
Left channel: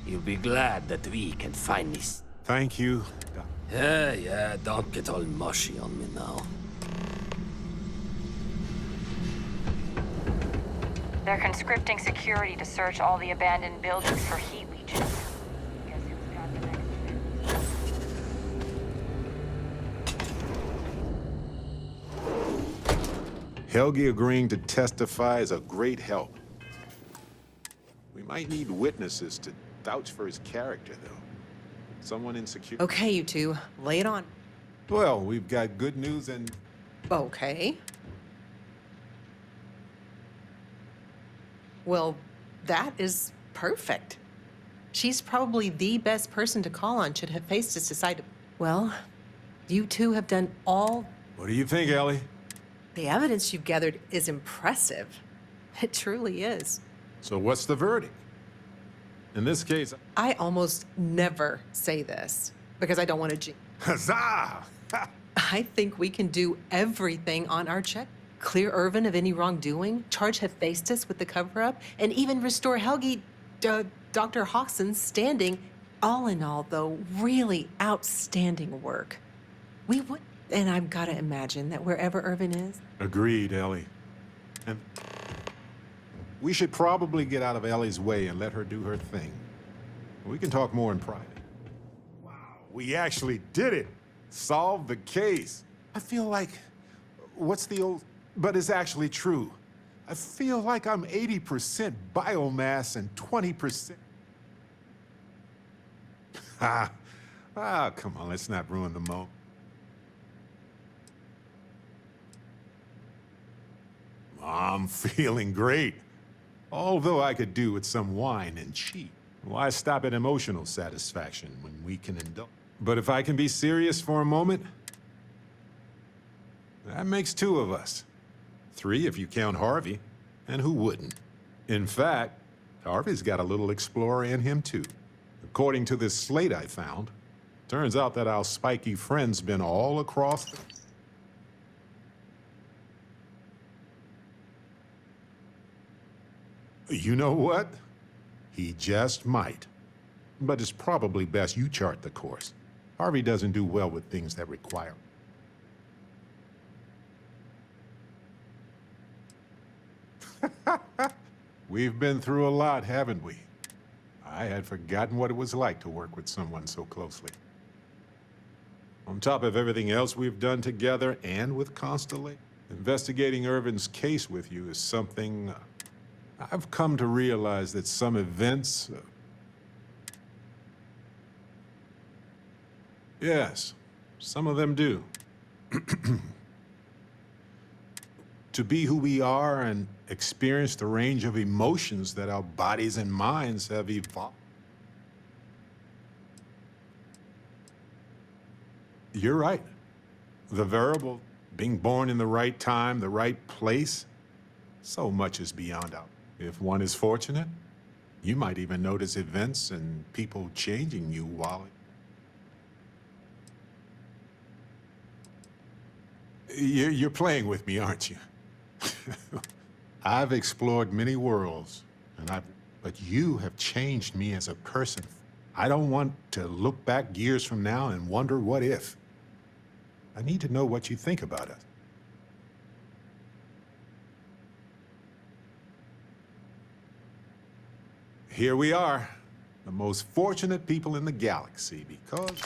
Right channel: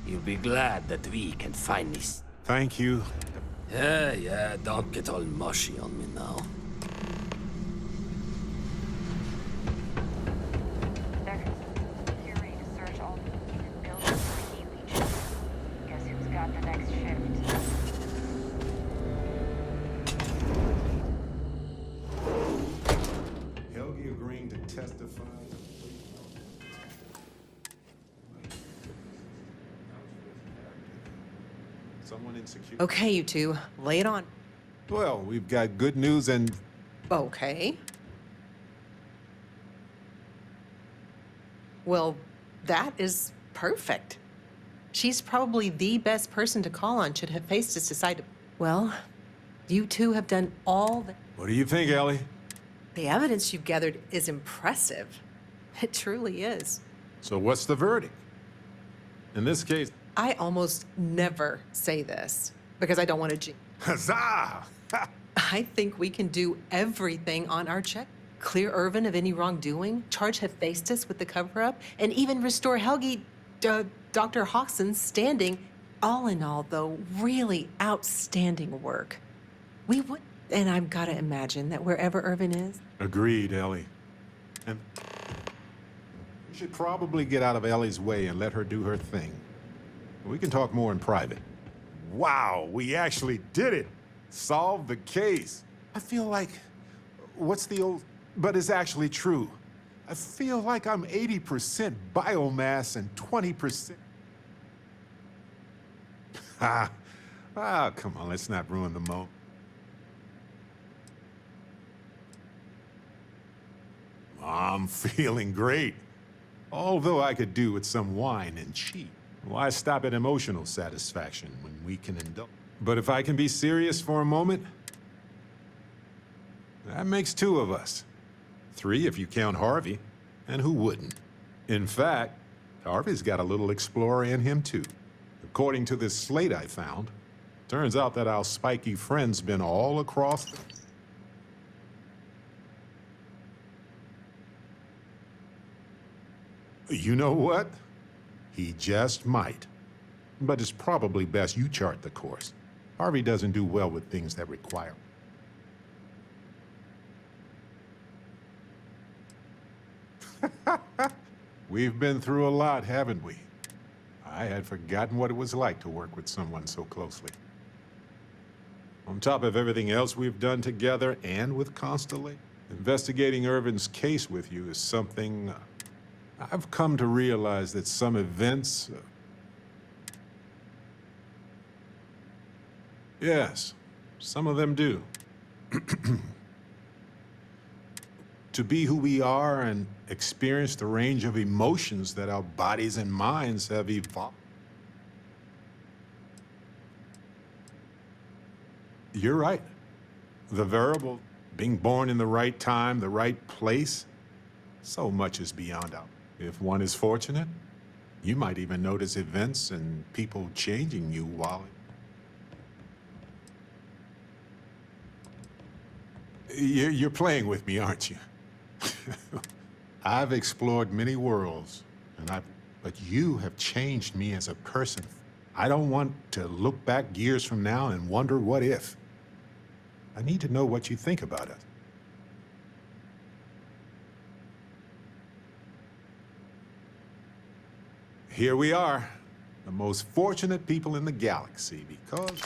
you'll be glad that we can finally... Thank you. Yeah, don't get all mushy on me now. They're conscripting security to search all the abandoned buildings for heat leeches. Guess who's got the next shift? Helgi agreeing to testify is a great help. We might need witnesses to vouch for his character, though. Someone in security. Okay, you two, lay it on. Well, we've got good news and... Okay. Well, that is perfect. She's probably the best person to call on should Hephaestus decide to... Well, you two have done all the... What do you think, Ellie? The evidence you've gathered is impressive. It truly is. So what's the verdict? In this case... I almost never say this, because I don't want to... Huzzah! I think we can do everything on our check. Clear Irvin of any wrongdoing, charge Hephaestus with the cover-up, and even restore Helgi, Dr. Hawkson's standing. All in all, though, really outstanding work. We would... And I've got to imagine that wherever Irvin is... Agreed, Ellie. And we should probably get out of Ellie's way and let her do her thing. We can talk more in private. Wow, we actually did it! Solved the case. I feel like... What's the old... But it's actually true. I feel like I'm 80% biomass and 20%... Come on, let's not ruin the moment. I'm feeling great. Although I could do with some wine and cheat. Why stop at emotional satisfaction when we can indulge? But if I can be serious for a moment, that makes two of us. 3 if you count Harvey, and who wouldn't? In fact, Harvey's got a little explorer in him too. According to this slate I found, turns out that our spiky friend's been all across the... You know what? He just might. But it's probably best you chart the course. Harvey doesn't do well with things that require... We've been through a lot, haven't we? I had forgotten what it was like to work with someone so closely. On top of everything else we've done together and with Constellation, investigating Irvin's case with you is something... I've come to realize that some events... Yes, some of them do. To be who we are and experience the range of emotions that our bodies and minds have evolved. You're right. The variable, being born in the right time, the right place, so much is beyond our. If one is fortunate, you might even notice events and people changing you while. You're playing with me, aren't you? I've explored many worlds, but you have changed me as a person. I don't want to look back years from now and wonder what if. I need to know what you think about us. Here we are, the most fortunate people in the galaxy, because...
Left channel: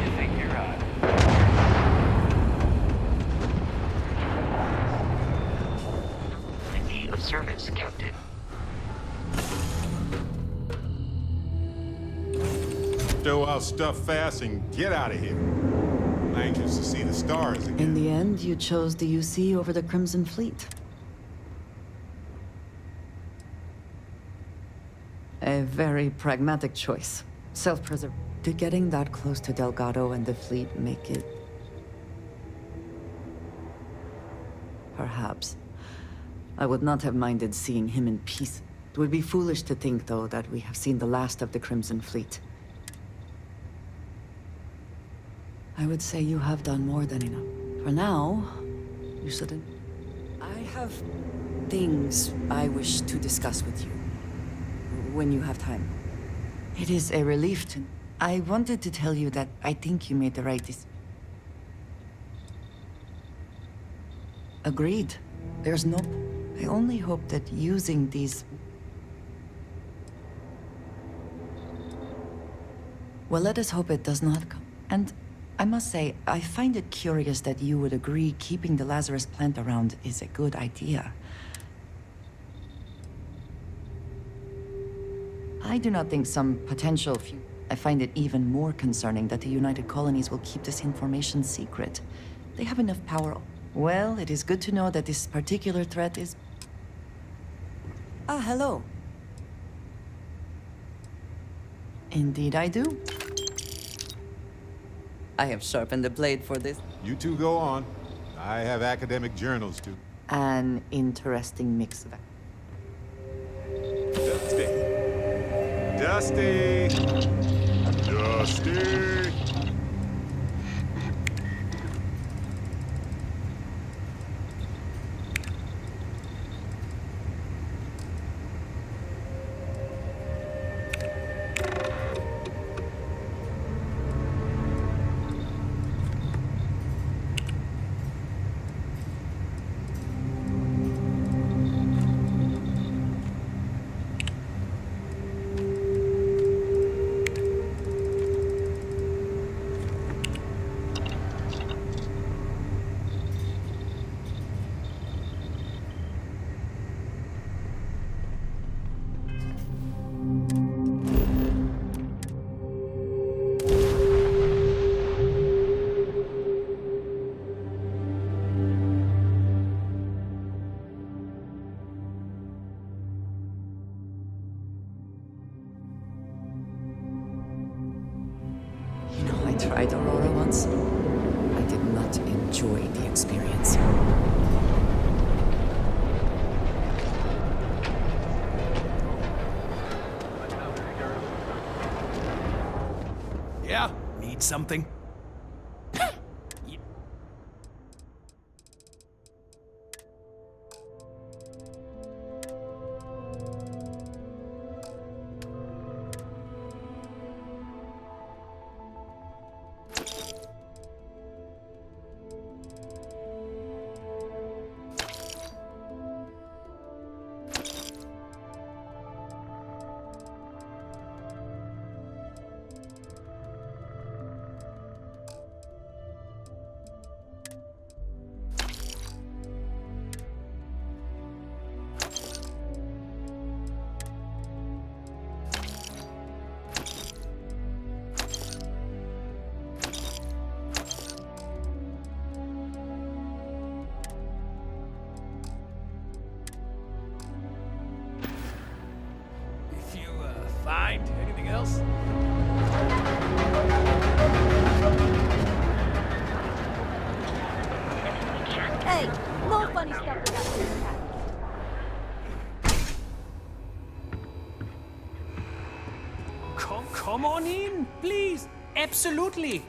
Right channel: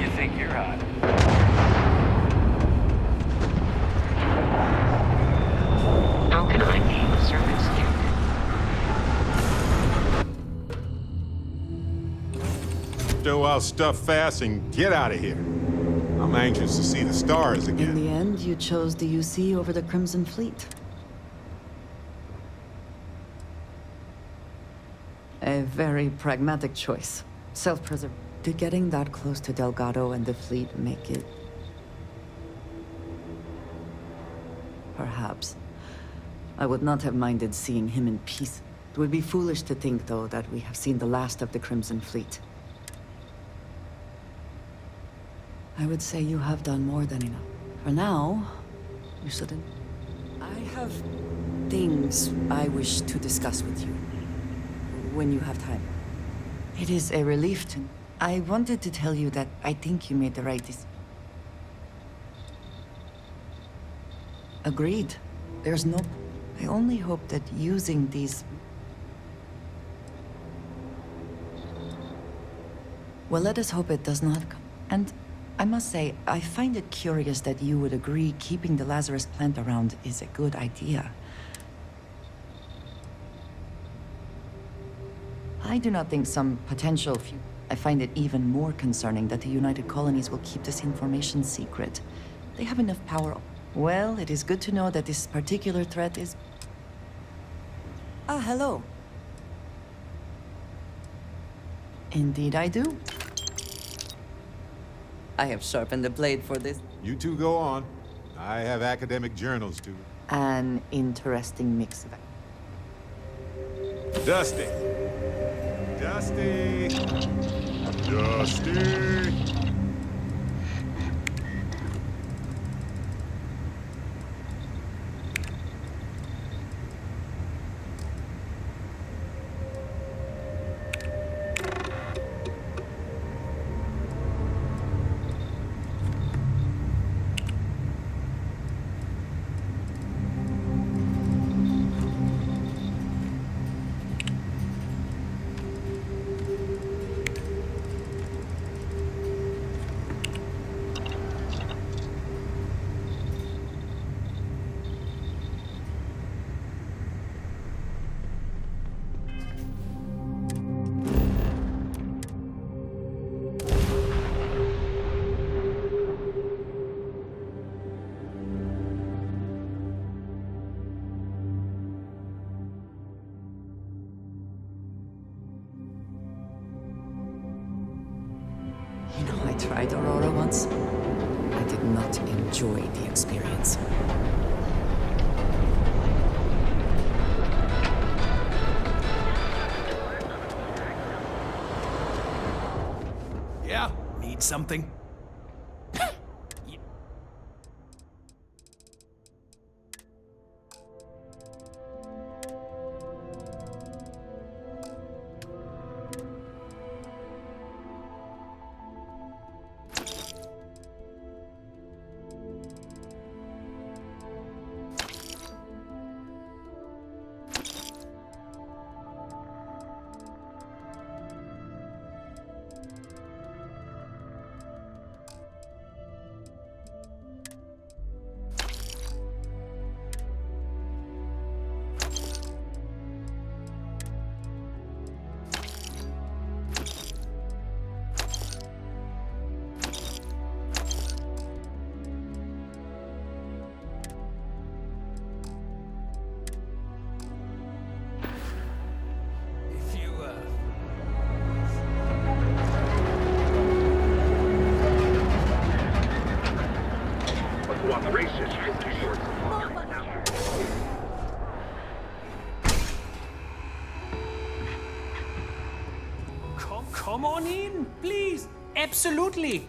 You think you're hot? Broken ID of service, Captain. Stow our stuff fast and get out of here. I'm anxious to see the stars again. In the end, you chose the UC over the Crimson Fleet. A very pragmatic choice. Self-preservation. Did getting that close to Delgado and the fleet make it? Perhaps. I would not have minded seeing him in peace. It would be foolish to think, though, that we have seen the last of the Crimson Fleet. I would say you have done more than enough. For now, you shouldn't. I have things I wish to discuss with you. When you have time. It is a relief to... I wanted to tell you that I think you made the right decision. Agreed. There's no... I only hope that using these... Well, let us hope it does not come. And I must say, I find it curious that you would agree keeping the Lazarus plant around is a good idea. I do not think some potential future... I find it even more concerning that the United Colonies will keep this information secret. They have enough power. Well, it is good to know that this particular threat is... Ah, hello. Indeed I do. I have sharpened the blade for this. You two go on. I have academic journals to... An interesting mix of... Dusty! Dusty! Dusty! You know, I tried Aurora once. I did not enjoy the experience. Yeah? Need something? No funny stuff about Come on in, please. Absolutely.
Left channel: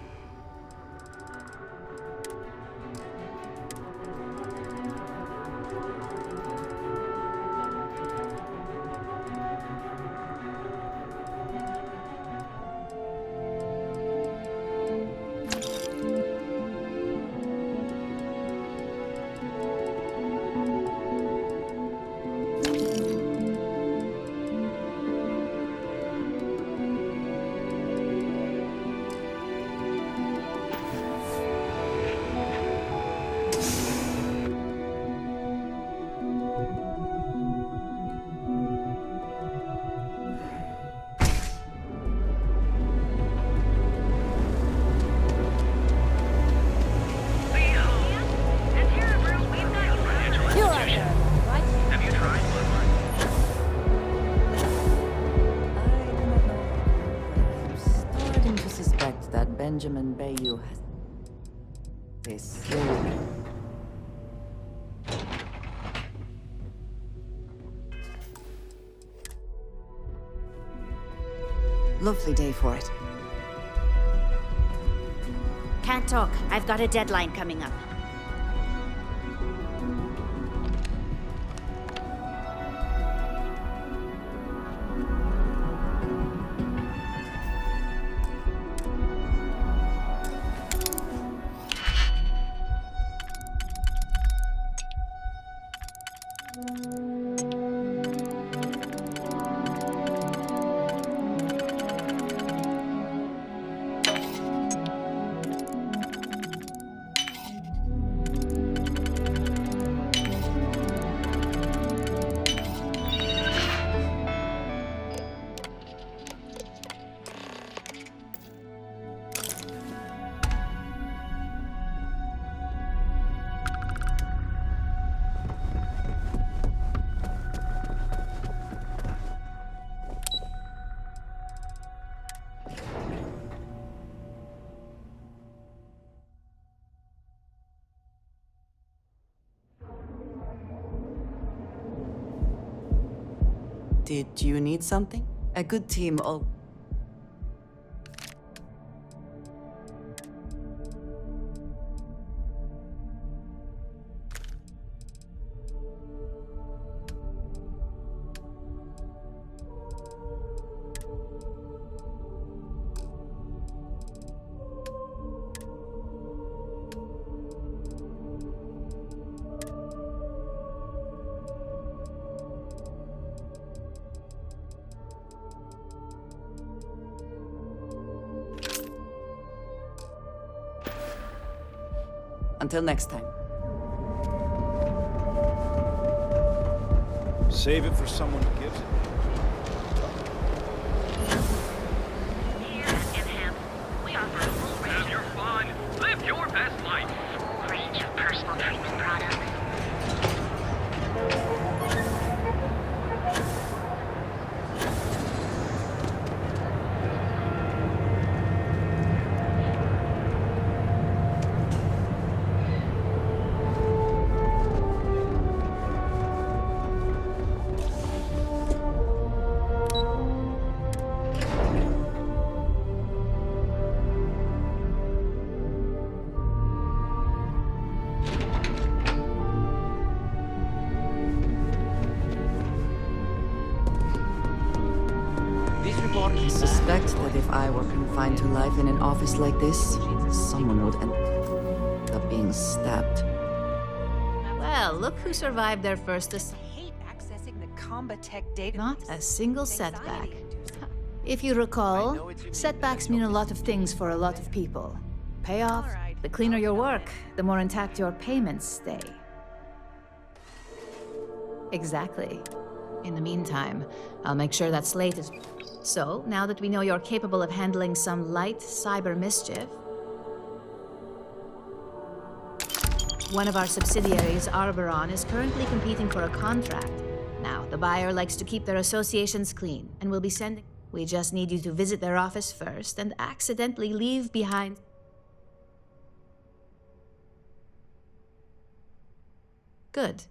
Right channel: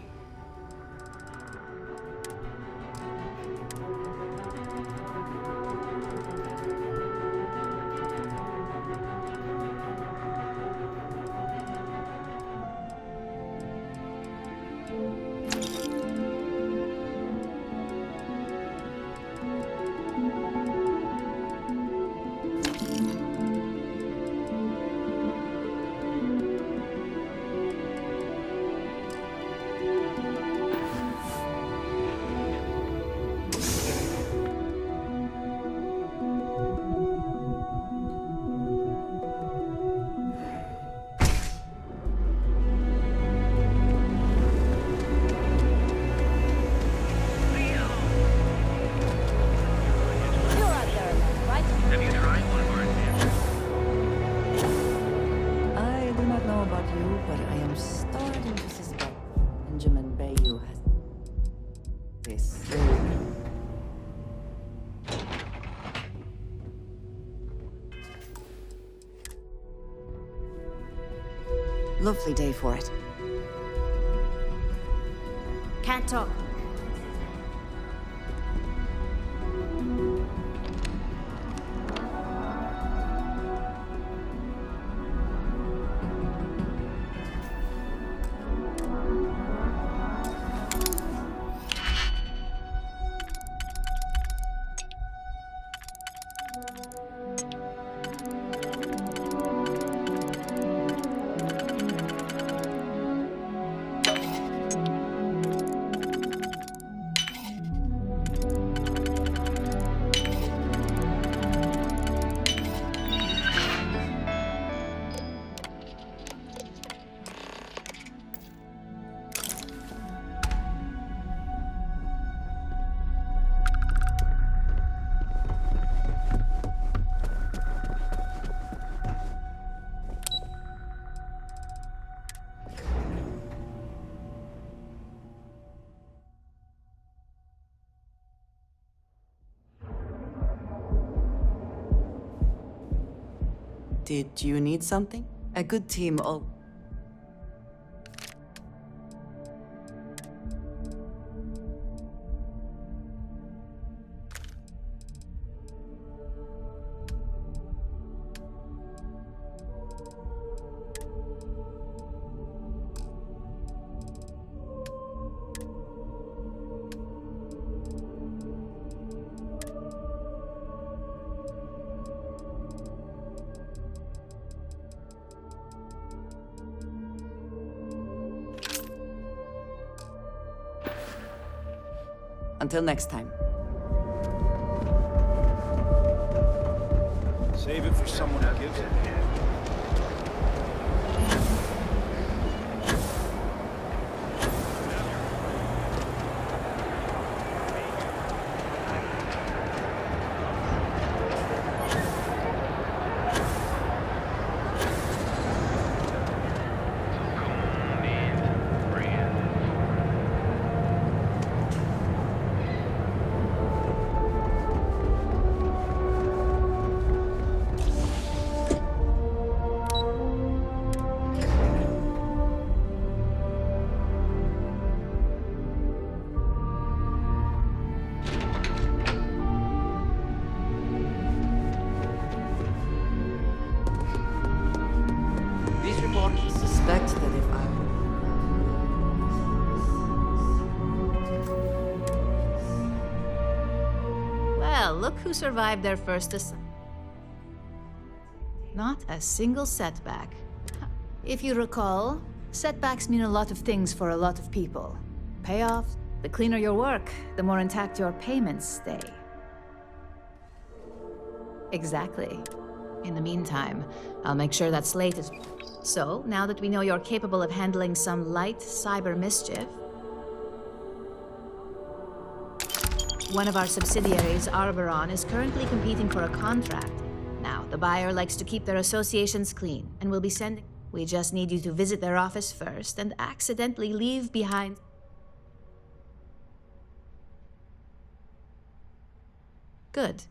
You're out there alone, right? Have you tried I do not know about you, but I am starting to suspect that Benjamin Bayou has this. Lovely day for it. Can't talk. I've got a deadline coming up. Did you need something? A good team all... Until next time. Save it for someone who gives it. Have your fun. Live your best life. Read your personal training product. This report I suspect that if I were confined to life in an office like this, someone would end up being stabbed. Well, look who survived their first assignment. Not a single setback. If you recall, setbacks mean a lot of things for a lot of people. Payoff, the cleaner your work, the more intact your payments stay. Exactly. In the meantime, I'll make sure that slate is... So, now that we know you're capable of handling some light cyber mischief, one of our subsidiaries, Arboron, is currently competing for a contract. Now, the buyer likes to keep their associations clean, and will be sending... We just need you to visit their office first and accidentally leave behind... Good.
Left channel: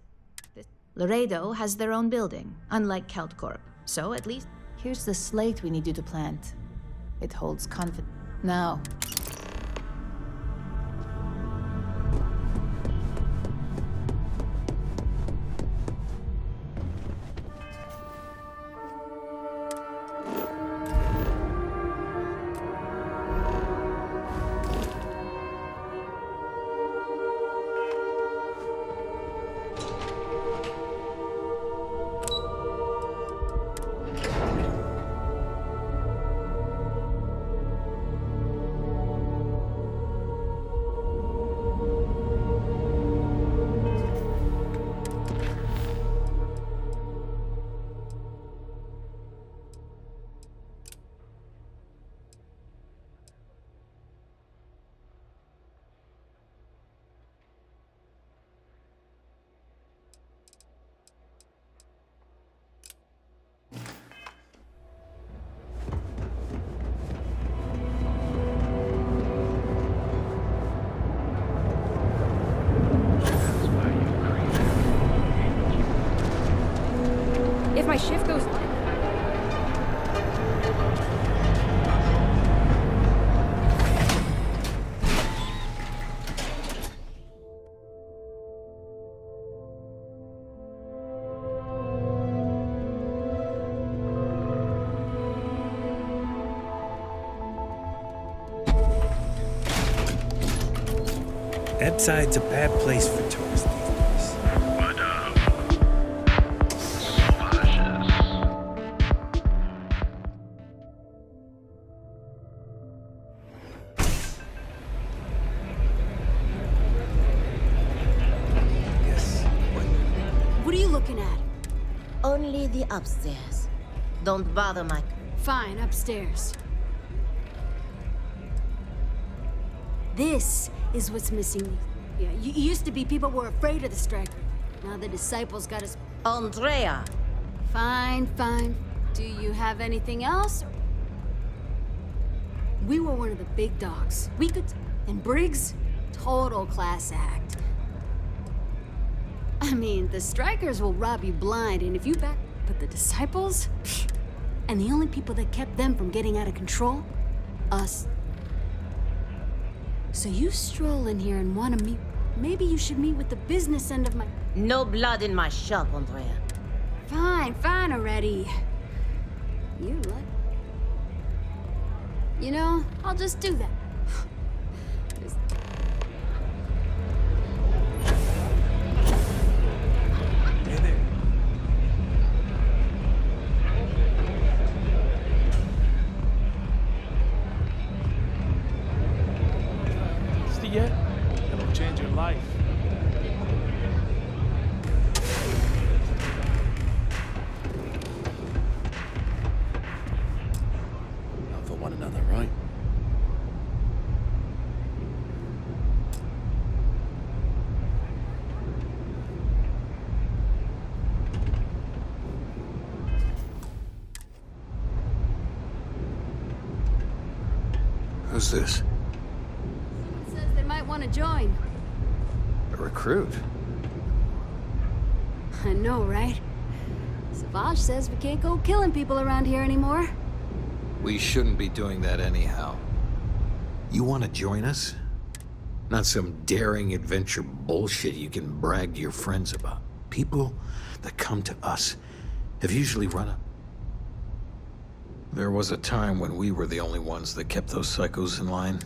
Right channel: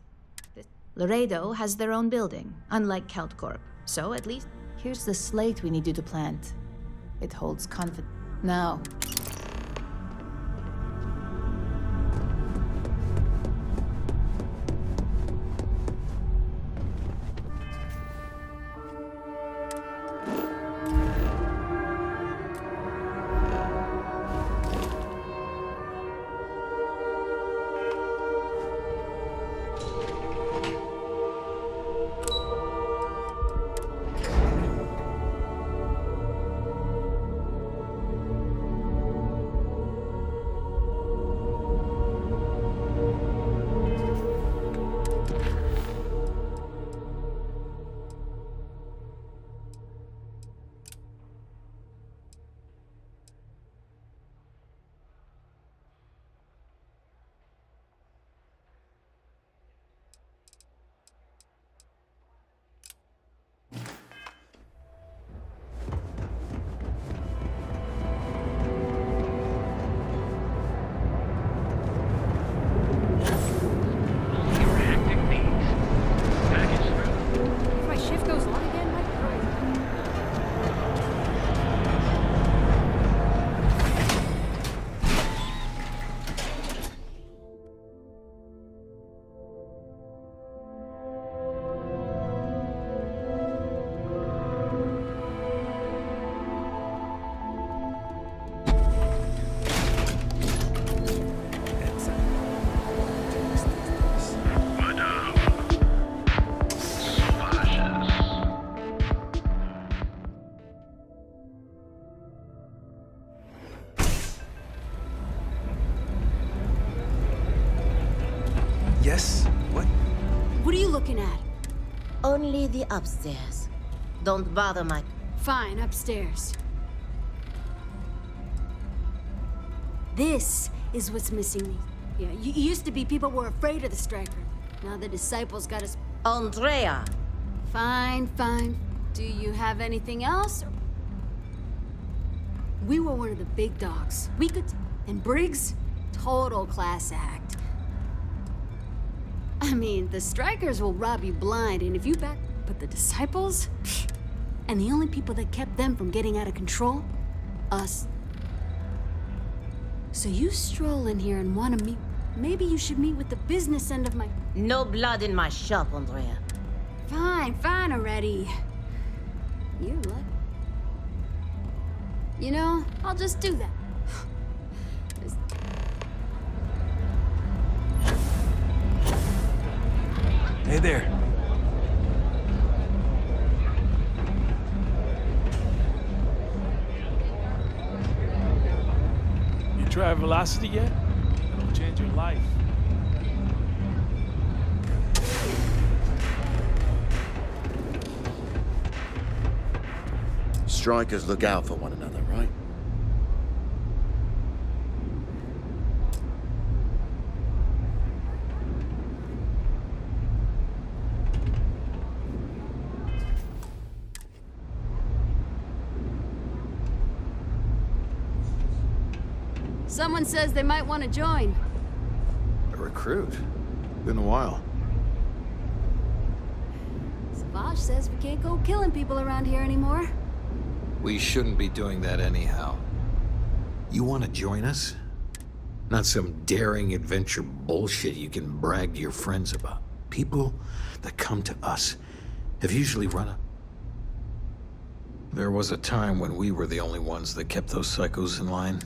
Laredo has their own building, unlike Keltcorp. So at least... Here's the slate we need you to plant. It holds confidence. Now, If my shift goes on again... That side's a bad place for tourists these days. But, sauvages. Yes? What? What are you looking at? only the upstairs. Don't bother my... Fine, upstairs. This is what's missing. Yeah, used to be people were afraid of the Striker. Now the disciples got us... Andrea! Fine, fine. Do you have anything else? We were one of the big dogs. We could... And Briggs? Total class act. I mean, the Strikers will rob you blind, and if you back... But the disciples? Pfft. And the only people that kept them from getting out of control? Us. So you stroll in here and want to meet... Maybe you should meet with the business end of my... No blood in my shop, Andrea. Fine, fine already. You're lucky. You know, I'll just do that. This- Hey there. You try Velocity yet? It'll change your life. Strikers look out for one another, right? Who's this? Someone says they might want to join. A recruit? Been a while. I know, right? Savage says we can't go killing people around here anymore. We shouldn't be doing that anyhow. You want to join us? Not some daring adventure bullshit you can brag to your friends about. People that come to us have usually run a... There was a time when we were the only ones that kept those psychos in line.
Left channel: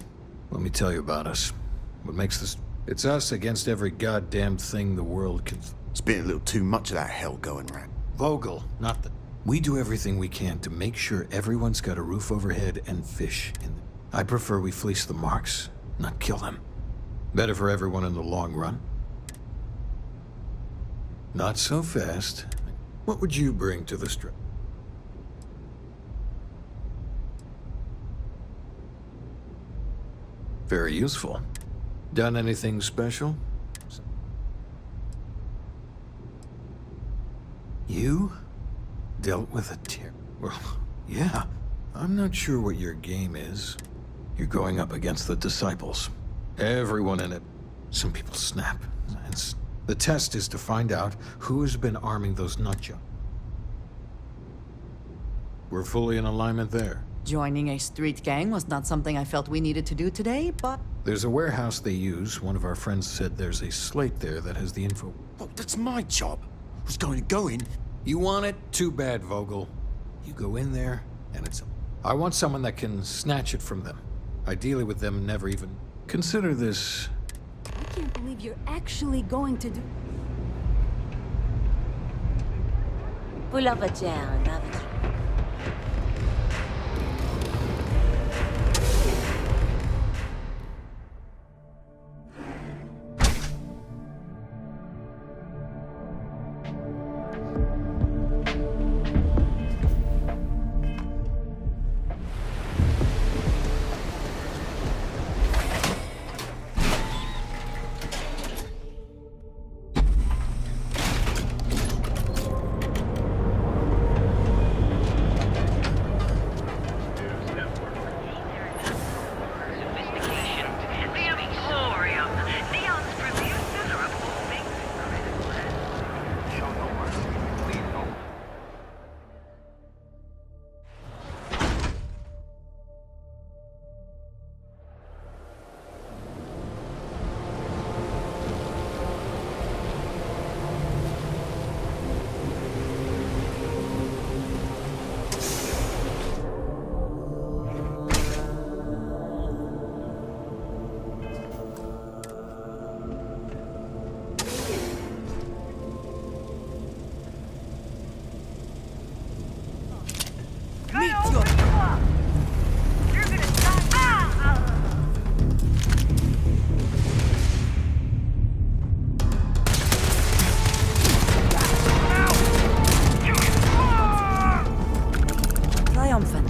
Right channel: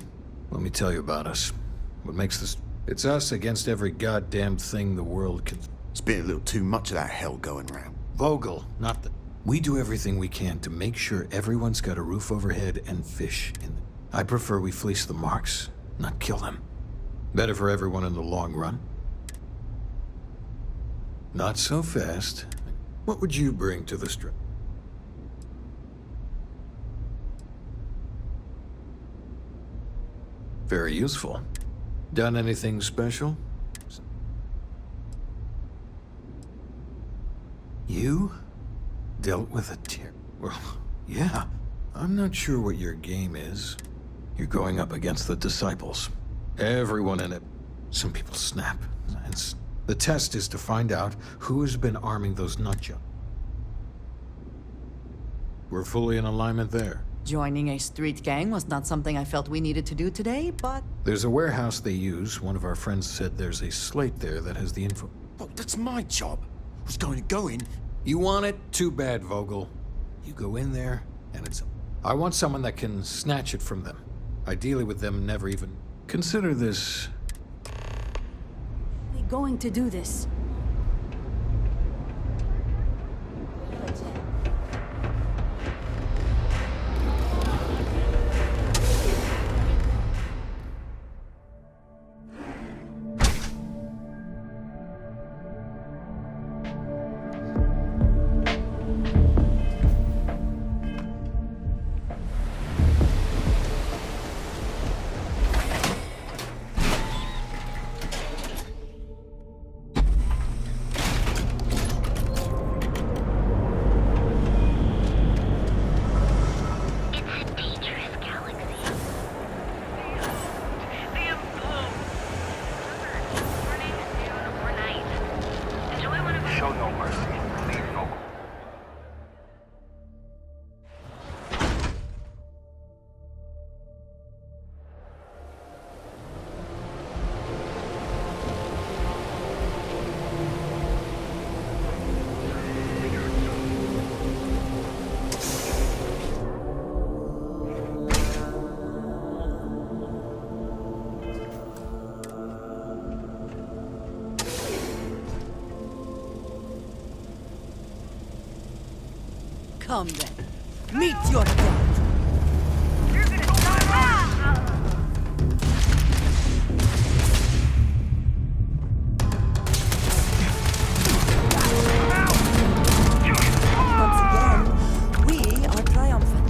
Let me tell you about us. What makes this... It's us against every goddamn thing the world can... It's been a little too much of that hell going around. Vogel, not the... We do everything we can to make sure everyone's got a roof overhead and fish in the... I prefer we fleece the marks, not kill them. Better for everyone in the long run. Not so fast. What would you bring to the strip? Very useful. Done anything special? You dealt with a tear. Well, yeah. I'm not sure what your game is. You're going up against the disciples. Everyone in it. Some people snap. The test is to find out who has been arming those nutjobs. We're fully in alignment there. Joining a street gang was not something I felt we needed to do today, but... There's a warehouse they use. One of our friends said there's a slate there that has the info. Oh, that's my job. I was going to go in. You want it? Too bad, Vogel. You go in there, and it's... I want someone that can snatch it from them. Ideally with them never even... Consider this... I can't believe you're actually going to do this. Show no mercy. Leave no. Come then. Meet your friend. You're gonna die. Once again, we are triumphant.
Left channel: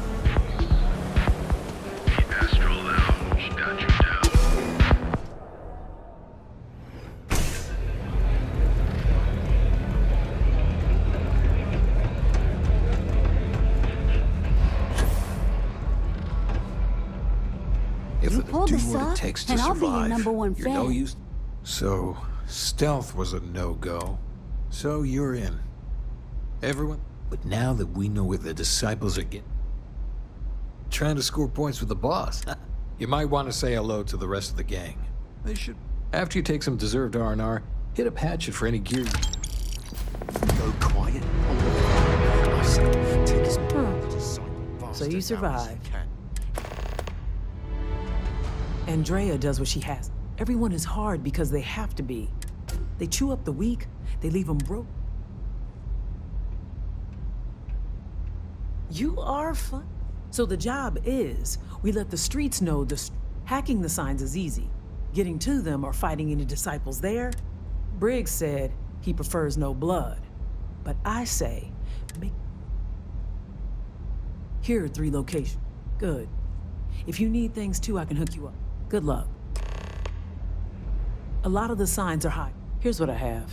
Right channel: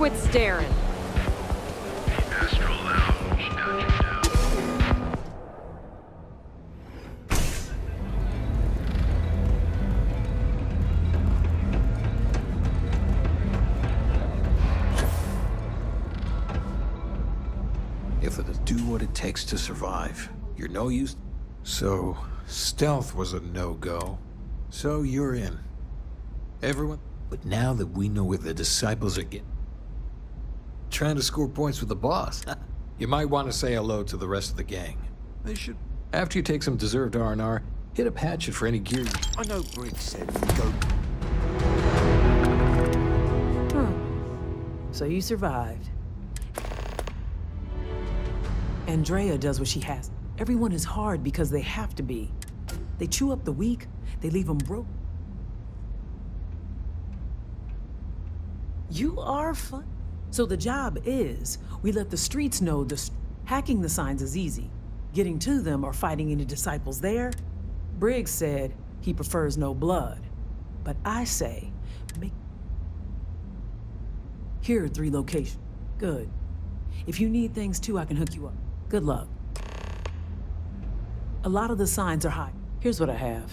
Quit staring. Astral Lounge got you down. If You it'll pulled do this what it off, takes to and I'll be your survive, #1 you're fan. no use. So, stealth was a no-go. So you're in. Everyone. But now that we know where the disciples are getting... Trying to score points with the boss. You might want to say hello to the rest of the gang. They should... After you take some deserved R&R, hit up Hatchet for any gear you... I know Briggs said go quiet. So you survived. Andrea does what she has. Everyone is hard because they have to be. They chew up the weak, they leave them broke. You are fun. So the job is, we let the streets know hacking the signs is easy. Getting to them or fighting any disciples there? Briggs said he prefers no blood. But I say, here are 3 locations. Good. If you need things too, I can hook you up. Good luck. A lot of the signs are high. Here's what I have.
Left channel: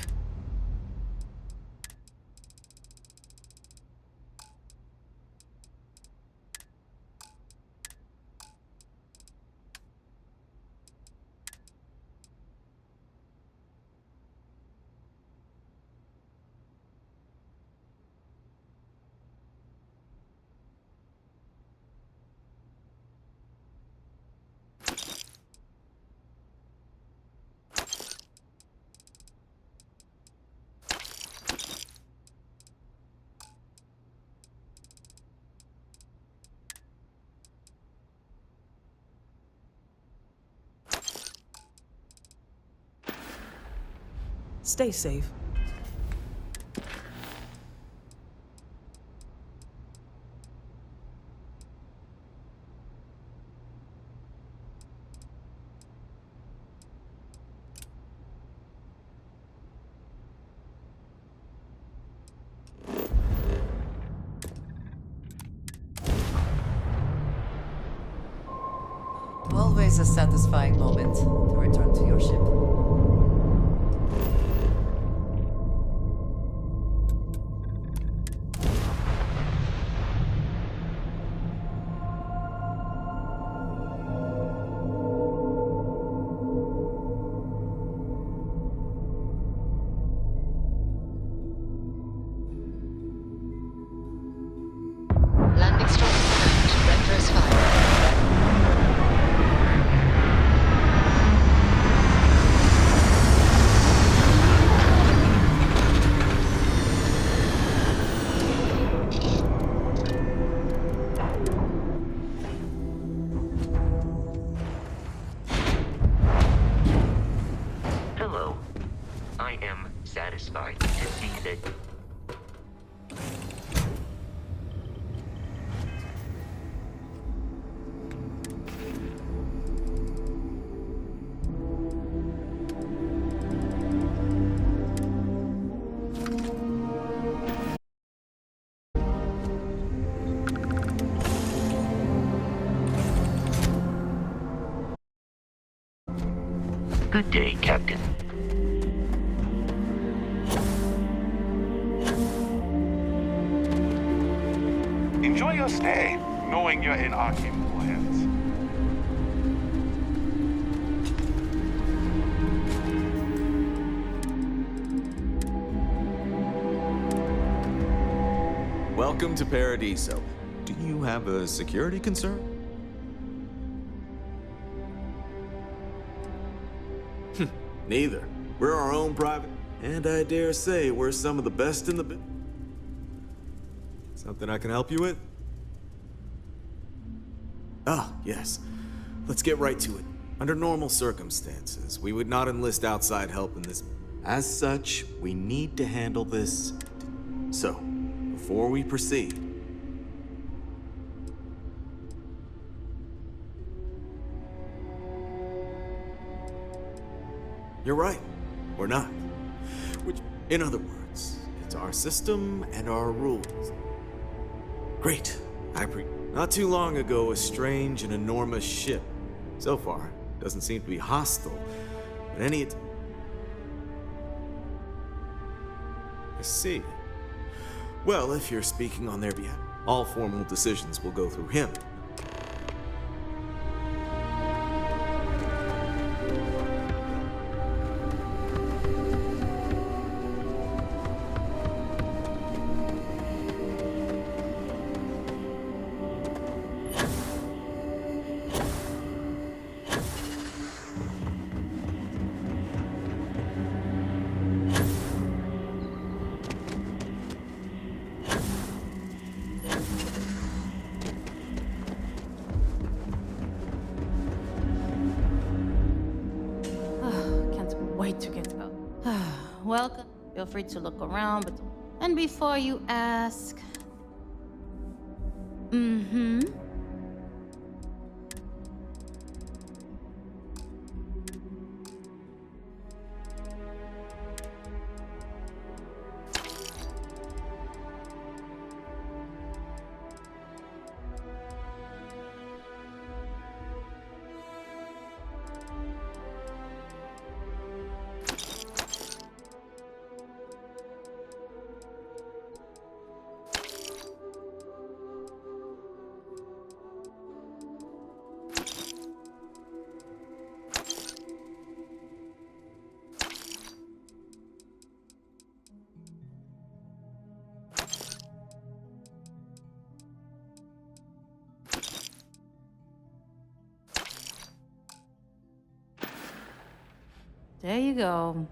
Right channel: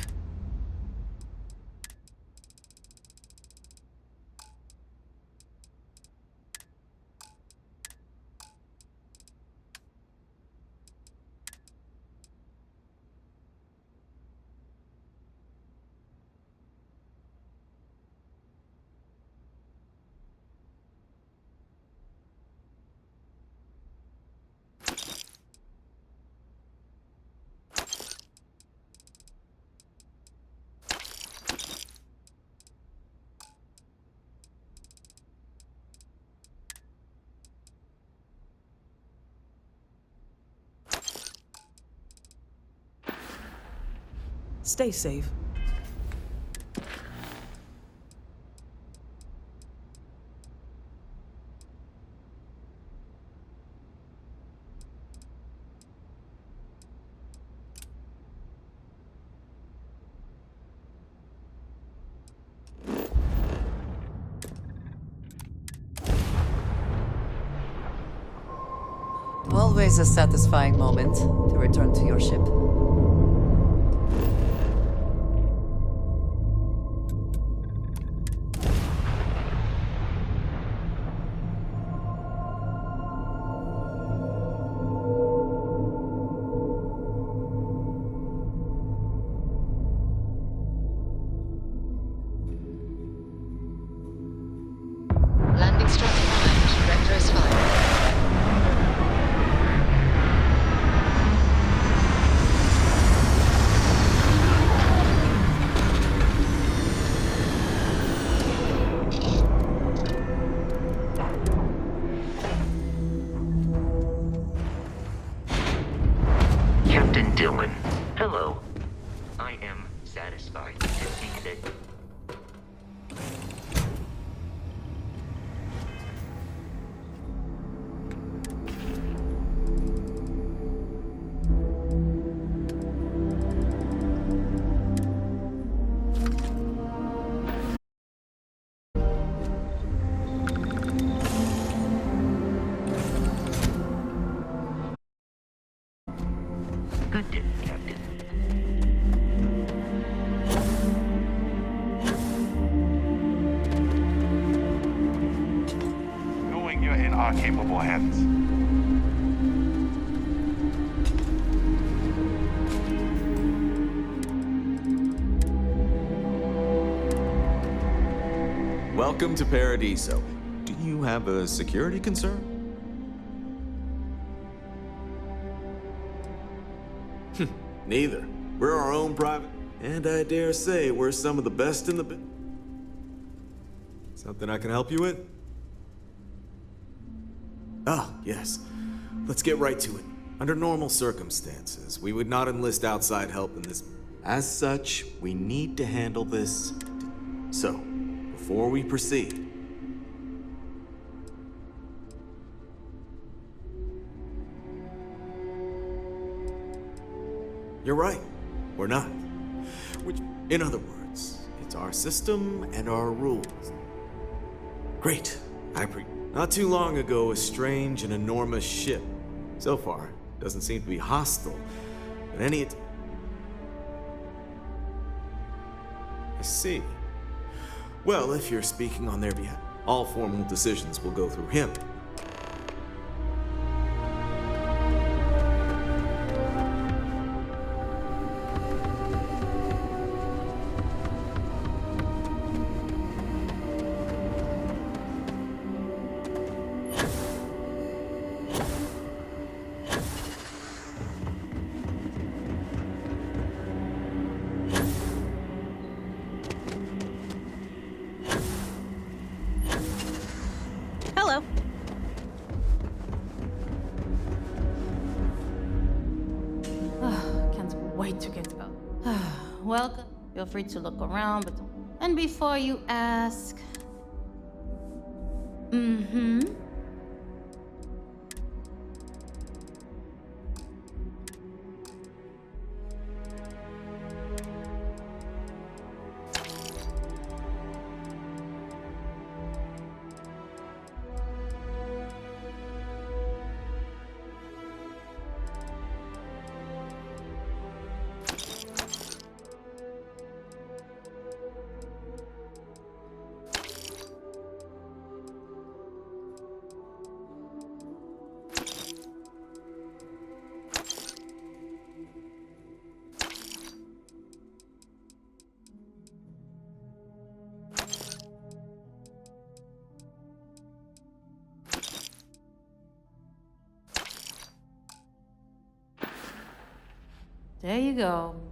Stay safe. Always a satisfying moment to return to your ship. Landing strike primed. Retros fired. Captain Dillon, hello. I am satisfied to see that. Good day, Captain. Enjoy your stay, knowing you're in our capable hands. Welcome to Paradiso. Do you have a security concern? Neither. We're our own private, and I dare say we're some of the best in the business. Something I can help you with? Ah, yes. Let's get right to it. Under normal circumstances, we would not enlist outside help in this. As such, we need to handle this. So, before we proceed, you're right. We're not. Which, in other words, it's our system and our rules. Great. Not too long ago, a strange and enormous ship. So far, doesn't seem to be hostile, but I see. Well, if you're speaking on their behalf, all formal decisions will go through him. Hello. Can't wait to get out. Welcome. Feel free to look around, but don't. And before you ask. Mm-hmm. There you go.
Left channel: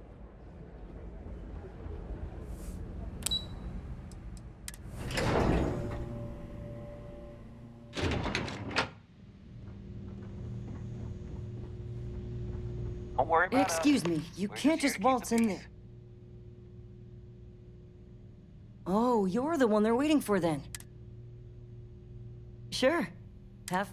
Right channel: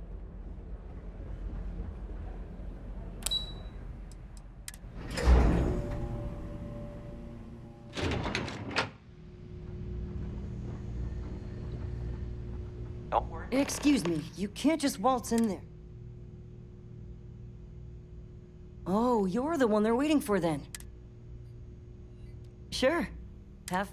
Don't worry. Excuse me, you can't just waltz in there. Oh, you're the one they're waiting for then. Sure. Have...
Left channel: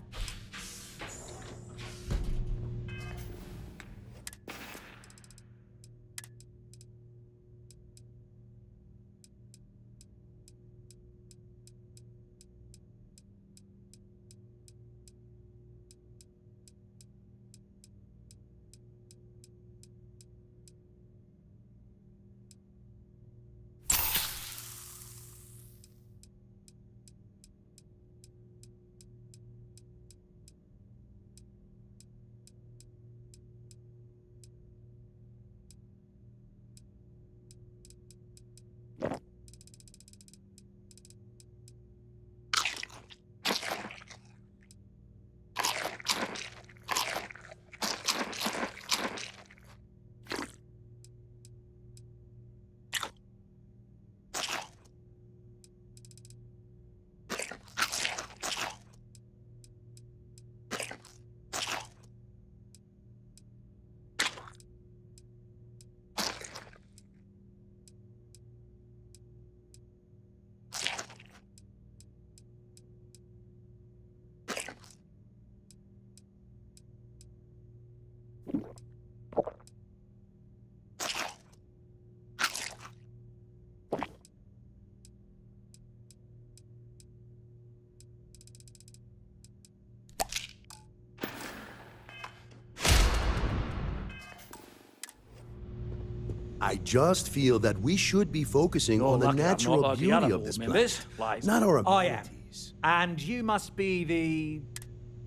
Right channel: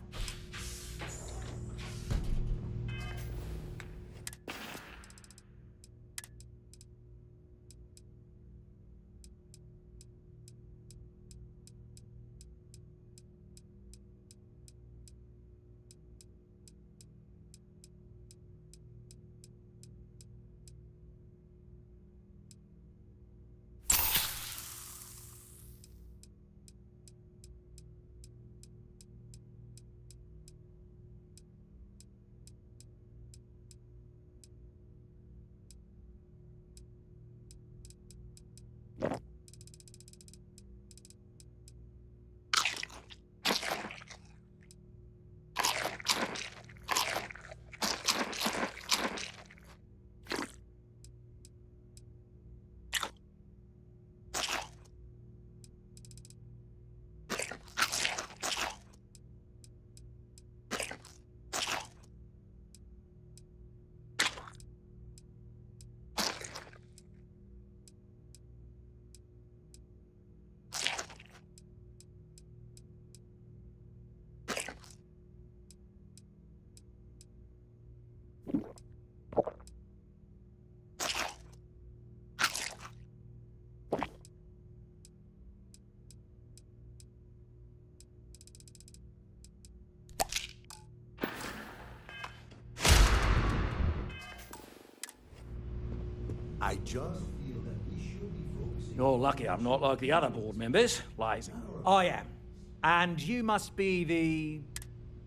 I just feel that we should be focusing You're on the lucky I'm natural not like the beauty other of board this members. planet, Like, not our I am. abilities. And you must be the...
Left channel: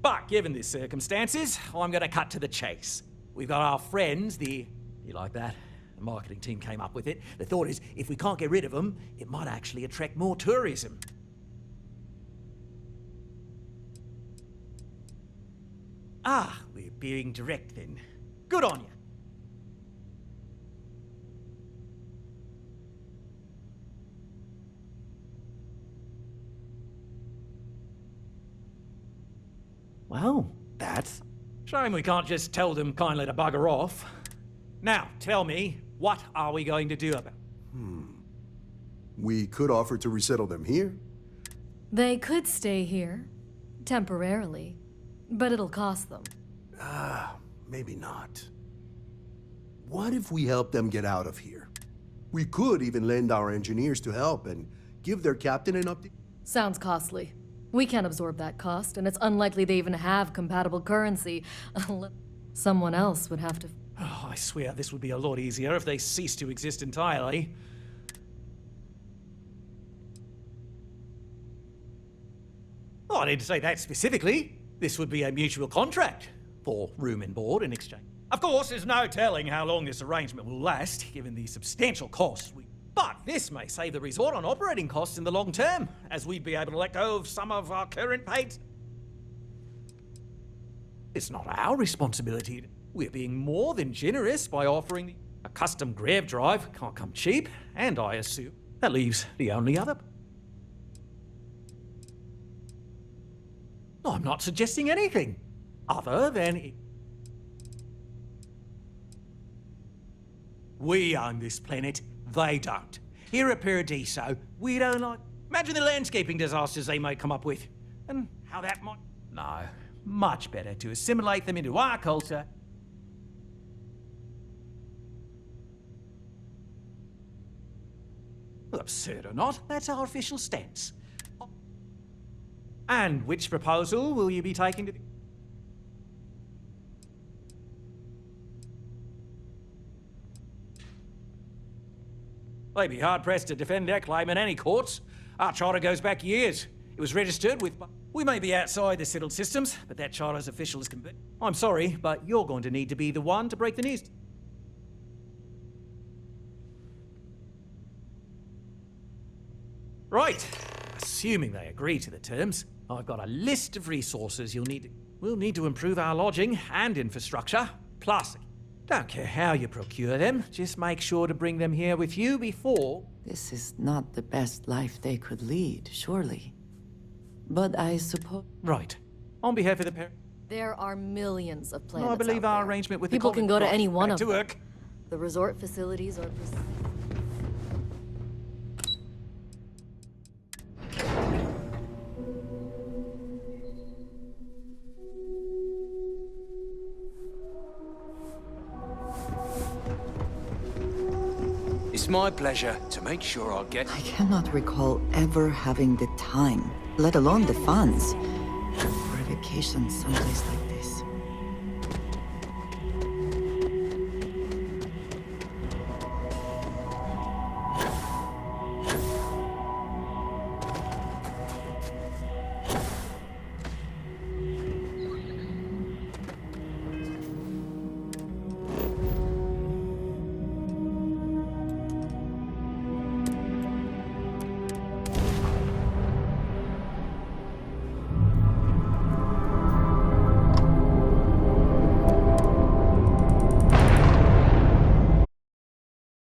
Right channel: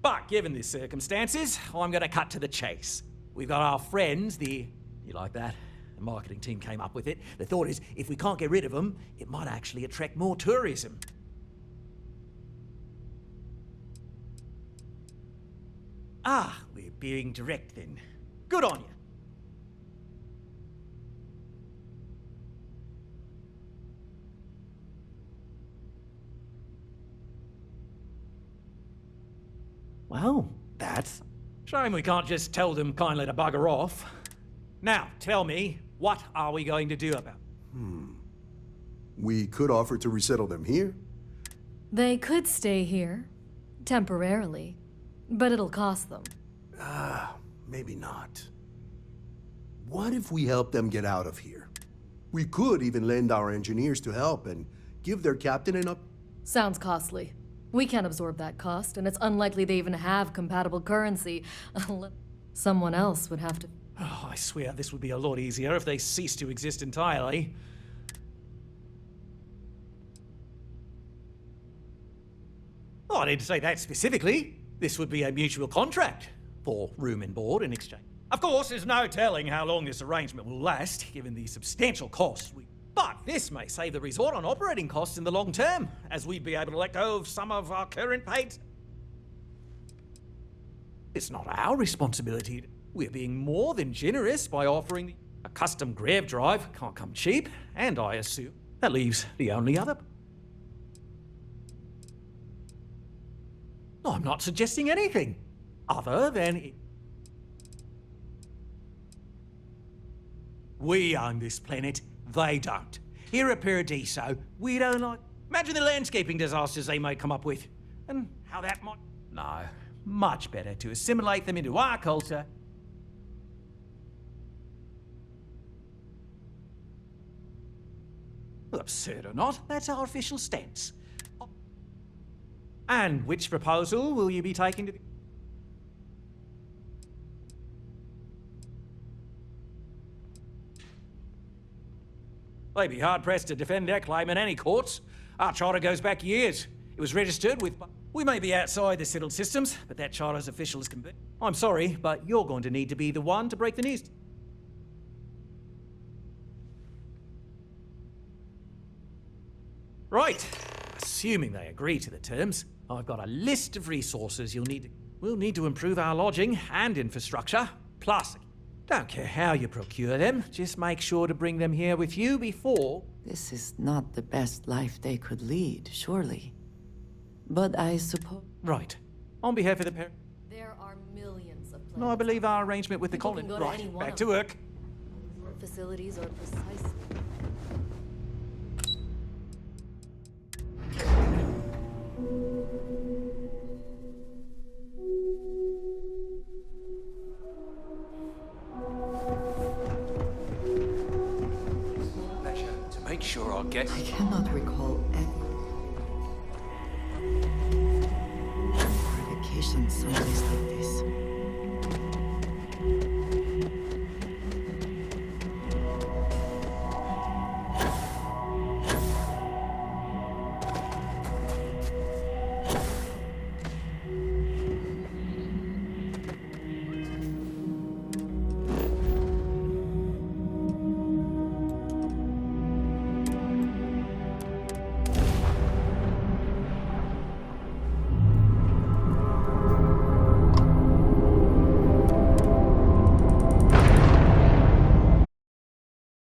But given the circumstances, I'm going to cut to the chase. We've got our friends, the... You like that? The marketing team came up with it. The thought is, if we can't get rid of them, it might actually attract more tourism. Ah, we're being direct then. Good on you. Well, that's... Shame we can't just tell them kindly to bugger off. Now, tell me, what are we going to do about it? We could offer to resettle them here. They could stay here, temporarily, but it'll cost them. Maybe not. What if we help them get out of here? We could even lend our engineers to help and give their captain an update. Sounds costly. We can't absorb that cost, and it's unlikely they even have compatible currency. Someone else would have to... Oh, I swear this would be a lot easier if they ceased to exist entirely. Oh, I didn't say that specifically. This would be a mutual contract for room and board in exchange. Of course, there's no telling how long this arrangement will last, given the substantial costs we... But this may save the resort on operating costs in the long term, as we'd be able to let go of some of our current paid... It's not our responsibility. We're being more than generous by offering a custom grav drive. Can't come cheap, and I assume that leaves the only other... I'm not suggesting anything other than... We own this planet, they don't. Here at Paradiso, we don't like... Imagine the landscaping disasters they may come up with, and how that might... No, much better to assimilate them into our culture. Well, absurd or not, that's our official stance. And which proposal will you be taking to the... They'd be hard-pressed to defend their claim in any courts. Our charter goes back years. It was registered with... We may be outside the settled systems, but that charter's official as can be. I'm sorry, but you're going to need to be the one to break the news. Right. Assuming they agree to the terms, I've got a list of resources you'll need to... We'll need to improve our lodging and infrastructure, plus... Don't care how you procure them, just make sure to bring them here with you before... This is not the best life they could lead, surely. But I suppose... Right. On behalf of the parent... There are millions of planets. No, I believe our arrangement with People the can go to Right, any one back of to them. work. The resort facilities are precisely... It's my pleasure to make sure our guests... I cannot recall ever having the time, let alone the funds, for a vacation someplace like this.